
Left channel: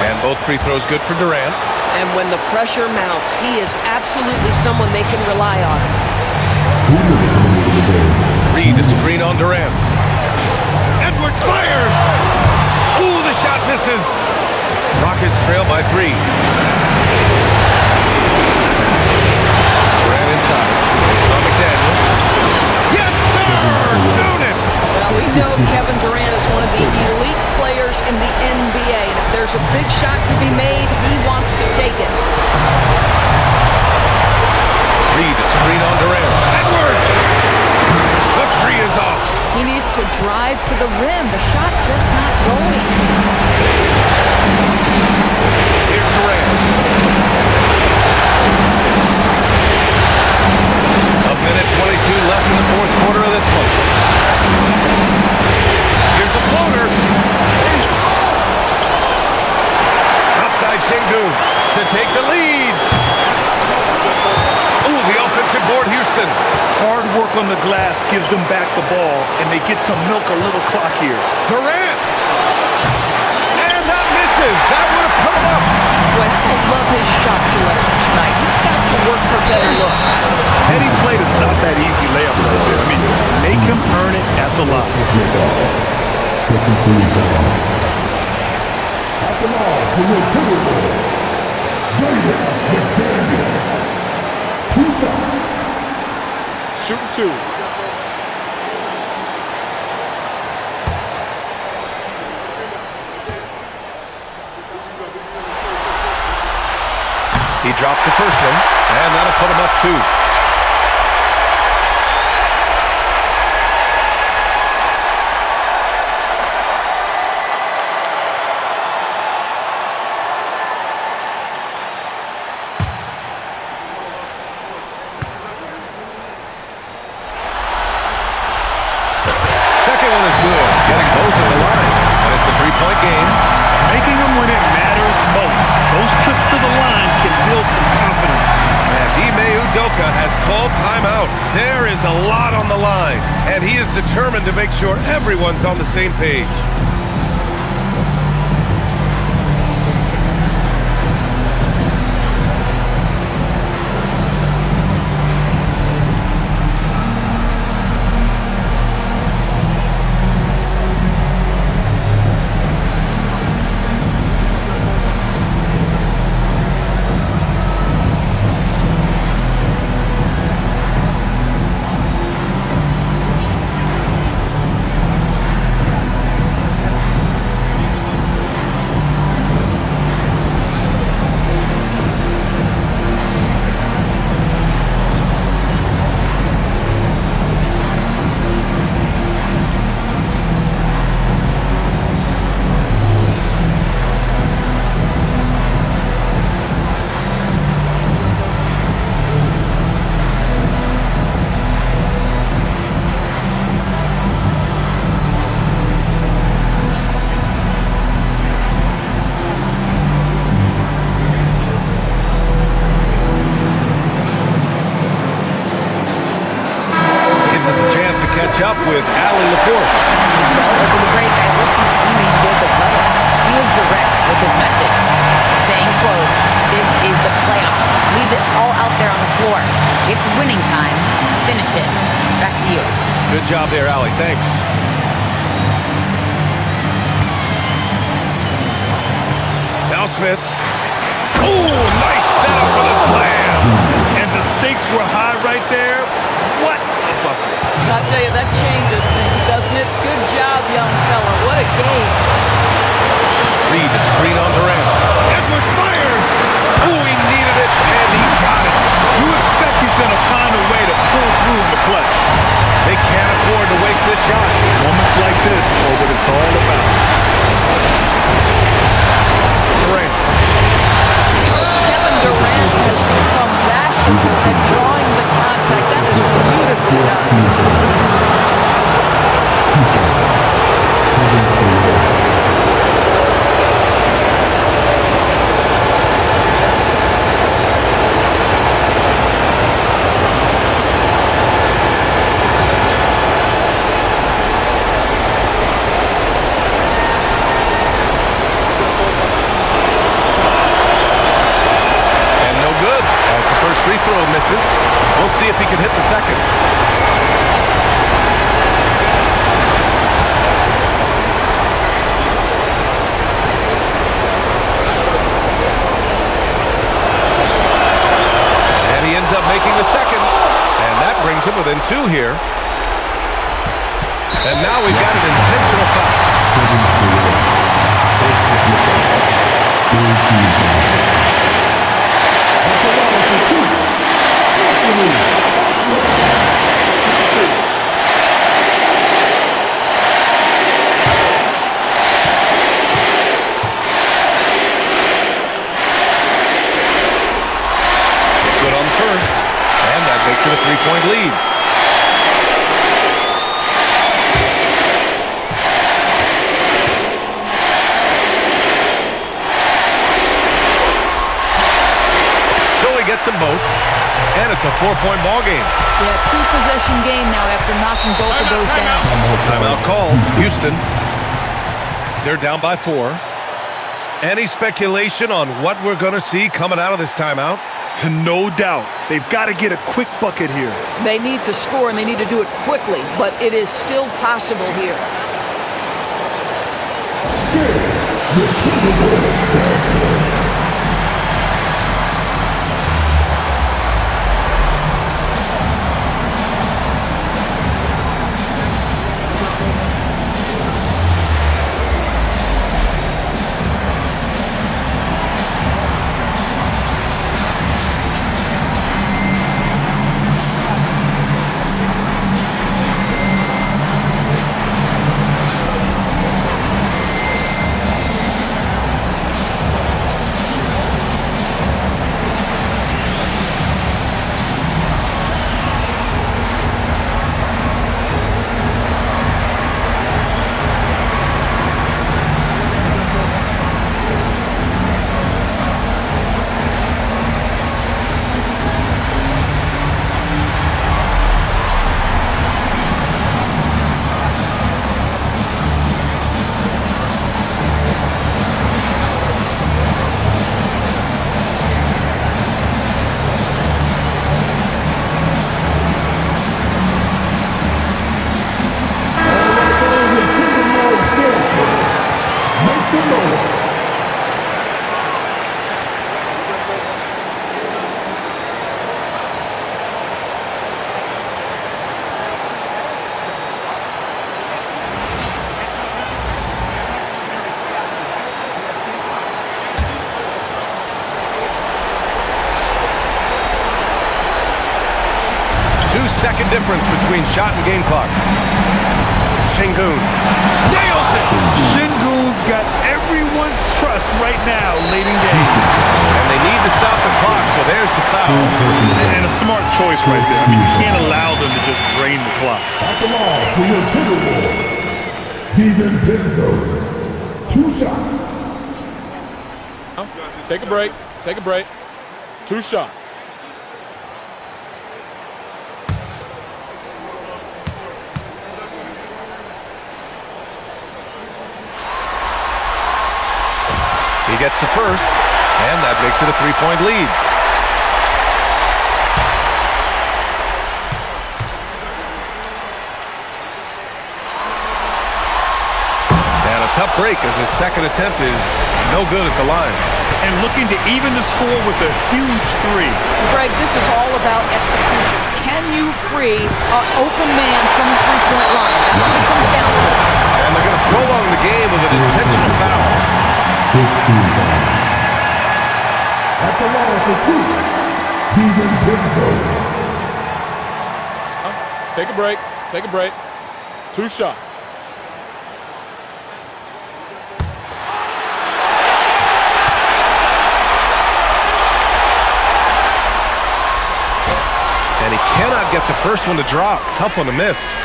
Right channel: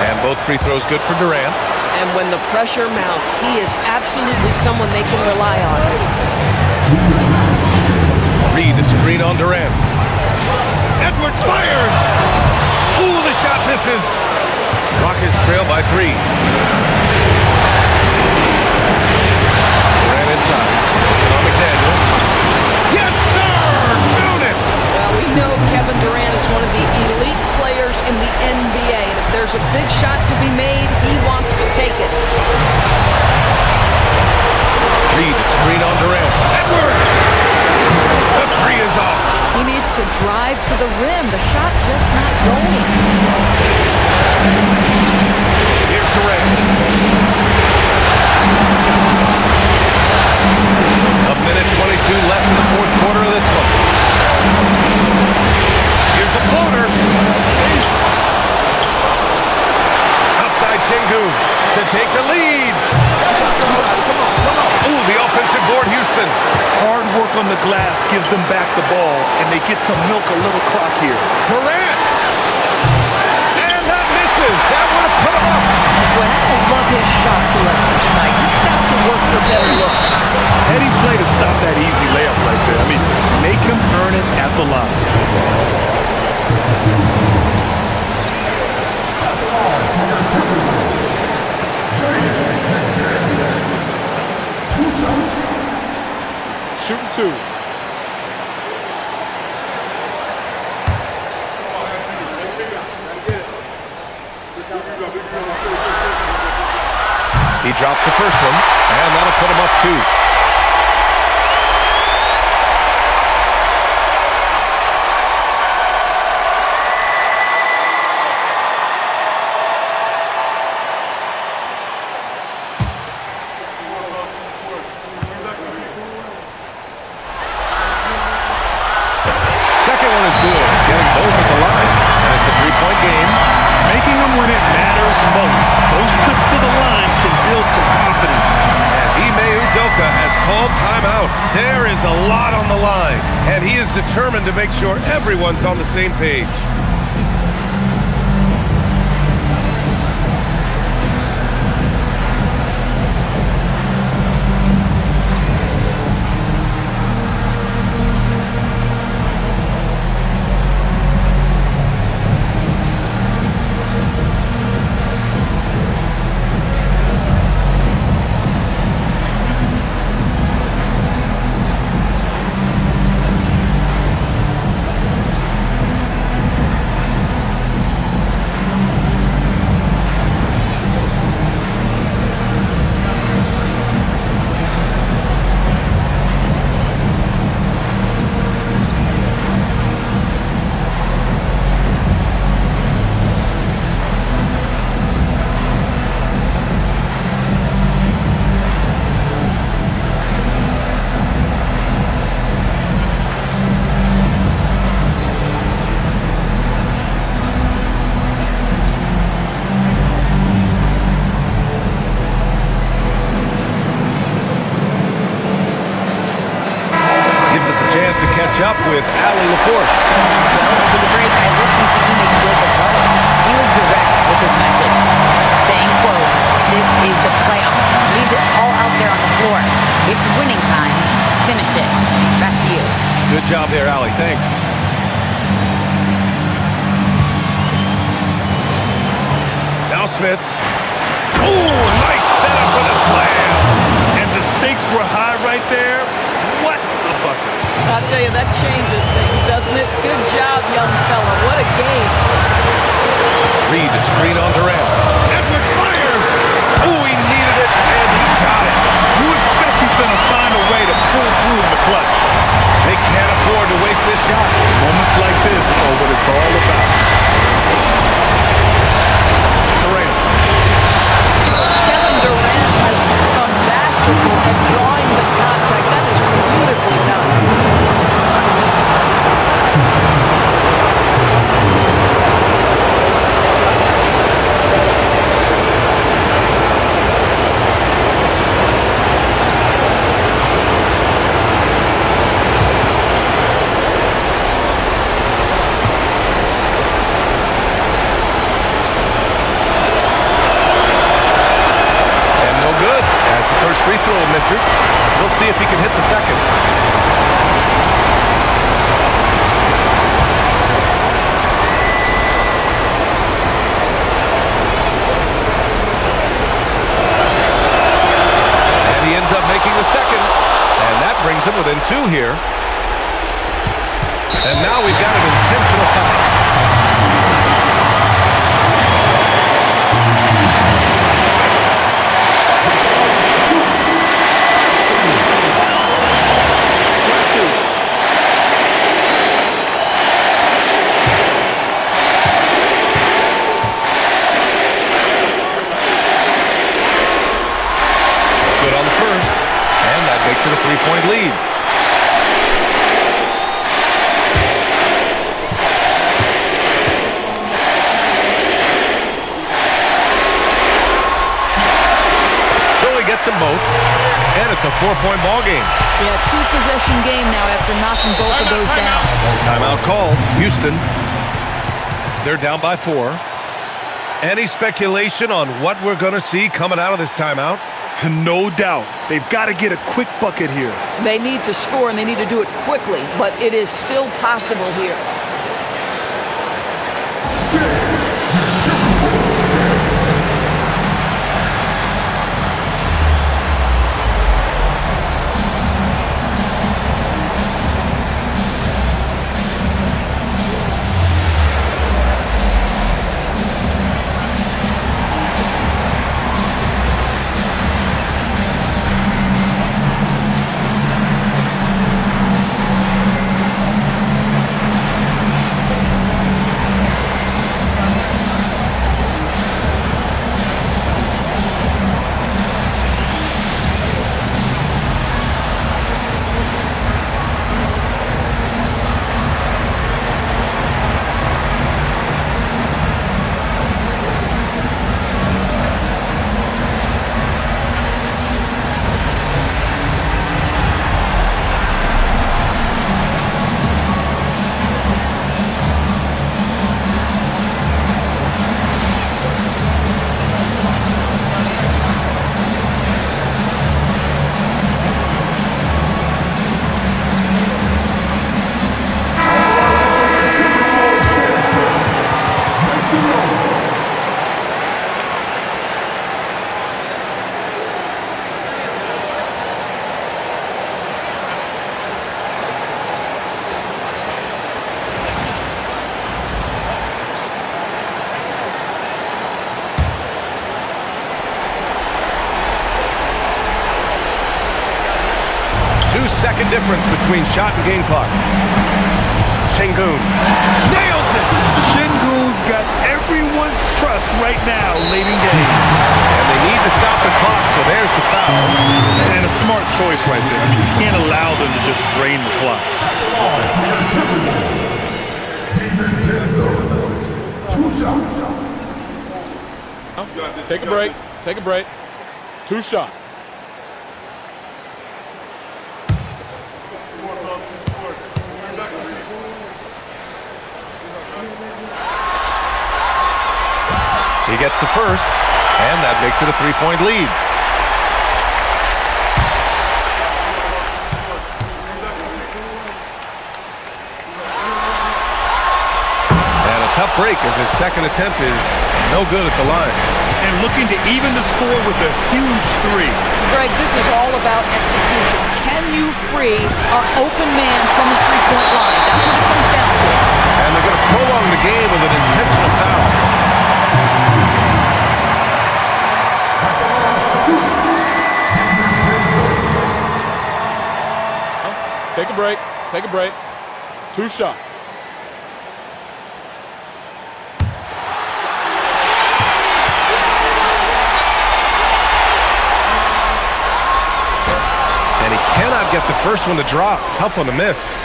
And both free throws good for Durant. And when the pressure mounts, he is absolutely someone they can rely on. Reed, a screen on Durant. Edwards fires! Ooh, the shot misses. Rockets trail by 3. Durant inside. Working on McDaniels. Yes, sir! Count it! Well, we know Kevin Durant is one of the elite players in the NBA, and if there's a big shot to be made, he wants to take it. Reed, a screen on Durant. Edwards! The 3 is off. He needs to drive to the rim. The shot just not going. Here's Durant. A minute 22 left in the fourth quarter of this one. Here's the floater. Outside Şengün to take the lead. Ooh, the offensive board, Houston. Hard work on the glass gives them back the ball, and they get to milk a little clock here. Durant! And that misses. That would have put him up. Well, I don't love his shot selection tonight. He's got to work for better looks. Heady play to stop that easy layup right there. I mean, make him earn it at the line. Second team foul. At the line for your Timberwolves, Jaden McDaniels. 2 shots. Shooting 2. He drops the first one, and that'll put him up 2. Second one is good, getting both at the line, and it's a 3-point game. Making them when it matters most. Those trips to the line can build some confidence. And Ime Udoka has called timeout. There is a lot on the line, and he is determined to make sure everyone's on the same page. Gives us a chance to catch up with Allie LaForce. Well, over the break, I listened to Ime Udoka's huddle. He was direct with his message, saying, quote, "This is the playoffs. Leave it all out there on the floor. It's winning time. finish it. Back to you. Good job there, Allie. Thanks. Now Smith. Oh, nice setup for the slam. And the stakes were high right there. What a bucket. I'll tell you, that changes things, doesn't it? Good job, young fella. What a game. Reed to screen on Durant. Edwards fires. Oh, he needed it, and he got it. You expect he's going to find a way to pull through in the clutch. They can't afford to waste this shot. Moments like this are what it's all about. Durant. Kevin Durant has become masterful at drawing the contact. That is beautifully done. Good. As the first free throw misses, we'll see if he can hit the second. And he ends up making the second, and that brings him within 2 here. And now we've got an intentional foul. Good on the first, and that makes it a 3-point lead. So he gets them both, and it's a 4-point ball game. Yeah, 2-possession game now after knocking both of those down. Timeout called. Houston. They're down by 4. Any speculation on what we're going to see coming out of this timeout? No doubt. They've got to get a quick bucket here. They need to score, and they need to do it quickly, but it is still possible here. Second difference between shot and game clock. Şengün nails it. Şengün's got everyone's trust right now late in game. And they need to stop the clock, so there's the foul. And a smart choice right there. I mean, you can't allow them to just drain the clock. At the line for your Timberwolves, DiVincenzo. 2 shots. Take a break. Take a break. 2 shots. He gets the first, and that makes it a 3-point lead. Tough break as his second attempt is no good at the line. And looking to even the score with a huge three. Greg, this is all about execution. Can you free an open man from the three-point line? That's what it comes down to. And they're going to prolong the game with an intentional foul. At the line for two, DiVincenzo. Take a break. Take a break. 2 shots. And he cannot get the first one to drop. Tough one to miss.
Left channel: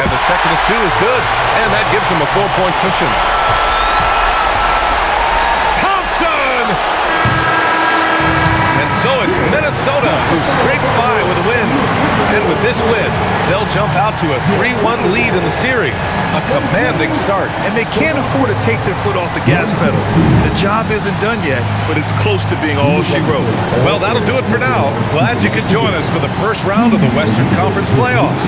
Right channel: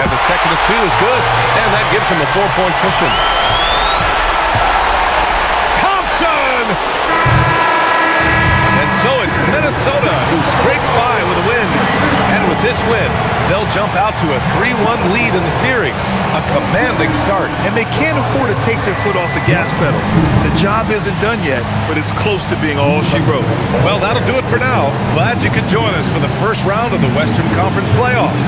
And the second of 2 is good. And that gives him a 4-point cushion. Thompson! And so it's Minnesota who scrapes by with a win. And with this win, they'll jump out to a 3-1 lead in the series. A commanding start. And they can't afford to take their foot off the gas pedal. The job isn't done yet, but it's close to being all she wrote. Well, that'll do it for now. Glad you could join us for the first round of the Western Conference playoffs.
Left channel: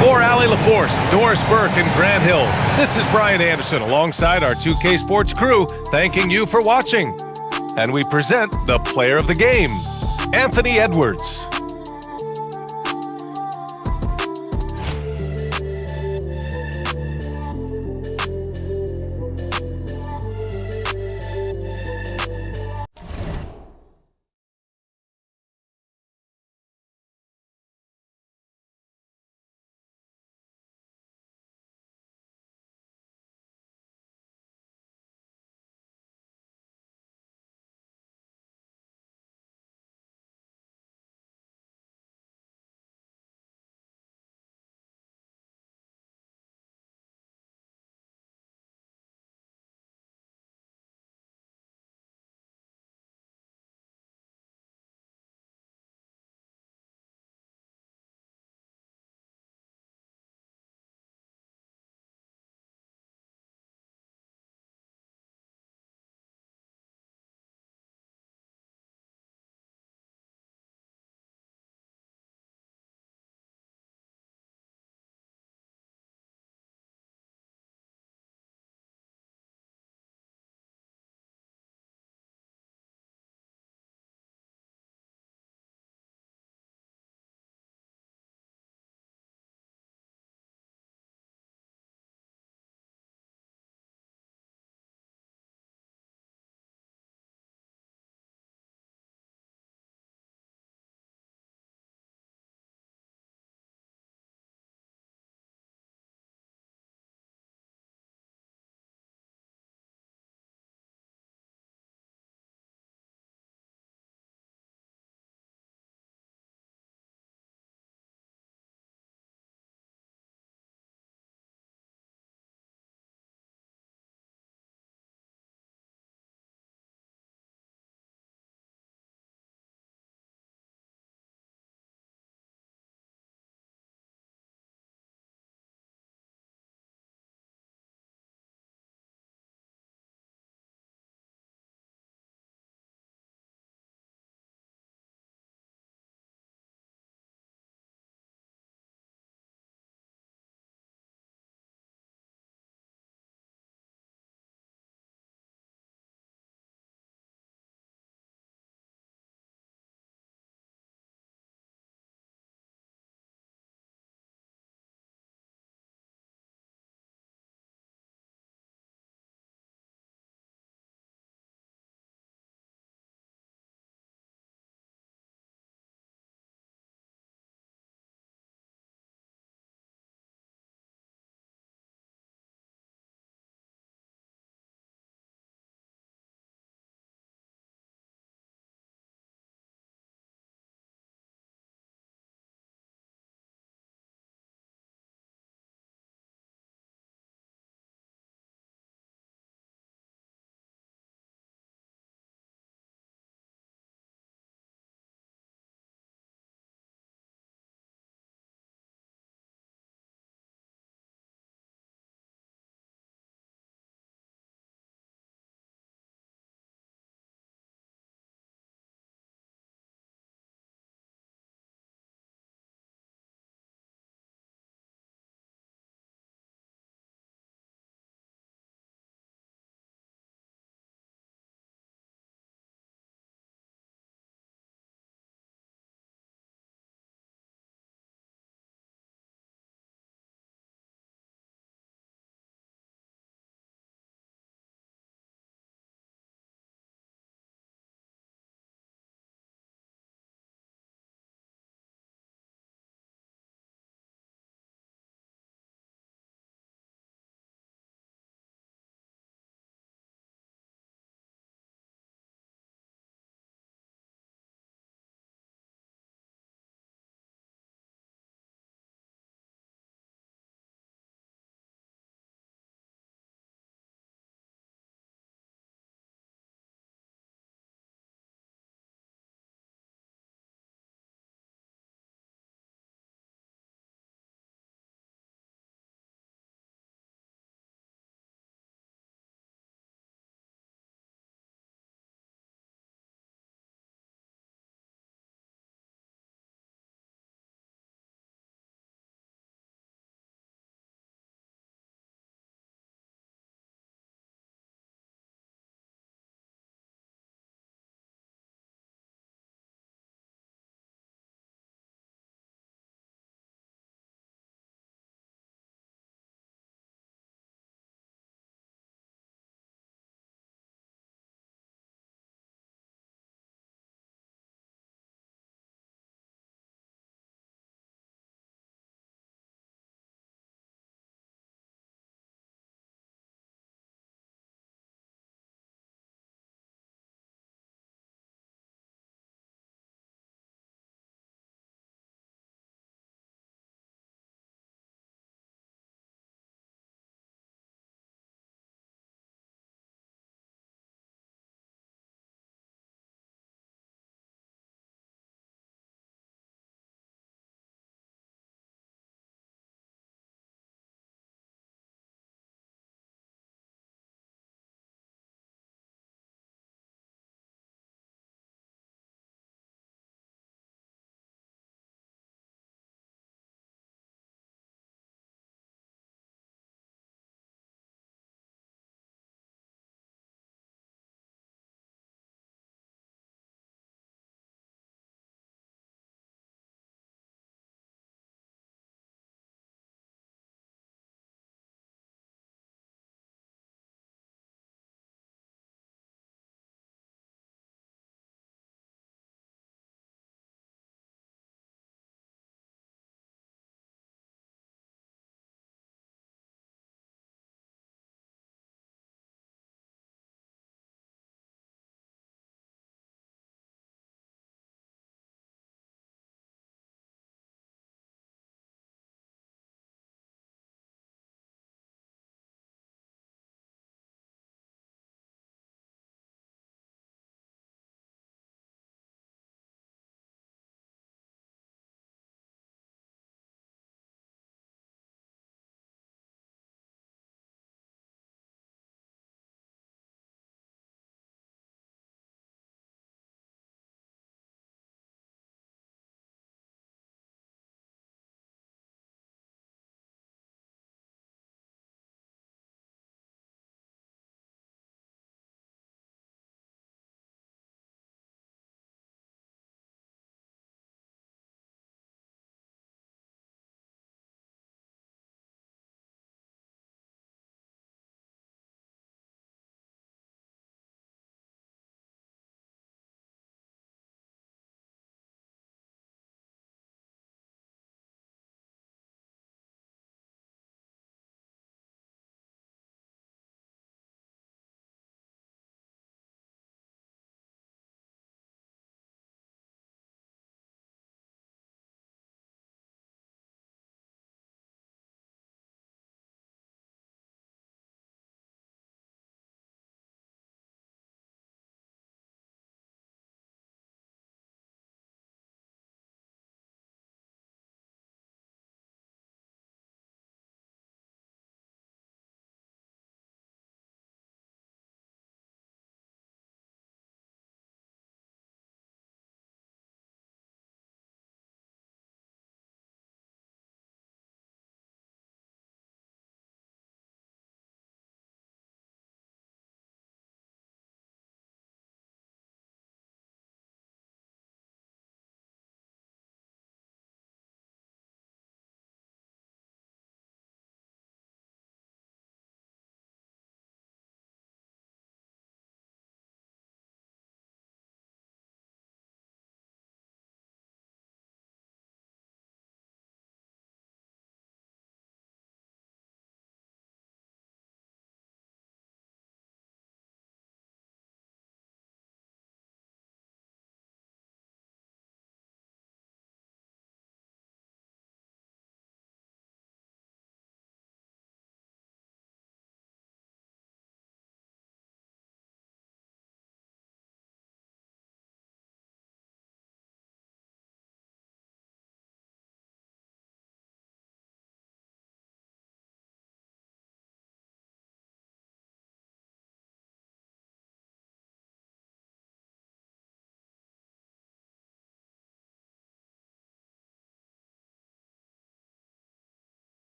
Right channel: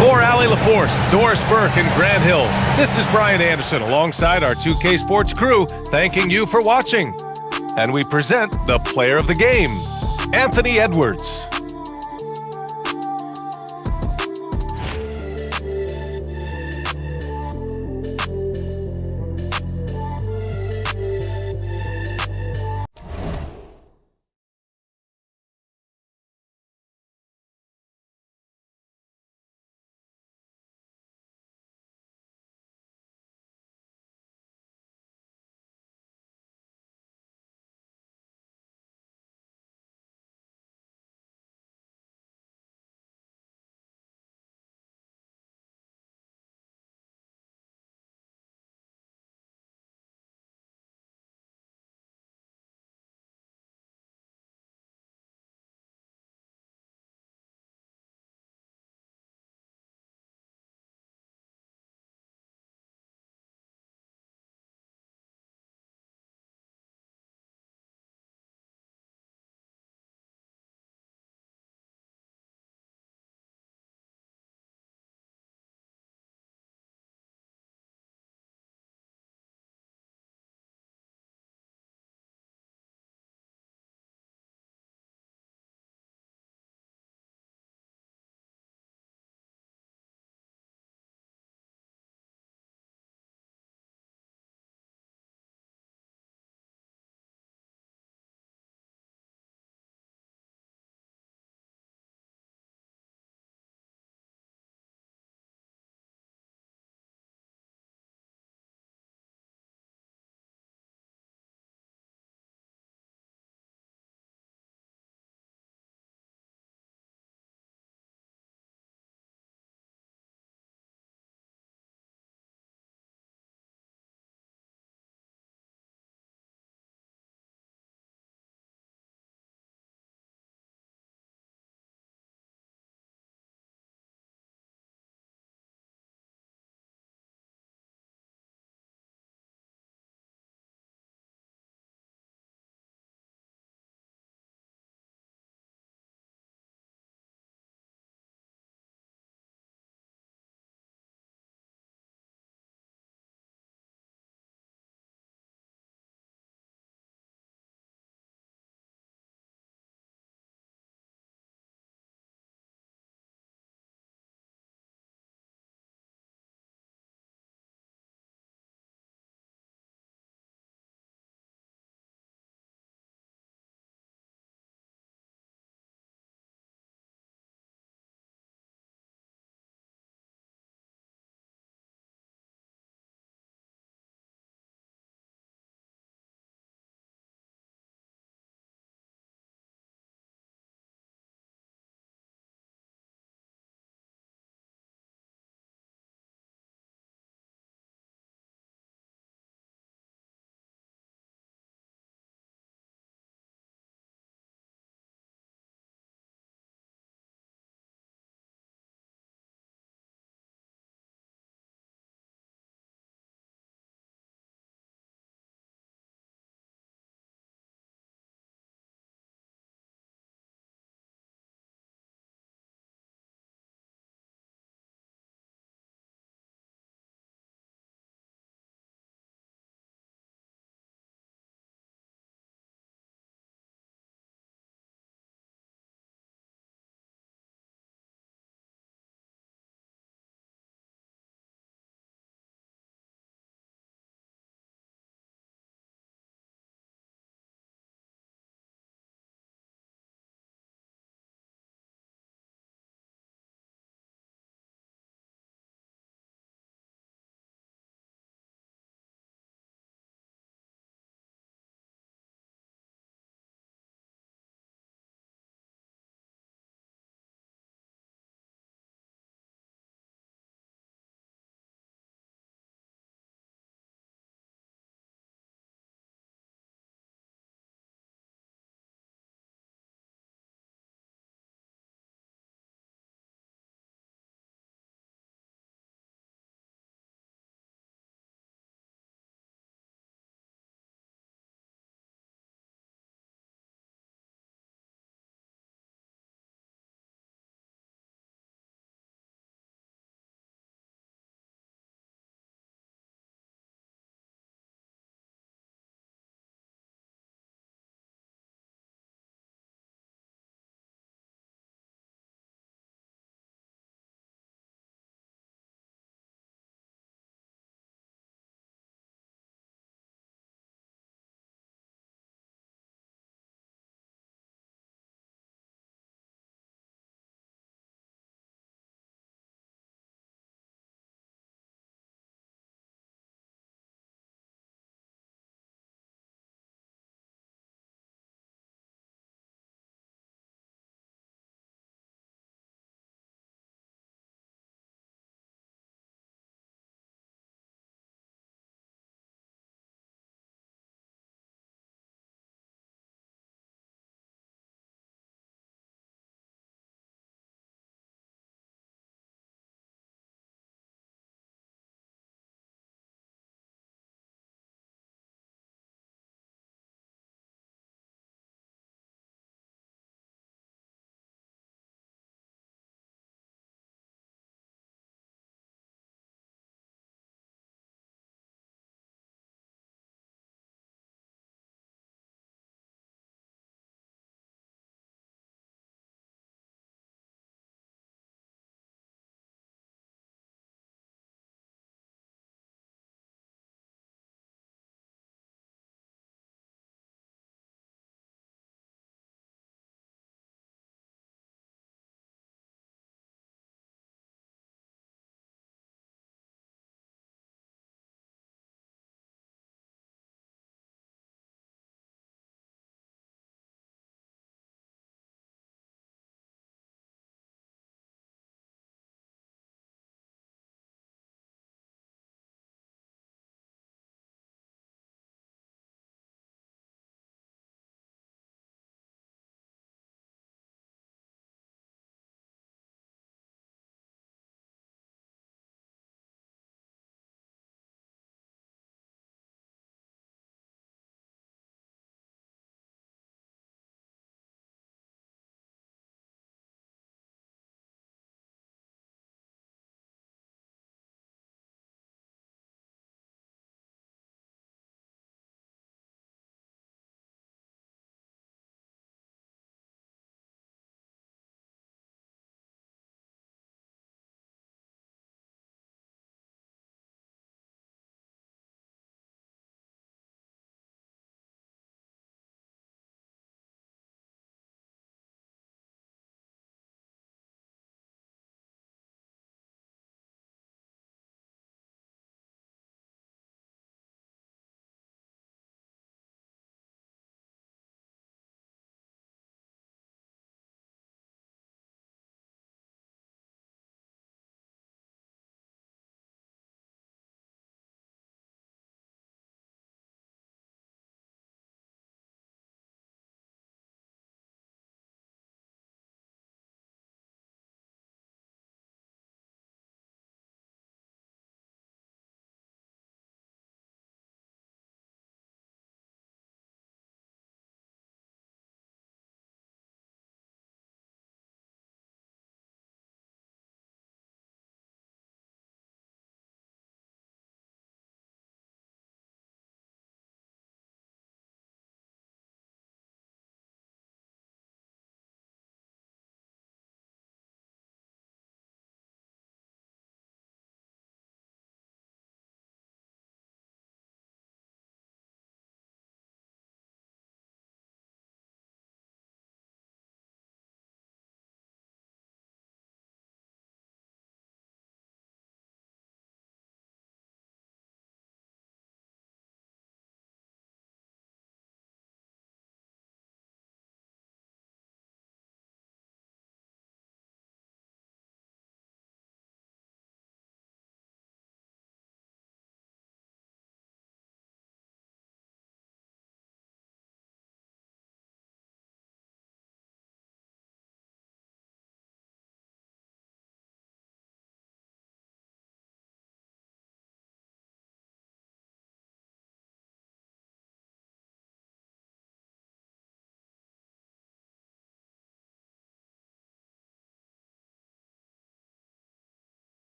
For Allie LaForce, Doris Burke, and Grant Hill, this is Brian Anderson alongside our 2K Sports crew, thanking you for watching. And we present the player of the game, Anthony Edwards.